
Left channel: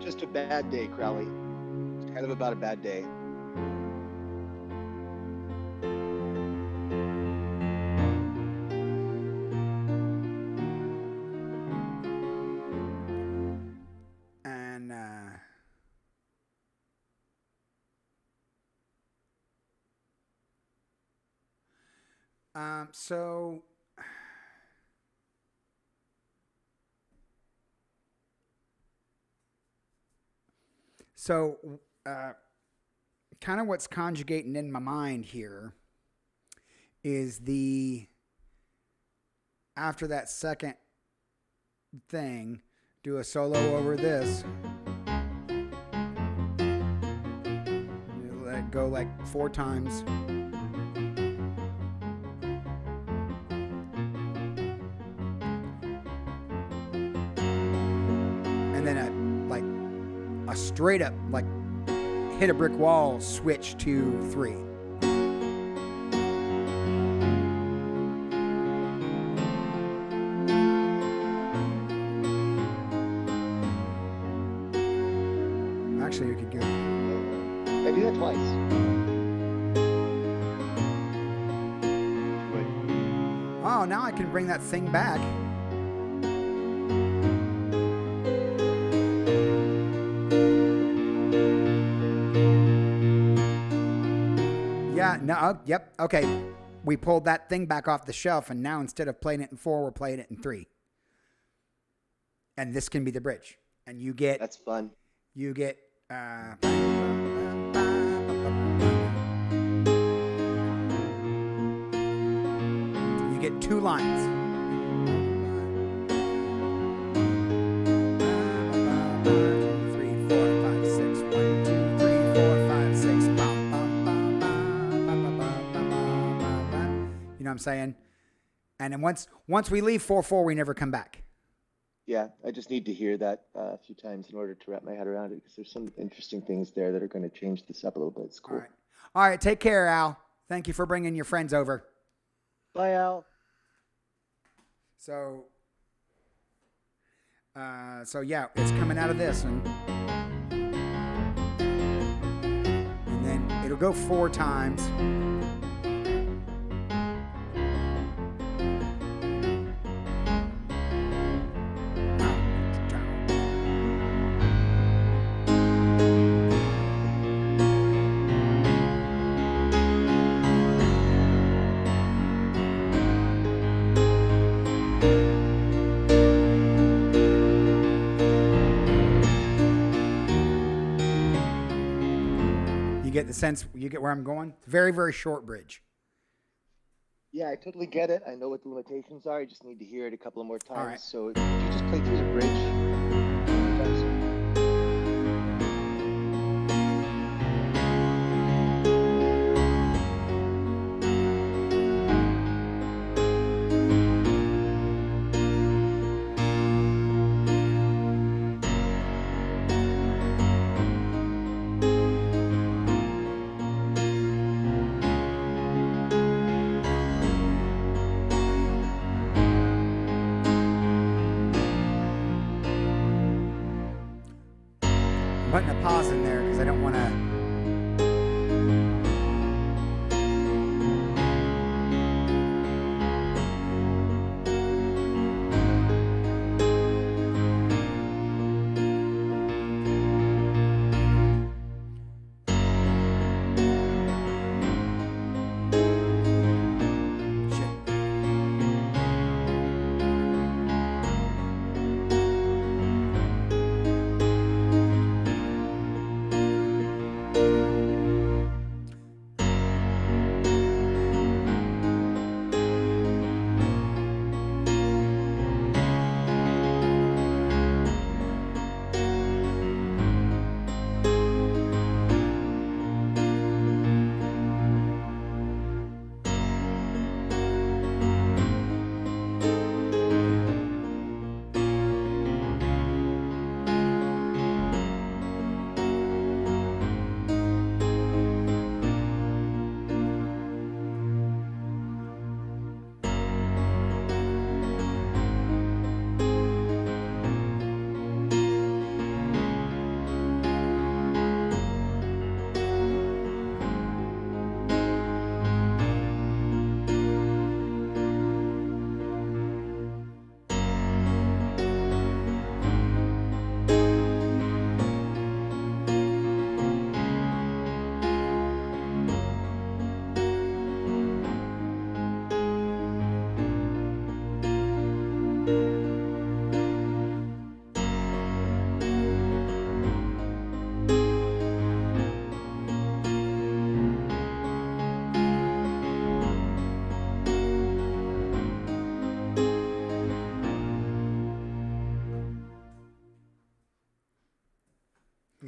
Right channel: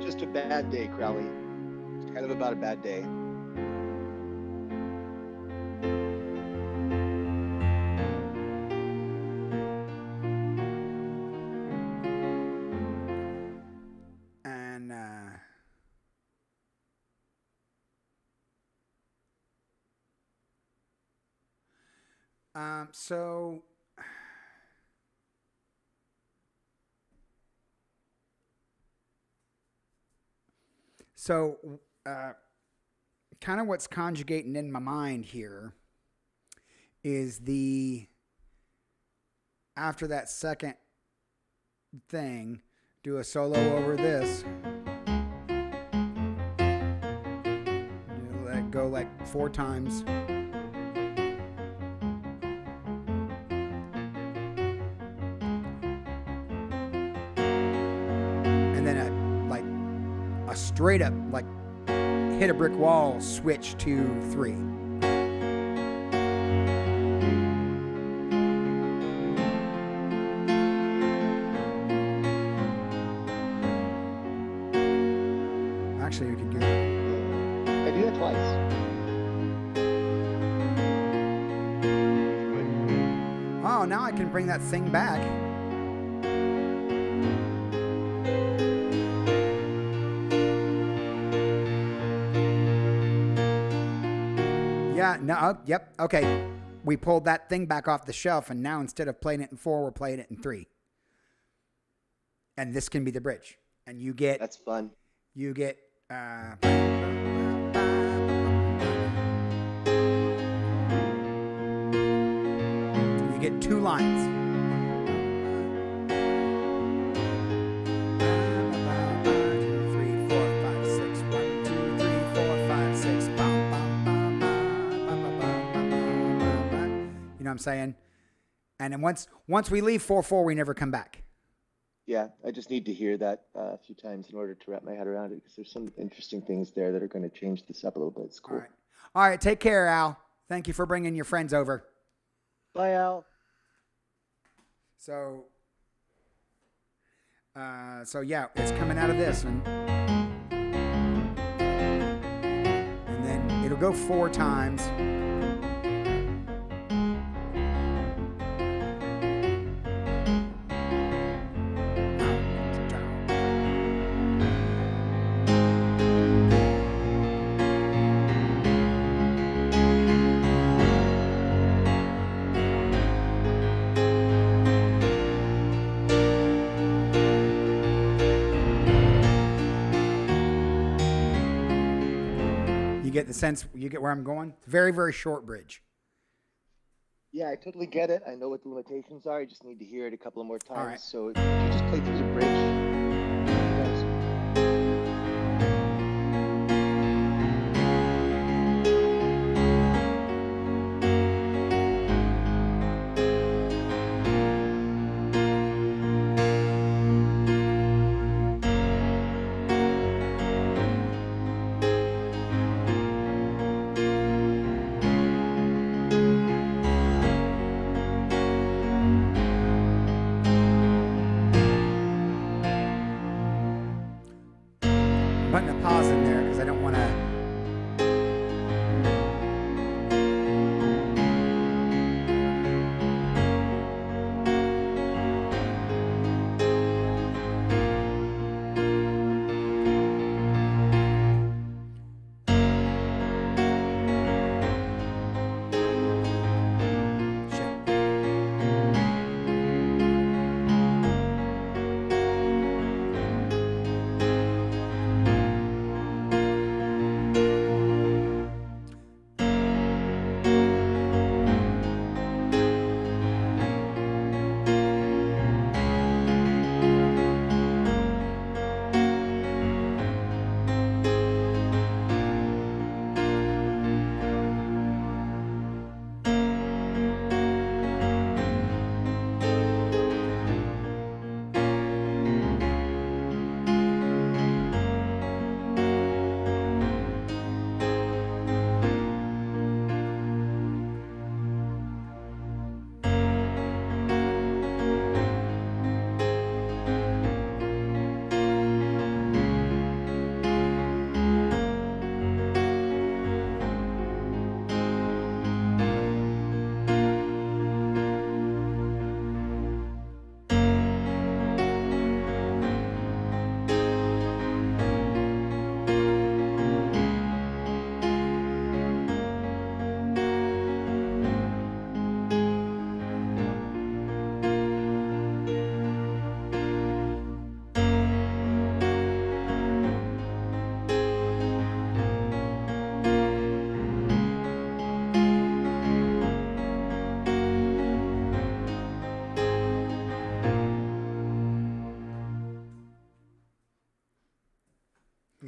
Just a bad day, Crowley. It's kind of about a bad day. And So, kind of what's conjugating in my mind here is after that second thing, do a solo over this. You let it go like 4 times. And then a straight up, like, hit a brick wall switch to 3. Actually, you could go. Yeah, do that twice. If you would. Oh, now I can bring that thing back. Yeah, no, yep, okay. We pulled that thing back off the shelf, and now instead of playing it in 4, we're playing it in 3. And this can be the bridge. And you get... That's fun. You get... you get 2 lines. 2, 3, 4, 5, 6. 1, 2, 3, 4, 5, 6. Bum, bum, bum, bum, bum, bum, bum, bum, bum, bum. You know what I'm saying? And then once we leave 4/4, we never come back. Yeah, I just need to hear that a few times in order to wrap my head around it, because there's some interesting things there that are going to change this up a little bit. It's cool. All right. Take care, Al. Thank you for bringing your friends over. Bye, Al. So, So yeah, it's coming out of this one. And then it'll go 4 times. You get the sense, you get where I'm going? Very, very short bridge. Yeah, I totally get it. I know what the limitations are. I just need to hear it a couple of more times. All right. So could you just play through the bridge a few times? I'm putting a pause in there because I don't want to.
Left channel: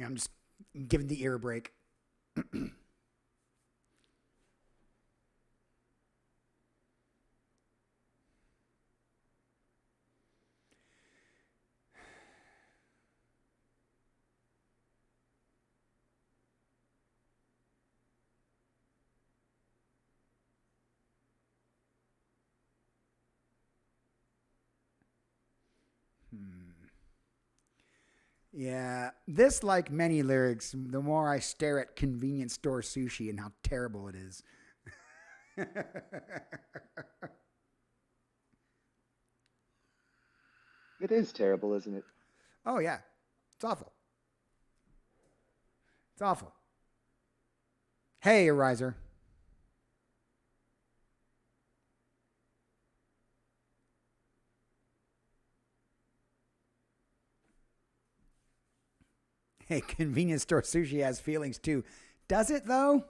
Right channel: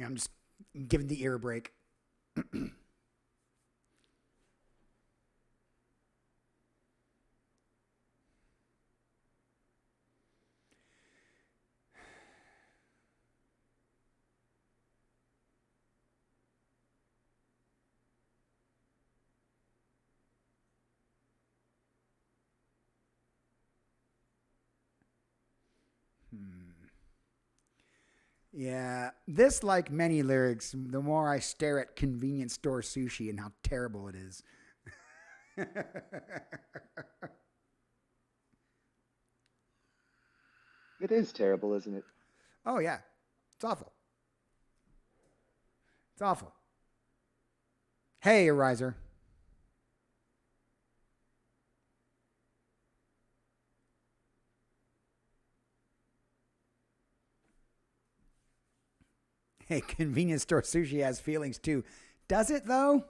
I'm just giving the ear a break. Yeah, this, like many lyrics, the more I stare at convenience store sushi and how terrible it is. It is terrible, isn't it? Oh, yeah. It's awful. It's awful. Hey, Ariser. Hey, convenience store sushi has feelings too. Does it, though?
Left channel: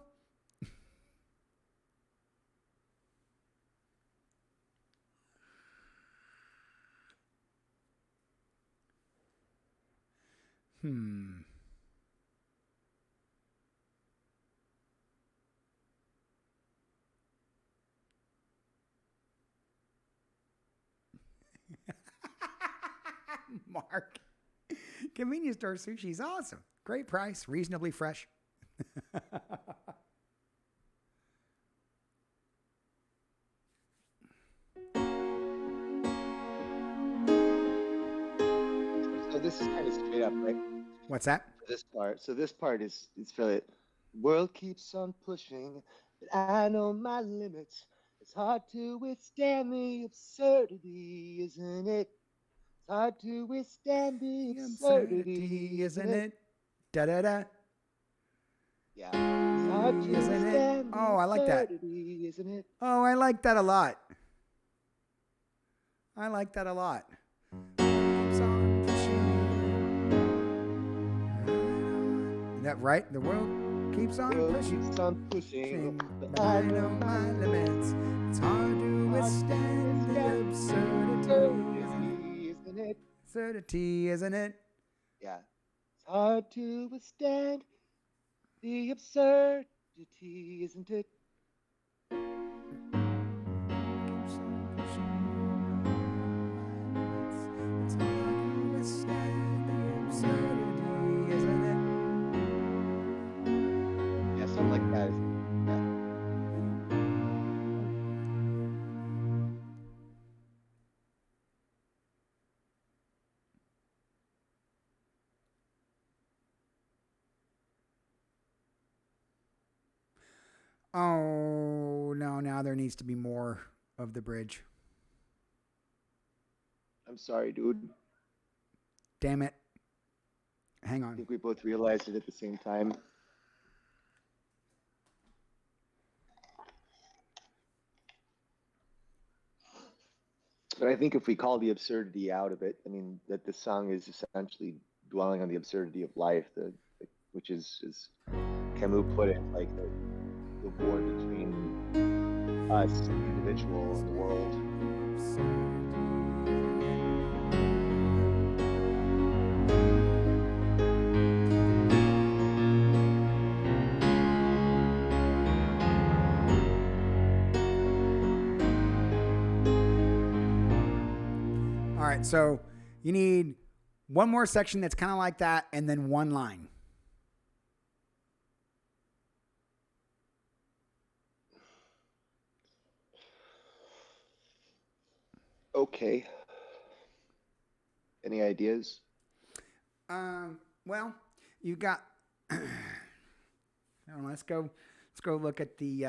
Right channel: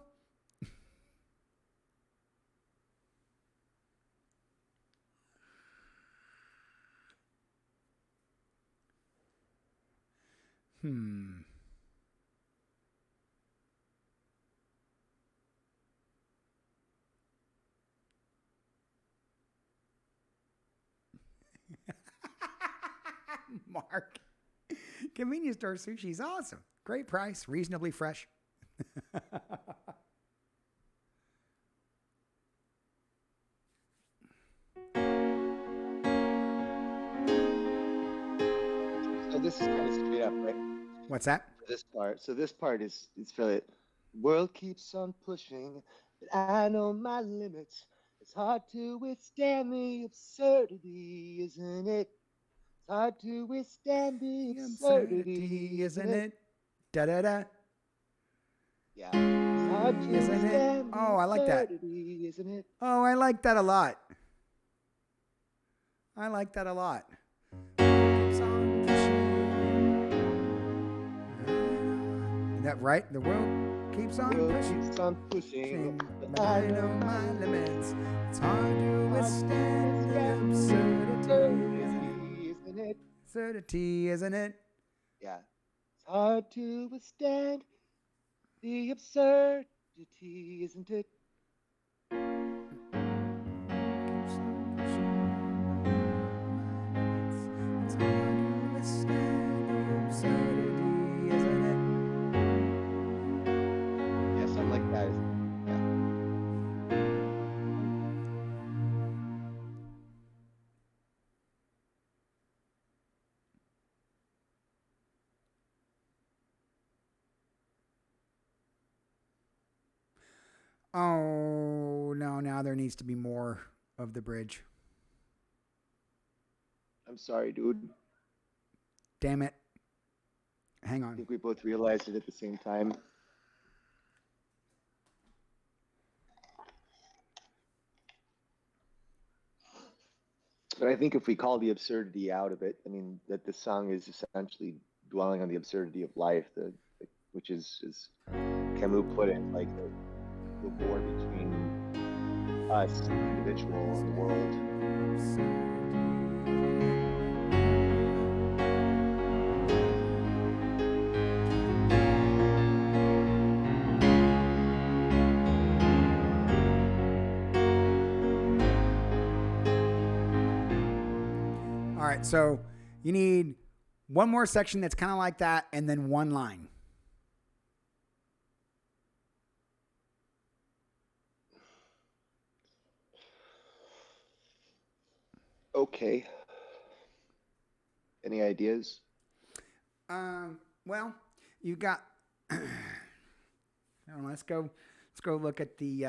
Hmm. Mark. Convenience store sushi is awesome. Great price, reasonably fresh. this is kind of straight up, right? What's that? For this part. So this part is fairly. World keeps on pushing, but I know my limits. It's hard to withstand the absurdity, isn't it? It's hard to withstand the The absurdity, absurdity, isn't isn't it? it? Da da da. Yeah. It's hard to Isn't it? withstand the Oh, I like that. absurdity, isn't it? Oh, I like that a lot. I like that a lot. Keeps on pushing. Is that right? The world keeps on World pushing. keeps on pushing, But I know my limits. It's hard to withstand the absurdity, isn't it? absurdity, isn't it? Yeah. It's hard to withstand the absurdity, isn't it? Keeps on pushing, but I know my limits. It's hard to withstand the absurdity, isn't it? Yeah, something like that. Yeah. Oh, no, now there needs to be more of the bridge. I'm sorry, dude. Damn it. Hang I on. think we both realized it at the same time. But I think if we call the absurdity out of it, I mean that the song is essentially dwelling on the absurdity of life, which is, as Camus put it, like the war between us, the individual, and the world. All right, so you need one more section that's kind of like that, and then one line. Okay. Any ideas? Well, you got. I don't know, let's go look at the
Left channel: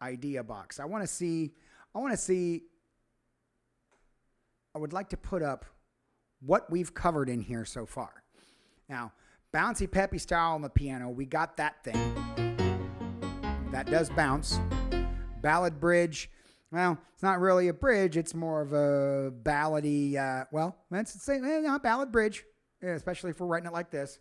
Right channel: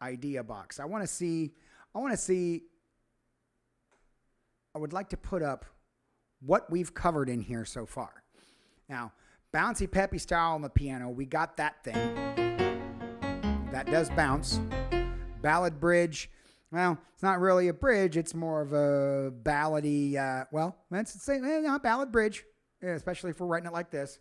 idea box. I want to see. I would like to put up what we've covered in here so far. Now, bouncy peppy style on the piano, we got that thing. That does bounce. Ballad bridge. Well, it's not really a bridge. It's more of a ballady. Well, let's say ballad bridge, especially if we're writing it like this.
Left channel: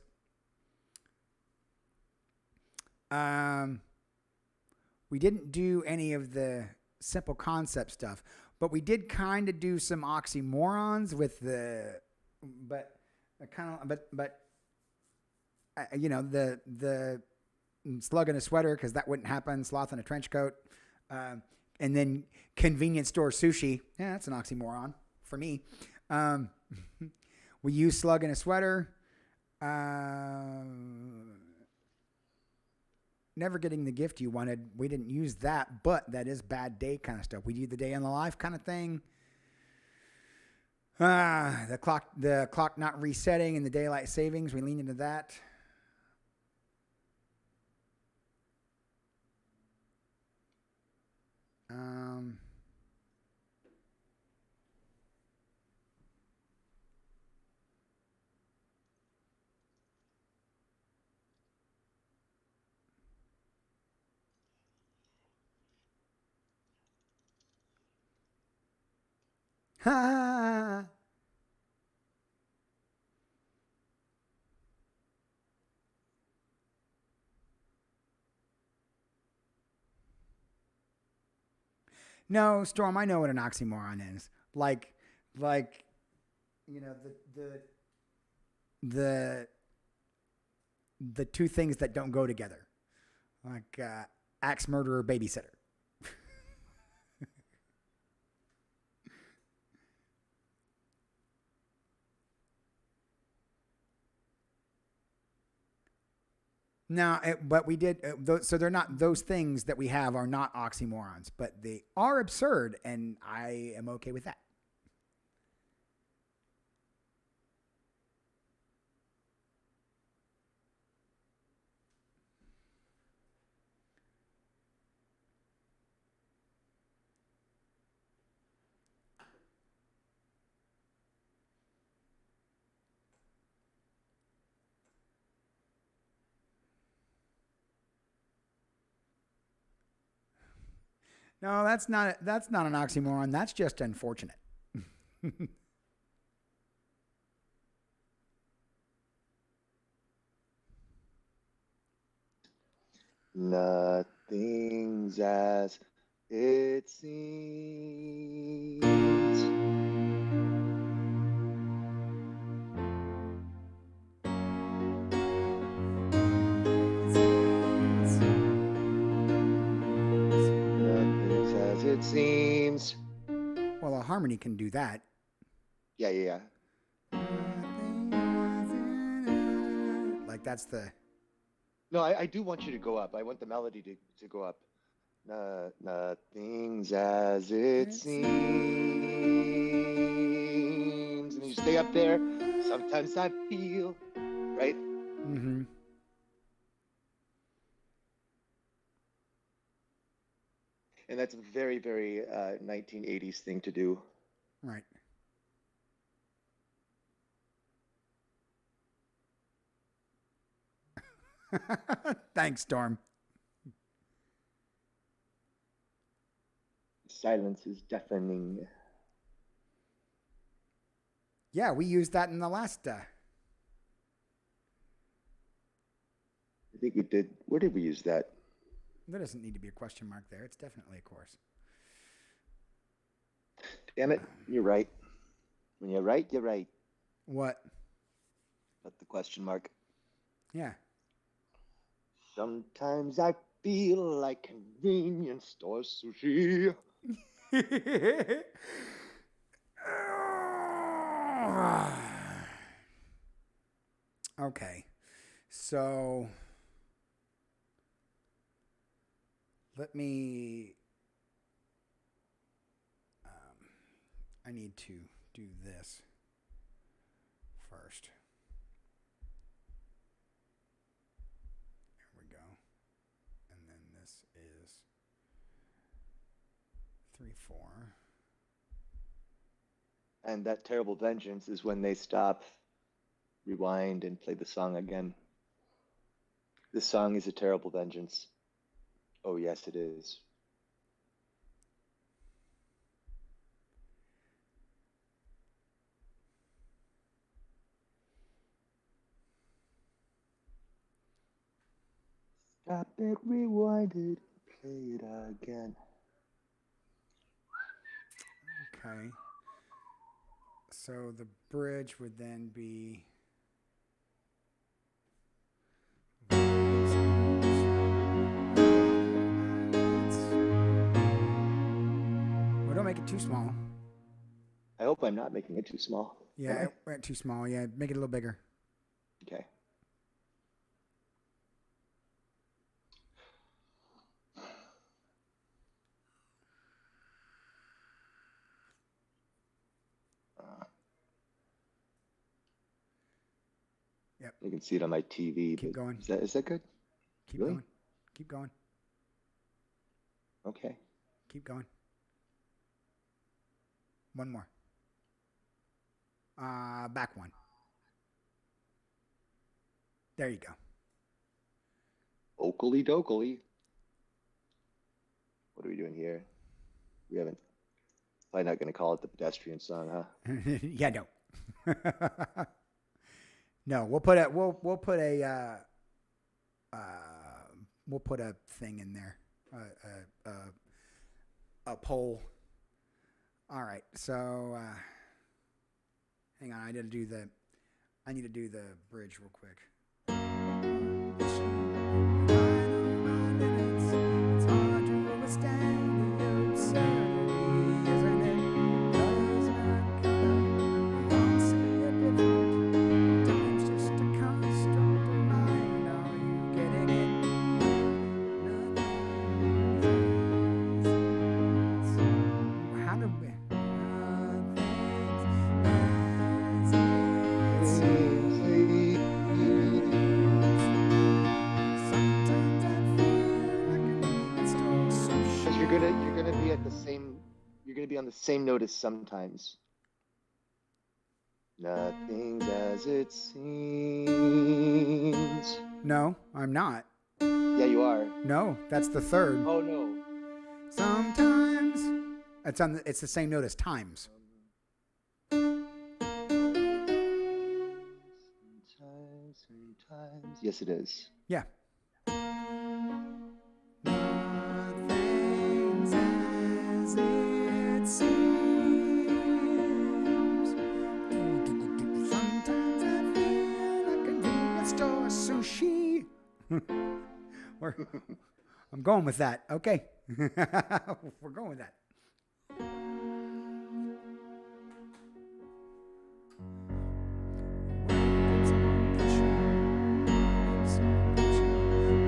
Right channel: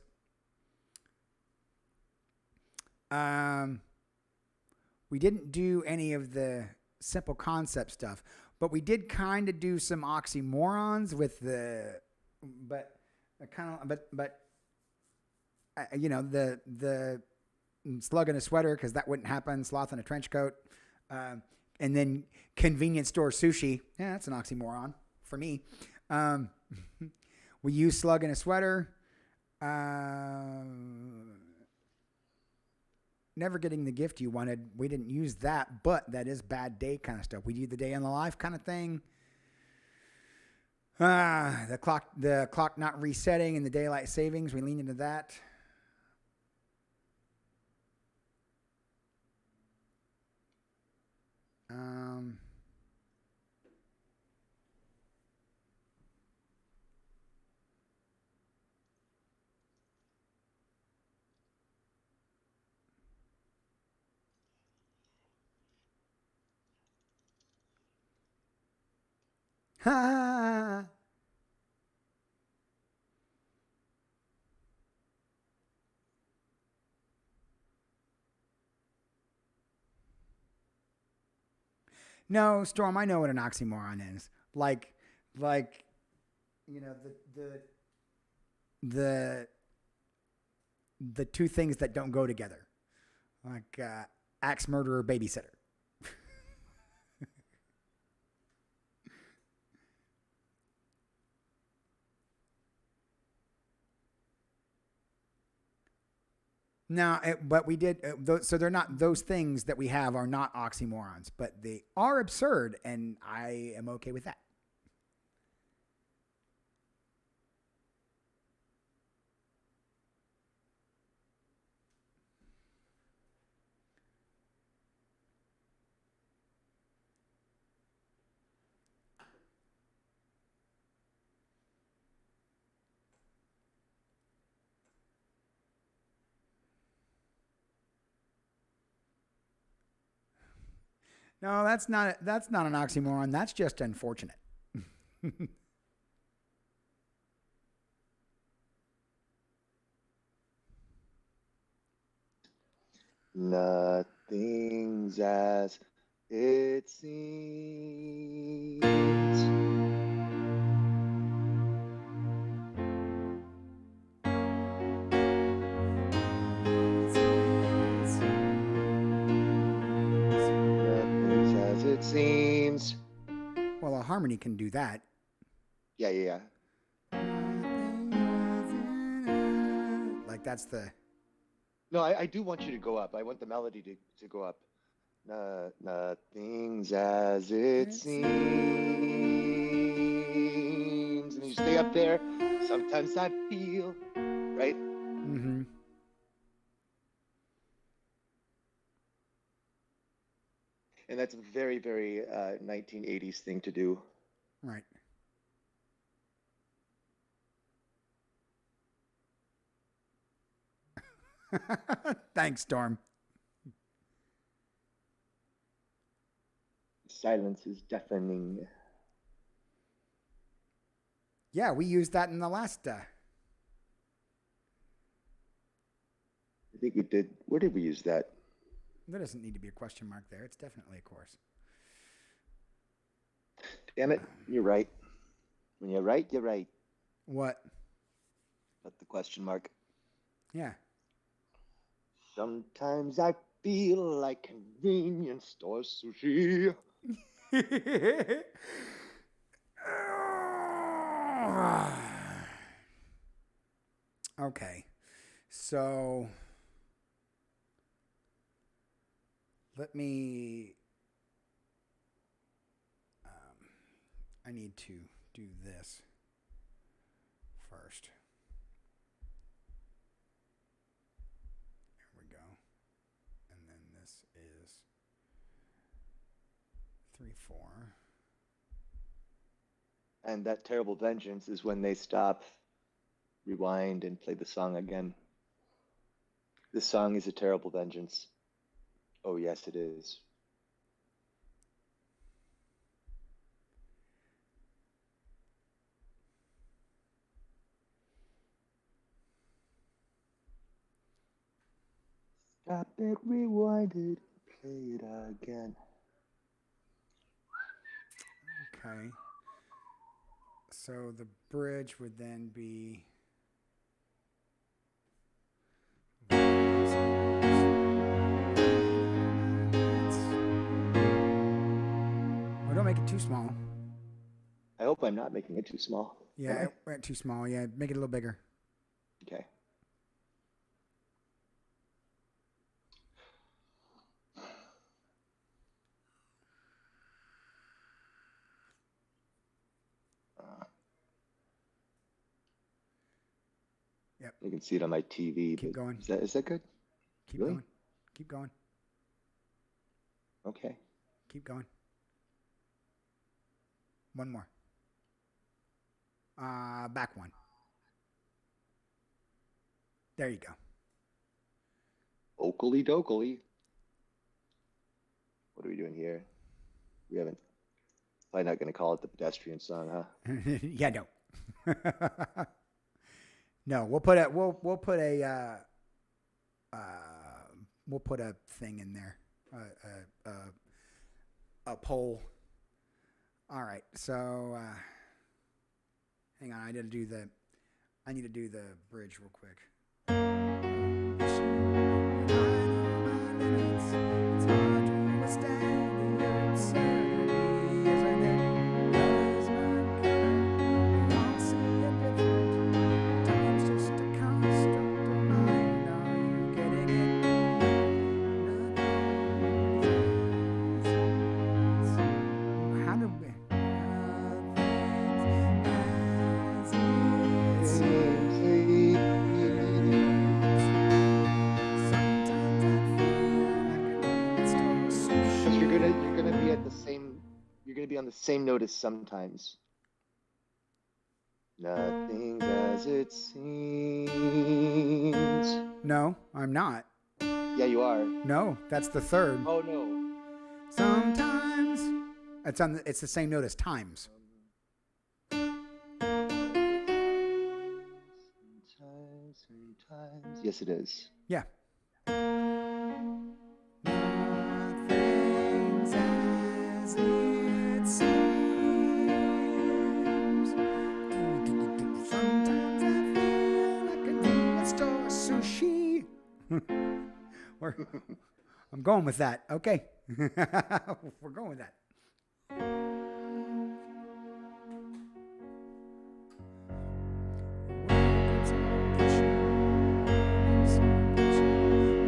We didn't do any of the simple concept stuff, but we did kind of do some oxymorons with the, but the slug in a sweater, because that wouldn't happen. Sloth in a trench coat. And then convenience store sushi. Yeah, that's an oxymoron for me. We use slug in a sweater. Never getting the gift you wanted. We didn't use that, but that is bad day kind of stuff. We do the day in the life kind of thing. The clock not resetting and the daylight savings. We lean into that. Ha! No, Storm, I know what an oxymoron is. Like, you know, the two things that don't go together. Like axe murderer, babysitter. No, but we did. So they're not, those things that we have are not oxymorons, but they are absurd, and I am okay with that. No, that's not an oxymoron. That's just unfortunate. Nothing's as it seems. Nothing's as it seems. Well, a harmony can do that. Yeah. Like that's the. No, I do want you to go up. I want the melody to go up. Nothing's as it seems. And you stay up there. Sometimes I feel, right? Mm-hmm. And that's a very, very 1980s thing to do. Right. Thanks, Storm. Silence is deafening. Yeah, we used that in the last. I think we did. Where did we use that? There doesn't need to be a question mark there. It's definitely a chorus. Damn it, you're right. When you're right, you're right. What? But the question mark. Yeah. Sometimes I feel like convenience store sushi. Okay. So let me. I need to do this first. There we go. And then this is 3/4. And that terrible vengeance is when they stop, rewind, and play the song again. This song is a terrible vengeance. Oh, yes, it is. Stop it, rewind it, play it again. Okay. So the bridge would then be. Oh, don't make it too small. I hope I'm not making it too small. Yeah, it went too small. Yeah, make it a little bigger. Okay. Yep. You can see it on my TV. Keep going. Is that good? Keep Really? going. Keep going. Okay. Keep going. One more. Back one. There you go. Oakley dokley. What are we doing here? We haven't. Probably not going to call it the pedestrian song, huh? Yeah, no. No, we'll put a thing in there. A poll. All right. So hang on, I need to do the bridge real quick. It's hard to withstand the absurdity, isn't it? Color's not color. We all see it different. Time's just a construct of mind. Are you getting it? Nothing's how do we? Nothing's as it seems. Sometimes I feel like an in-store sushi. Because you're gonna be at the same. You're gonna be on the same note as sometimes. Nothing's as it seems. No, I'm not. Yeah, you are. No, that's the third. Oh no. Sometimes it's the same note as times. Sometimes. Yes, it is. Yeah. Nothing's as it seems. Sometimes I feel like a convenience store sushi. I'm going with that. Okay. We're going with that.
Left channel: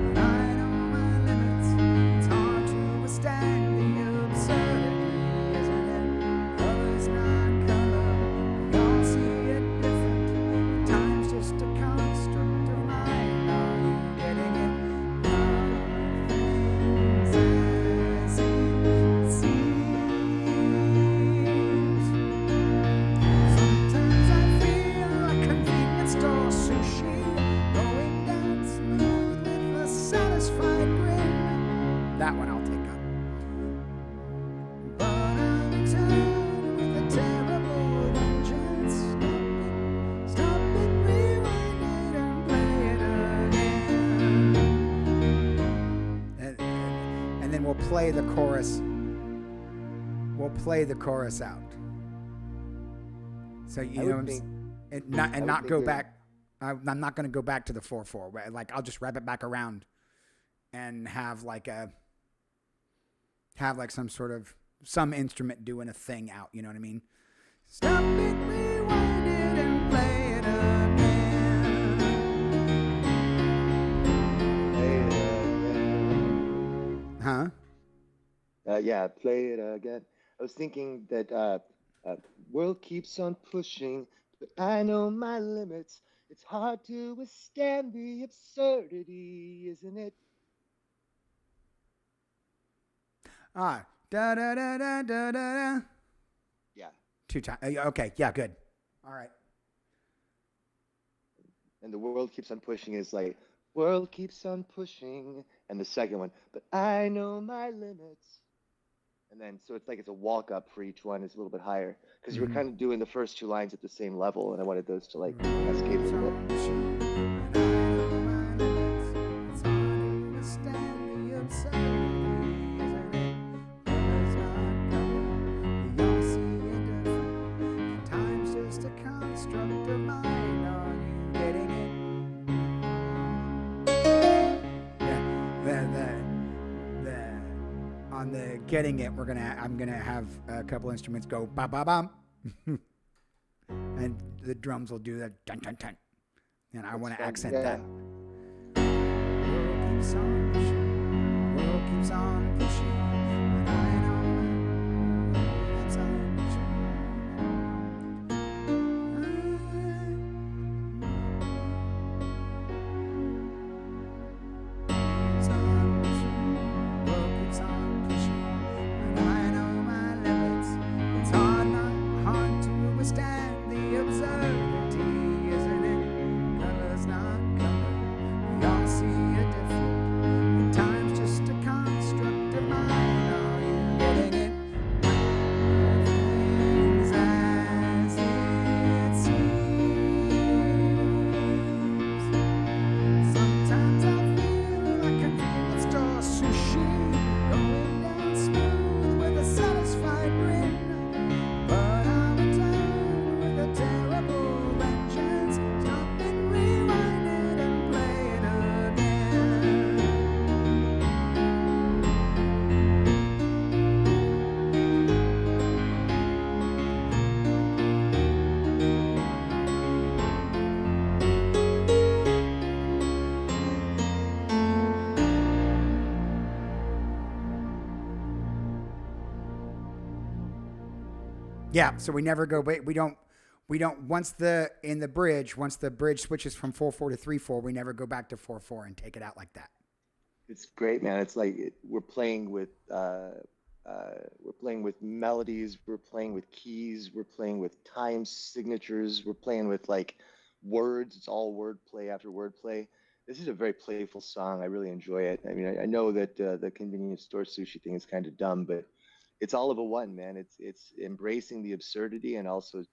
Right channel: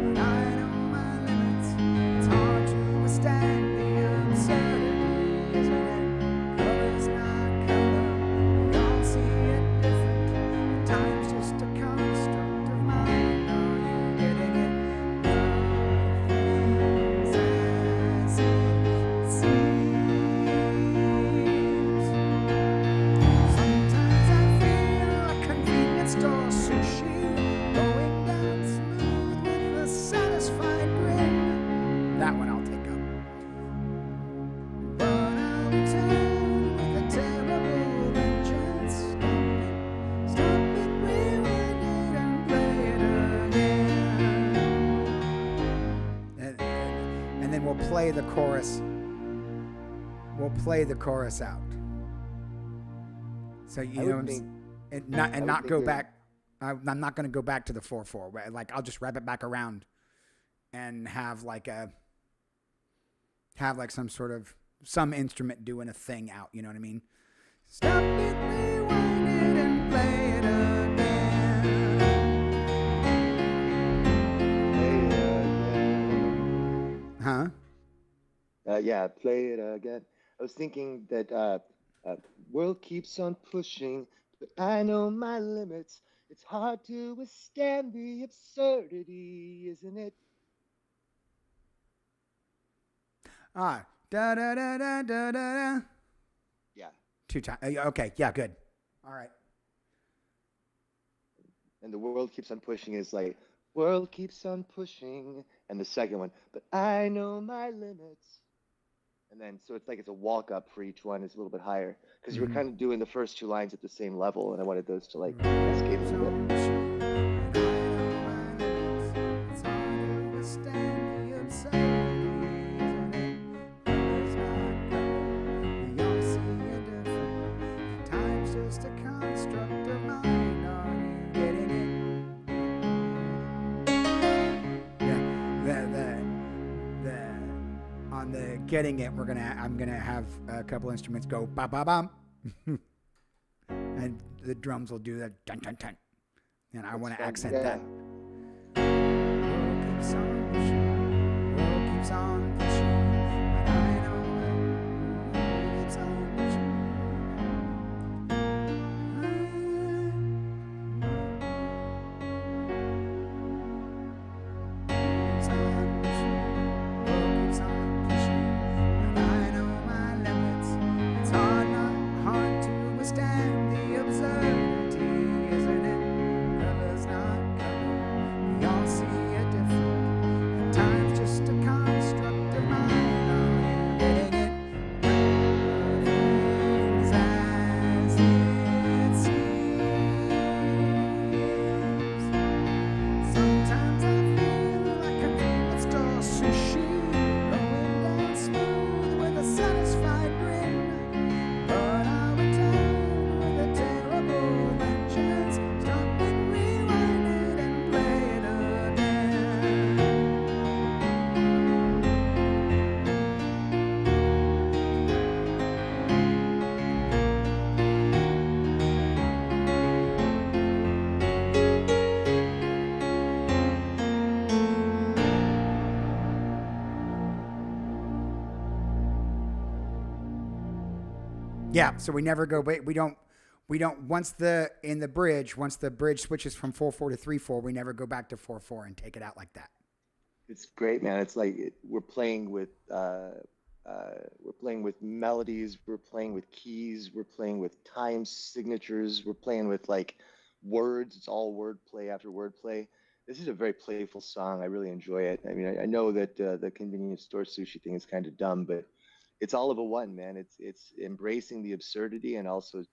But I know my limits. It's hard to withstand the absurdity, isn't it? Color's not color. We all see it different. Time's just a construct of mine. Are you getting it? Nothing's as it seems. Sometimes I feel like convenience store sushi, going down smooth with a satisfied grin. That one I'll take up. But I'll return with a terrible vengeance. Stop it, rewind it, and play it again. And then we'll play the chorus. We'll play the chorus out. So you know, not go back. I'm not going to go back to the 4/4. Like I'll just wrap it back around, and have like some instrument doing a thing out. You know what I mean? Stop it, rewind it, and play it again. Play it again. Huh? Yeah, play it again. I was thinking that world keeps on pushing, but I know my limits. It's hard to withstand the absurdity, isn't it? Da da da da da da. Yeah. 2 times. Okay. Yeah. Good. All right. And the world keeps on pushing is like, world keeps on pushing. And the second one, but I know my limits. And then, so it's like it's a walk up for each one. It's a little bit higher because you were kind of doing the first 2 lines at the same level, and I wanted those to like cascade a little bit. And I know my limits. It's hard to withstand the absurdity, isn't it? Color's not color. We all see it different. And time's just a construct of mine. Are you getting it? Yeah. The on the getting it, I'm gonna have a couple instruments go ba ba bum, and the drums will do that dun dun dun, and I want to accent that. World keeps on pushing, world keeps on pushing, but I know the world keeps on pushing. Keeps on pushing, world keeps on pushing, and I know my limits. It's hard to withstand the absurdity, isn't it? Color's not color. We all see it different. And time's just a construct of mine. Are you getting it? Nothing's as it seems. Sometimes I feel like convenience store sushi, going down smooth with a satisfied grin. But I'll return with a terrible vengeance. Stop it, rewind it, and play it again. Yeah, so we never go. We don't. Once the bridge switches from 4/4 to 3/4, we never go back to 4/4 and take it out like that. It's great, man. It's like we're playing with melodies, we're playing with keys, we're playing with time signatures, we're playing with like words. It's all word play after word play. This is a very playful song. I really enjoy it. I mean, I know that the convenience store sushi thing is kind of dumb, but it's all of a one, man. It's embracing the absurdity and also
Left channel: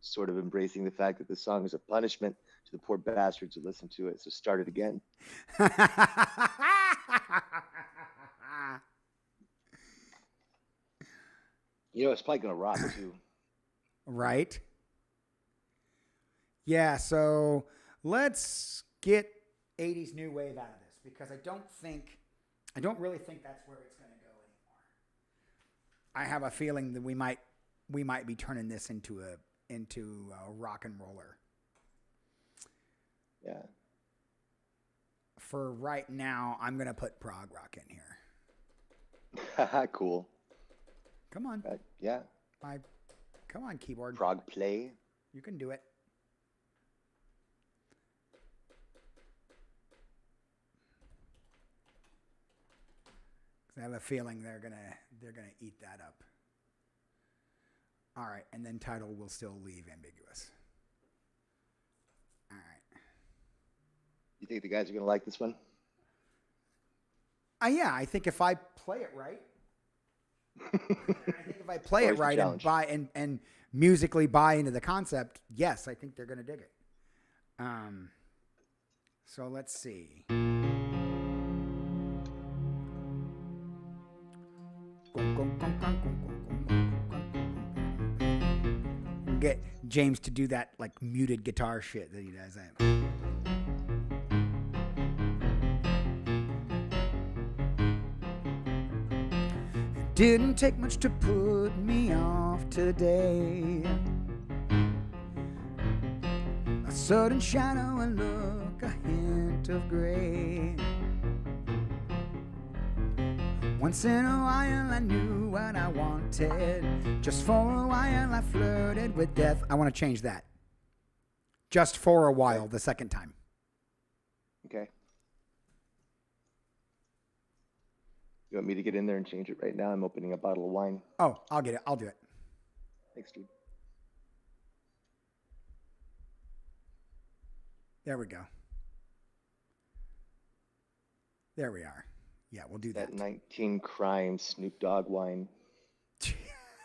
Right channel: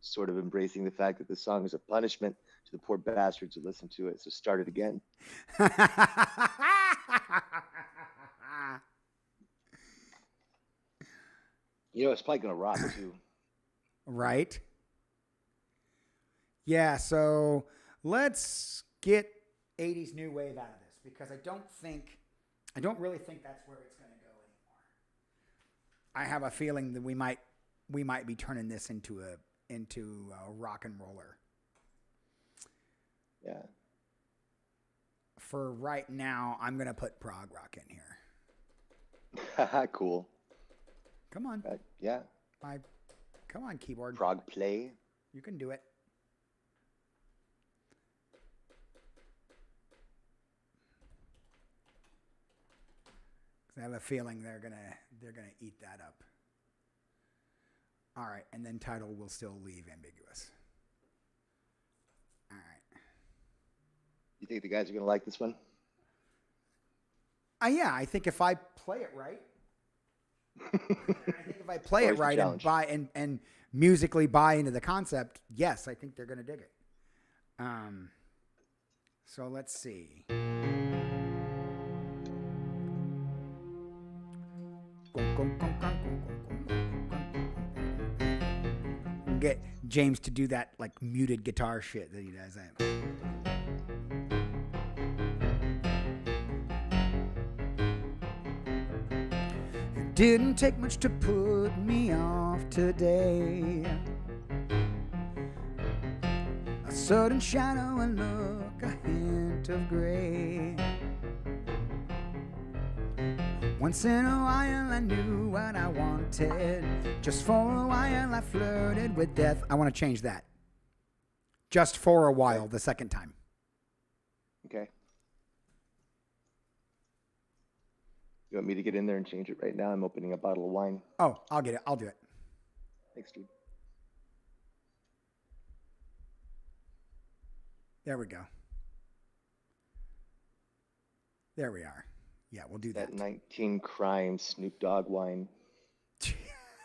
sort of embracing the fact that the song is a punishment to the poor bastards who listen to it. So start it again. You know, it's probably gonna rock too. Right? Yeah, so let's get 80s new wave out of this because I don't really think that's where it's going to go anymore. I have a feeling that we might be turning this into a rock and roller. Yeah. For right now, I'm going to put prog rock in here. Cool. Come on. Yeah. Come on, keyboard. Prog play. You can do it. I have a feeling they're gonna eat that up. All right, and then title will still leave ambiguous. All right. You think the guys are gonna like this one? Yeah, I think if I play it right, and musically buy into the concept, yes, I think they're gonna dig it. So let's see. We'll get James to do that like muted guitar shit that he does. It didn't take much to put me off today. A sudden shadow, a look, a hint of gray. Once in a while I knew what I wanted. Just for a while I flirted with death. I want to change that. Just for a while, the second time. Okay. You want me to get in there and change it right now? I'm opening a bottle of wine. Oh, I'll get it. I'll do it. Thanks, dude. There we go. There we are. Yeah, we'll do that. That 19 Crime Snoop Dogg wine.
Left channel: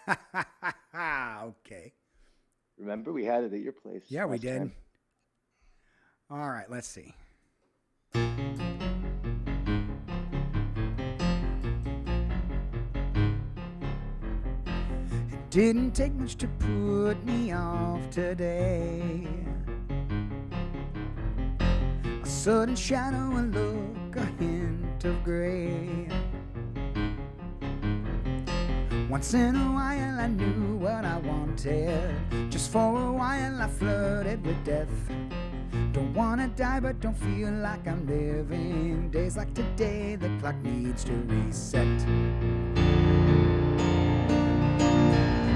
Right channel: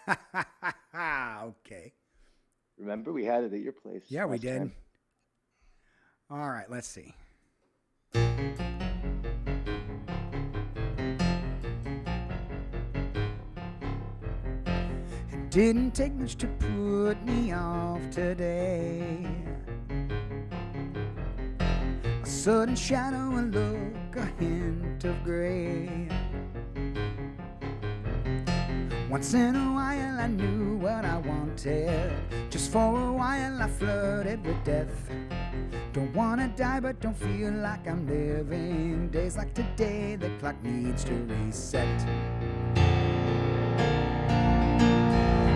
Okay. Remember, we had it at your place. Yeah, we did. Time. All right, let's see. It didn't take much to put me off today. A sudden shadow, a look, a hint of gray. Once in a while I knew what I wanted. Just for a while I flirted with death. Don't wanna die but don't feel like I'm living. Days like today the clock needs to reset.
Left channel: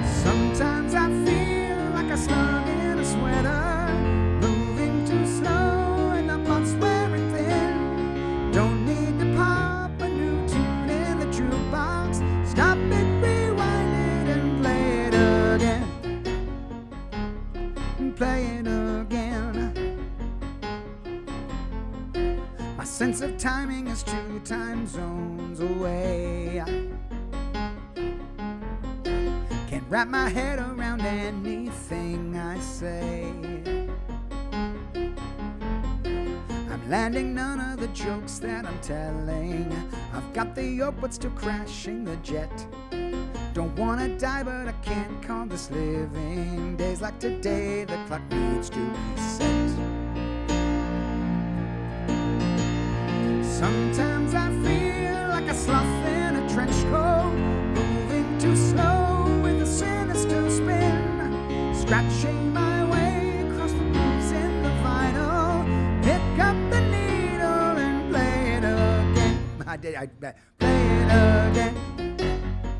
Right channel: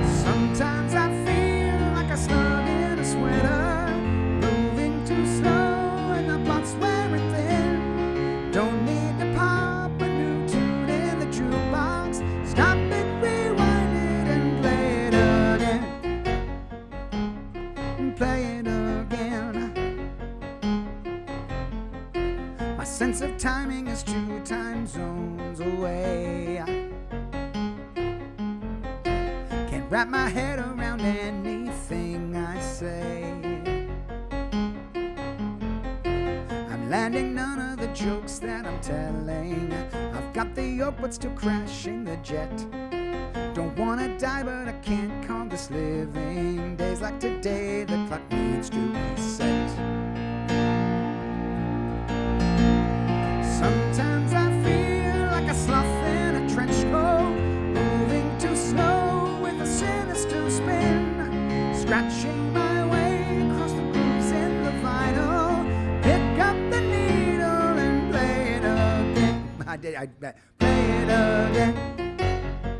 Sometimes I feel like a slug in a sweater, moving too slow and the plot's wearing thin. Don't need to pop a new tune in the jukebox. Stop it, rewind it and play it again. And play it again. My sense of timing is 2 time zones away. Can't wrap my head around anything I say. I'm landing none of the jokes that I'm telling. I've got the yoke but still crashing the jet. Don't wanna die but I can't call this living. Days like today the clock needs to reset. Sometimes I feel like a sloth in a trench coat, moving too slow with a sinister spin, scratching my way across the grooves in the vinyl. Pick up the needle and play it again. I play it again.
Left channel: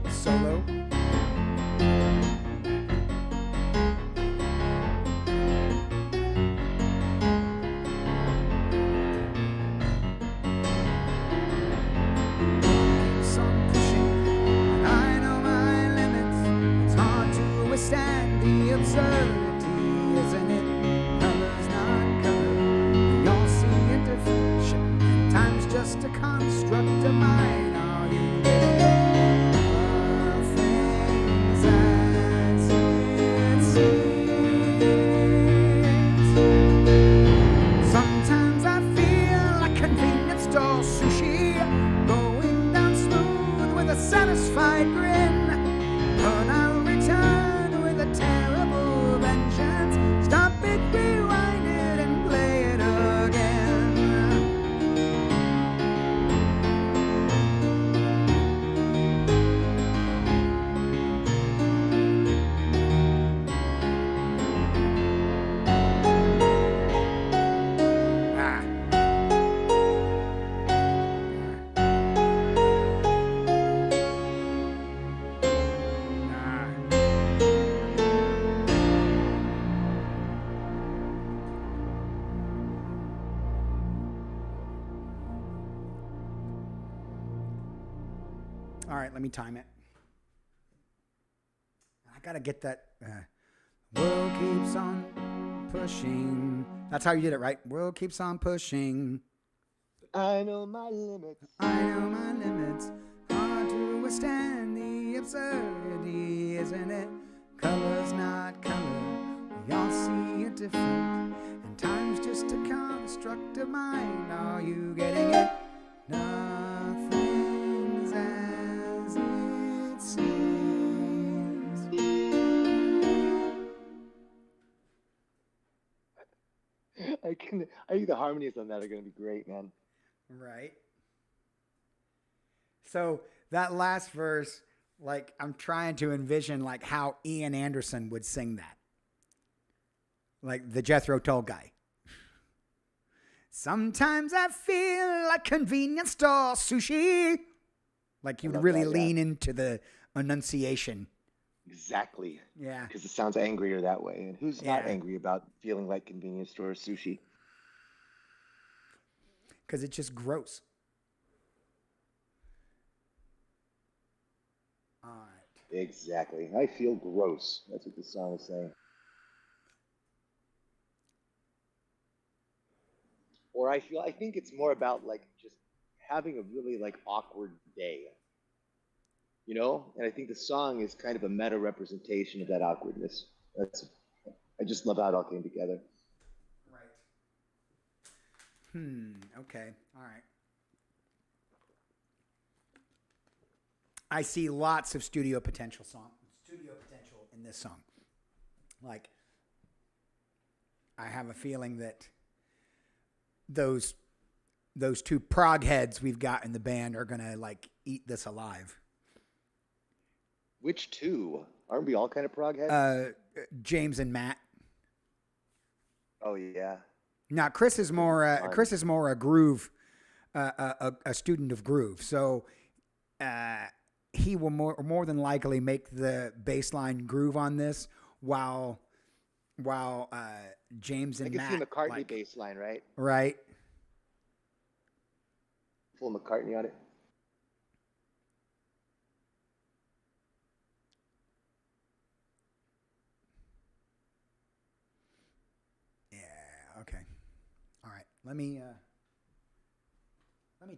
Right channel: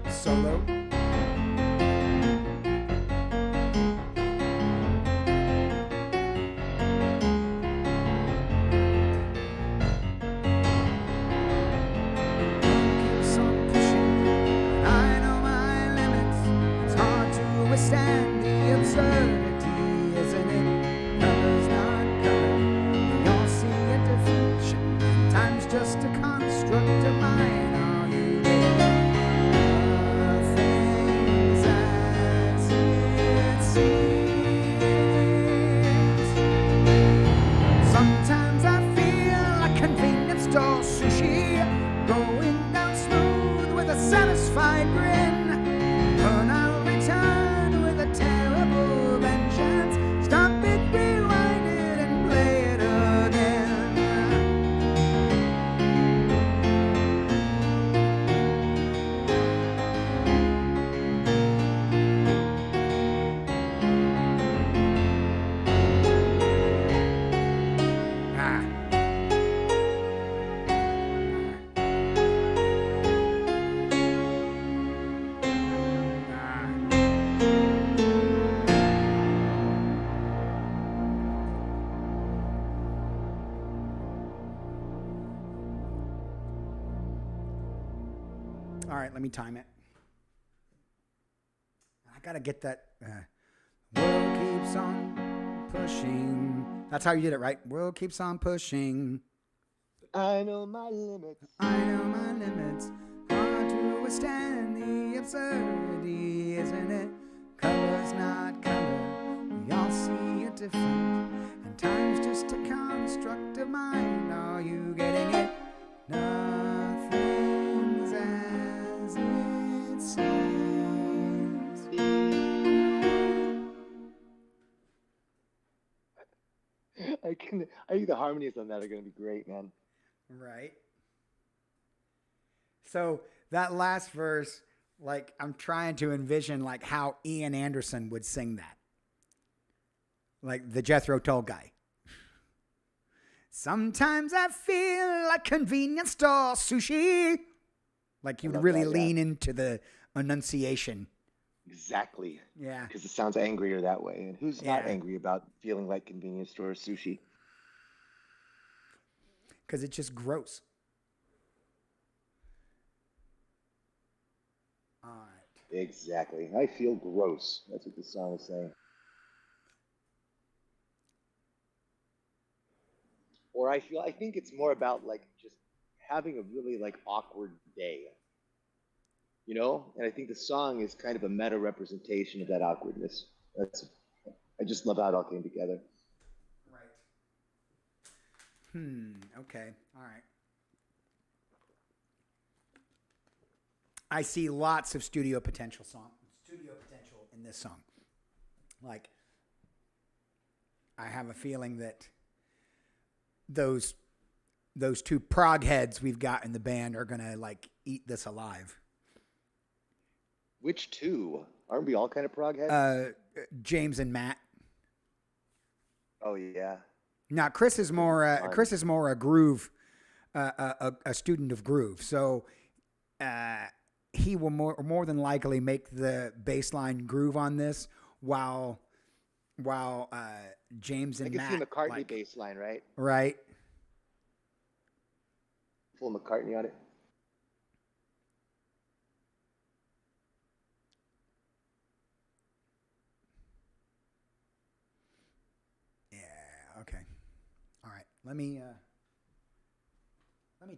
Solo. Withstand the absurdity, isn't it? Color's not color. We all see a difference, and time's just a construct of mine. Are you getting it? Things as it seems. Sometimes I feel like convenience store sushi, going down smooth with a satisfied grin. But I'll return with a terrible vengeance. Stop it, rewind it, and play it again. Ah. All right, let me time it. I gotta get that. World keeps on pushing. That's how you did it, right? World keeps on pushing. I know my limits. I know my limits. Hard to withstand the absurdity, isn't it? Color's not color. We all see it different. And time's just a construct of mind. Are you getting it? Nothing's as it seems. I think the harmonies on that are going to be great, man. Right. So that last verse, like, I'm trying to envision like how Ian Anderson would sing that. Like the Jethro Tull guy. Sometimes I feel like convenience store sushi. Like he would really lean into the enunciation. Exactly. Yeah. Because it sounds angrier that way. And who's not angry about feeling like convenience store sushi? Because it's just gross. All right. Exactly. I feel gross. That's what the song is saying. Or I think it's more about like just having a really like awkward day. You know? And I think the song is kind of a meta representation of that awkwardness. I just love how it all came together. Right. Okay. All right. I see lots of studio potential in this song. Like, I have a feeling that those two prog heads we've got in the band are gonna like eat this alive. Which two? Aren't we all kind of prog heads? James and Matt. Oh yeah. Now Chris is more a groove, a student of groove. So he will more than likely make the bass line groove on this, while James and Matt. I can see McCartney bass line, right? Right. Full McCartney on it. Yeah. Okay. All right. Let me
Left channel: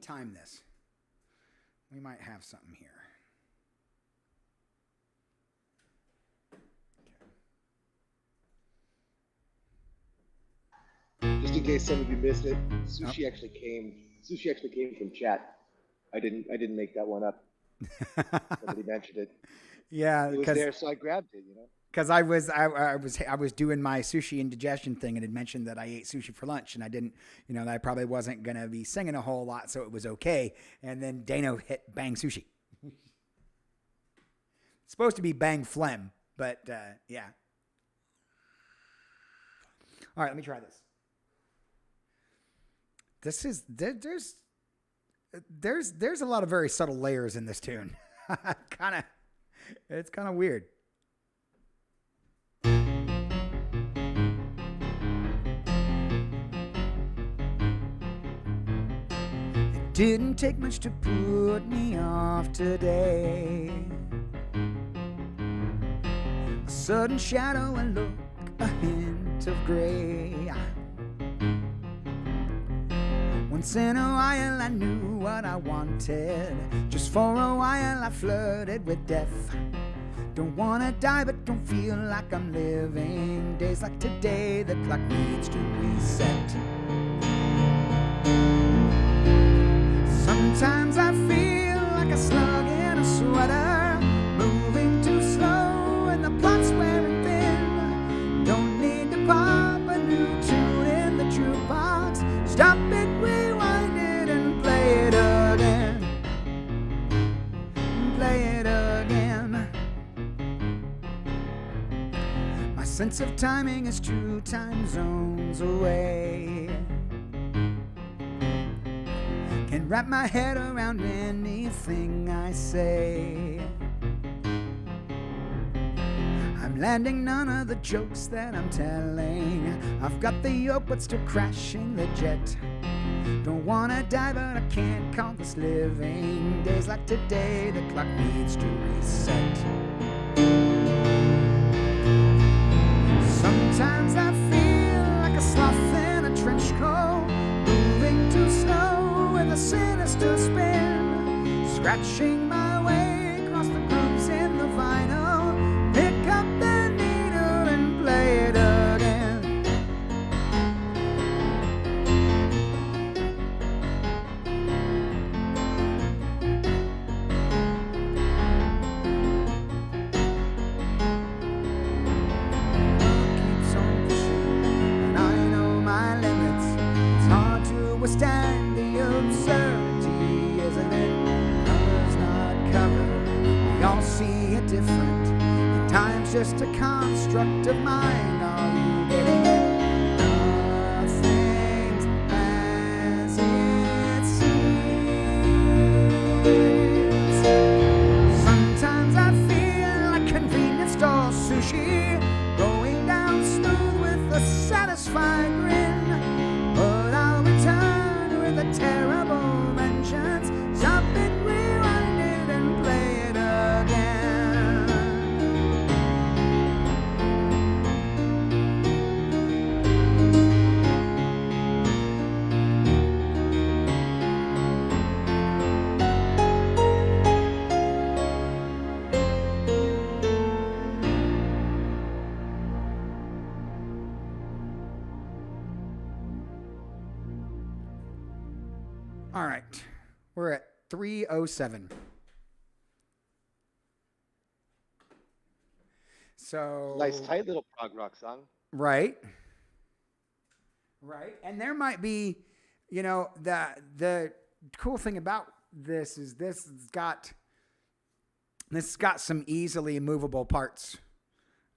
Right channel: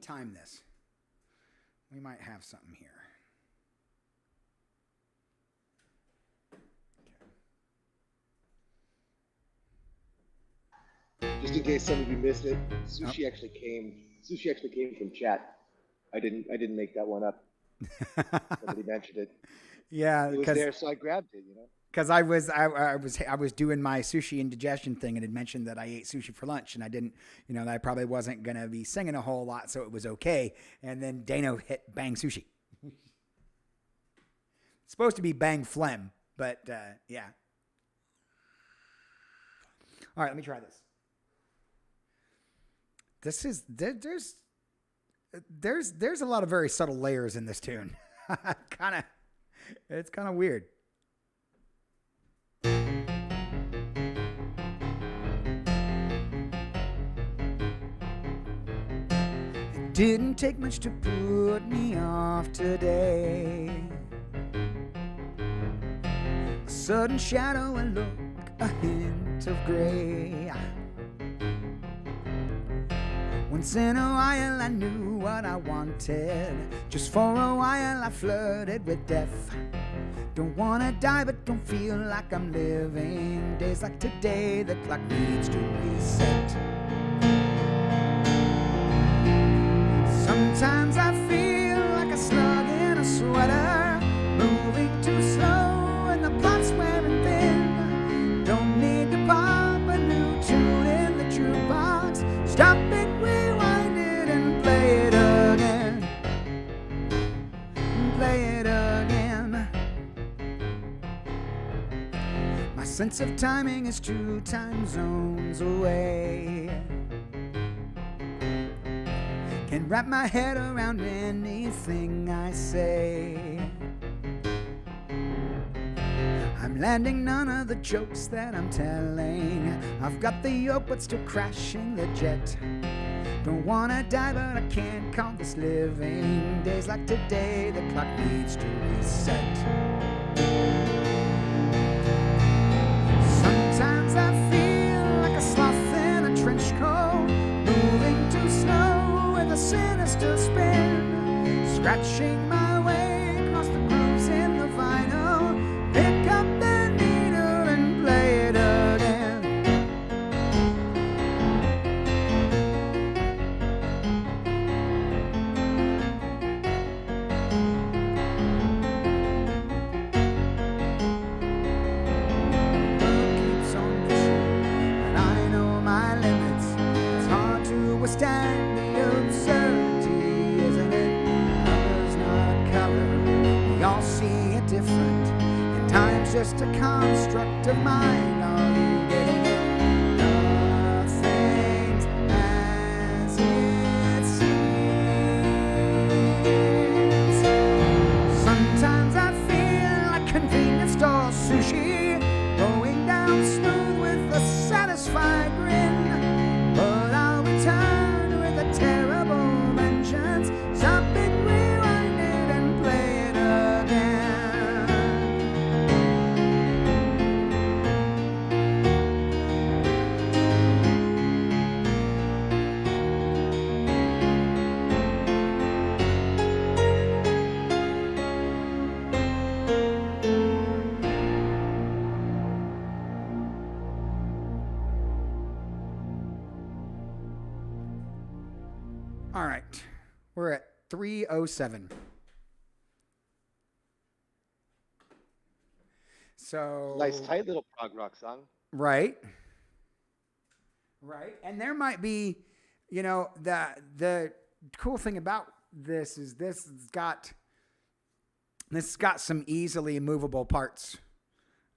time this. We might have something here. Just in case some of you missed it, sushi actually came from chat. I didn't make that one up. Somebody mentioned it. Yeah, it was there, so I grabbed it. You know, because I was doing my sushi indigestion thing, and had mentioned that I ate sushi for lunch, and I didn't, that I probably wasn't gonna be singing a whole lot, so it was okay. And then Dano hit bang sushi. It's supposed to be bang phlegm, but yeah. All right, let me try this. There's a lot of very subtle layers in this tune. It's kind of weird. It didn't take much to put me off today. A sudden shadow and look, a hint of gray. Once in a while I knew what I wanted. Just for a while I flirted with death. Don't wanna die but don't feel like I'm living. Days like today the clock needs to reset. Sometimes I feel like a slug in a sweater, moving too slow and the plot's wearing thin. Don't need to pop a new tune in the jukebox. Stop it, rewind it and play it again. Play it again. My sense of timing is 2 time zones away. Can wrap my head around anything I say. I'm landing none of the jokes that I'm telling. I've got the yoke but still crashing the jet. Don't wanna die but I can't call this living. Days like today the clock needs to reset. Sometimes I feel like a sloth in a trench coat, moving too slow with a sinister spin, scratching my way across the grooves in the vinyl. Pick up the needle and play it again. World keeps on pushing, and I know my limits. It's hard to withstand the absurdity, isn't it? Color's not color, we all see it different. Time's just a construct of mind. Are you getting it? Nothing's as it seems. Sometimes I feel like convenience store sushi, going down smooth with a satisfied grin. But I'll return with a terrible vengeance. Stop it, rewind it, and play it again. All right, we're at 3:07. So Nice, tight little prog rock song. right, and there might be, the cool thing about this is this has got some easily movable parts,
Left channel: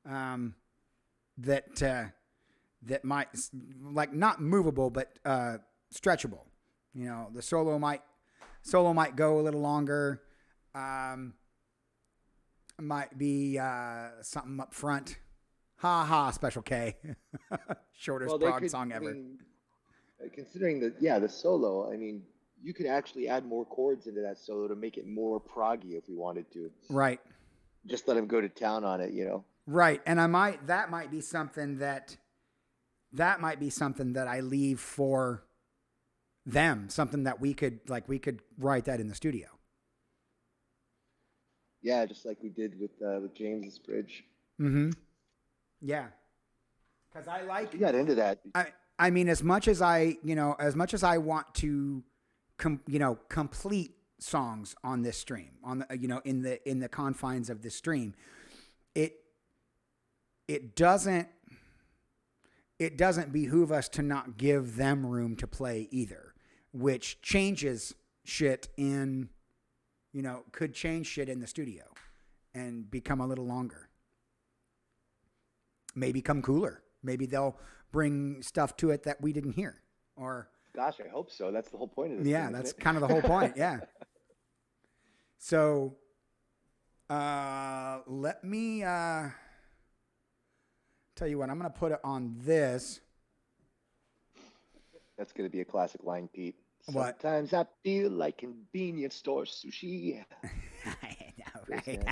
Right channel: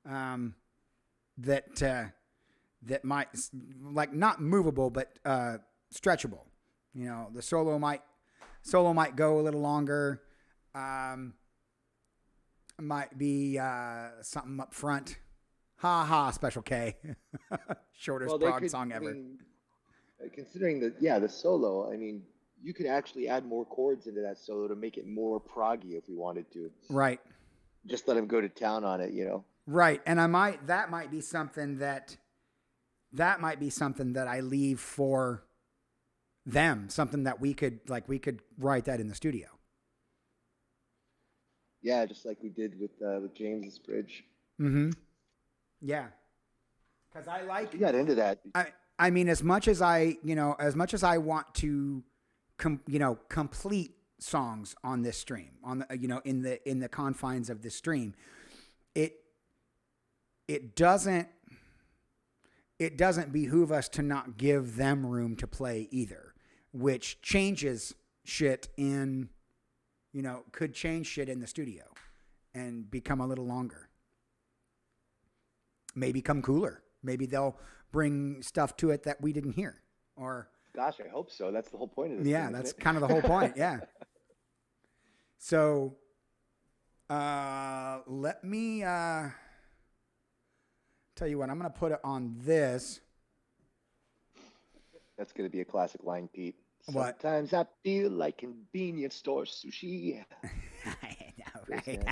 that might, like, not movable but stretchable. The solo might go a little longer. Might be something up front. Ha ha, Special K. Shortest prog song ever. Considering the solo, I mean, you could actually add more chords into that solo to make it more proggy if we wanted to. Right. Just let him go to town on it, Right, and that might be something that I leave for them, something that we could write that in the studio. Yeah, just like we did with James's Bridge. Mm-hmm. Yeah, because I like. We got into that. I mean, as much as I want to, complete songs on this stream, on the, in the confines of this stream, it doesn't behoove us to not give them room to play either, which changes shit in, could change shit in the studio and become a little longer. Maybe become cooler. Maybe they'll bring stuff to it that we didn't hear. Or gosh, I hope so. That's the whole point of this. Yeah, that's kind of the whole point. Yeah. So, let me tell you what. I'm going to put it on this. That's going to be a classic line, Pete. What? Sometimes I feel like convenience store sushi. I know, right?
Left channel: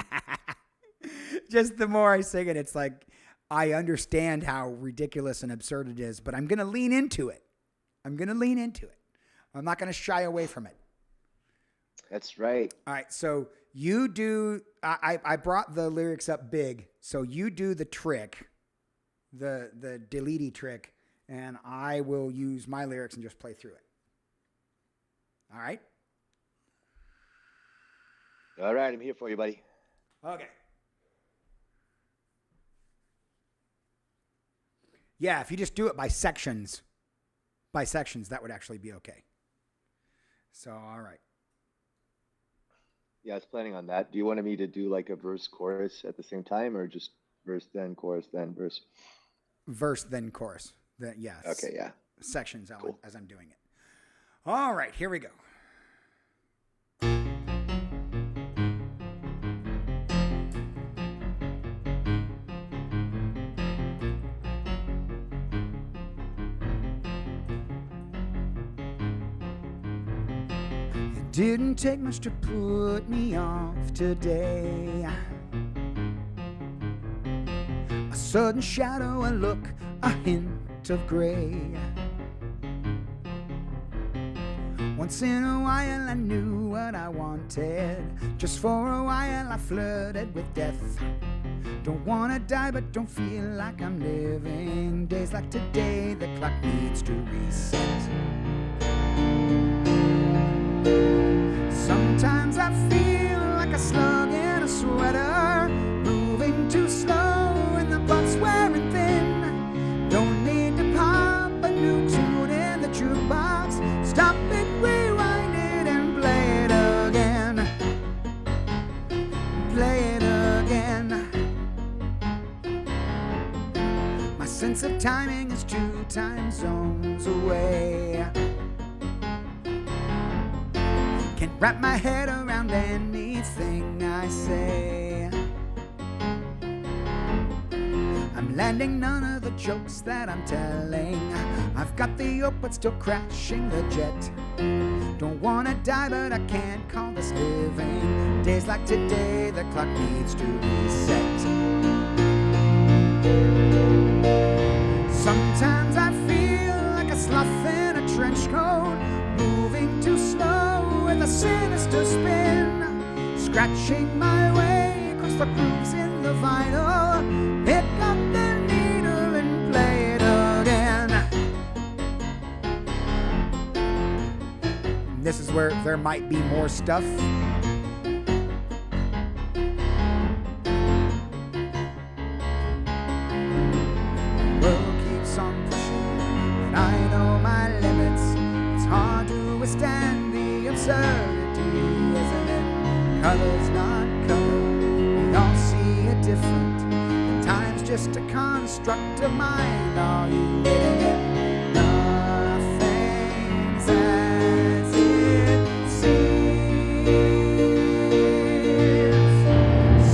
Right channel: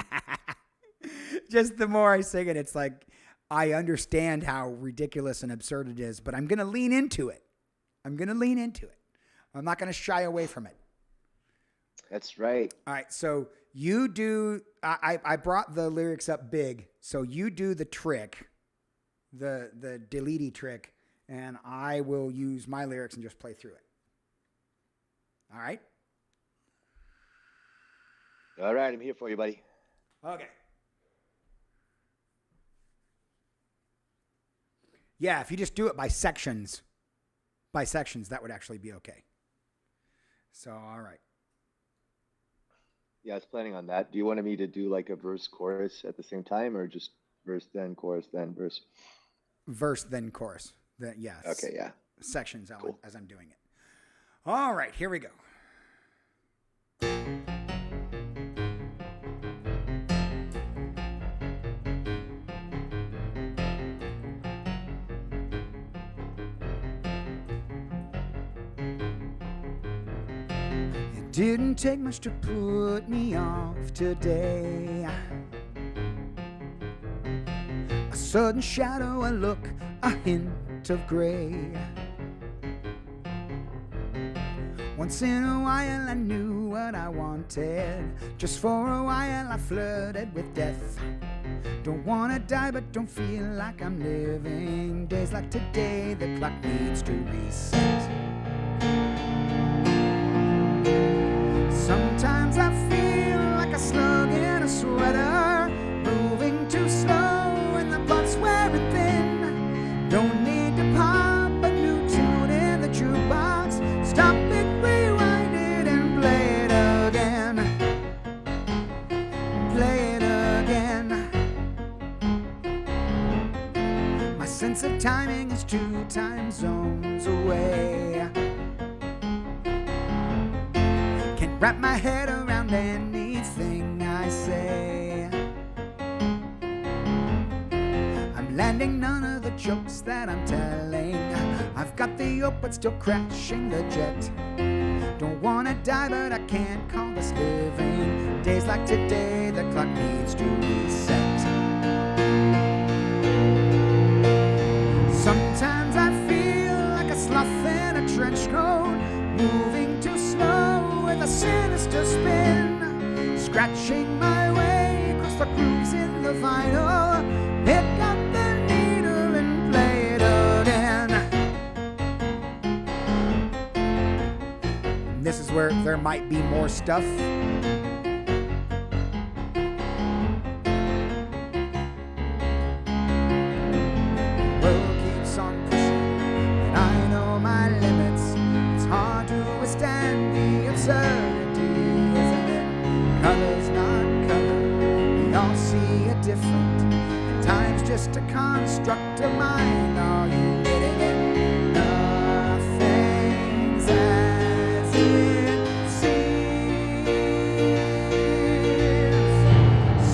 Just the more I sing it, it's like I understand how ridiculous and absurd it is, but I'm going to lean into it. I'm not going to shy away from it. That's right. All right. So you do, I brought the lyrics up big. So you do the trick, the delete trick, and I will use my lyrics and just play through it. All right. All right. I'm here for you, buddy. Okay. Yeah. If you just do it by sections, that would actually be okay. So, all right. Yeah, I was planning on that. Do you want me to do like a verse chorus at the same time, or just verse then chorus then verse? Verse then chorus. Yes. Okay, yeah. Sections Cool. as I'm doing it. All right, here we go. It didn't take much to put me off today. A sudden shadow, a look, a hint of gray. Once in a while I knew what I wanted. Just for a while I flirted with death. Don't wanna die but don't feel like I'm living. Days like today the clock needs to reset. Sometimes I feel like a slug in a sweater, moving too slow and the plot's wearing thin. Don't need to pop a new tune in the jukebox. Stop it, rewind it and play it again. Play it again. My sense of timing is 2 time zones away. Can't wrap my head around anything I say. I'm landing none of the jokes that I'm telling. I've got the yoke but still crashing the jet. Don't wanna die but I can't call this living. Days like today the clock needs to reset. Sometimes I feel like a sloth in a trench coat, moving too slow with a sinister spin. Scratching my way across the grooves in the vinyl. Pick up the needle and play it again. And this is where there might be more stuff. World keeps on pushing, but I know my limits. It's hard to withstand the absurdity, isn't it? Color's not color, we all see it different. And time's just a construct of mind. Are you getting it? Nothing's as it seems.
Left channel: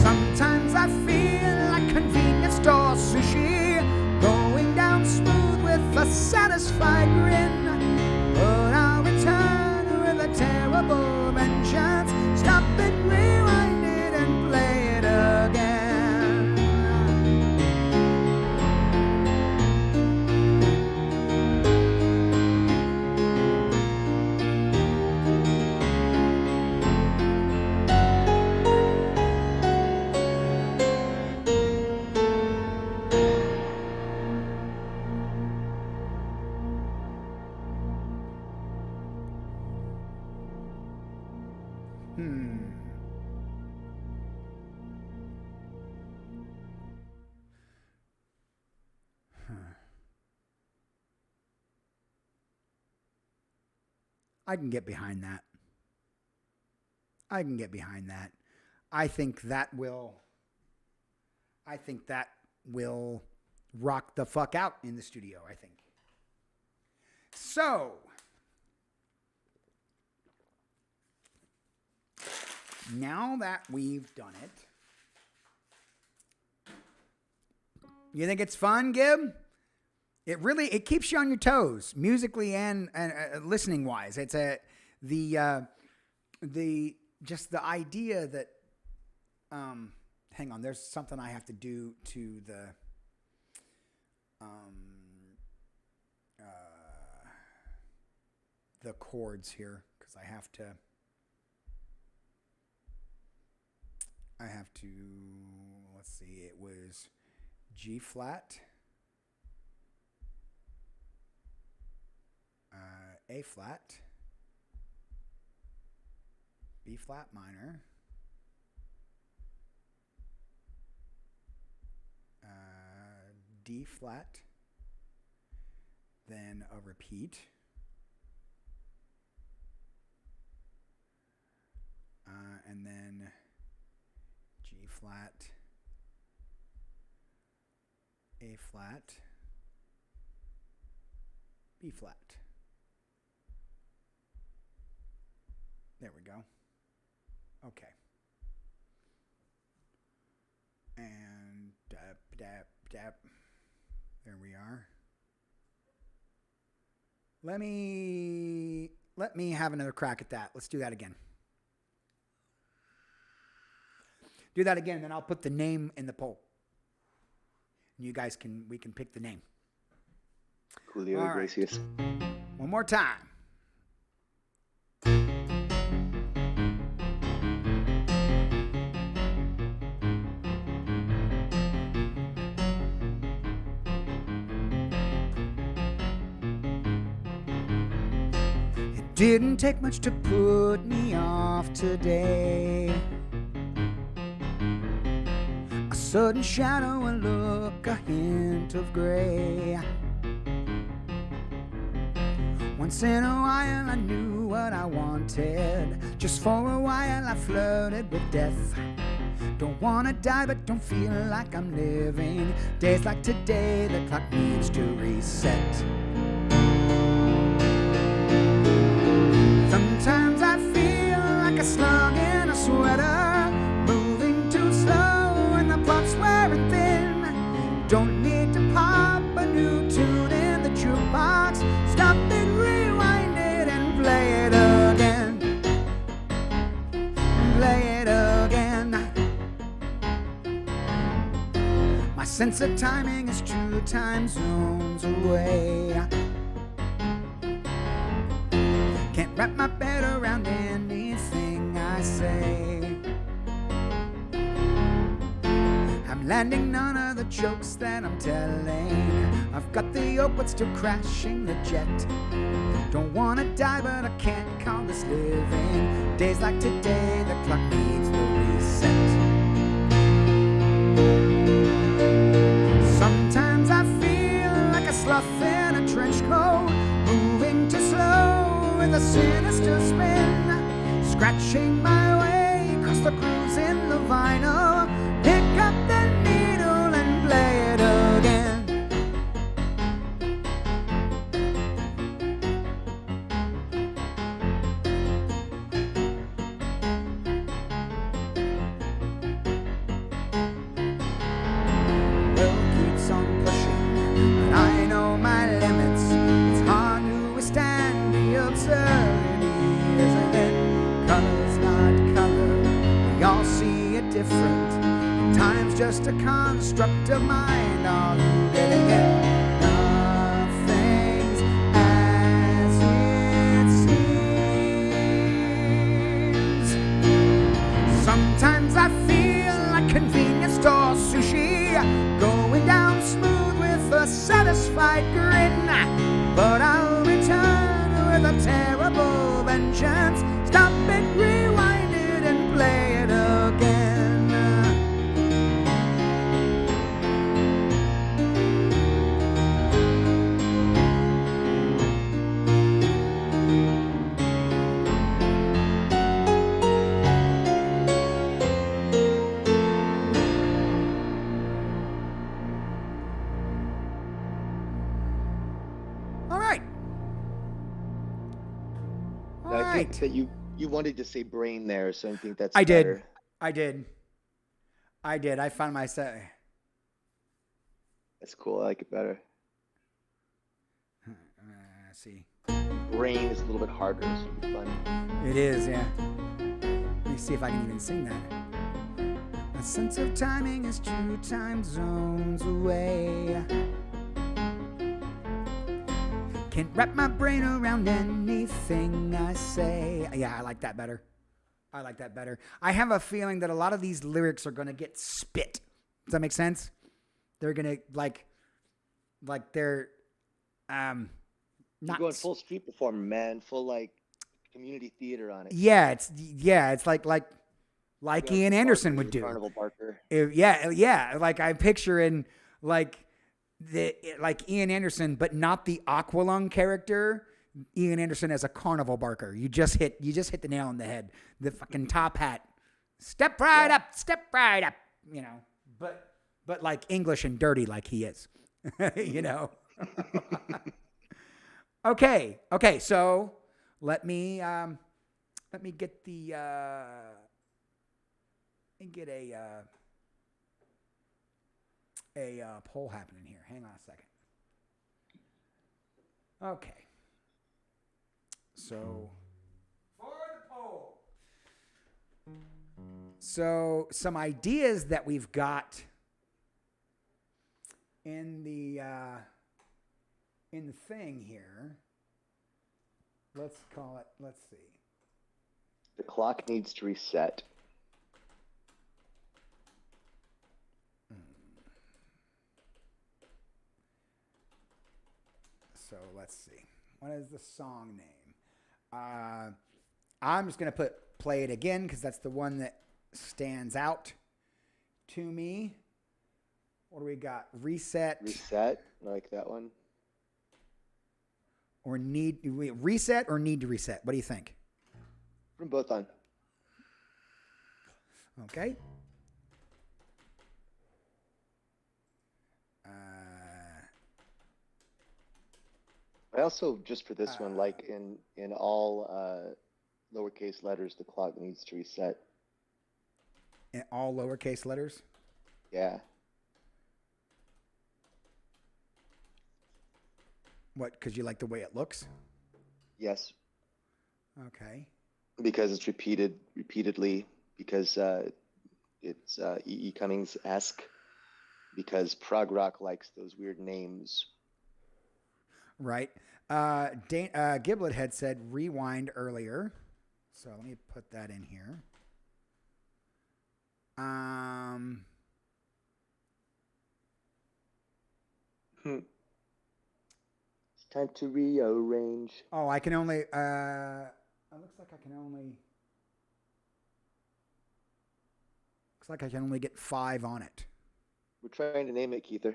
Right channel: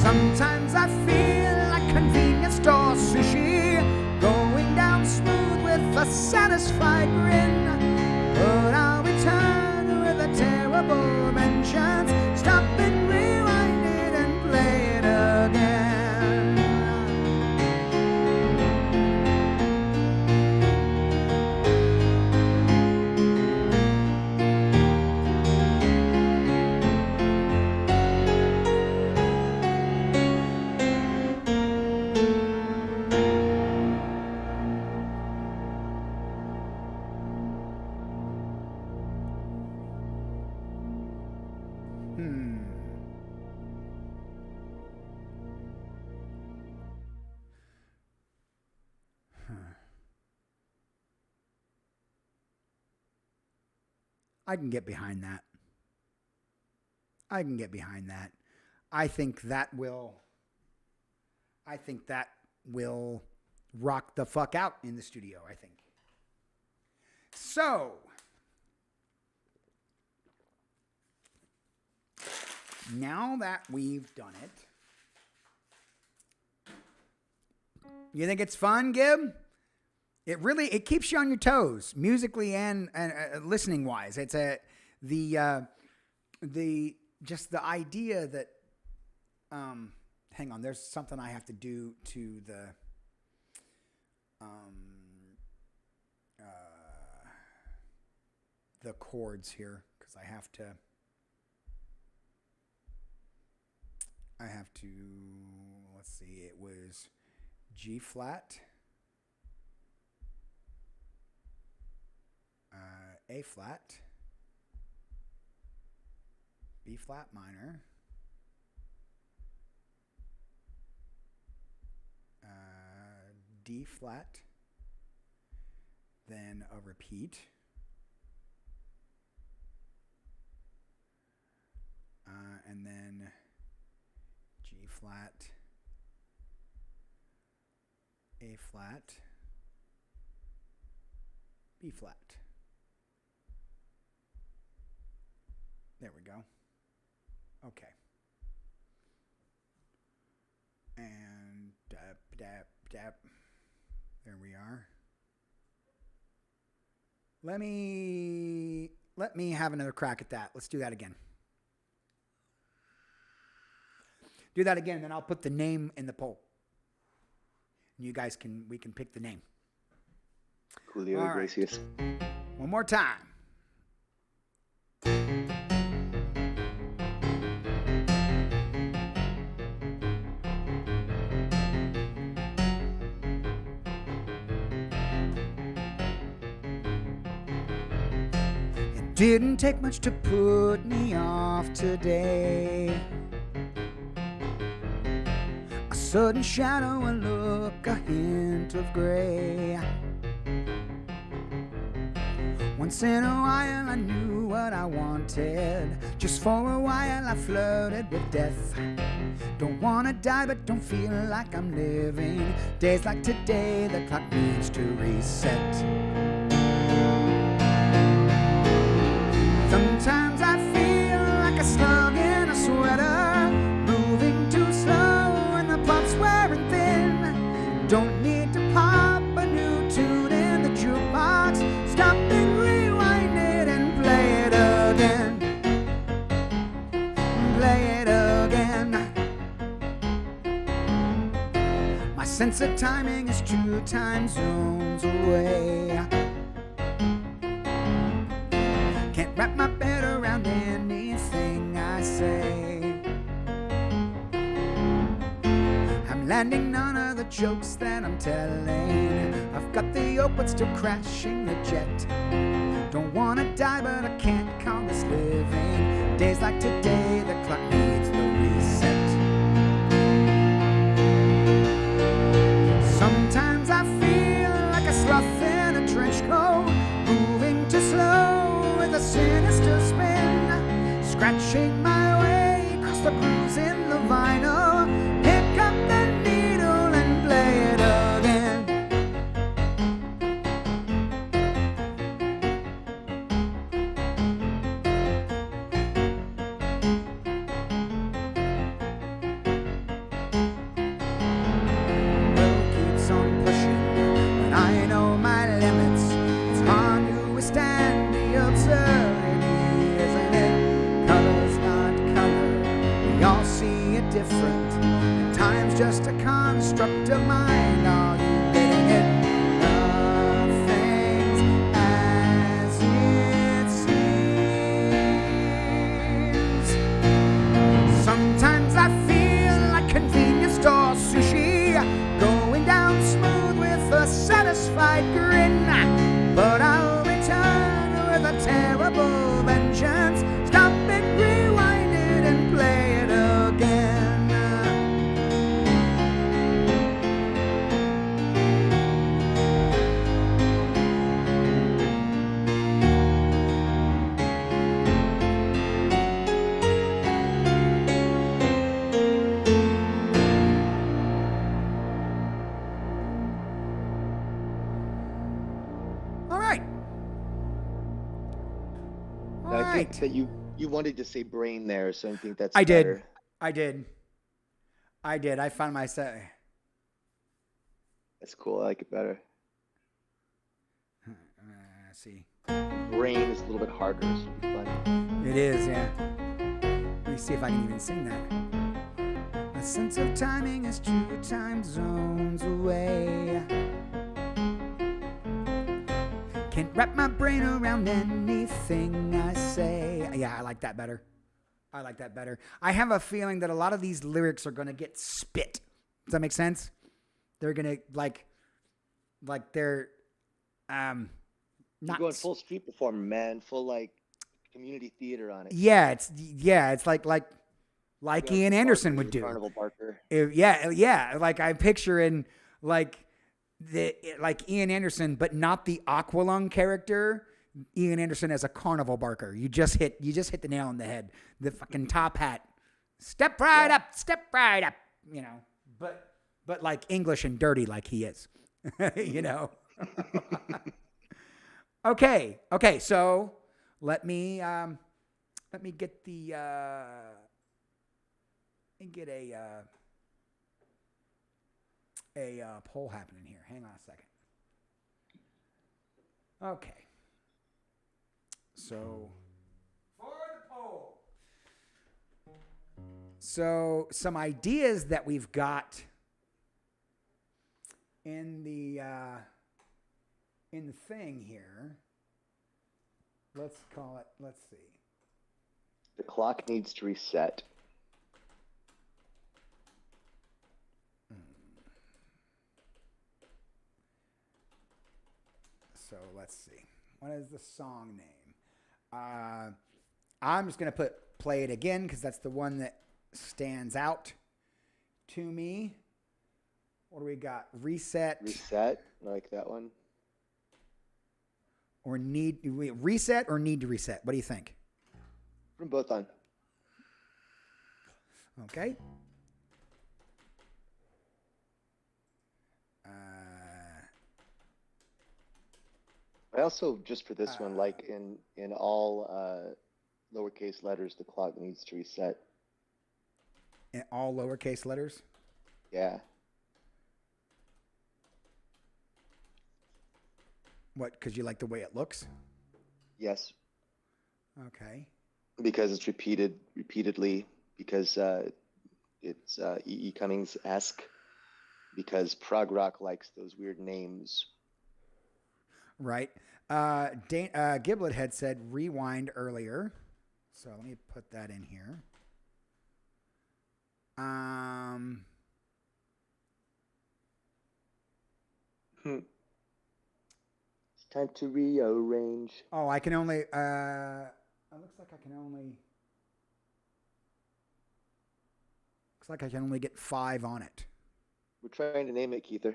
Sometimes I feel like convenience store sushi, going down smooth with a satisfied grin. But I'll return with a terrible vengeance. Stop it, rewind it, and play it again. I can get behind that. I can get behind that. I think that will rock the fuck out in the studio, I think. So, now that we've done it, you think it's fun, Gib? It keeps you on your toes, musically and listening wise. It's the idea that hang on, there's something I have to do to the the chords here because I have to. Let's see, it was G flat, A flat, B flat minor, D flat, then a repeat, and then G flat, A flat, B flat. There we go. Okay. And dap, dap, dap. There we are. Let me have another crack at that. Let's do that again. Do that again, then I'll put the name in the poll. And you guys we can pick the name. Julio Iglesias. Right. One more time. It didn't take much to put me off today. A sudden shadow, a look, a hint of gray. Once in a while I knew what I wanted. Just for a while I flirted with death. Don't wanna die but don't feel like I'm living. Days like today the clock needs to reset. Sometimes I feel like a slug in a sweater, moving too slow and the plot's wearing thin. Don't need to pop a new tune in the jukebox. Stop it, rewind it, and play it again. Play it again. My sense of timing is 2 time zones away. Can't wrap my head around anything I say. I'm landing none of the jokes that I'm telling. I've got the yoke but still crashing the jet. Don't wanna die but I can't call this living. Days like today the clock needs the reset. Sometimes I feel like a sloth in a trench coat, moving too slow with a sinister spin. Scratching my way across the grooves in the vinyl. Pick up the needle and play it again. Well, keeps on pushing, but I know my limits. It's hard to withstand the absurdity, isn't it? Color's not color, we all see it different. Time's just a construct of mind. Are you getting it? Nothing's as it seems. Sometimes I feel like convenience store sushi, going down smooth with a satisfied grin. But I'll return with a terrible vengeance. Stop it, rewind it, and play it again. I think that you wanted to say brain there, so I think that's I better. did. I found myself. That's cool. I like it better. Let's see. Brain is a little bit harder, so it'll be fun. It is, yeah. Let me see if I can even sing that. My sense of timing is 2 time zones away. Can't wrap my brain around anything I say. Yeah, I like that better. I have a feeling that a lot of these lyrics are going to get spit. Does that make sense? They're going to like they're not You're going full street performer, man. Full like community theater on it. Yeah, it's like Ian Anderson Barker, would do. Carnival Barker. Yeah. Like I'm picturing like Ian Anderson, but not the Aqualung character. Ian Anderson as a Carnival Barker. You just hit the nail on the head. The fucking top hat. Step right up. You know, but like English and dirty like he is. You know. Okay. So let me get the a poll happening here. Hang on a second. Okay. So for the poll. So some ideas that we've got in the thing here. Let's see. The clock needs to reset. So let's see. What is the song name? I'm just going to play it again because that's the one that stands out to me. What do we got? Reset. I like that one. Or reset or need to reset? What do you think? From both on. Okay. I also, just for this one, like in all lowercase letters, the clock needs to reset. In all lowercase letters? Yeah. What, because you like the way it looks? Yes. Okay. Because it's repeatedly, because it's E.E. Cummings-esque, because prog rock likes those weird names. Right. Giblet had said rewind earlier. So let me put that in here. It's time to rearrange. Oh, I can only it looks like I can only get 5 on it. We're trying to name it, Keither.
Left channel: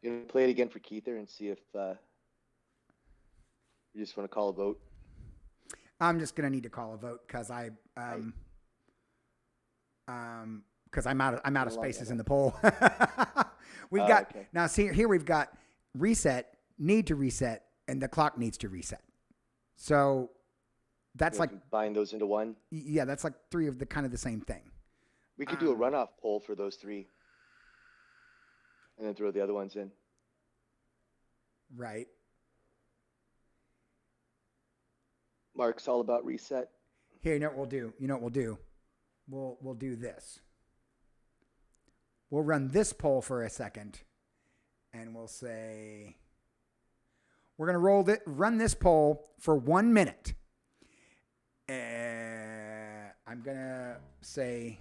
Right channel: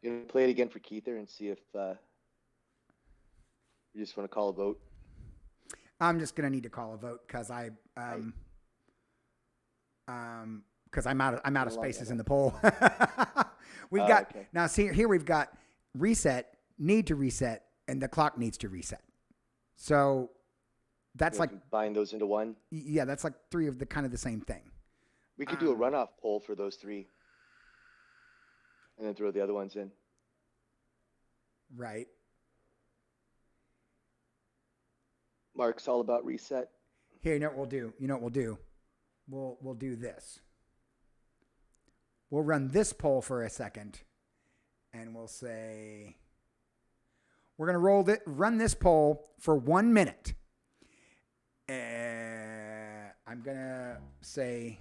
You gonna play it again for Keither and see if you just want to call a vote? I'm just gonna need to call a vote because because I'm out of spaces in the poll. We've got okay. Now see here we've got reset, need to reset, and the clock needs to reset. So that's like combine those into one. Yeah, that's like 3 of the kind of the same thing. We could do a runoff poll for those 3. And then throw the other ones in. Right. Mark's all about reset. Here, you know what we'll do? We'll do this. We'll run this poll for a second, and we'll say we're gonna run this poll for 1 minute. I'm gonna say,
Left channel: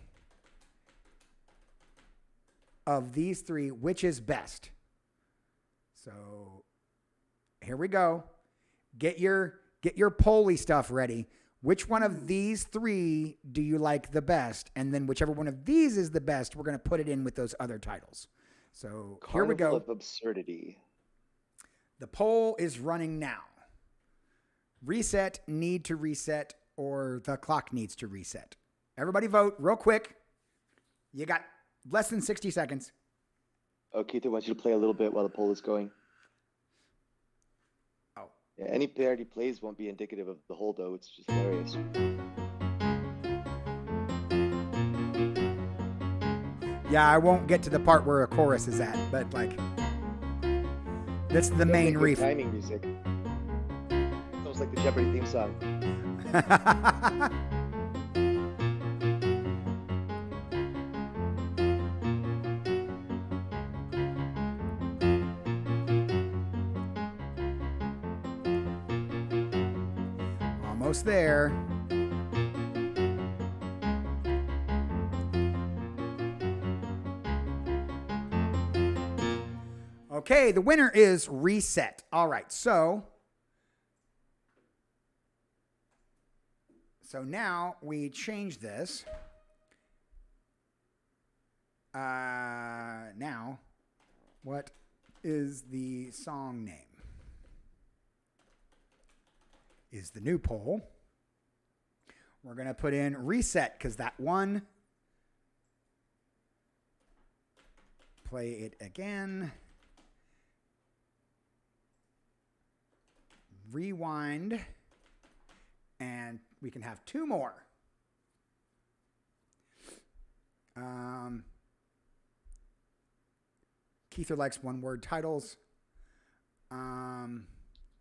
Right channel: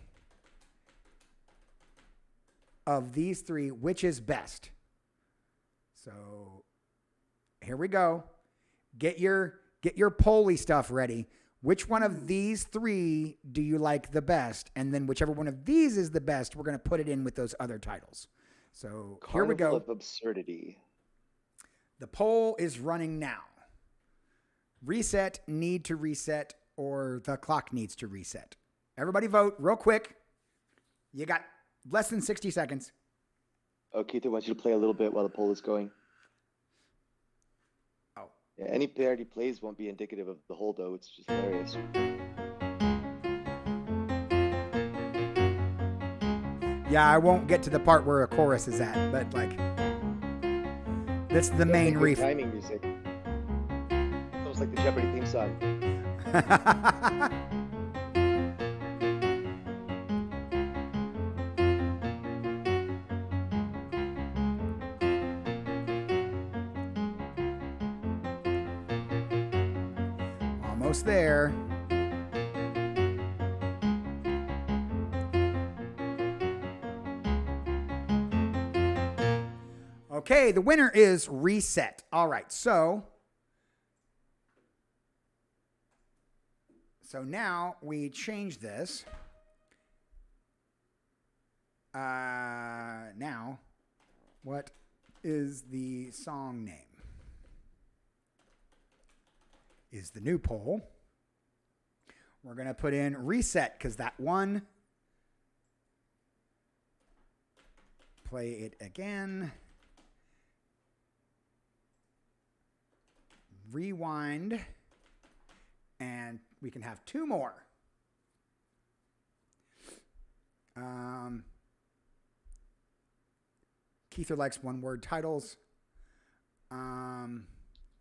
of these 3, which is best? So here we go. Get your poll-y stuff ready. Which one of these 3 do you like the best? And then whichever one of these is the best, we're going to put it in with those other titles. So here we go. Carnival of Absurdity. The poll is running now. Reset, need to reset, or the clock needs to reset. Everybody vote real quick. You got less than 60 seconds. Oh, Keither wants you to play a little bit while the poll is going. Oh. Yeah, any parody plays won't be indicative of the whole, though. It's just hilarious. Yeah, I won't get to the part where a chorus is at, but like, that's the main reef. Timing music. It's almost like the Jeopardy theme song. Almost there. Okay, the winner is Reset. All right, so now we change this. Now, what is the song name? Is the new poll. We're going to put in Reset because that one. Play it again. Rewind. And we can have two more. Keither likes one-word titles.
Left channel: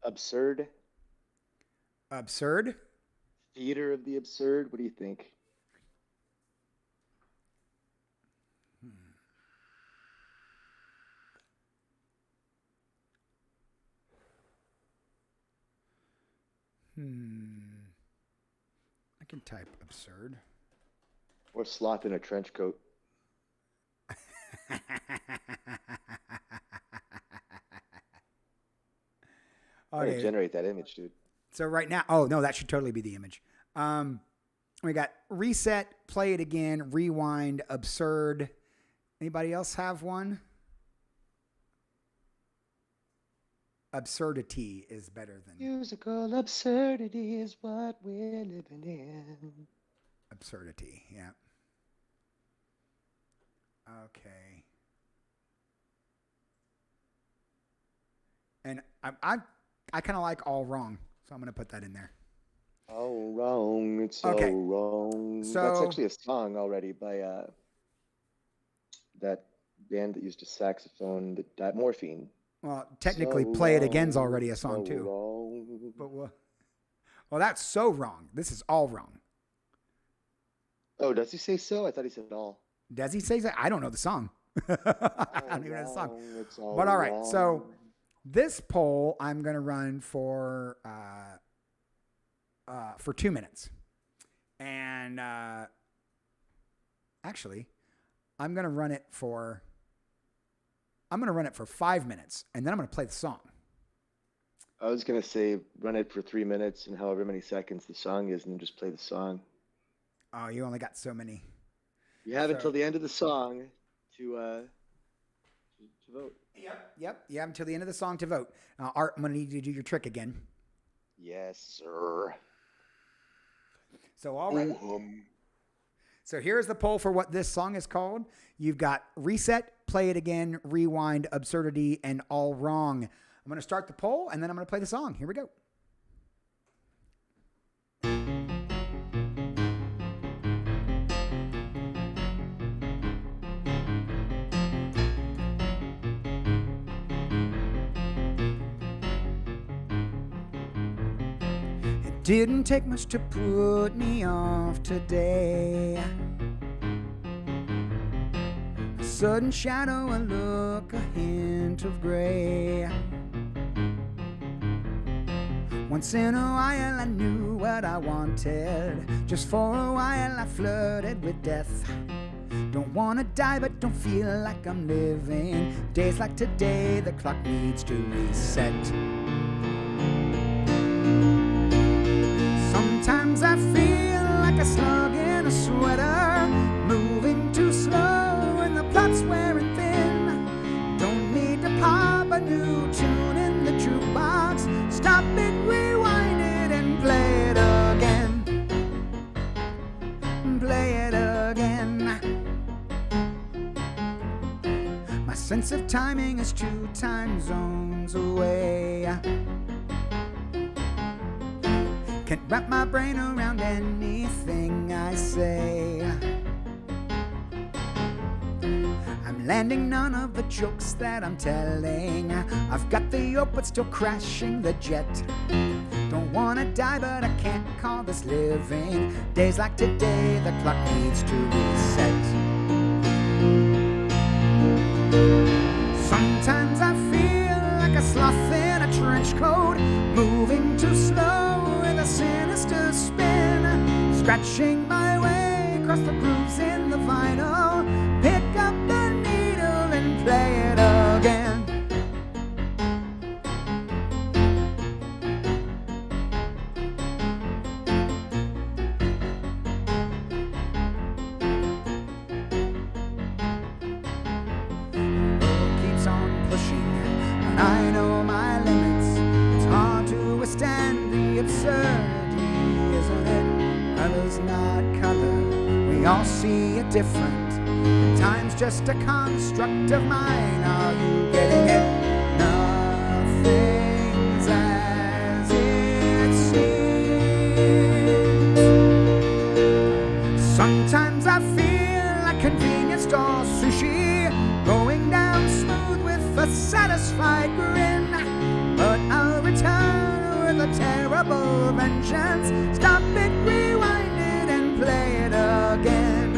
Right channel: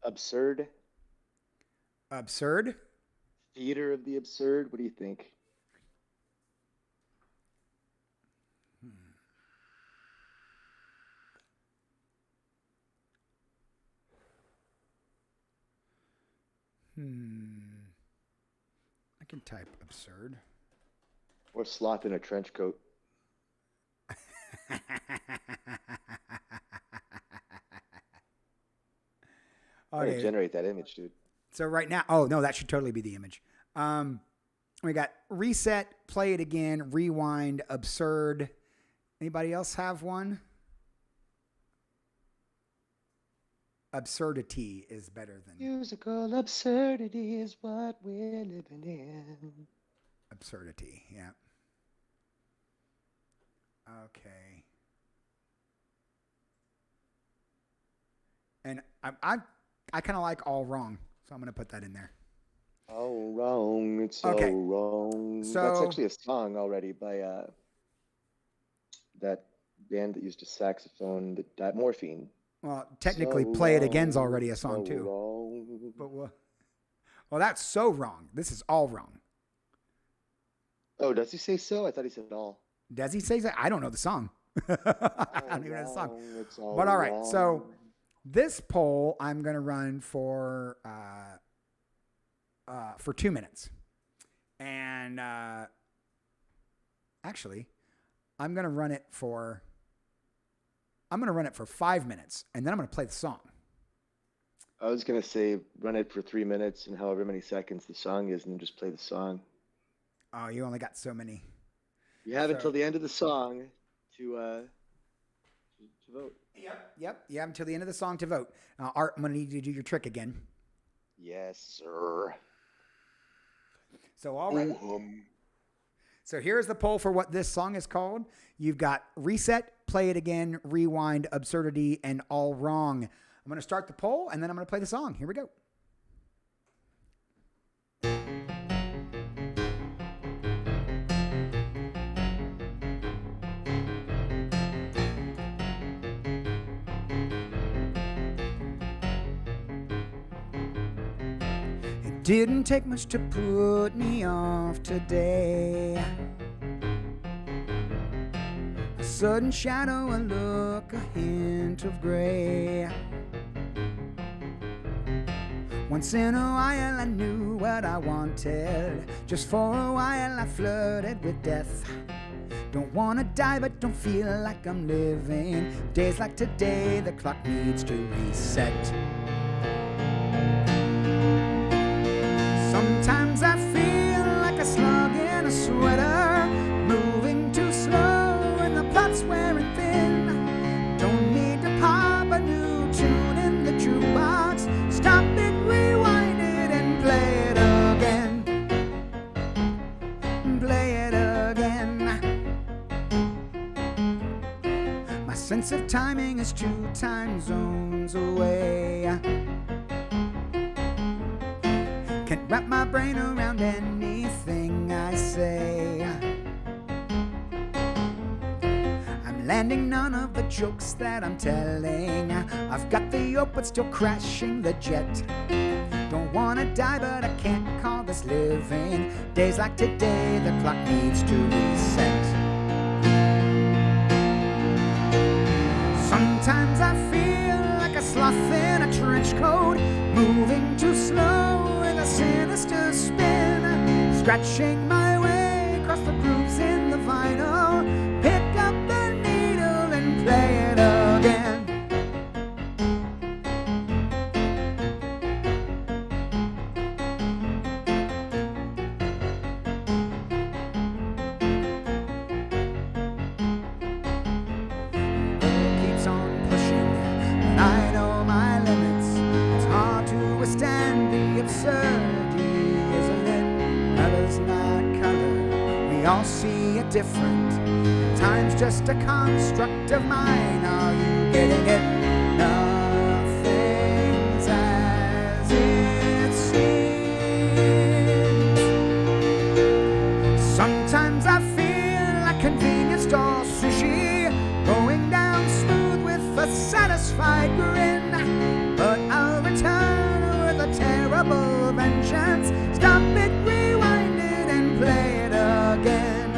Absurd. Absurd. Theater of the Absurd. What do you think? I can type absurd. Or Sloth in a Trench Coat. Okay. Generate that image, dude. So right now, oh no, that should totally be the image. We got Reset, Play It Again, Rewind, Absurd. Anybody else have one? Absurdity is better than musical absurdity is what we're living in. Absurdity, yeah. Okay. And I kind of like All Wrong, so I'm going to put that in there. All wrong, it's Okay. all wrong. So that's actually a song already by that band that used a saxophone, that Morphine. Well, technically, So Play It wrong, Again's already a song so too. Wrong. But well, that's so wrong. This is all wrong. Oh, does he say so? I thought he said all. Does he say that? I don't know the song. I don't even know the song. It's all But all right, wrong. so this poll I'm going to run for 2 minutes, and actually, I'm going to run it for 5 minutes, and then I'm going to play the song. I was gonna say run it for 3 minutes and however many seconds the song is, and then just play the song. Oh, you only got so many. You have until the end of the song to vote. Yep. You have until the end of the song to vote. Art, I'm going to need you to do your trick again. Yes, sir. So all right. So here's the poll for what this song is called. You've got Reset, Play It Again, Rewind, Absurdity, and All Wrong. I'm going to start the poll, and then I'm going to play the song. Here we go. It didn't take much to put me off today. A sudden shadow, a look, a hint of gray. Once in a while I knew what I wanted. Just for a while I flirted with death. Don't wanna die but don't feel like I'm living. Days like today the clock needs to reset. Sometimes I feel like a slug in a sweater, moving too slow and the plot's wearing thin. Don't need to pop a new tune in the jukebox. Stop it, rewind it, and play it again. Play it again. My sense of timing is 2 time zones away. Can't wrap my brain around anything I say. I'm landing none of the jokes that I'm telling. I've got the yoke but still crashing the jet. Don't wanna die but I can't call this living. Days like today the clock needs to reset. Sometimes I feel like a sloth in a trench coat, moving too slow and with a sinister spin, scratching my way across the grooves in the vinyl. Pick up the needle and play it again. On pushing, and I know my limits. It's hard to withstand the absurdity, isn't it? Color's not color, we all see it different, and time's just a construct of mine. Are you getting it? Nothing's as it seems. Sometimes I feel like convenience store sushi, going down smooth with a satisfied grin. But I'll return with a terrible vengeance. Stop it, rewind it, and play it again.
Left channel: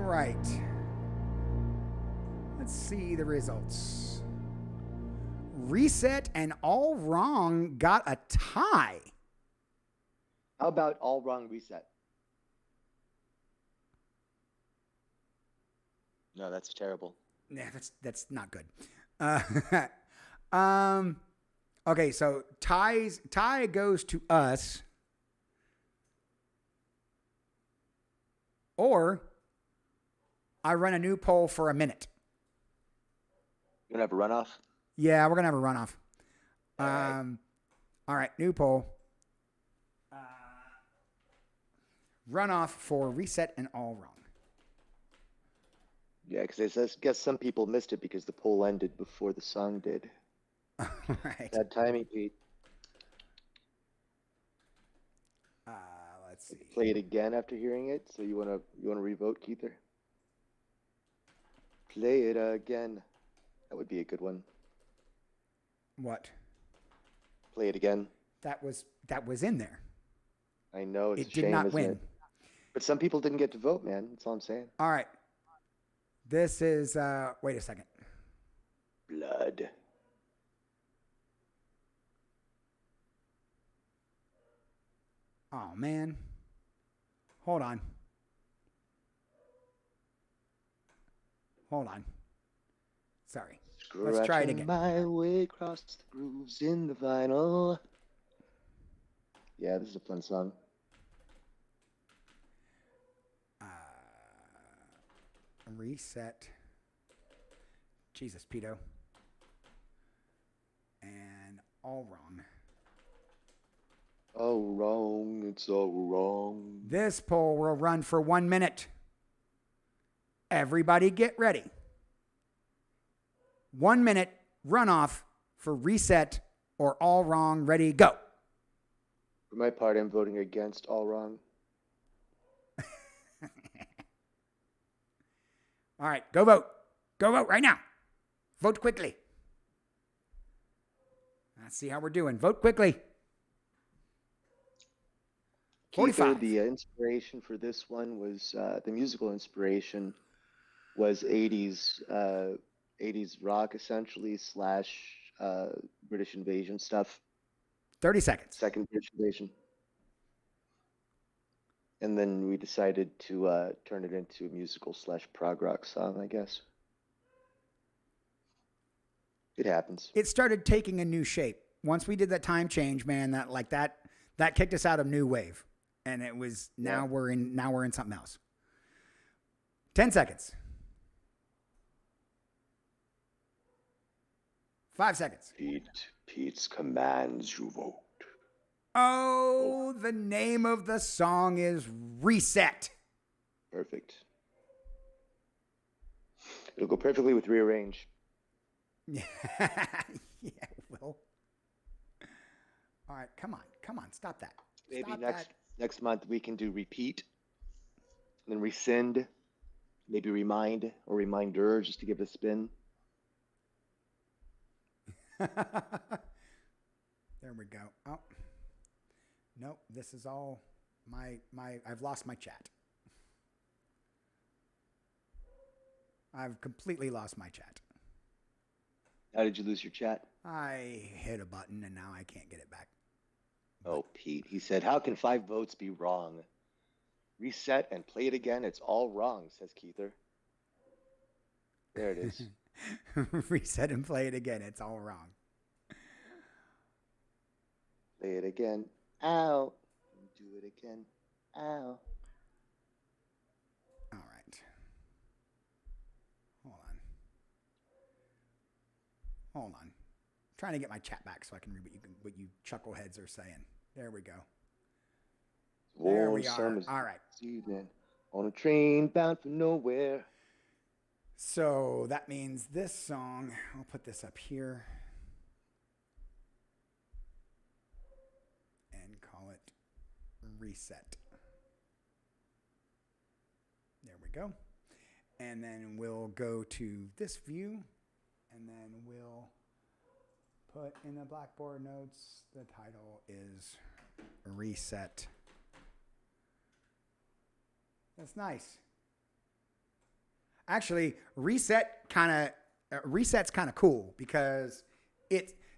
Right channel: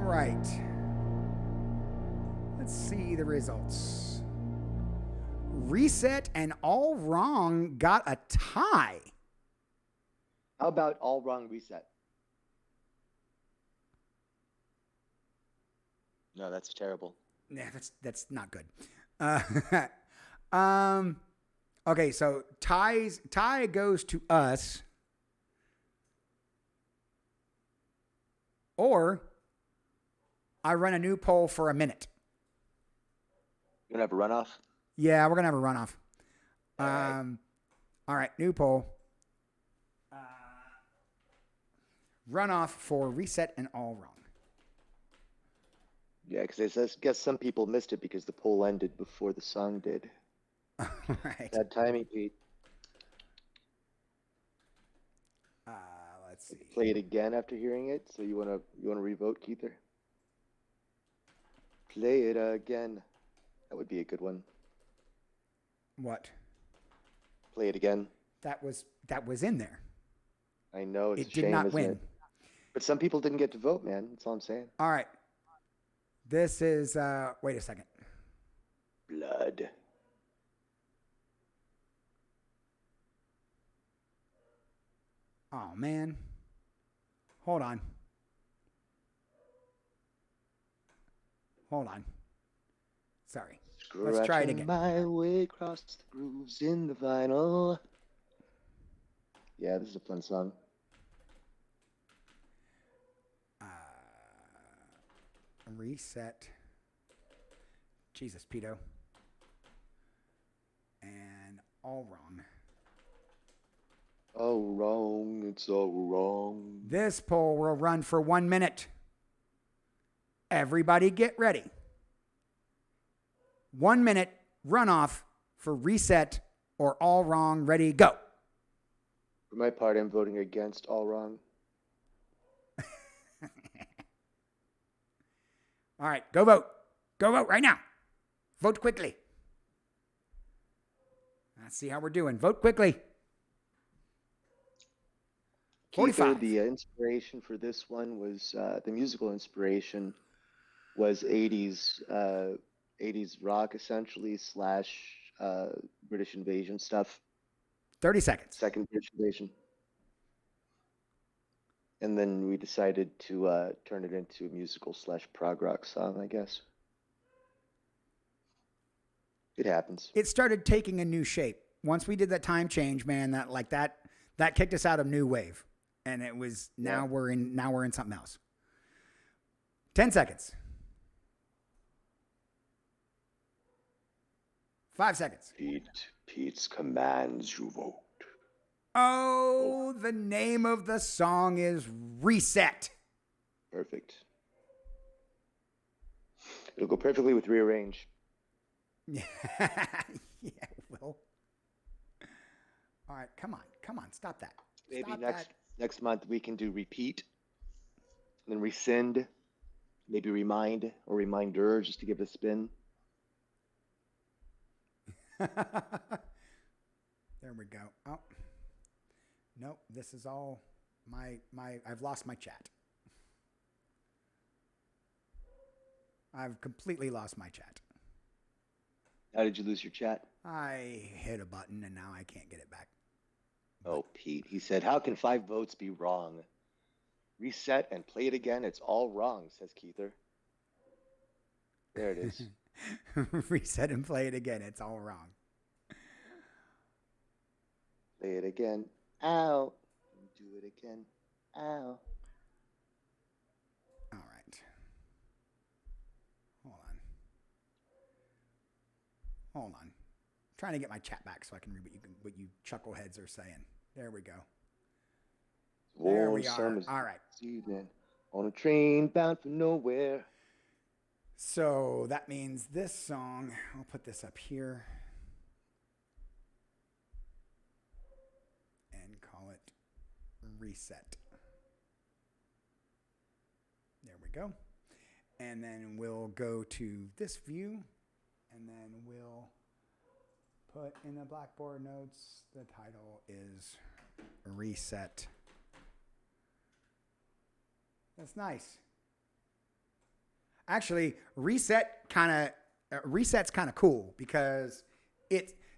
Right. Let's see the results. Reset and All Wrong got a tie. How about All Wrong Reset? No, that's terrible. Yeah, that's not good. Okay, so tie goes to us, or I run a new poll for a minute. You gonna have a runoff? Yeah, we're gonna have a runoff. All right, new poll. Runoff for Reset and All Wrong. Yeah, because I guess some people missed it because the poll ended before the song did. All right. Bad timing, Pete. Let's see. Play it again after hearing it. So you wanna revote, Keither? Play it again. That would be a good one. What? Play it again. That was in there. I know it's it a did shame, not isn't win. it? But some people didn't get to vote, man. That's all I'm saying. All right. This is wait a second. Blood. Oh man. Hold on. Sorry. Let's try it again. My way across the grooves in the vinyl. Yeah, this is a fun song. Reset. Jesus, Pedo. And All Wrong. Oh, wrong. It's all wrong. This poll will run for 1 minute. Everybody get ready. 1 minute runoff for Reset or All Wrong. Ready, go. For my part, I'm voting against All Wrong. All right, go vote. Go vote right now. Vote quickly. Let's see how we're doing. Vote quickly. 45. The inspiration for this one was the musical inspiration was 80s rock essentially / British invasion stuff. 30 seconds. Second British invasion. And then we decided to turn it into a musical / prog rock song, I guess. It happens. It started taking a new shape. Once we did that time change, man, that kicked us out of new wave. And it was now we're in something else. 10 seconds. 5 seconds. Pete's commands you vote. Oh, the name of the song is Reset. Perfect. It'll go perfectly with Rearrange. Yeah, it will. All right, come on, stop that. Maybe Stop next month we can do Repeat, and then Rescind, maybe Remind or Reminder just to give it a spin. There we go. Oh, nope. This is all I've lost my chat. I've completely lost my chat. How did you lose your chat? I hit a button and now I can't get it back. Oh, Pete. He said, how can 5 votes be wrong? Reset and play it again. It's all wrong, says Keither. There it is. Reset and play it again. It's all wrong. Play it again. Ow. Do it again. Ow. All right. Hold on. I'm trying to get my chat back so I can read what you chuckleheads are saying. There we go. There we are. All right. Evening, on a train bound for nowhere. So that means this song, I'll put this up here and call it Reset. There we go. And then we'll go to this view and then we'll put in the Blackboard notes, the title is Reset. That's nice. Actually, reset's kind of cool because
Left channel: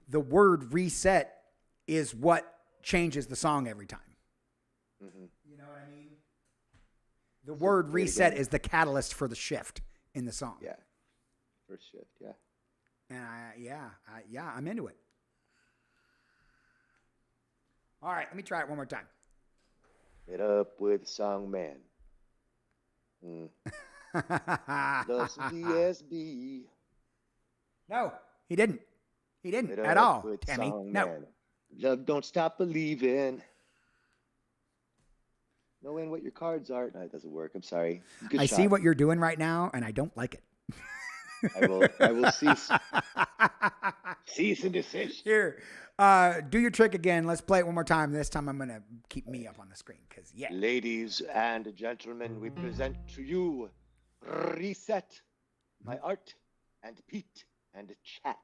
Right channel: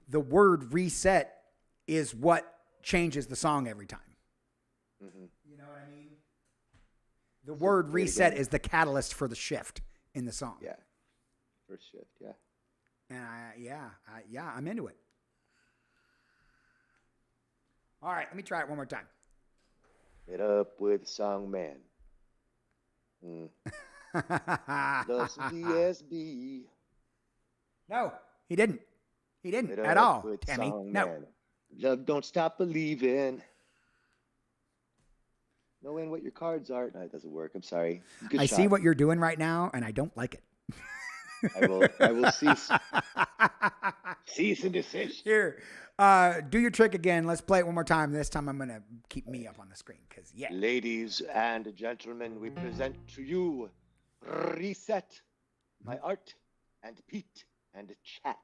the word reset is what changes the song every time. Mm-hmm. You know what I mean? The word reset is the catalyst for the shift in the song. Yeah. First shift, yeah. And I'm into it. All right, let me try it one more time. Get up with Song Man. Loves some DSB. No, he didn't. He didn't at all, Tammy. No. Man. Love don't stop believing. Knowing what your cards are. No, it doesn't work. I'm sorry. Good I shot. see what you're doing right now, and I don't like it. I will cease and desist. Here, do your trick again. Let's play it one more time. This time I'm going to keep me up on the screen. Yeah. Ladies and gentlemen, we present to you Reset, my art, and Pete, and chat.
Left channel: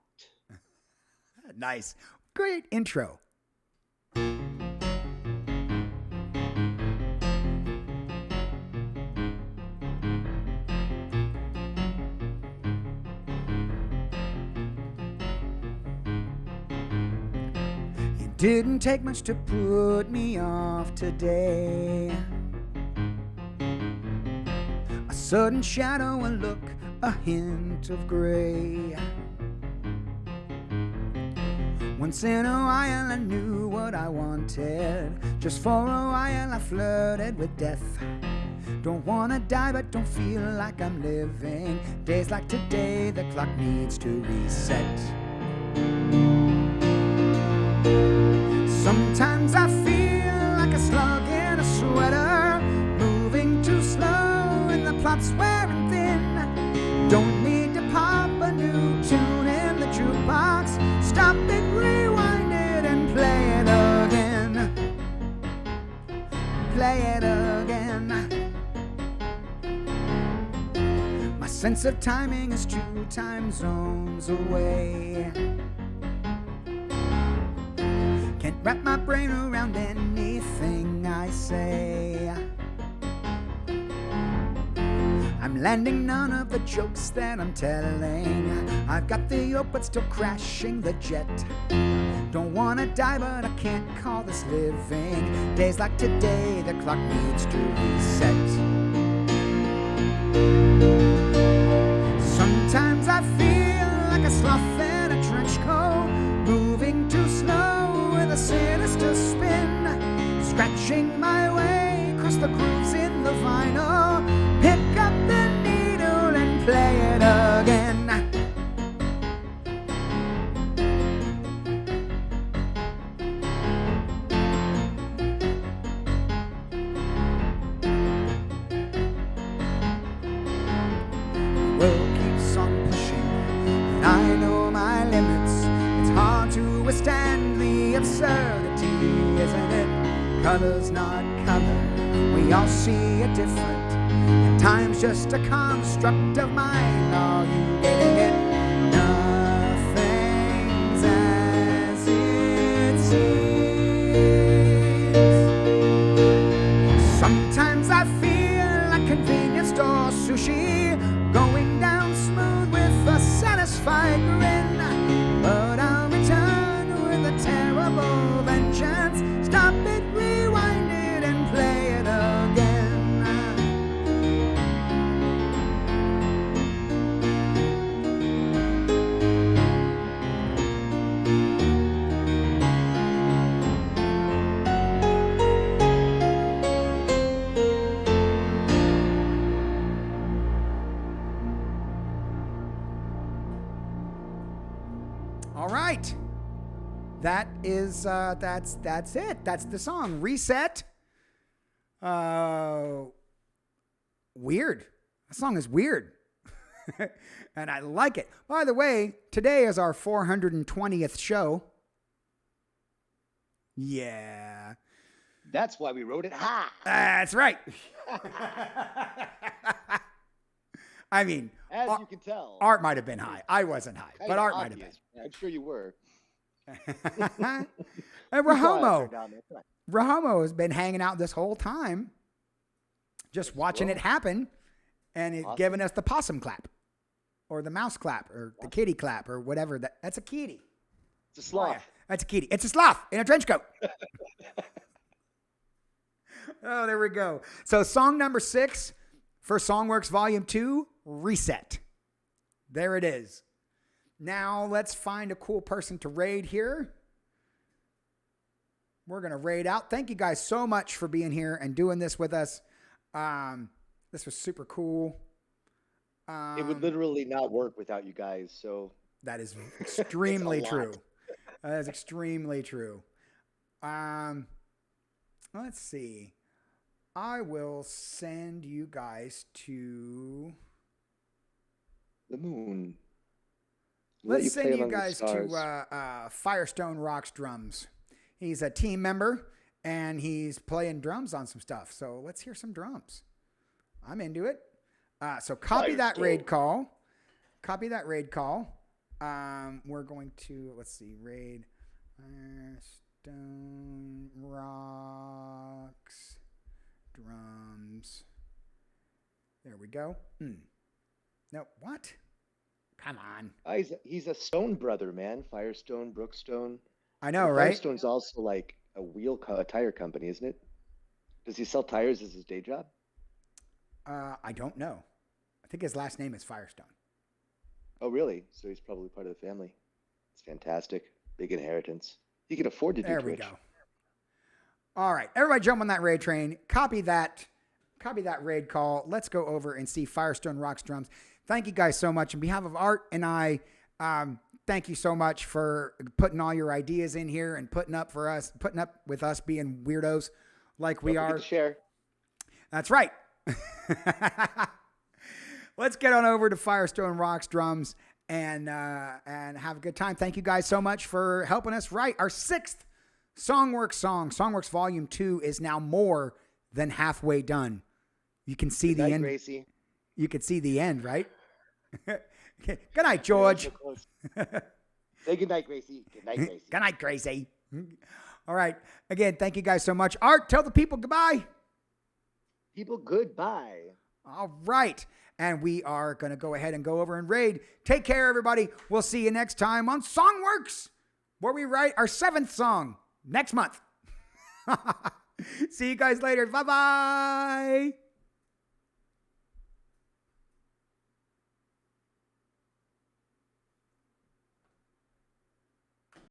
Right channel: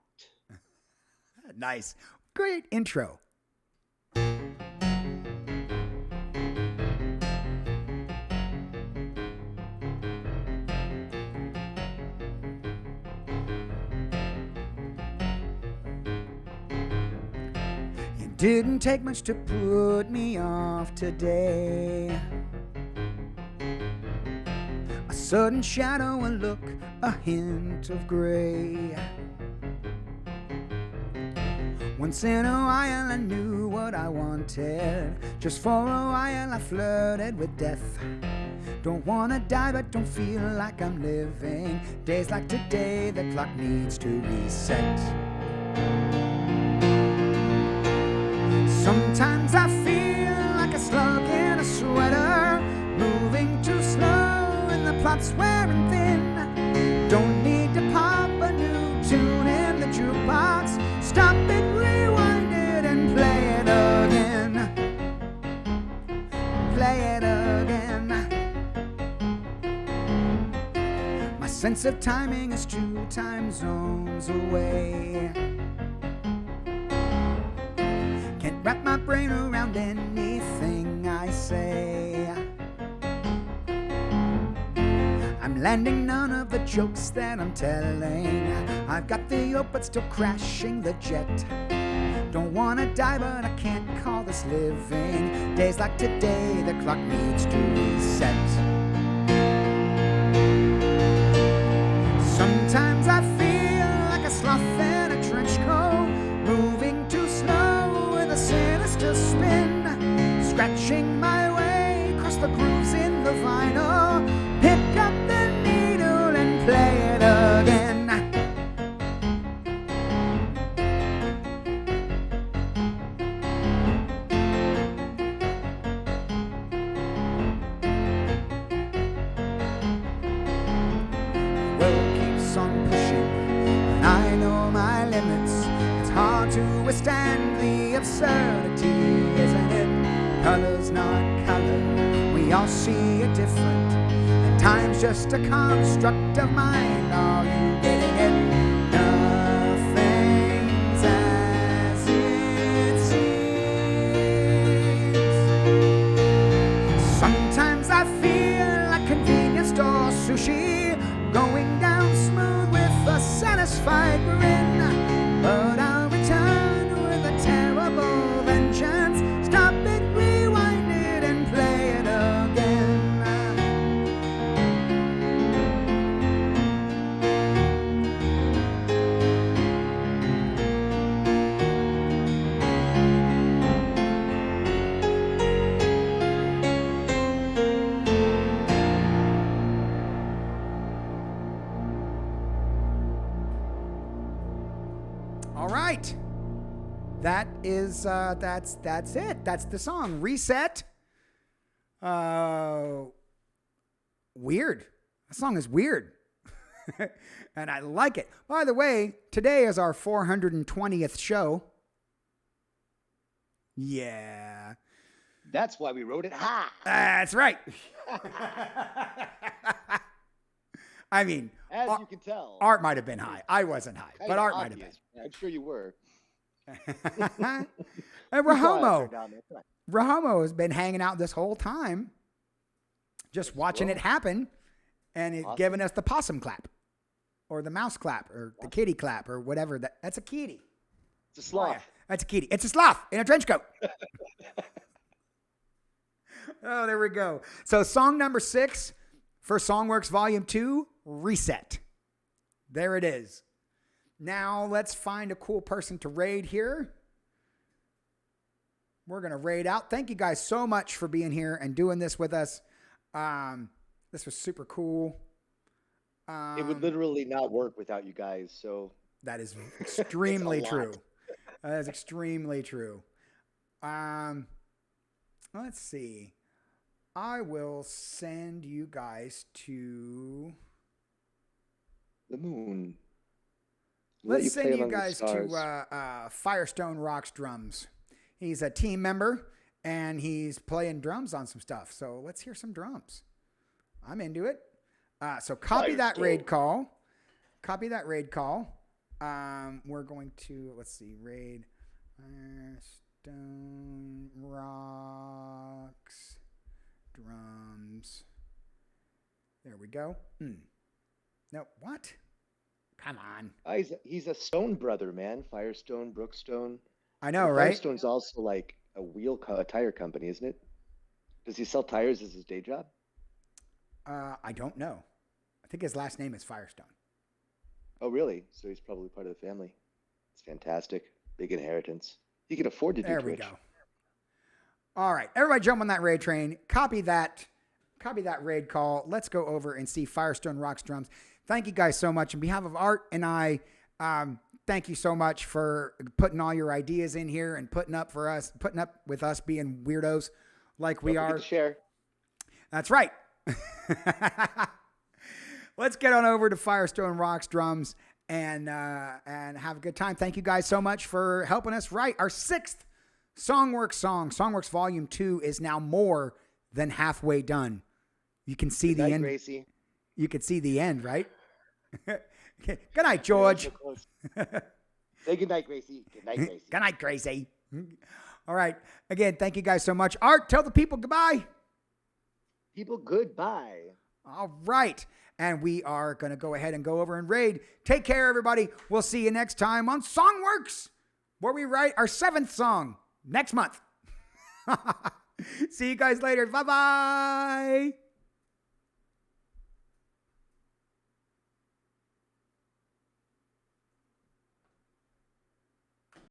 Nice. Great intro. It didn't take much to put me off today. A sudden shadow, a look, a hint of gray. Once in a while I knew what I wanted. Just for a while I flirted with death. Don't wanna die but don't feel like I'm living. Days like today the clock needs to reset. Sometimes I feel like a slug in a sweater, moving too slow and the plot's wearing thin. Don't need to pop a new tune in the jukebox. Stop it, rewind it, and play it again. Play it again. My sense of timing is 2 time zones away. Can't wrap my brain around anything I say. I'm landing none of the jokes that I'm telling. I've got the yoke but still crashing the jet. Don't wanna die but I can't call this living. Days like today the clock needs to reset. Sometimes I feel like a sloth in a trench coat, moving too slow with a sinister spin. Scratching my way across the grooves in the vinyl. Pick up the needle and play it again. The world keeps on pushing, but I know my limits. It's hard to withstand the absurdity, isn't it? Color's not color, we all see it different. And time's just a construct of mind, are you getting it? Nothing's Sometimes I feel like convenience store sushi, going down smooth with a satisfied grin. But I'll return with a terrible vengeance. Stop it, rewind it, and play it again. All right. That is that's it. That's the song. Reset. Weird. That song is weird. And I like it. By the way, today is our 420th show. Yeah. That's why we wrote it high. That's right. I mean, as you can tell, Art might have been high. I wasn't high, but Art might have been. I'm sure you were. And Rahomo has been hanging out this whole time, just watching it happen, and it's giving us the possum clap, or the mouse clap, or the kitty clap, or whatever. That's a kitty. It's a sloth. Oh, yeah. That's a kitty. It's a sloth in a trench coat. Oh, there we go. So song number 6 for Songw3rks Volume 2, Reset. There it is. Now let's find a cool person to raid here. We're going to raid out. Thank you guys so much for being here and doing this with us. This was super cool. It would literally not work without you guys. So that is extremely true. That is extremely true. Let's see. I will send you guys to the moon. Let's send you guys to Firestone Rocks Drums. He's a team member, and he's playing drums on some stuff. So let's hear some drums. I'm into it. So copy that raid call. Copy that raid call. We're going to, let's see, raid Firestone Rocks Drums. There we go. No, what? Come on. He's a Stone brother, man. Firestone, Brookstone. I know, right? Firestone's also like a tire company, isn't it? Does he sell tires as his day job? I don't know. I think his last name is Firestone. Oh, really? So he's probably part of the family. It's fantastic. Big inheritance. He can afford to do Twitch. There we go. All right. Everybody jump on that raid train. Copy that raid call. Let's go over and see Firestone Rocks Drums. Thank you guys so much. On behalf of Art and I, thank you so much for putting all your ideas in here and putting up with us being weirdos like we are. Share. That's right. Let's get on over to Firestone Rocks Drums and have a good time. Thank you guys so much for helping us write our 6th Songw3rks song. Songw3rks Volume 2 is now more than halfway done. You can see the end. Gracie. You can see the end, right? Good night, George. Say good night, Gracie. Good night, Gracie. Good night, Gracie. All right. Again, thank you guys so much. Art, tell the people goodbye. People, goodbye. All right. And we are going to go ahead and go over and raid. Take care, everybody. We'll see you next time on Songw3rks, where we write our 7th song next month. See you guys later. Bye-bye.